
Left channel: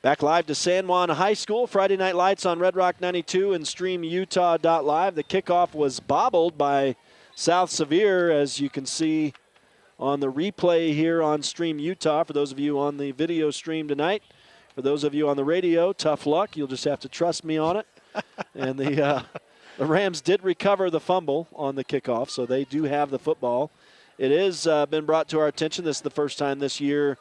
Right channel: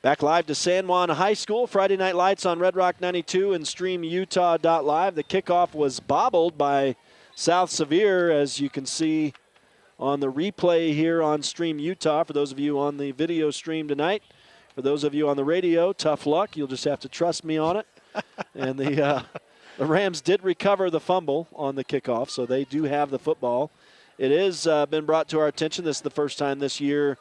Back live to San Juan High School. Friday Night Lights on Red Rock 92 and StreamUtah.Live. The kickoff was bobbled by South Sevier, as you can see on the replay here on Stream Utah. For those of you on the video stream tonight, for those of you on the radio, tough luck. You'll just have to trust me on it. And the Rams did recover the fumble on the kickoff, so they do have the football. It has been brought to our attention. This is the first time this year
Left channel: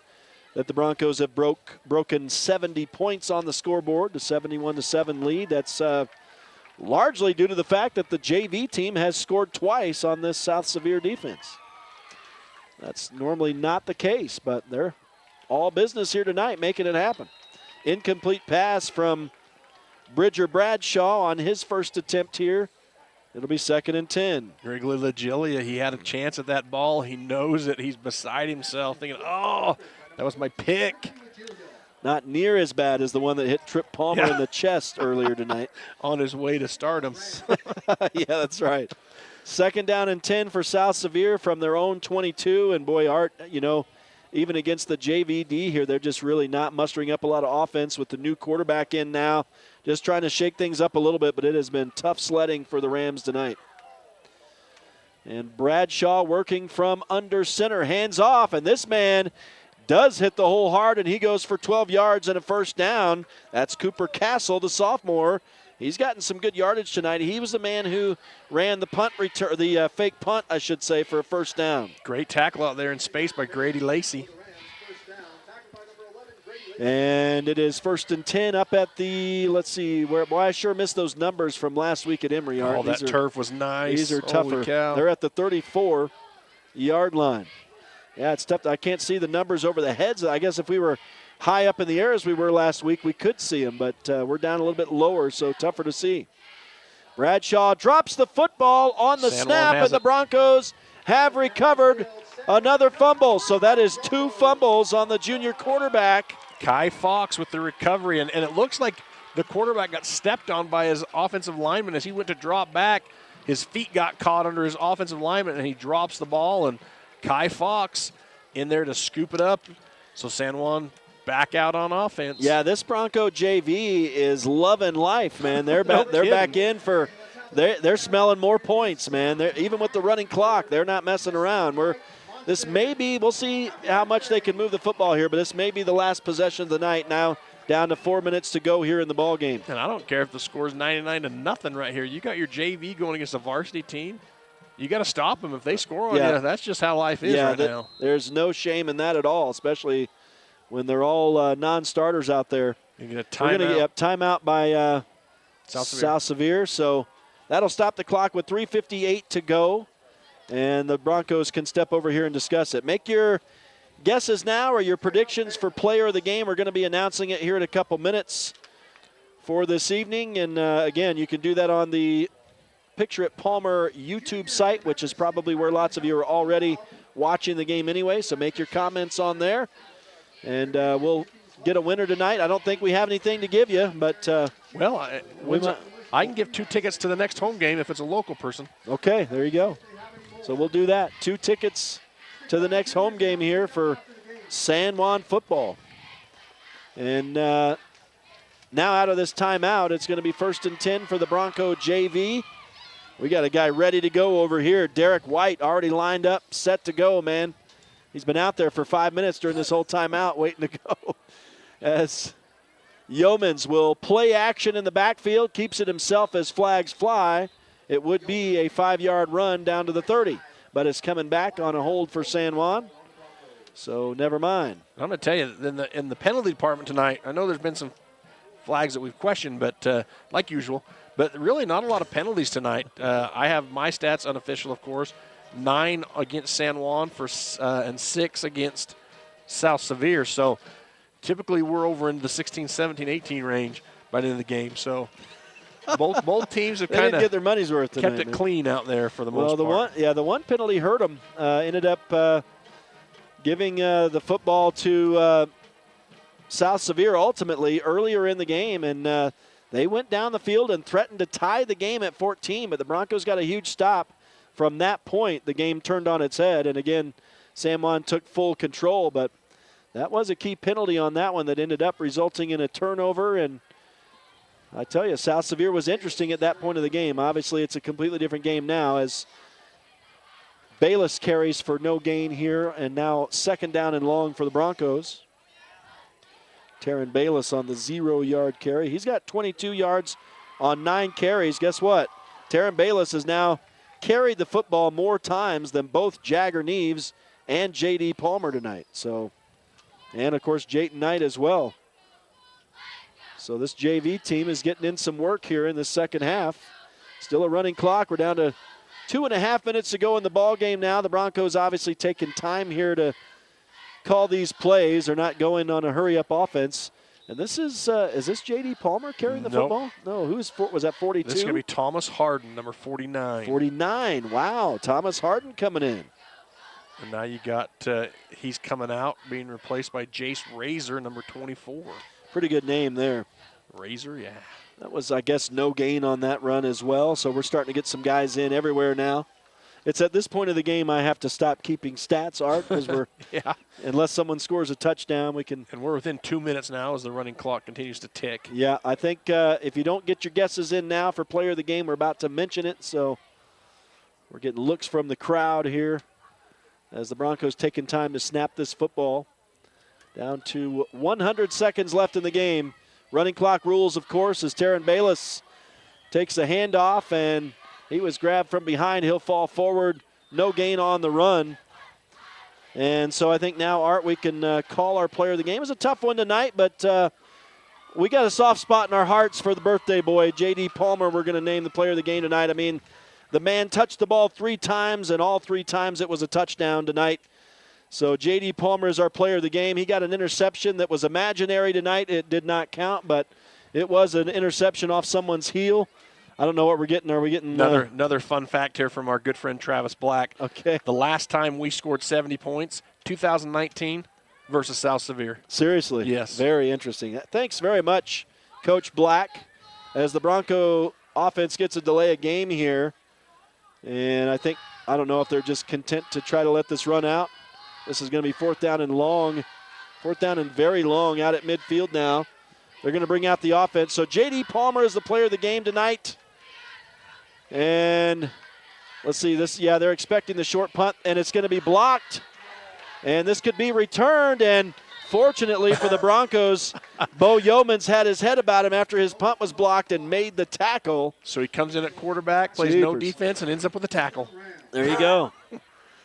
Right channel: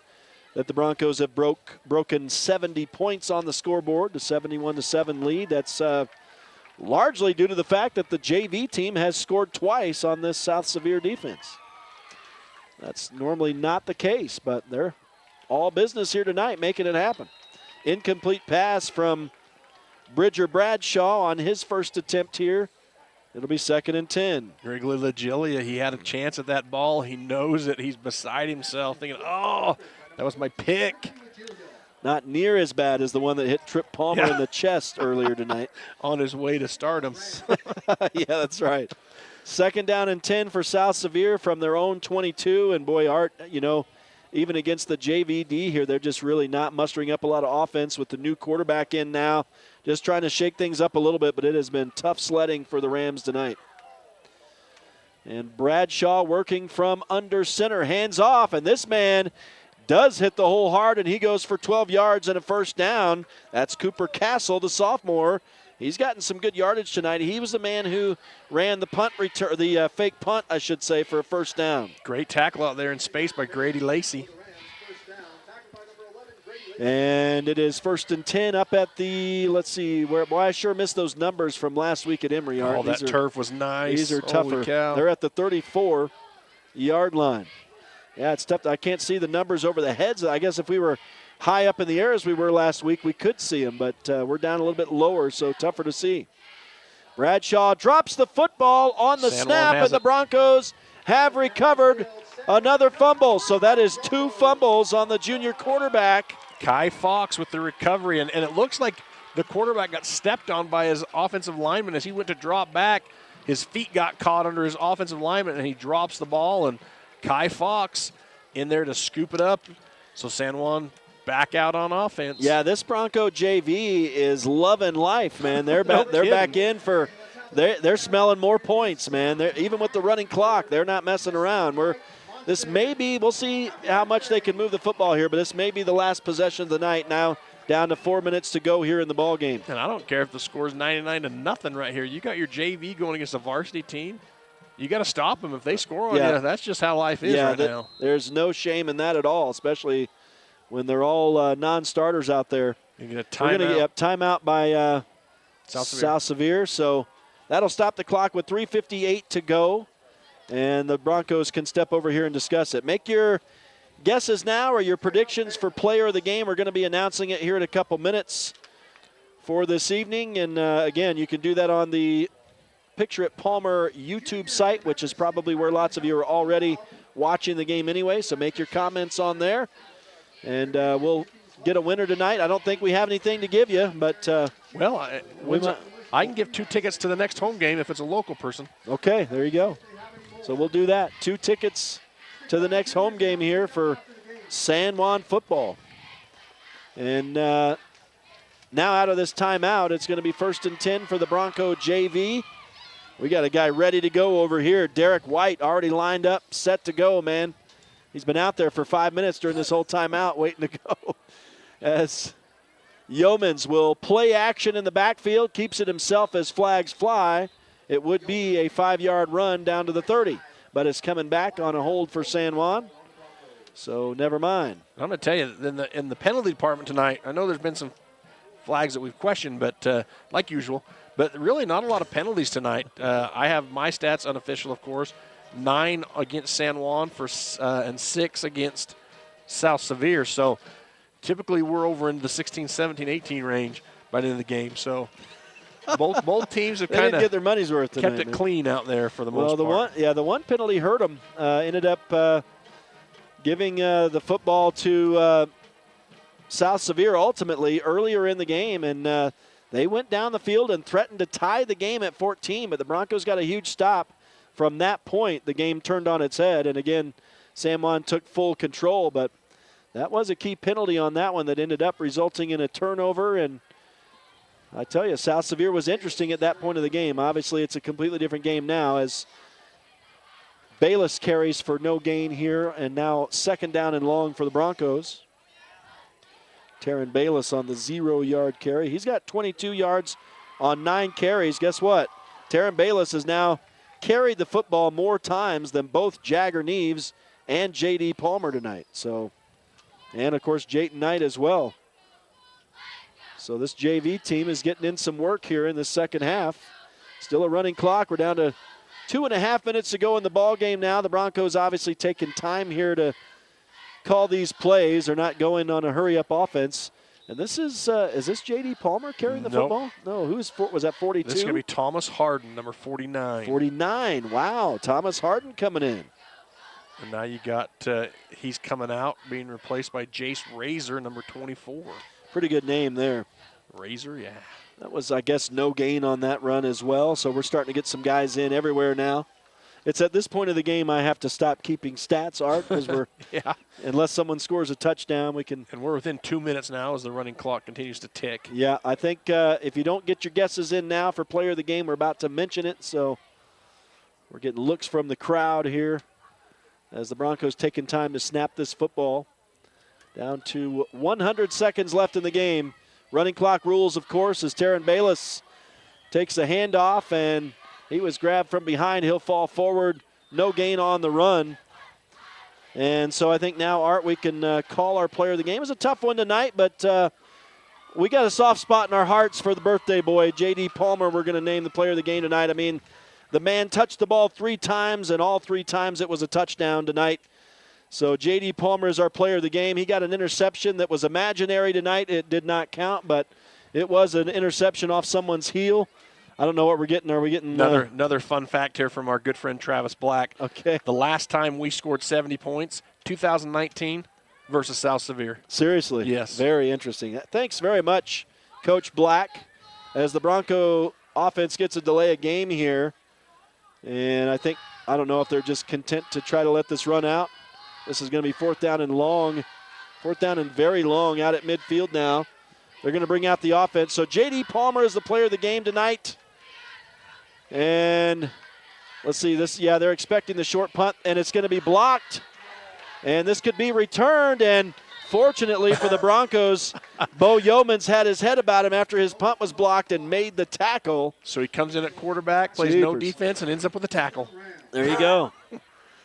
that the Broncos have broken 70 points on the scoreboard, the 71-7 lead. That's largely due to the fact that the JV team has scored twice on this South Sevier defense. That's normally not the case, but they're all business here tonight, making it happen. Incomplete pass from Bridger Bradshaw on his first attempt here. It'll be 2nd and 10. Wrigley Legilia, he had a chance at that ball. He knows it. He's beside himself thinking, oh, that was my pick. Not near as bad as the one that hit Trip Palmer in the chest earlier tonight. On his way to stardom. Yeah, that's right. 2nd down and 10 for South Sevier from their own 22. And boy, Art, you know, even against the JVD here, they're just really not mustering up a lot of offense with the new quarterback in now. Just trying to shake things up a little bit, but it has been tough sledding for the Rams tonight. And Bradshaw working from under center, hands off, and this man does hit the hole hard, and he goes for 12 yards and a first down. That's Cooper Castle, the sophomore. He's gotten some good yardage tonight. He was the man who ran the punt return, the fake punt, I should say, for a first down. Great tackle out there in space by Grady Lacey. And it is 1st and 10 up at the, let's see, boy, I sure missed those numbers from last week at Emory. Oh, that turf was nice. These are tougher. They're at the 34-yard line. Yeah, it's tough. I can't see the numbers over the heads. I guess if we were high up in the air as we were last week, we could see them, but we're down a little bit lower, so tougher to see. Bradshaw drops the football on the snap, and the Broncos have recovered another fumble. So that is 2 fumbles on the junior quarterback. Kai Fox with the recovery, and it looks like the quarterback got stepped on by his offensive lineman as he went to drop back. His feet got caught under his offensive lineman, and he drops the ball, and Kai Fox in there to scoop it up. So San Juan back out on offense. Yeah, this Bronco JV is loving life, man. They're back in for they're smelling more points, man. Even with the running clock, they're not messing around. This may be, we'll see how much they can move the football here, but this may be the last possession of the night now. Down to 4 minutes to go here in the ball game. And I don't care if the score's 99-0 right here. You got your JV going against a varsity team. You got to stop them if they score on you. That's just how life is right now. There's no shame in that at all, especially when they're all non-starters out there. You're going to We're going to get timeout by South Sevier. So that'll stop the clock with 3:58 to go. And the Broncos can step over here and discuss it. Make your guesses now or your predictions for player of the game. We're going to be announcing it here in a couple minutes for this evening. And, again, you can do that on the Picture It Palmer YouTube site, which is probably where lots of you are already watching the game anyway. So make your comments on there. And we'll get a winner tonight. I don't think we have anything to give you, but I can give 2 tickets to the next home game if it's a local person. Okay, there you go. So we'll do that. 2 tickets to the next home game here for San Juan football. And now out of this timeout, it's going to be 1st and 10 for the Bronco JV. We got a guy ready to go over here. Derek White already lined up, set to go, man. He's been out there for 5 minutes during this whole timeout waiting to go. As Yeomans will play action in the backfield, keeps it himself as flags fly. It would be a 5-yard run down to the 30. But it's coming back on a hold for San Juan. So never mind. I'm going to tell you, in the penalty department tonight, I know there's been some flags that we've questioned, but like usual, but really not a lot of penalties tonight. I have my stats unofficial, of course, 9 against San Juan and 6 against South Sevier. So typically we're over in the 16, 17, 18 range by the end of the game. So both teams have kind of get their money's worth tonight, kept it clean out there for the most part. The one penalty hurt them. Ended up giving the football to South Sevier ultimately earlier in the game, and they went down the field and threatened to tie the game at 14, but the Broncos got a huge stop. From that point, the game turned on its head, and again, San Juan took full control, but that was a key penalty on that one that ended up resulting in a turnover, and I tell you, South Sevier was interesting at that point of the game. Obviously, it's a completely different game now as Bayless carries for no gain here, and now 2nd down and long for the Broncos. Taryn Bayless on the 0-yard carry. He's got 22 yards on 9 carries. Guess what? Taryn Bayless has now carried the football more times than both Jagger Neves and J.D. Palmer tonight. So, and, of course, Jayton Knight as well. So this JV team is getting in some work here in the second half. Still a running clock. We're down to 2.5 minutes to go in the ball game now. The Broncos obviously taking time here to call these plays. They're not going on a hurry-up offense. And this is this J.D. Palmer carrying the football? No, was that 42? This is going to be Thomas Harden, number 49. 49, wow. Thomas Harden coming in. And now you got, he's coming out, being replaced by Jace Razor, number 24. Pretty good name there. Razor, yeah. That was, I guess, no gain on that run as well. So we're starting to get some guys in everywhere now. It's at this point of the game I have to stop keeping stats, Art, because we're unless someone scores a touchdown, we can. And we're within 2 minutes now as the running clock continues to tick. Yeah, I think if you don't get your guesses in now for player of the game, we're about to mention it. So we're getting looks from the crowd here as the Broncos taking time to snap this football. Down to 100 seconds left in the game. Running clock rules, of course, as Taryn Bayless takes a handoff, and he was grabbed from behind. He'll fall forward. No gain on the run. And so I think now, Art, we can call our player of the game. It was a tough one tonight, but we got a soft spot in our hearts for the birthday boy, J.D. Palmer. We're going to name the player of the game tonight. I mean, the man touched the ball 3 times, and all 3 times it was a touchdown tonight. So J.D. Palmer is our player of the game. He got an interception that was imaginary tonight. It did not count, but it was an interception off someone's heel. I don't know what we're getting. Are we getting another fun fact here from our good friend Travis Black? Okay. The last time we scored 70 points, 2019 versus South Sevier. Seriously? Yes. Very interesting. Thanks very much, Coach Black. As the Bronco offense gets a delay of game here, and I don't know if they're just content to try to let this run out. This is going to be 4th down and very long out at midfield now. They're going to bring out the offense. So J.D. Palmer is the player of the game tonight. And let's see this. Yeah, they're expecting the short punt, and it's going to be blocked. And this could be returned. And fortunately for the Broncos, Bo Yeomans had his head about him after his punt was blocked and made the tackle. So he comes in at quarterback, plays no defense, and ends up with a tackle. There you go.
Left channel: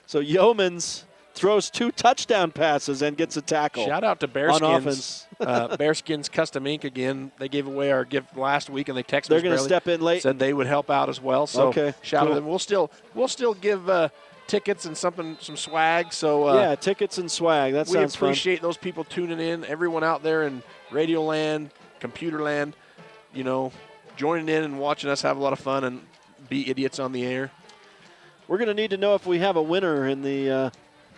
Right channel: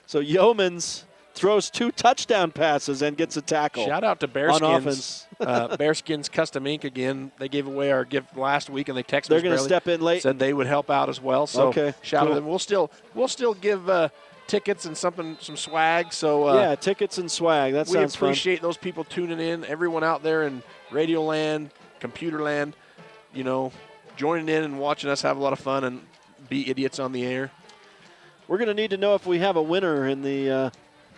So Yeomans throws 2 touchdown passes and gets a tackle. Shout out to Bearskins. Bearskins Custom Ink again. They gave away our gift last week, and they texted us. They're going to step in late. Said they would help out as well. So shout out to them. We'll still give tickets and some swag. So yeah, tickets and swag. That sounds fun. We appreciate those people tuning in. Everyone out there in Radio Land, Computer Land, joining in and watching us have a lot of fun and be idiots on the air. We're going to need to know if we have a winner in the.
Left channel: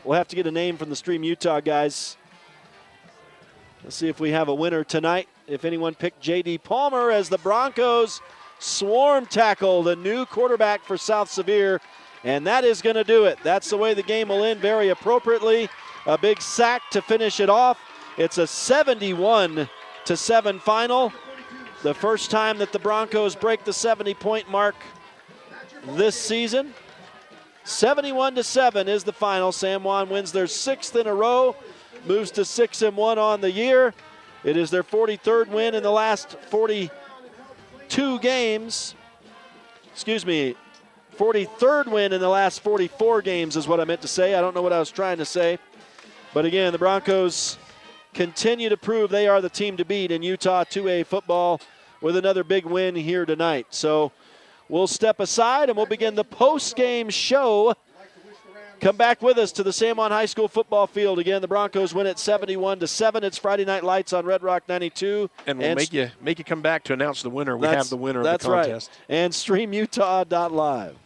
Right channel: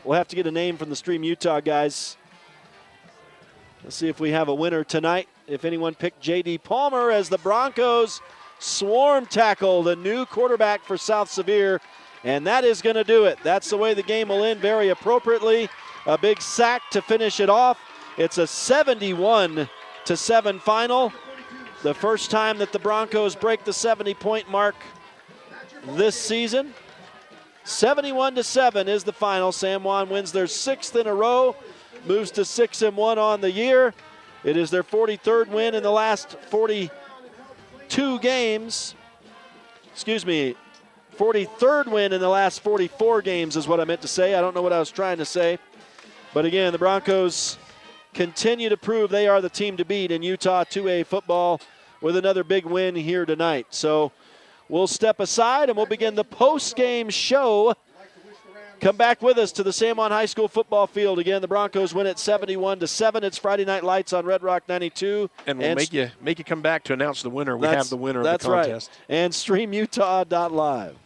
We'll have to get a name from the Stream Utah guys. Let's see if we have a winner tonight. If anyone picked J.D. Palmer as the Broncos swarm tackle the new quarterback for South Sevier. And that is going to do it. That's the way the game will end very appropriately. A big sack to finish it off. It's a 71-7 final. The first time that the Broncos break the 70-point mark this season. 71-7 is the final. San Juan wins their 6th in a row, moves to 6-1 on the year. It is their 43rd win in the last 42 games. 43rd win in the last 44 games is what I meant to say. I don't know what I was trying to say. But again, the Broncos continue to prove they are the team to beat in Utah 2A football with another big win here tonight. So we'll step aside and we'll begin the post-game show. Come back with us to the San Juan High School football field. Again, the Broncos win it 71-7. It's Friday Night Lights on Red Rock 92. And we'll make you come back to announce the winner. We have the winner of the contest. That's right. And StreamUtah.Live.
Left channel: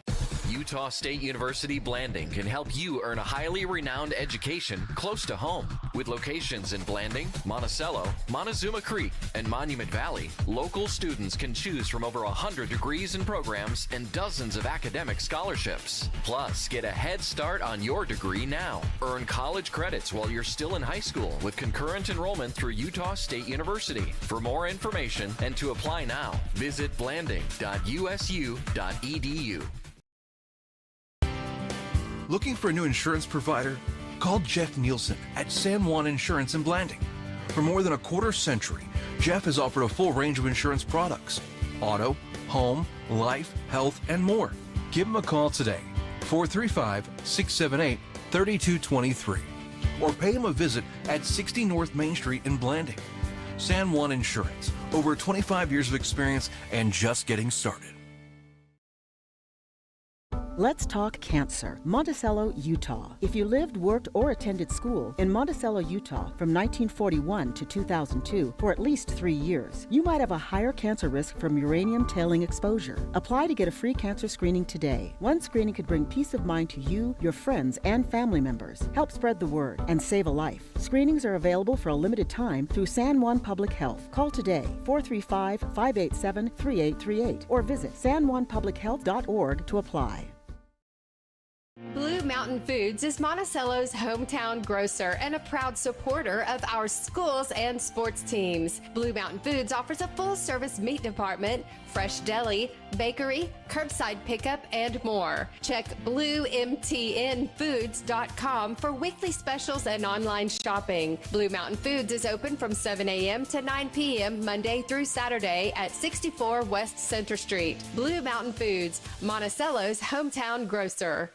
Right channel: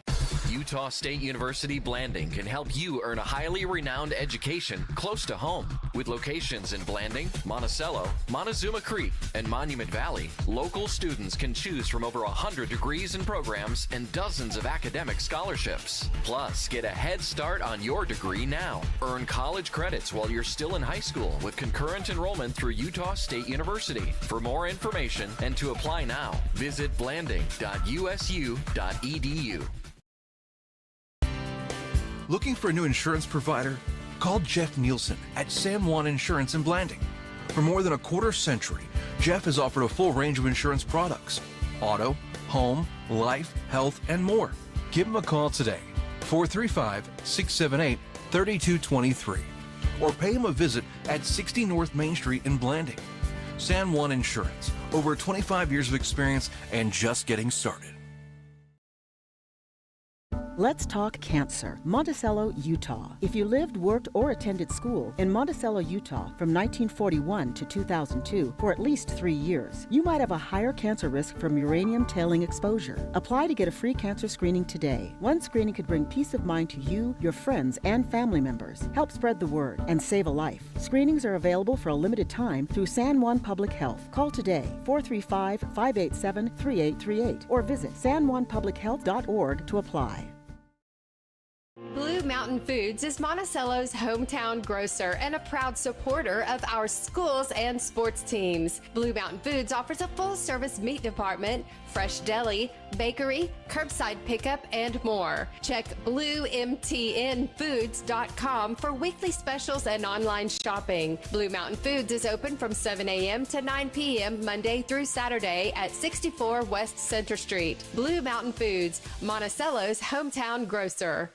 Utah State University Blanding can help you earn a highly renowned education close to home. With locations in Blanding, Monticello, Montezuma Creek, and Monument Valley, local students can choose from over 100 degrees and programs and dozens of academic scholarships. Plus, get a head start on your degree now. Earn college credits while you're still in high school with concurrent enrollment through Utah State University. For more information and to apply now, visit blanding.usu.edu. Looking for a new insurance provider? Call Jeff Nielsen at San Juan Insurance in Blanding. For more than a quarter century, Jeff has offered a full range of insurance products: auto, home, life, health, and more. Give him a call today, 435-678-3223. Or pay him a visit at 60 North Main Street in Blanding. San Juan Insurance, over 25 years of experience and just getting started. Let's talk cancer. Monticello, Utah. If you lived, worked, or attended school in Monticello, Utah from 1941 to 2002 for at least 3 years, you might have a higher cancer risk from uranium tailing exposure. Apply to get a free cancer screening today. One screening could bring peace of mind to you, your friends, and family members, help spread the word, and save a life. Screenings are available for a limited time through San Juan Public Health. Call today, 435-587-3838, or visit sanjuanpublichealth.org to apply. Blue Mountain Foods is Monticello's hometown grocer and a proud supporter of our schools and sports teams. Blue Mountain Foods offers a full-service meat department, fresh deli, bakery, curbside pickup, and more. Check BlueMTNFoods.com for weekly specials and online shopping. Blue Mountain Foods is open from 7 a.m. to 9 p.m. Monday through Saturday at 64 West Center Street. Blue Mountain Foods, Monticello's hometown grocer.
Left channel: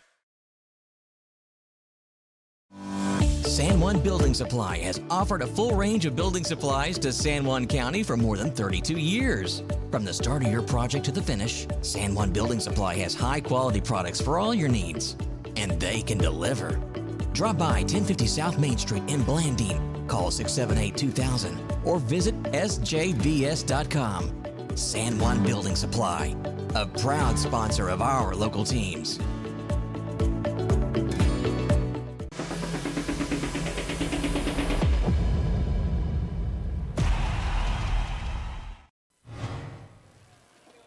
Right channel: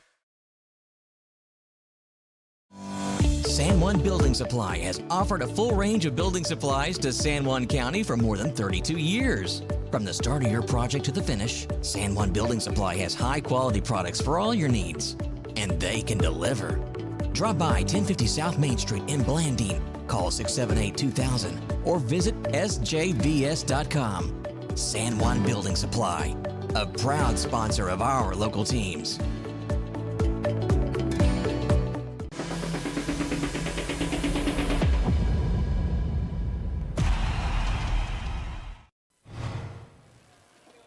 San Juan Building Supply has offered a full range of building supplies to San Juan County for more than 32 years. From the start of your project to the finish, San Juan Building Supply has high-quality products for all your needs, and they can deliver. Drop by 1050 South Main Street in Blanding, call 678-2000, or visit sjvs.com. San Juan Building Supply, a proud sponsor of our local teams.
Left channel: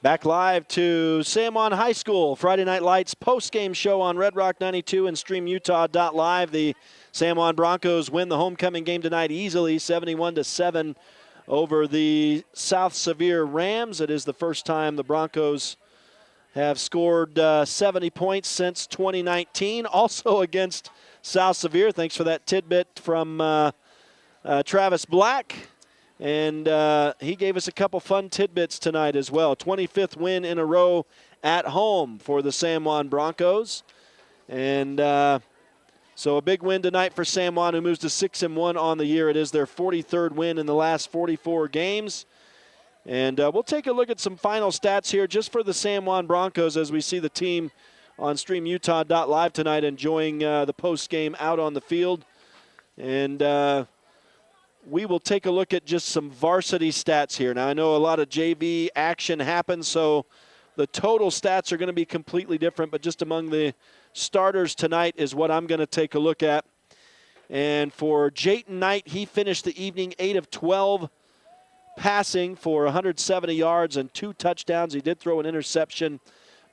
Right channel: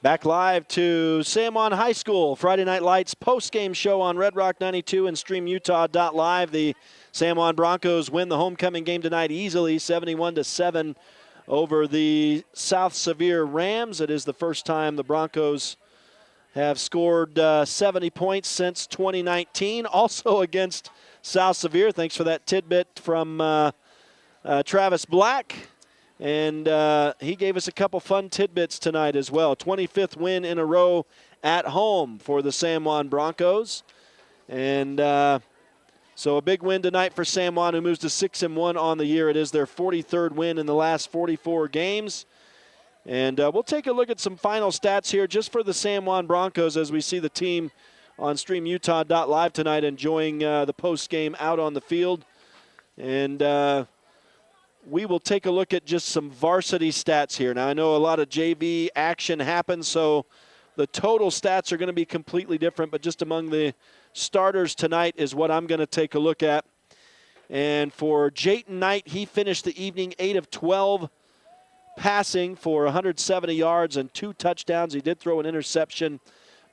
Back live to San Juan High School, Friday Night Lights post-game show on Red Rock 92 and StreamUtah.Live. The San Juan Broncos win the homecoming game tonight easily, 71-7 over the South Sevier Rams. It is the first time the Broncos have scored 70 points since 2019. Also against South Sevier, thanks for that tidbit from Travis Black. And he gave us a couple fun tidbits tonight as well. 25th win in a row at home for the San Juan Broncos. And so a big win tonight for San Juan, who moves to 6-1 on the year. It is their 43rd win in the last 44 games. And we'll take a look at some final stats here just for the San Juan Broncos as we see the team on StreamUtah.Live tonight enjoying the post game out on the field. And we will take a look at just some varsity stats here. Now, I know a lot of JV action happens, so the total stats are going to be completely different, but just among the starters tonight is what I'm going to take a look at. And for Jayton Knight, he finished the evening 8 of 12 passing for 170 yards and 2 touchdowns. He did throw an interception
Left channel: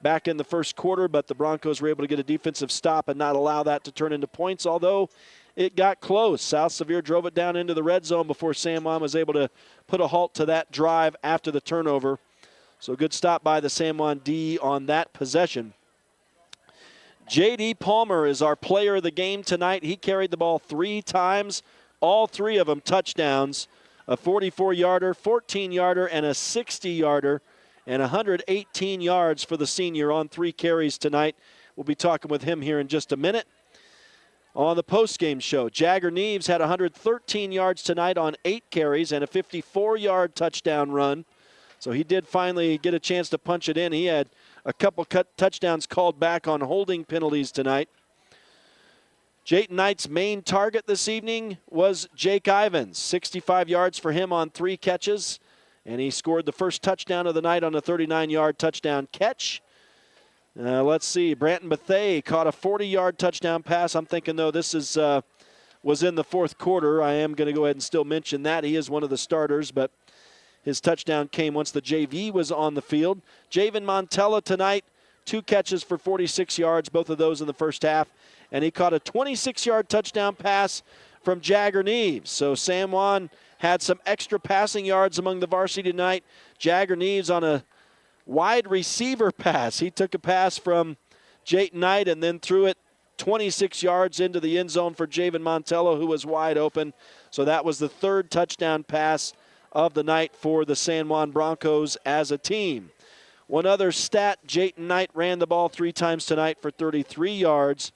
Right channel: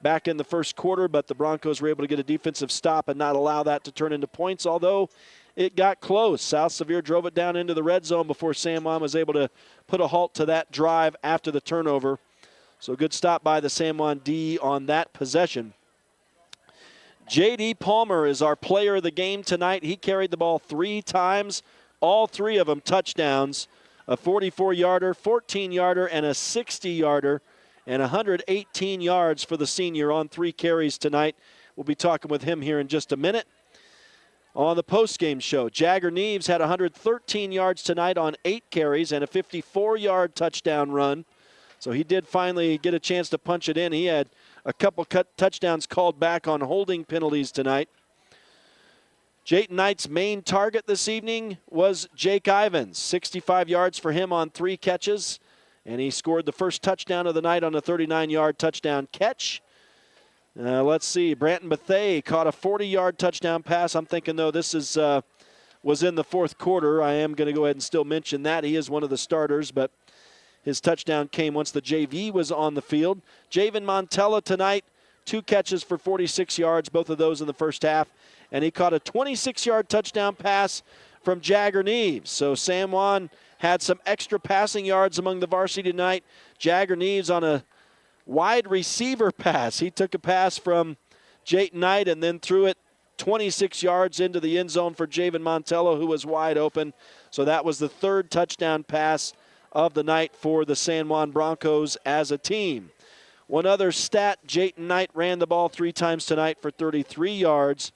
back in the first quarter, but the Broncos were able to get a defensive stop and not allow that to turn into points, although it got close. South Sevier drove it down into the red zone before San Juan was able to put a halt to that drive after the turnover. So good stop by the San Juan D on that possession. J.D. Palmer is our player of the game tonight. He carried the ball 3 times, all 3 of them touchdowns, a 44-yarder, 14-yarder, and a 60-yarder, and 118 yards for the senior on 3 carries tonight. We'll be talking with him here in just a minute. On the postgame show, Jagger Neves had 113 yards tonight on 8 carries and a 54-yard touchdown run. So he did finally get a chance to punch it in. He had a couple touchdowns called back on holding penalties tonight. Jayton Knight's main target this evening was Jake Ivins. 65 yards for him on 3 catches. And he scored the first touchdown of the night on a 39-yard touchdown catch. Let's see. Branton Bethea caught a 40-yard touchdown pass. I'm thinking, though, this is was in the fourth quarter. I am going to go ahead and still mention that. He is one of the starters, but his touchdown came once the JV was on the field. Javen Montella tonight, 2 catches for 46 yards, both of those in the first half. And he caught a 26-yard touchdown pass from Jagger Neves. So San Juan had some extra passing yards among the varsity tonight. Jagger Neves on a wide receiver pass. He took a pass from Jayton Knight and then threw it 26 yards into the end zone for Javen Montello, who was wide open. So that was the 3rd touchdown pass of the night for the San Juan Broncos as a team. One other stat, Jayton Knight ran the ball 3 times tonight for 33 yards.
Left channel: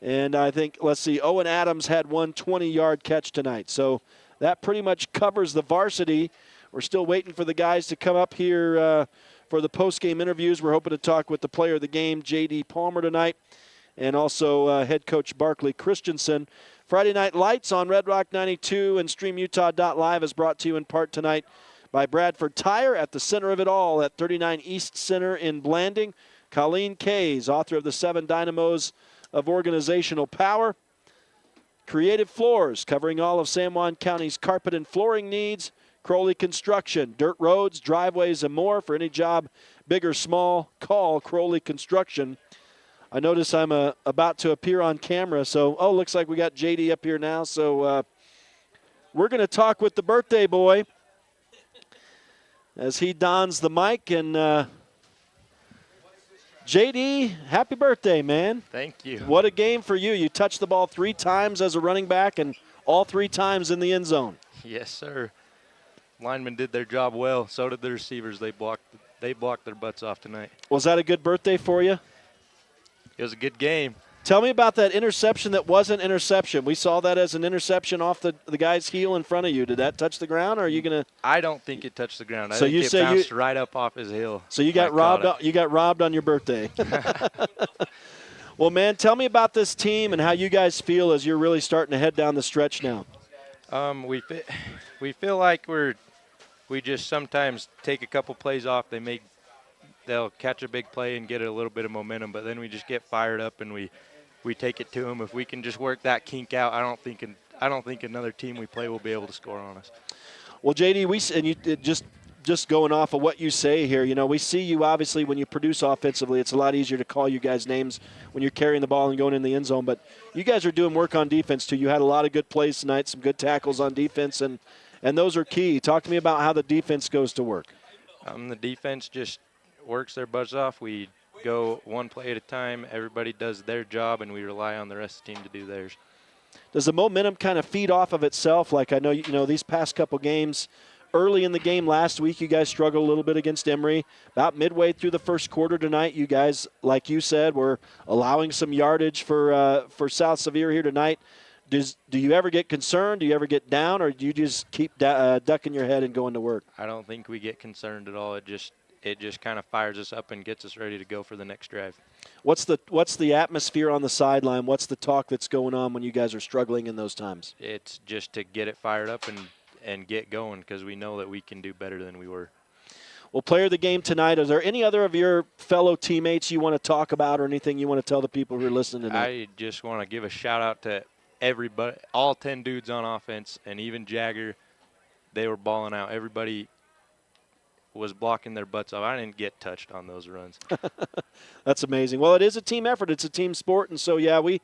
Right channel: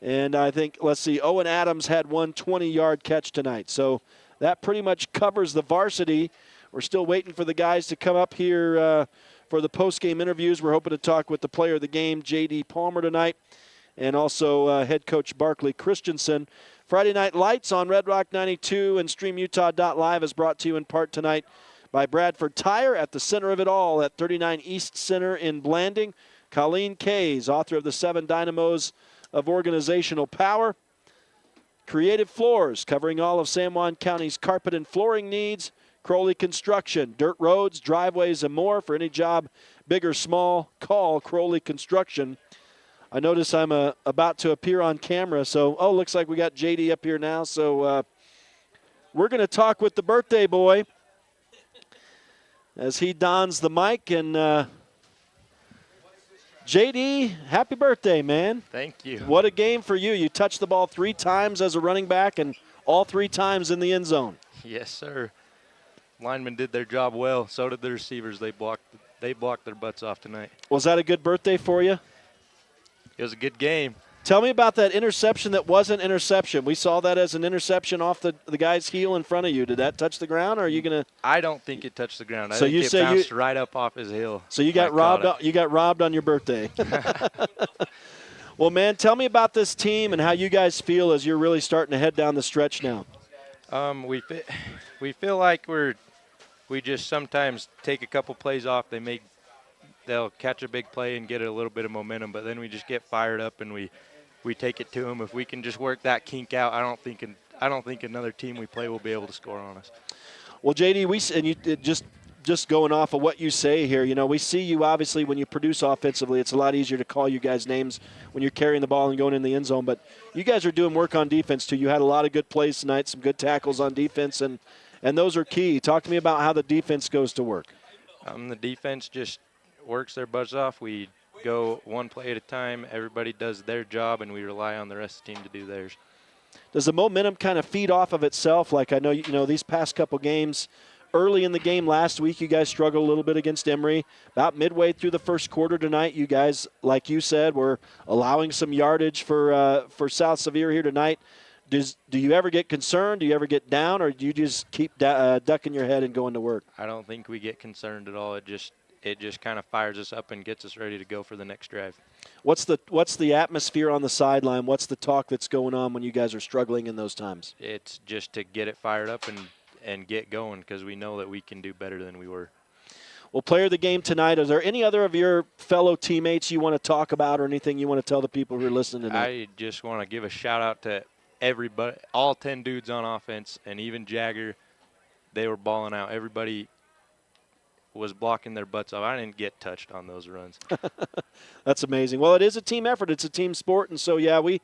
And I think, let's see, Owen Adams had one 20-yard catch tonight. So that pretty much covers the varsity. We're still waiting for the guys to come up here for the post-game interviews. We're hoping to talk with the player of the game, J.D. Palmer, tonight, and also head coach Barkley Christensen. Friday Night Lights on Red Rock 92 and StreamUtah.Live is brought to you in part tonight by Bradford Tire at the center of it all at 39 East Center in Blanding. Colleen Kays, author of the 7 Dynamos of Organizational Power. Creative Floors, covering all of San Juan County's carpet and flooring needs. Crowley Construction, dirt roads, driveways, and more. For any job, big or small, call Crowley Construction. I notice I'm about to appear on camera, so, looks like we got JD up here now. So we're going to talk with the birthday boy as he dons the mic. And JD, happy birthday, man. Thank you. What a game for you. You touched the ball 3 times as a running back and all 3 times in the end zone. Yes, sir. Linemen did their job well. So did the receivers. They blocked their butts off tonight. Was that a good birthday for you? It was a good game. Tell me about that interception that wasn't interception. We saw that as an interception off the guy's heel in front of you. Did that touch the ground, or are you going to? I don't think it touched the ground. So I think it bounced right up off his heel. So you got robbed. You got robbed on your birthday. Well, man, tell me about this team and how you guys feel as you're really starting to head down the stretch now. We feel like we just sometimes take a couple plays off. They make they'll catch a big play and get a little bit of momentum, but then we just get fired up and we take it to them. If we can just work that kink out, I don't think another team we play will be able to score on us. Well, JD, and you just going off of what you say here, you know, we see you obviously when you produce offensively, it's a lot easier to call you guys names when you're carrying the ball and going in the end zone. But you guys are doing work on defense too. You had a lot of good plays tonight, some good tackles on defense, and those are key. Talk to me about how the defense goes to work. The defense just works their butts off. We go one play at a time. Everybody does their job, and we rely on the rest of the team to do theirs. Does the momentum kind of feed off of itself? Like I know, you know, these past couple games, early in the game last week, you guys struggled a little bit against Emory. About midway through the first quarter tonight, you guys, like you said, were allowing some yardage for South Sevier here tonight. Do you ever get concerned? Do you ever get down, or do you just keep ducking your head and going to work? I don't think we get concerned at all. It just kind of fires us up and gets us ready to go for the next drive. What's the atmosphere on the sideline? What's the talk that's going on when you guys are struggling in those times? It's just to get it fired up and get going, because we know that we can do better than we were. Well, player of the game tonight, are there any other of your fellow teammates you want to talk about or anything you want to tell the people who are listening tonight? I just want to give a shout-out to everybody, all 10 dudes on offense, and even Jagger. They were balling out. Everybody was blocking their butts off. I didn't get touched on those runs. That's amazing. Well, it is a team effort. It's a team sport. And so, yeah, we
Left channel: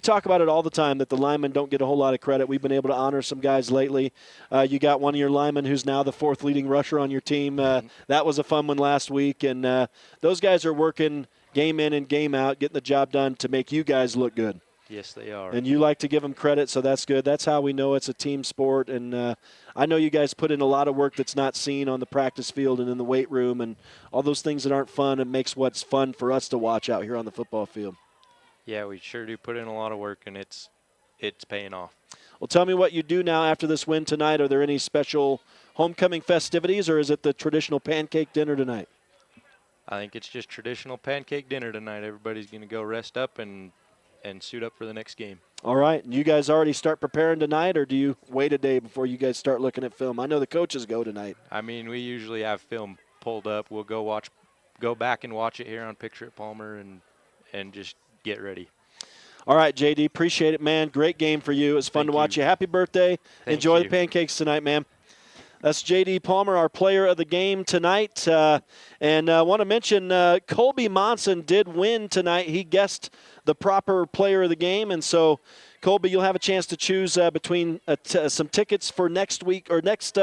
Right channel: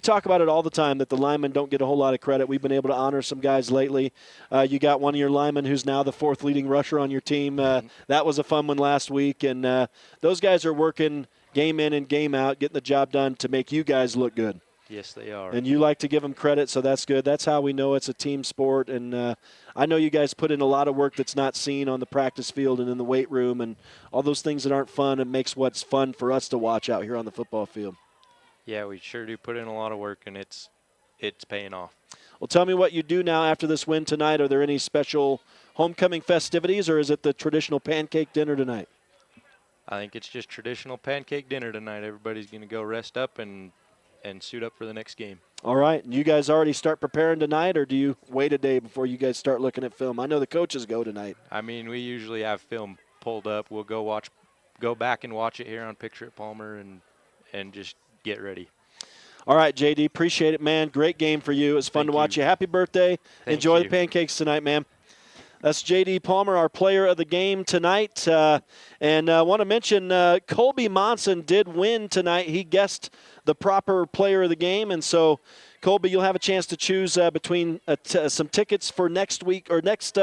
talk about it all the time that the linemen don't get a whole lot of credit. We've been able to honor some guys lately. You got one of your linemen who's now the fourth leading rusher on your team. That was a fun one last week. And those guys are working game in and game out, getting the job done to make you guys look good. Yes, they are. And you like to give them credit, so that's good. That's how we know it's a team sport. And I know you guys put in a lot of work that's not seen on the practice field and in the weight room and all those things that aren't fun. It makes what's fun for us to watch out here on the football field. Yeah, we sure do put in a lot of work, and it's paying off. Well, tell me what you do now after this win tonight. Are there any special homecoming festivities, or is it the traditional pancake dinner tonight? I think it's just traditional pancake dinner tonight. Everybody's going to go rest up and suit up for the next game. All right. And you guys already start preparing tonight, or do you wait a day before you guys start looking at film? I know the coaches go tonight. I mean, we usually have film pulled up. We'll go back and watch it here on Picture at Palmer and just get ready. All right, JD, appreciate it, man. Great game for you. It was fun to watch you. Happy birthday. Enjoy the pancakes tonight, man. That's J.D. Palmer, our player of the game tonight. And I want to mention Colby Monson did win tonight. He guessed the proper player of the game. And so, Colby, you'll have a chance to choose between some tickets for next week or next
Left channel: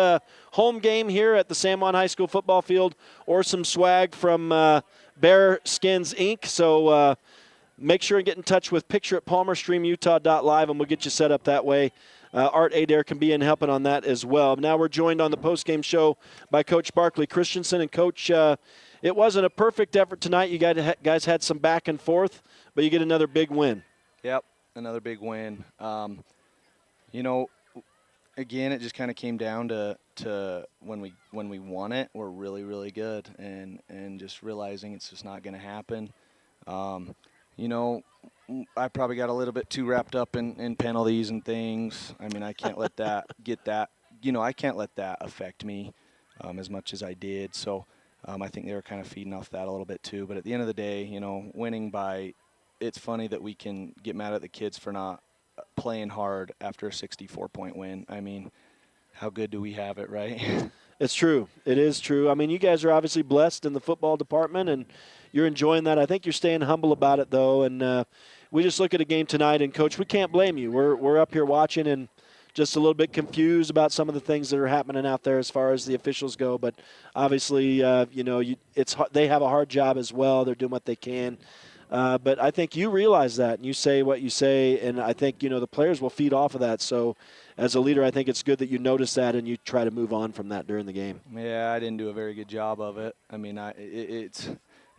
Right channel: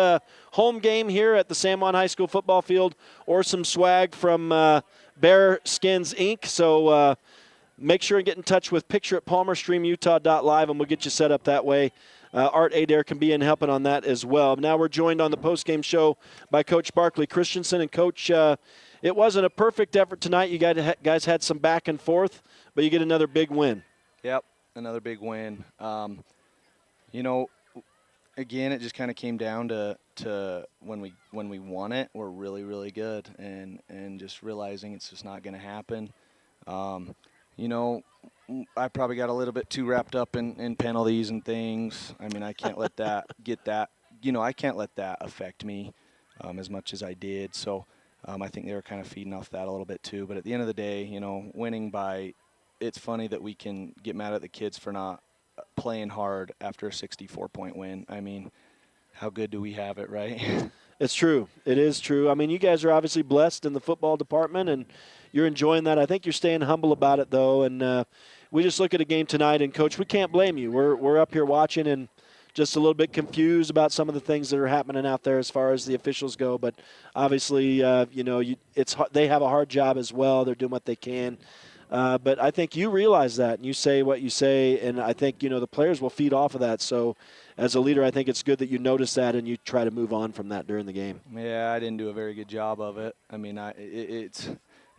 home game here at the San Juan High School football field, or some swag from Bear Skins Inc. So make sure and get in touch with Picture at Palmer, StreamUtah.Live, and we'll get you set up that way. Art Adair can be in helping on that as well. Now we're joined on the postgame show by Coach Barkley Christensen. And, Coach, it wasn't a perfect effort tonight. You guys had some back and forth, but you get another big win. Yep, another big win. You know, again, it just kind of came down to when we won it, we're really, really good. And just realizing it's just not going to happen. You know, I probably got a little bit too wrapped up in penalties and things. I mean, I can't let that I can't let that affect me as much as I did. So I think they were kind of feeding off that a little bit too. But at the end of the day, you know, winning by, it's funny that we can get mad at the kids for not playing hard after a 64-point win. I mean, how good do we have it, right? It's true. It is true. I mean, you guys are obviously blessed in the football department, and you're enjoying that. I think you're staying humble about it, though. And we just look at a game tonight, and, Coach, we can't blame you. We're up here watching and just a little bit confused about some of the things that are happening out there as far as the officials go. But obviously, you know, they have a hard job as well. They're doing what they can. But I think you realize that, and you say what you say, and I think, you know, the players will feed off of that. So as a leader, I think it's good that you notice that and you try to move on from that during the game. Yeah, I didn't do a very good job of it. I mean, it's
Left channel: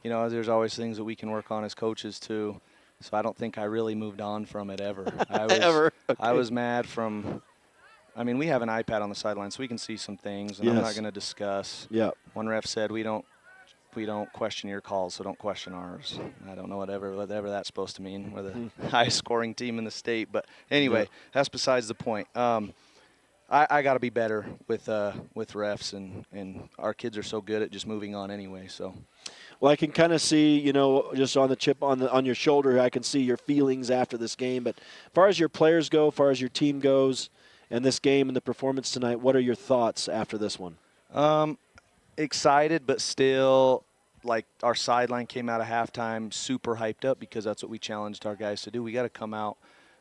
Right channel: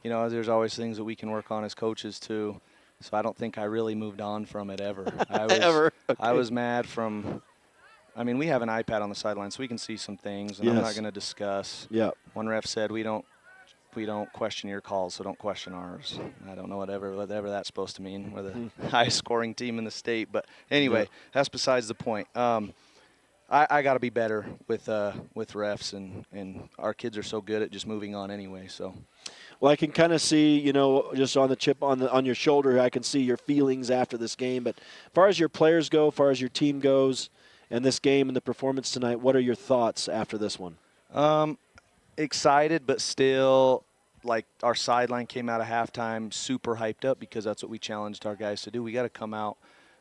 you know, there's always things that we can work on as coaches too. So I don't think I really moved on from it ever. I was mad from – I mean, we have an iPad on the sideline, so we can see some things, and I'm not going to discuss. Yeah. One ref said, we don't question your calls, so don't question ours. I don't know whatever that's supposed to mean. We're the highest scoring team in the state. But anyway, that's besides the point. I got to be better with refs, and our kids are so good at just moving on anyway. So, Well, I can kind of see, just on the chip on your shoulder, I can see your feelings after this game. But as far as your players go, as far as your team goes, and this game and the performance tonight, what are your thoughts after this one? Excited, but still, like, our sideline came out of halftime super hyped up because that's what we challenged our guys to do. We got to come out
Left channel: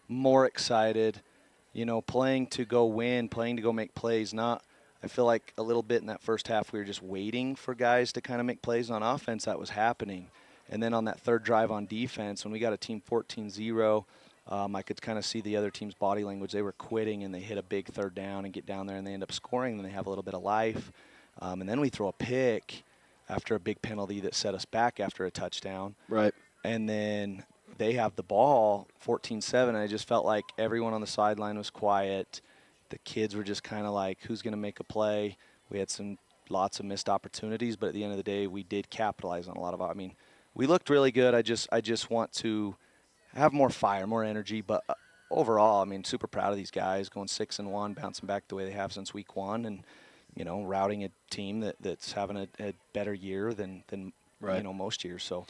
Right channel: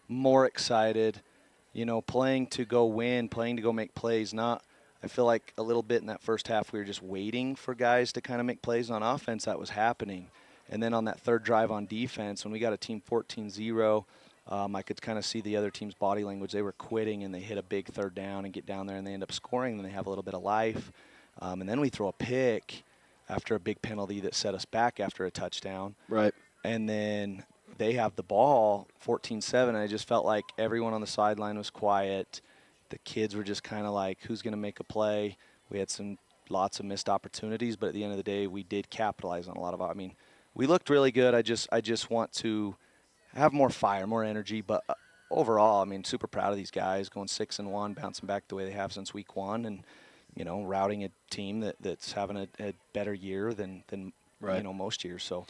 more excited, playing to go win, playing to go make plays. I feel like a little bit in that first half we were just waiting for guys to kind of make plays on offense. That was happening. And then on that third drive on defense, when we got a team 14-0, I could kind of see the other team's body language. They were quitting, and they hit a big third down and get down there, and they end up scoring, and they have a little bit of life. And then we throw a pick after a big penalty that set us back after a touchdown. Right. And then they have the ball, 14-7, and I just felt like everyone on the sideline was quiet. The kids were just kind of like, who's going to make a play? We had lots of missed opportunities, but at the end of the day, we did capitalize on a lot of. We looked really good. I just want to have more fire, more energy. But overall, super proud of these guys going 6-1, bouncing back the way they have since week 1, and routing a team that's having a better year than right. Most years. So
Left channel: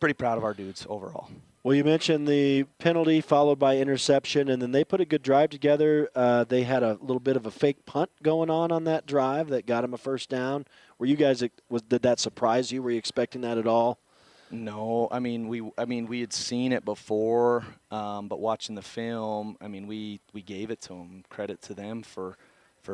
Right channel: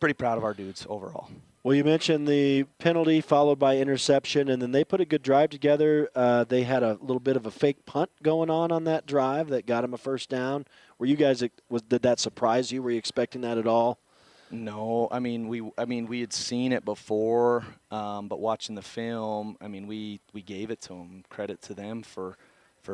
pretty proud of our dudes overall. Well, you mentioned the penalty followed by interception, and then they put a good drive together. They had a little bit of a fake punt going on that drive that got them a first down. Were you guys did that surprise you? Were you expecting that at all? No, we had seen it before, but watching the film, we gave it to them. Credit to them for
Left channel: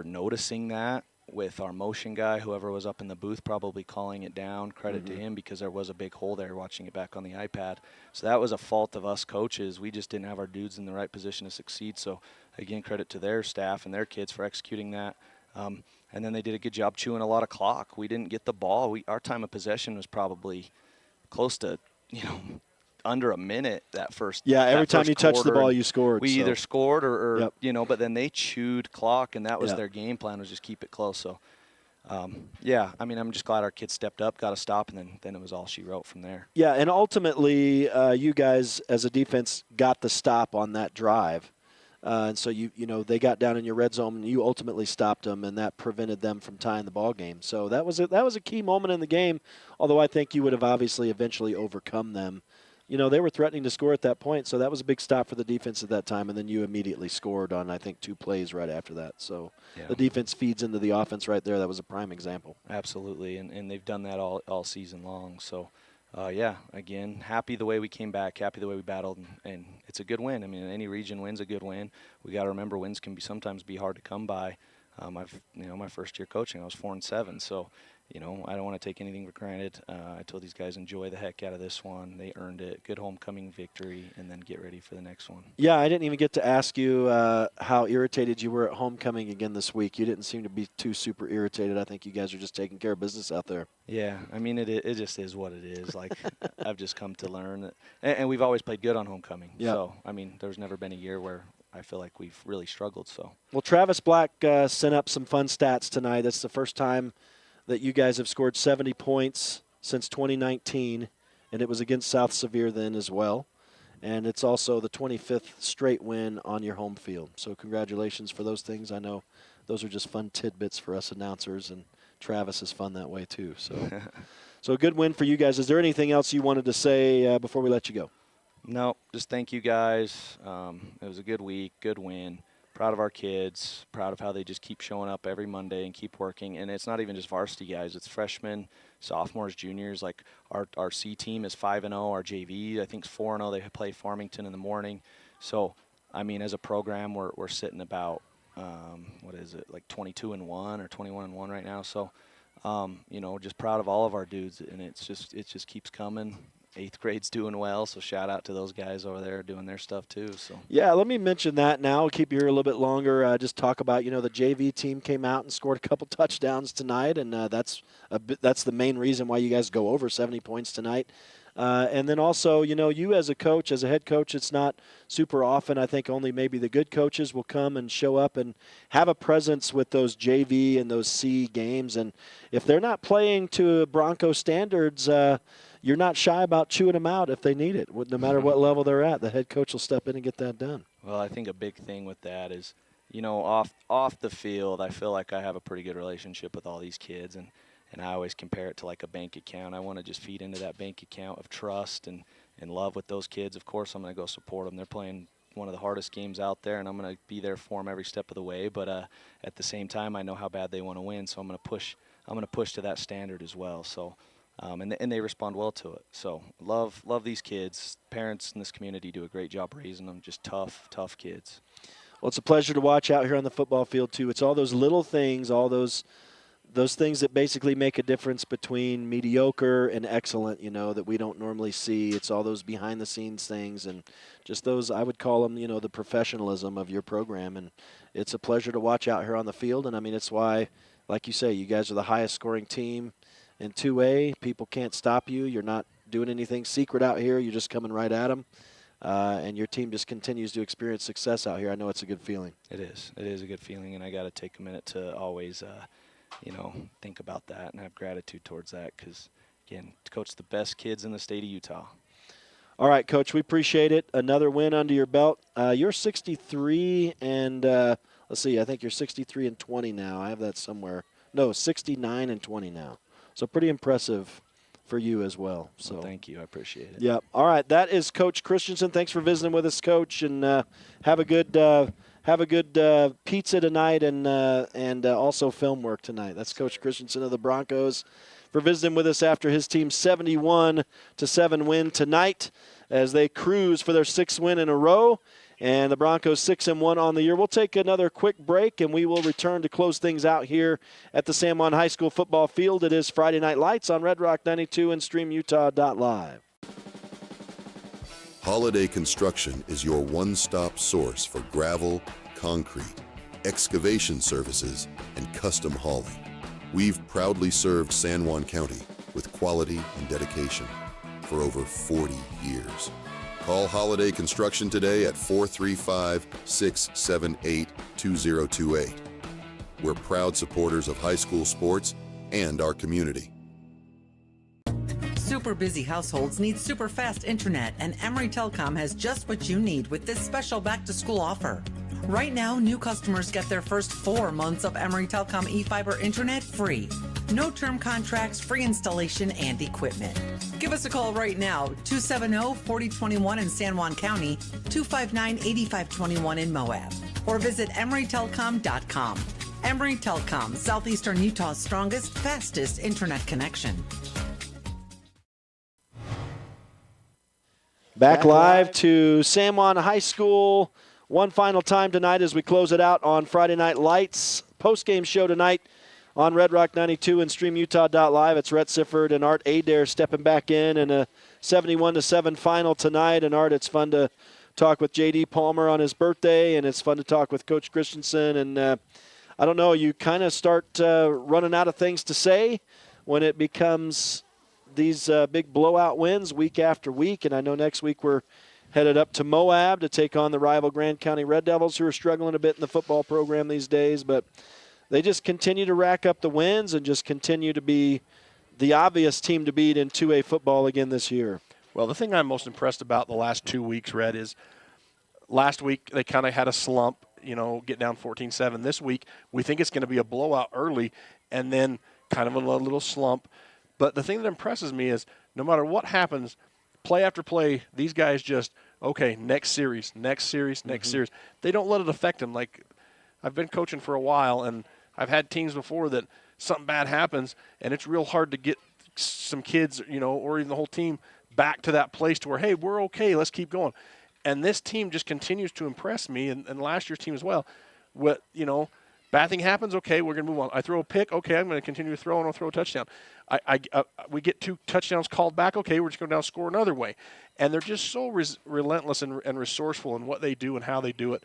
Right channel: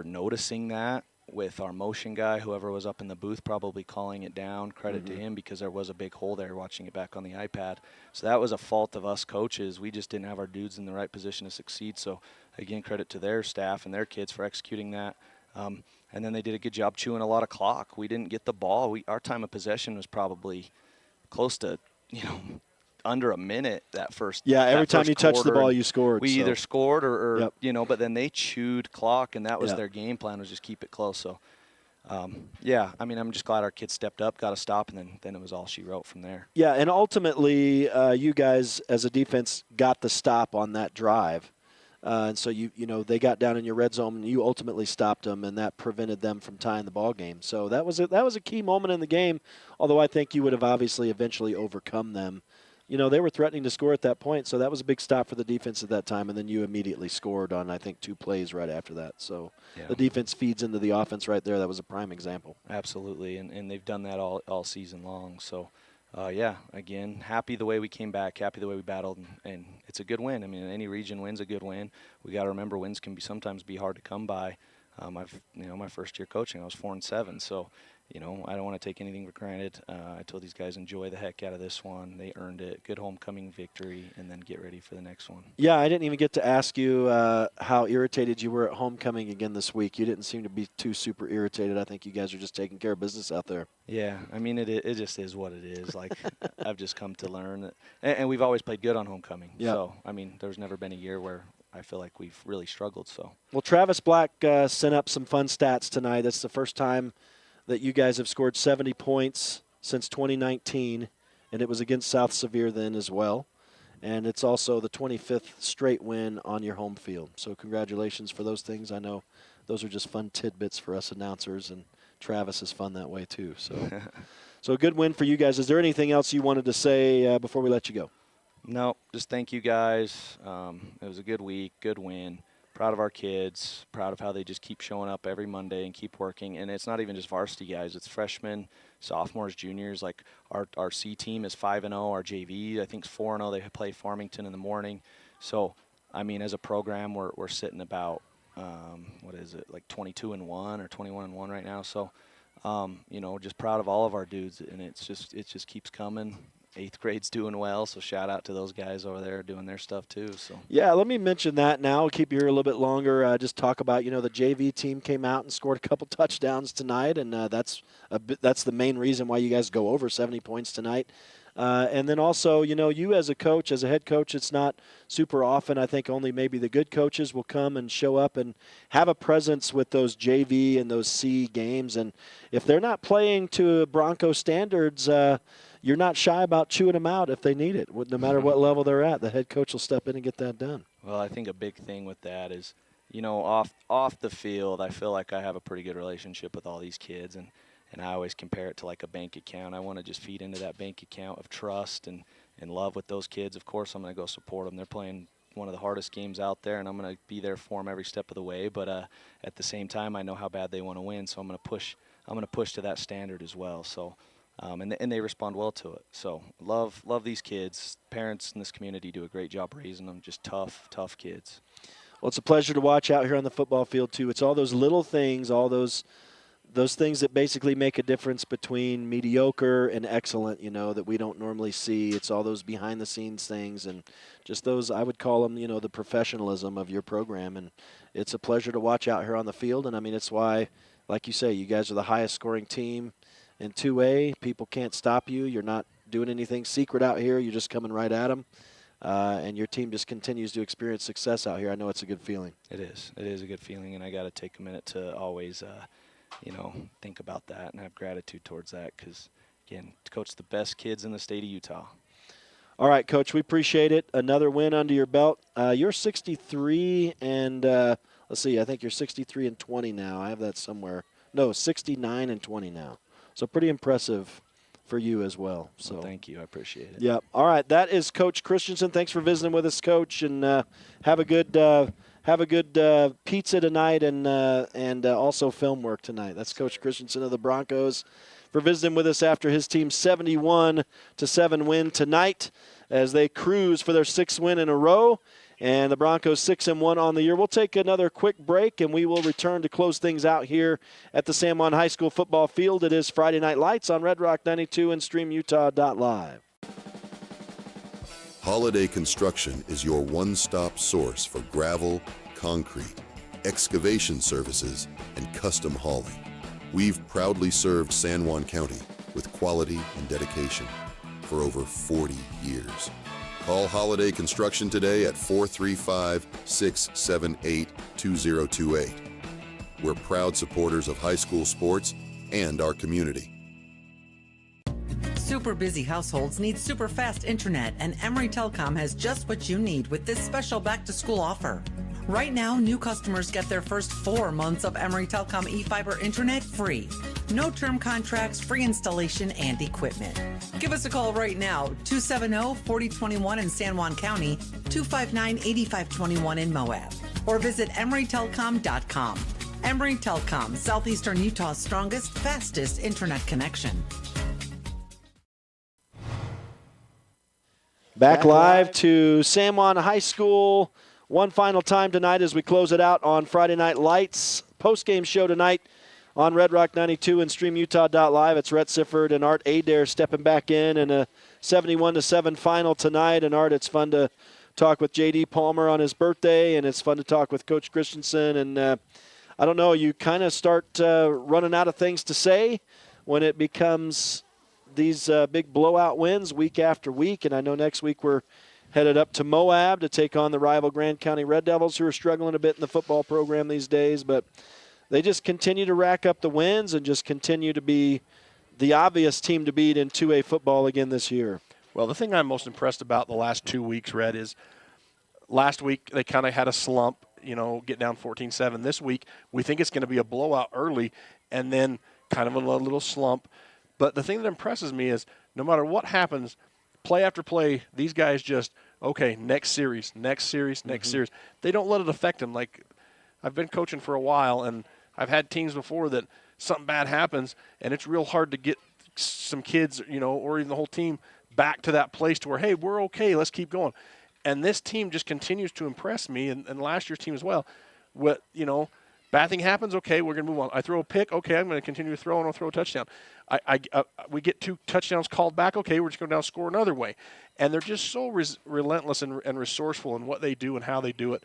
noticing that. With our motion guy, whoever was up in the booth probably calling it down, credit to him because there was a big hole there watching it back on the iPad. So that was a fault of us coaches. We just didn't have our dudes in the right position to succeed. So, again, credit to their staff and their kids for executing that. And then they did a good job chewing a lot of clock. We didn't get the ball. Our time of possession was probably close to, under a minute that first. Yeah, every time you touched the ball, you scored. We either scored or yep. But then they chewed clock, and that was their game plan, was just keep it close. So, I'm just glad our kids stepped up, got a stop, and then it was all she wrote from there. Yeah, and ultimately, you guys as a defense got the stop on that drive. And so, they got down in your red zone, and you ultimately stopped them, and that prevented them from tying the ball game. So that was a key moment in the game, although I think you would have obviously eventually overcome them. They were threatening to score at that point, so that was a big stop for the defense at that time, and then you immediately scored on, I think, 2 plays right after that. So the defense feeds into the offense right there. That was a prime example. Absolutely, and they've done that all season long. So, again, happy the way we came back, happy the way we battled, and it's a good win. Any region win's a good win. We got to remember wins can sometimes be hard to come by. My first year coaching, I was 4-7, so I don't want to take anything for granted. I told these guys enjoy the heck out of this one. They earned it. Good homecoming victory, and then get ready for the next one. Yeah, I didn't even get to ask you how irritated you were at homecoming again this week. You didn't seem to be too super irritated. I think you guys are just taking care of business out there. Yeah, it just is what it is. Like, I've just come to learn that, and we've always played good on homecoming. Yeah. So, there's never been a year where I feel like we've really struggled. So. Well, Travis Black sent up some fun stats tonight. That's the first time that you guys have scored 70 points since 2019, and it was against South Sevier then as well. And it's also the 25th straight win on your home field. So congratulations for those things. I know those are just fun tidbits for us announcers, and Travis is fun that way too. So a good win for you guys. Is there anything else you wanted to say before we let you go? No, just thank you guys. It was a good week, good win. Proud of our kids, proud of how they just keep showing up every Monday and keep working. And it's not even just varsity guys. It's freshmen, sophomores, juniors. Like our C team is 5-0. Our JV, I think, is 4-0. They play Farmington in the morning. So, as a program, we're sitting about, 22-1 or 21-1 right now. So, just proud of all of our dudes. And it just keeps coming. 8th grade's doing well, so shout out to those guys over there doing their stuff too. So yeah, let me mention that now. We'll keep you here a little bit longer. Just talk about, the JV team came out and scored a couple touchdowns tonight, and that's the main reason why you guys go over 70 points tonight. And then also, you as a coach, as a head coach, it's not super often. I think only maybe the good coaches will come and show up and have a presence with those JV and those C games. And if they're not playing to Bronco standards, you're not shy about chewing them out if they need it. No matter what level they're at, the head coach will step in and get that done. Well, I think a big thing with that is, off the field, I feel like I have a pretty good relationship with all these kids. And I always compare it to like a bank account. I want to just feed into that bank account of trust and love with those kids. Of course, I'm going to go support them. They're playing one of the hardest games out there, and I'm going to be there for them every step of the way. But at the same time, I know how bad they want to win, so I'm going to push to that standard as well. So, and they respond well to it. So love these kids. Parents in this community do a great job raising them. Just tough kids. Well, it's a pleasure to watch out here on the football field too. It's all those little things, all those things that basically make a difference between mediocre and excellent, that we don't normally see. It's all those behind-the-scenes things and just those, I would call them, the professionalism of your program. And it's a pleasure to watch out here on the field. And, I mean, it's why, like you say, you guys are the highest-scoring team in 2A. People can't stop you. You're not doing anything secret out here. You're just coming right at them. And your team just continues to experience success out here. I know it's a good feeling. It is. It is a good feeling, and I got to take a minute to always think about that and have gratitude towards that because, again, to coach the best kids in the state of Utah. All right, Coach, we appreciate it. Another win under your belt. You're 63 and let's see, I think you're 63 and 20 now. I have that somewhere. No, 69 and 20 now. So pretty impressive for you as well. So well, thank you. I appreciate it. Yeah. All right, that is Coach Christensen. Thanks for visiting with us, Coach, and have a good pizza tonight and also film work tonight. That's Coach Christensen of the Broncos for visiting with us after his team's 71-7 win tonight as they cruise for their 6th win in a row. And the Broncos 6-1 on the year. We'll take another quick break, and we will return to close things out here at the San Juan High School football field. It is Friday Night Lights on Red Rock 92 and StreamUtah.Live. Holiday Construction is your one-stop source for gravel, concrete, excavation services, and custom hauling. We've proudly served San Juan County with quality and dedication for over 40 years. Call Holiday Construction today at 435-678-2028. We're proud supporters of high school sports and our community. Super busy households need super fast internet, and Emory Telecom has just what you need with this special back-to-school offer. Right now, new customers get their first 4 months of Emory Telecom eFiber internet free. No term contracts, free installation, and equipment. Give us a call right now, 270-4021 in San Juan County, 259-8521 in Moab, or visit EmoryTelecom.com. Emory Telecom, Southeastern Utah's strongest, fastest internet connection. Back live to San Juan High School. One final time tonight as we close it out on Friday Night Lights. Post-game show tonight on Red Rock 92 and StreamUtah.Live. It's Rhett Sifford and Art Adair stepping back in a 71-7 final tonight. And Art, it's fun to talk with J.D. Palmer on his birthday, and it's fun to talk with Coach Christensen. And I don't know, you kind of start running out of things to say when it becomes these big blowout wins week after week. And I know next week we're headed up to Moab to take on the rival Grand County Red Devils, who are struggling a bit in the football program these days. But they just continue to rack up the wins and just continue to be the obvious team to beat in 2A football again this year. Well, the thing I'm most impressed about the last 2 weeks, Red, is last week they kind of had a slump, get down 14-7. This week we think it's going to be a blowout early and then kind of a little slump. But the thing that impresses me is no matter what happens, play after play, these guys just, okay, next series. They don't let it affect them. Like, I've been coaching for a while, and I've had teams before that something bad happens, and it's real hard to get some kids, or even the whole team back to that place to where, hey, we're okay, let's keep going. And this team just continues to impress me, and last year's team as well. Bad thing happens, okay, we're going to move on. I throw a pick, okay, I'm going to continue to throw, and I'll throw a touchdown. We get 2 touchdowns called back, okay, we're just going to now score another way. And they're just so relentless and resourceful in what they do and how they do it.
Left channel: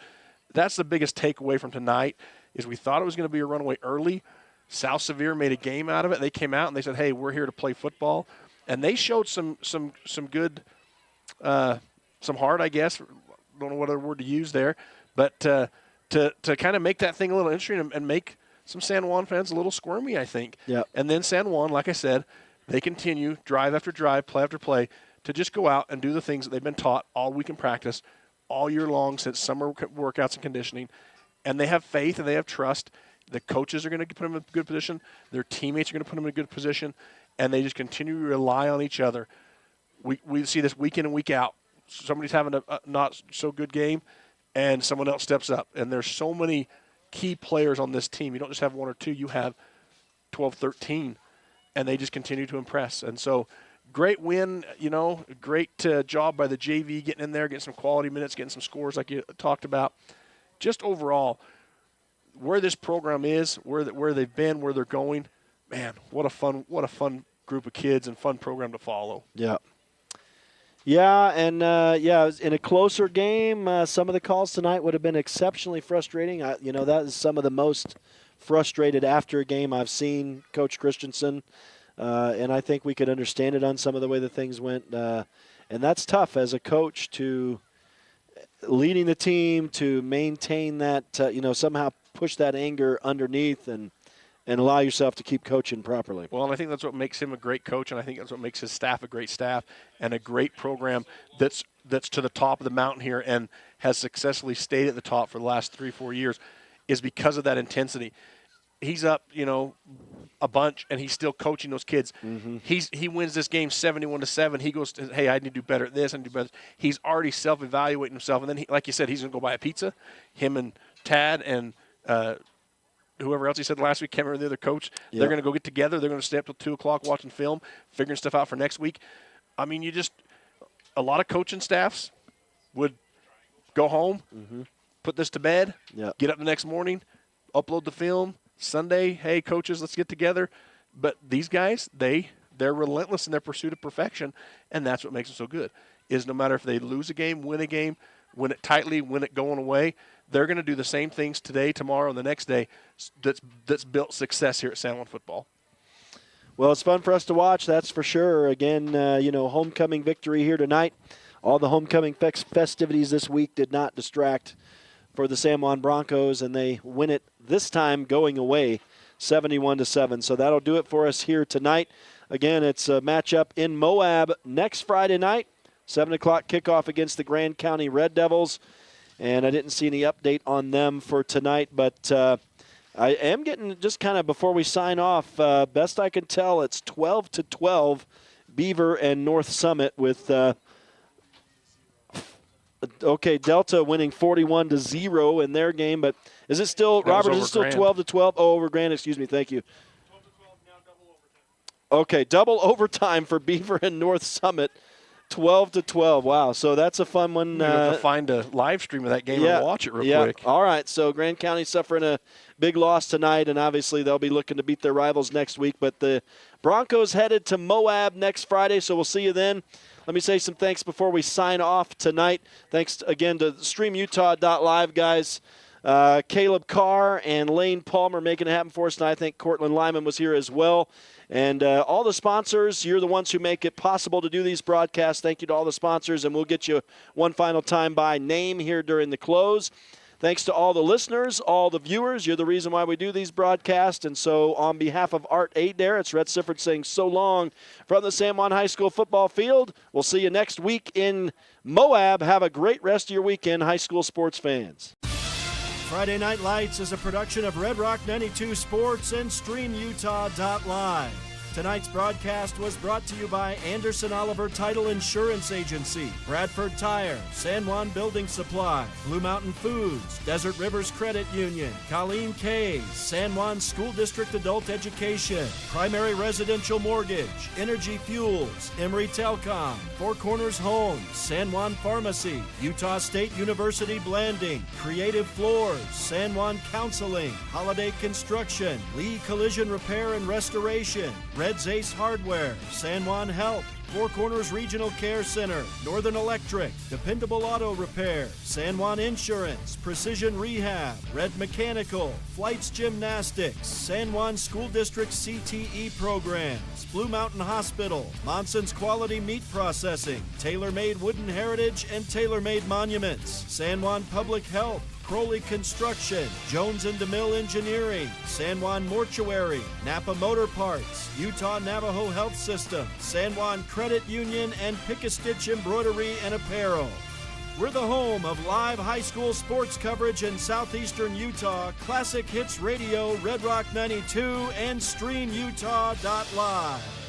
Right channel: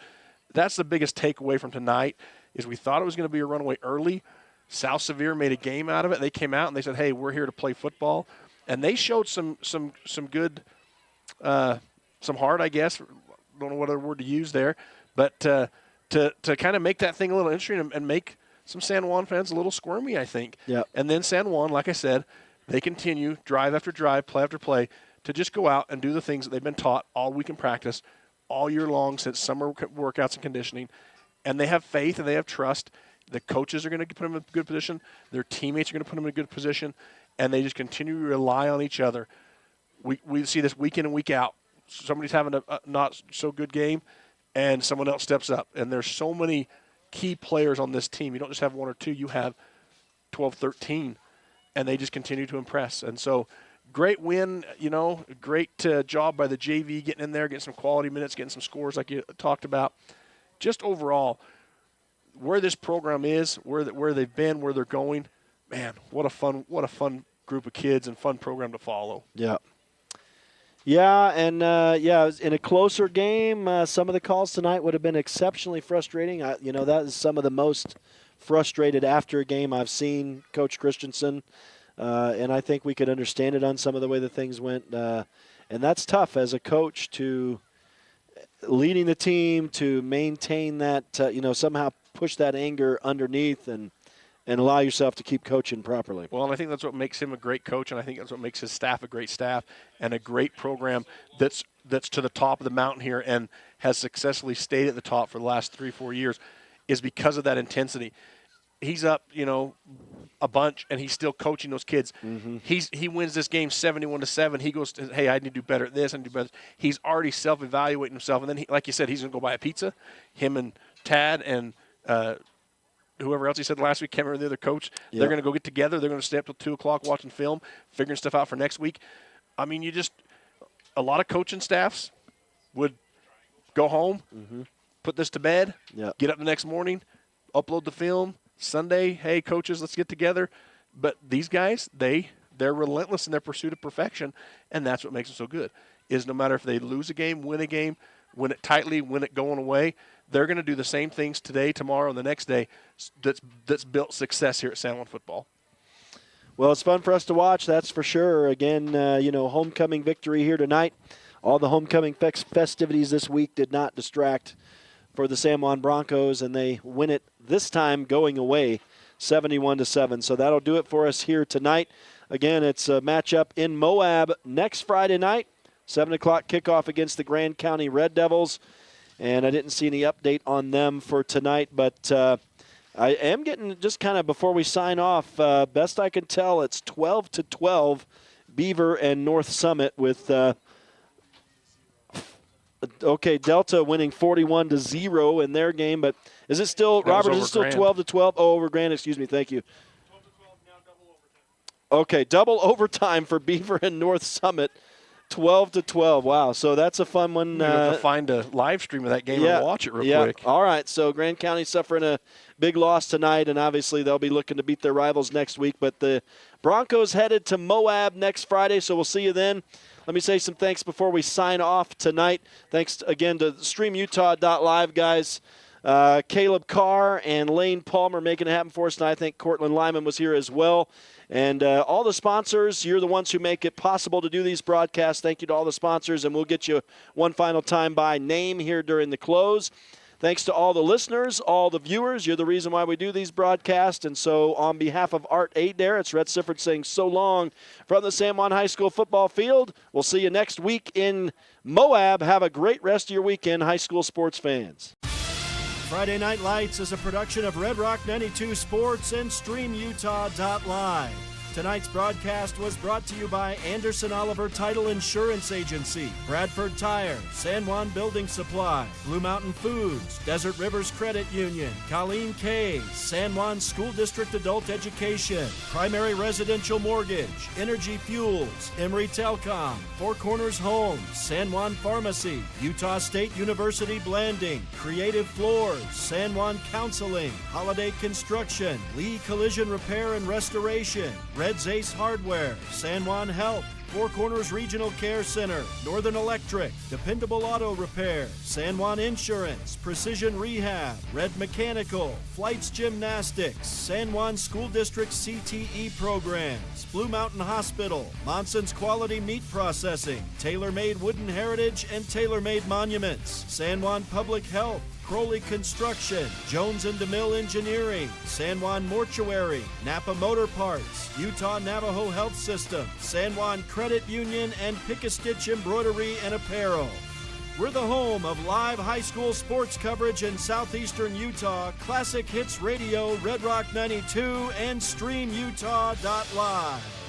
That's the biggest takeaway from tonight is we thought it was going to be a runaway early. South Sevier made a game out of it. They came out and they said, hey, we're here to play football. And they showed some good, some heart, I guess. Don't know what other word to use there. But to kind of make that thing a little interesting and make some San Juan fans a little squirmy, I think. Yep. And then San Juan, like I said, they continue drive after drive, play after play, to just go out and do the things that they've been taught all week in practice, all year long since summer workouts and conditioning. And they have faith and they have trust. The coaches are going to put them in a good position. Their teammates are going to put them in a good position, and they just continue to rely on each other. We see this week in and week out. Somebody's having a not so good game, and someone else steps up. And there's so many key players on this team. You don't just have one or two. You have 12, 13, and they just continue to impress. And so great win, great job by the JV getting in there, getting some quality minutes, getting some scores like you talked about. Just overall, where this program is, where they've been, where they're going, man, what a fun group of kids and fun program to follow. Yeah. Yeah, and in a closer game, some of the calls tonight would have been exceptionally frustrating. That is some of the most frustrated after a game I've seen Coach Christensen, and I think we could understand it on some of the way that things went. And that's tough as a coach to leading the team to maintain that, somehow push that anger underneath and allow yourself to keep coaching properly. Well, and I think that's what makes him a great coach, and I think that's what makes his staff a great staff and a great program that's to the top of the mountain here and has successfully stayed at the top for the last 3-4 years is because of that intensity. He's up, a bunch, and he's still coaching those kids. Mm-hmm. He wins this game 71-7. He goes, hey, I need to do better at this. I need to do better. He's already self-evaluating himself, and then, like you said, he's going to go buy a pizza. Him and Tad and whoever else he said last week, can't remember the other coach, They're going to go get together. They're going to stay up till 2 o'clock watching film, figuring stuff out for next week. I mean, a lot of coaching staffs would go home, put this to bed, get up the next morning, upload the film. Sunday, hey, coaches, let's get together. But these guys, they're relentless in their pursuit of perfection, and that's what makes them so good, is no matter if they lose a game, win it tightly, win it going away, they're going to do the same things today, tomorrow, and the next day that's built success here at San Juan football. Well, it's fun for us to watch, that's for sure. Again, homecoming victory here tonight. All the homecoming festivities this week did not distract for the San Juan Broncos, and they win it this time going away 71-7. So that'll do it for us here tonight. Again, it's a matchup in Moab next Friday night, 7 o'clock kickoff against the Grand County Red Devils. And I didn't see any update on them for tonight, but I am getting, just kind of before we sign off, best I can tell, it's 12-12 Beaver and North Summit with Delta winning 41-0 in their game, but is it still, Robert, is it still 12-12? Oh, over Grand, excuse me, thank you. 12-12, now double overtime. Okay, double overtime for Beaver and North Summit, 12-12. Wow, so that's a fun one. You have to find a live stream of that game and watch it real quick. All right, so Grand County suffering a big loss tonight, and obviously they'll be looking to beat their rivals next week, but the Broncos headed to Moab next Friday, so we'll see you then. Let me say some thanks before we sign off tonight. Thanks again to StreamUtah.Live guys. Caleb Carr and Lane Palmer making it happen for us, and I think Cortland Lyman was here as well. And all the sponsors, you're the ones who make it possible to do these broadcasts. Thank you to all the sponsors, and we'll get you one final time by name here during the close. Thanks to all the listeners, all the viewers. You're the reason why we do these broadcasts. And so on behalf of Art Adair, it's Rhett Sifford saying so long from the San Juan High School football field. We'll see you next week in Moab. Have a great rest of your weekend, high school sports fans. Friday Night Lights is a production of Red Rock 92 Sports and StreamUtah.Live. Tonight's broadcast was brought to you by Anderson Oliver Title Insurance Agency, Bradford Tire, San Juan Building Supply, Blue Mountain Foods, Desert Rivers Credit Union, Colleen K's, San Juan School District Adult Education, Primary Residential Mortgage, Energy Fuels, Emory Telcom, Four Corners Homes, San Juan Pharmacy, Utah State University Blanding, Creative Floors, San Juan Counseling, Holiday Construction, Lee Collision Repair and Restoration, Red's Ace Hardware, San Juan Health, Four Corners Regional Care Center, Northern Electric, Dependable Auto Repair, San Juan Insurance, Precision Rehab, Red Mechanical, Flights Gymnastics, San Juan School District CTE Programs, Blue Mountain Hospital, Monson's Quality Meat Processing, Tailor-Made Wooden Heritage and Tailor-Made Monuments, San Juan Public Health, Crowley Construction, Jones and DeMille Engineering, San Juan Mortuary, Napa Motor Parts, Utah Navajo Health System, San Juan Credit Union, and Pick-a-Stitch Embroidery and Apparel. We're the home of live high school sports coverage in southeastern Utah, Classic Hits Radio, Red Rock 92, and StreamUtah.Live.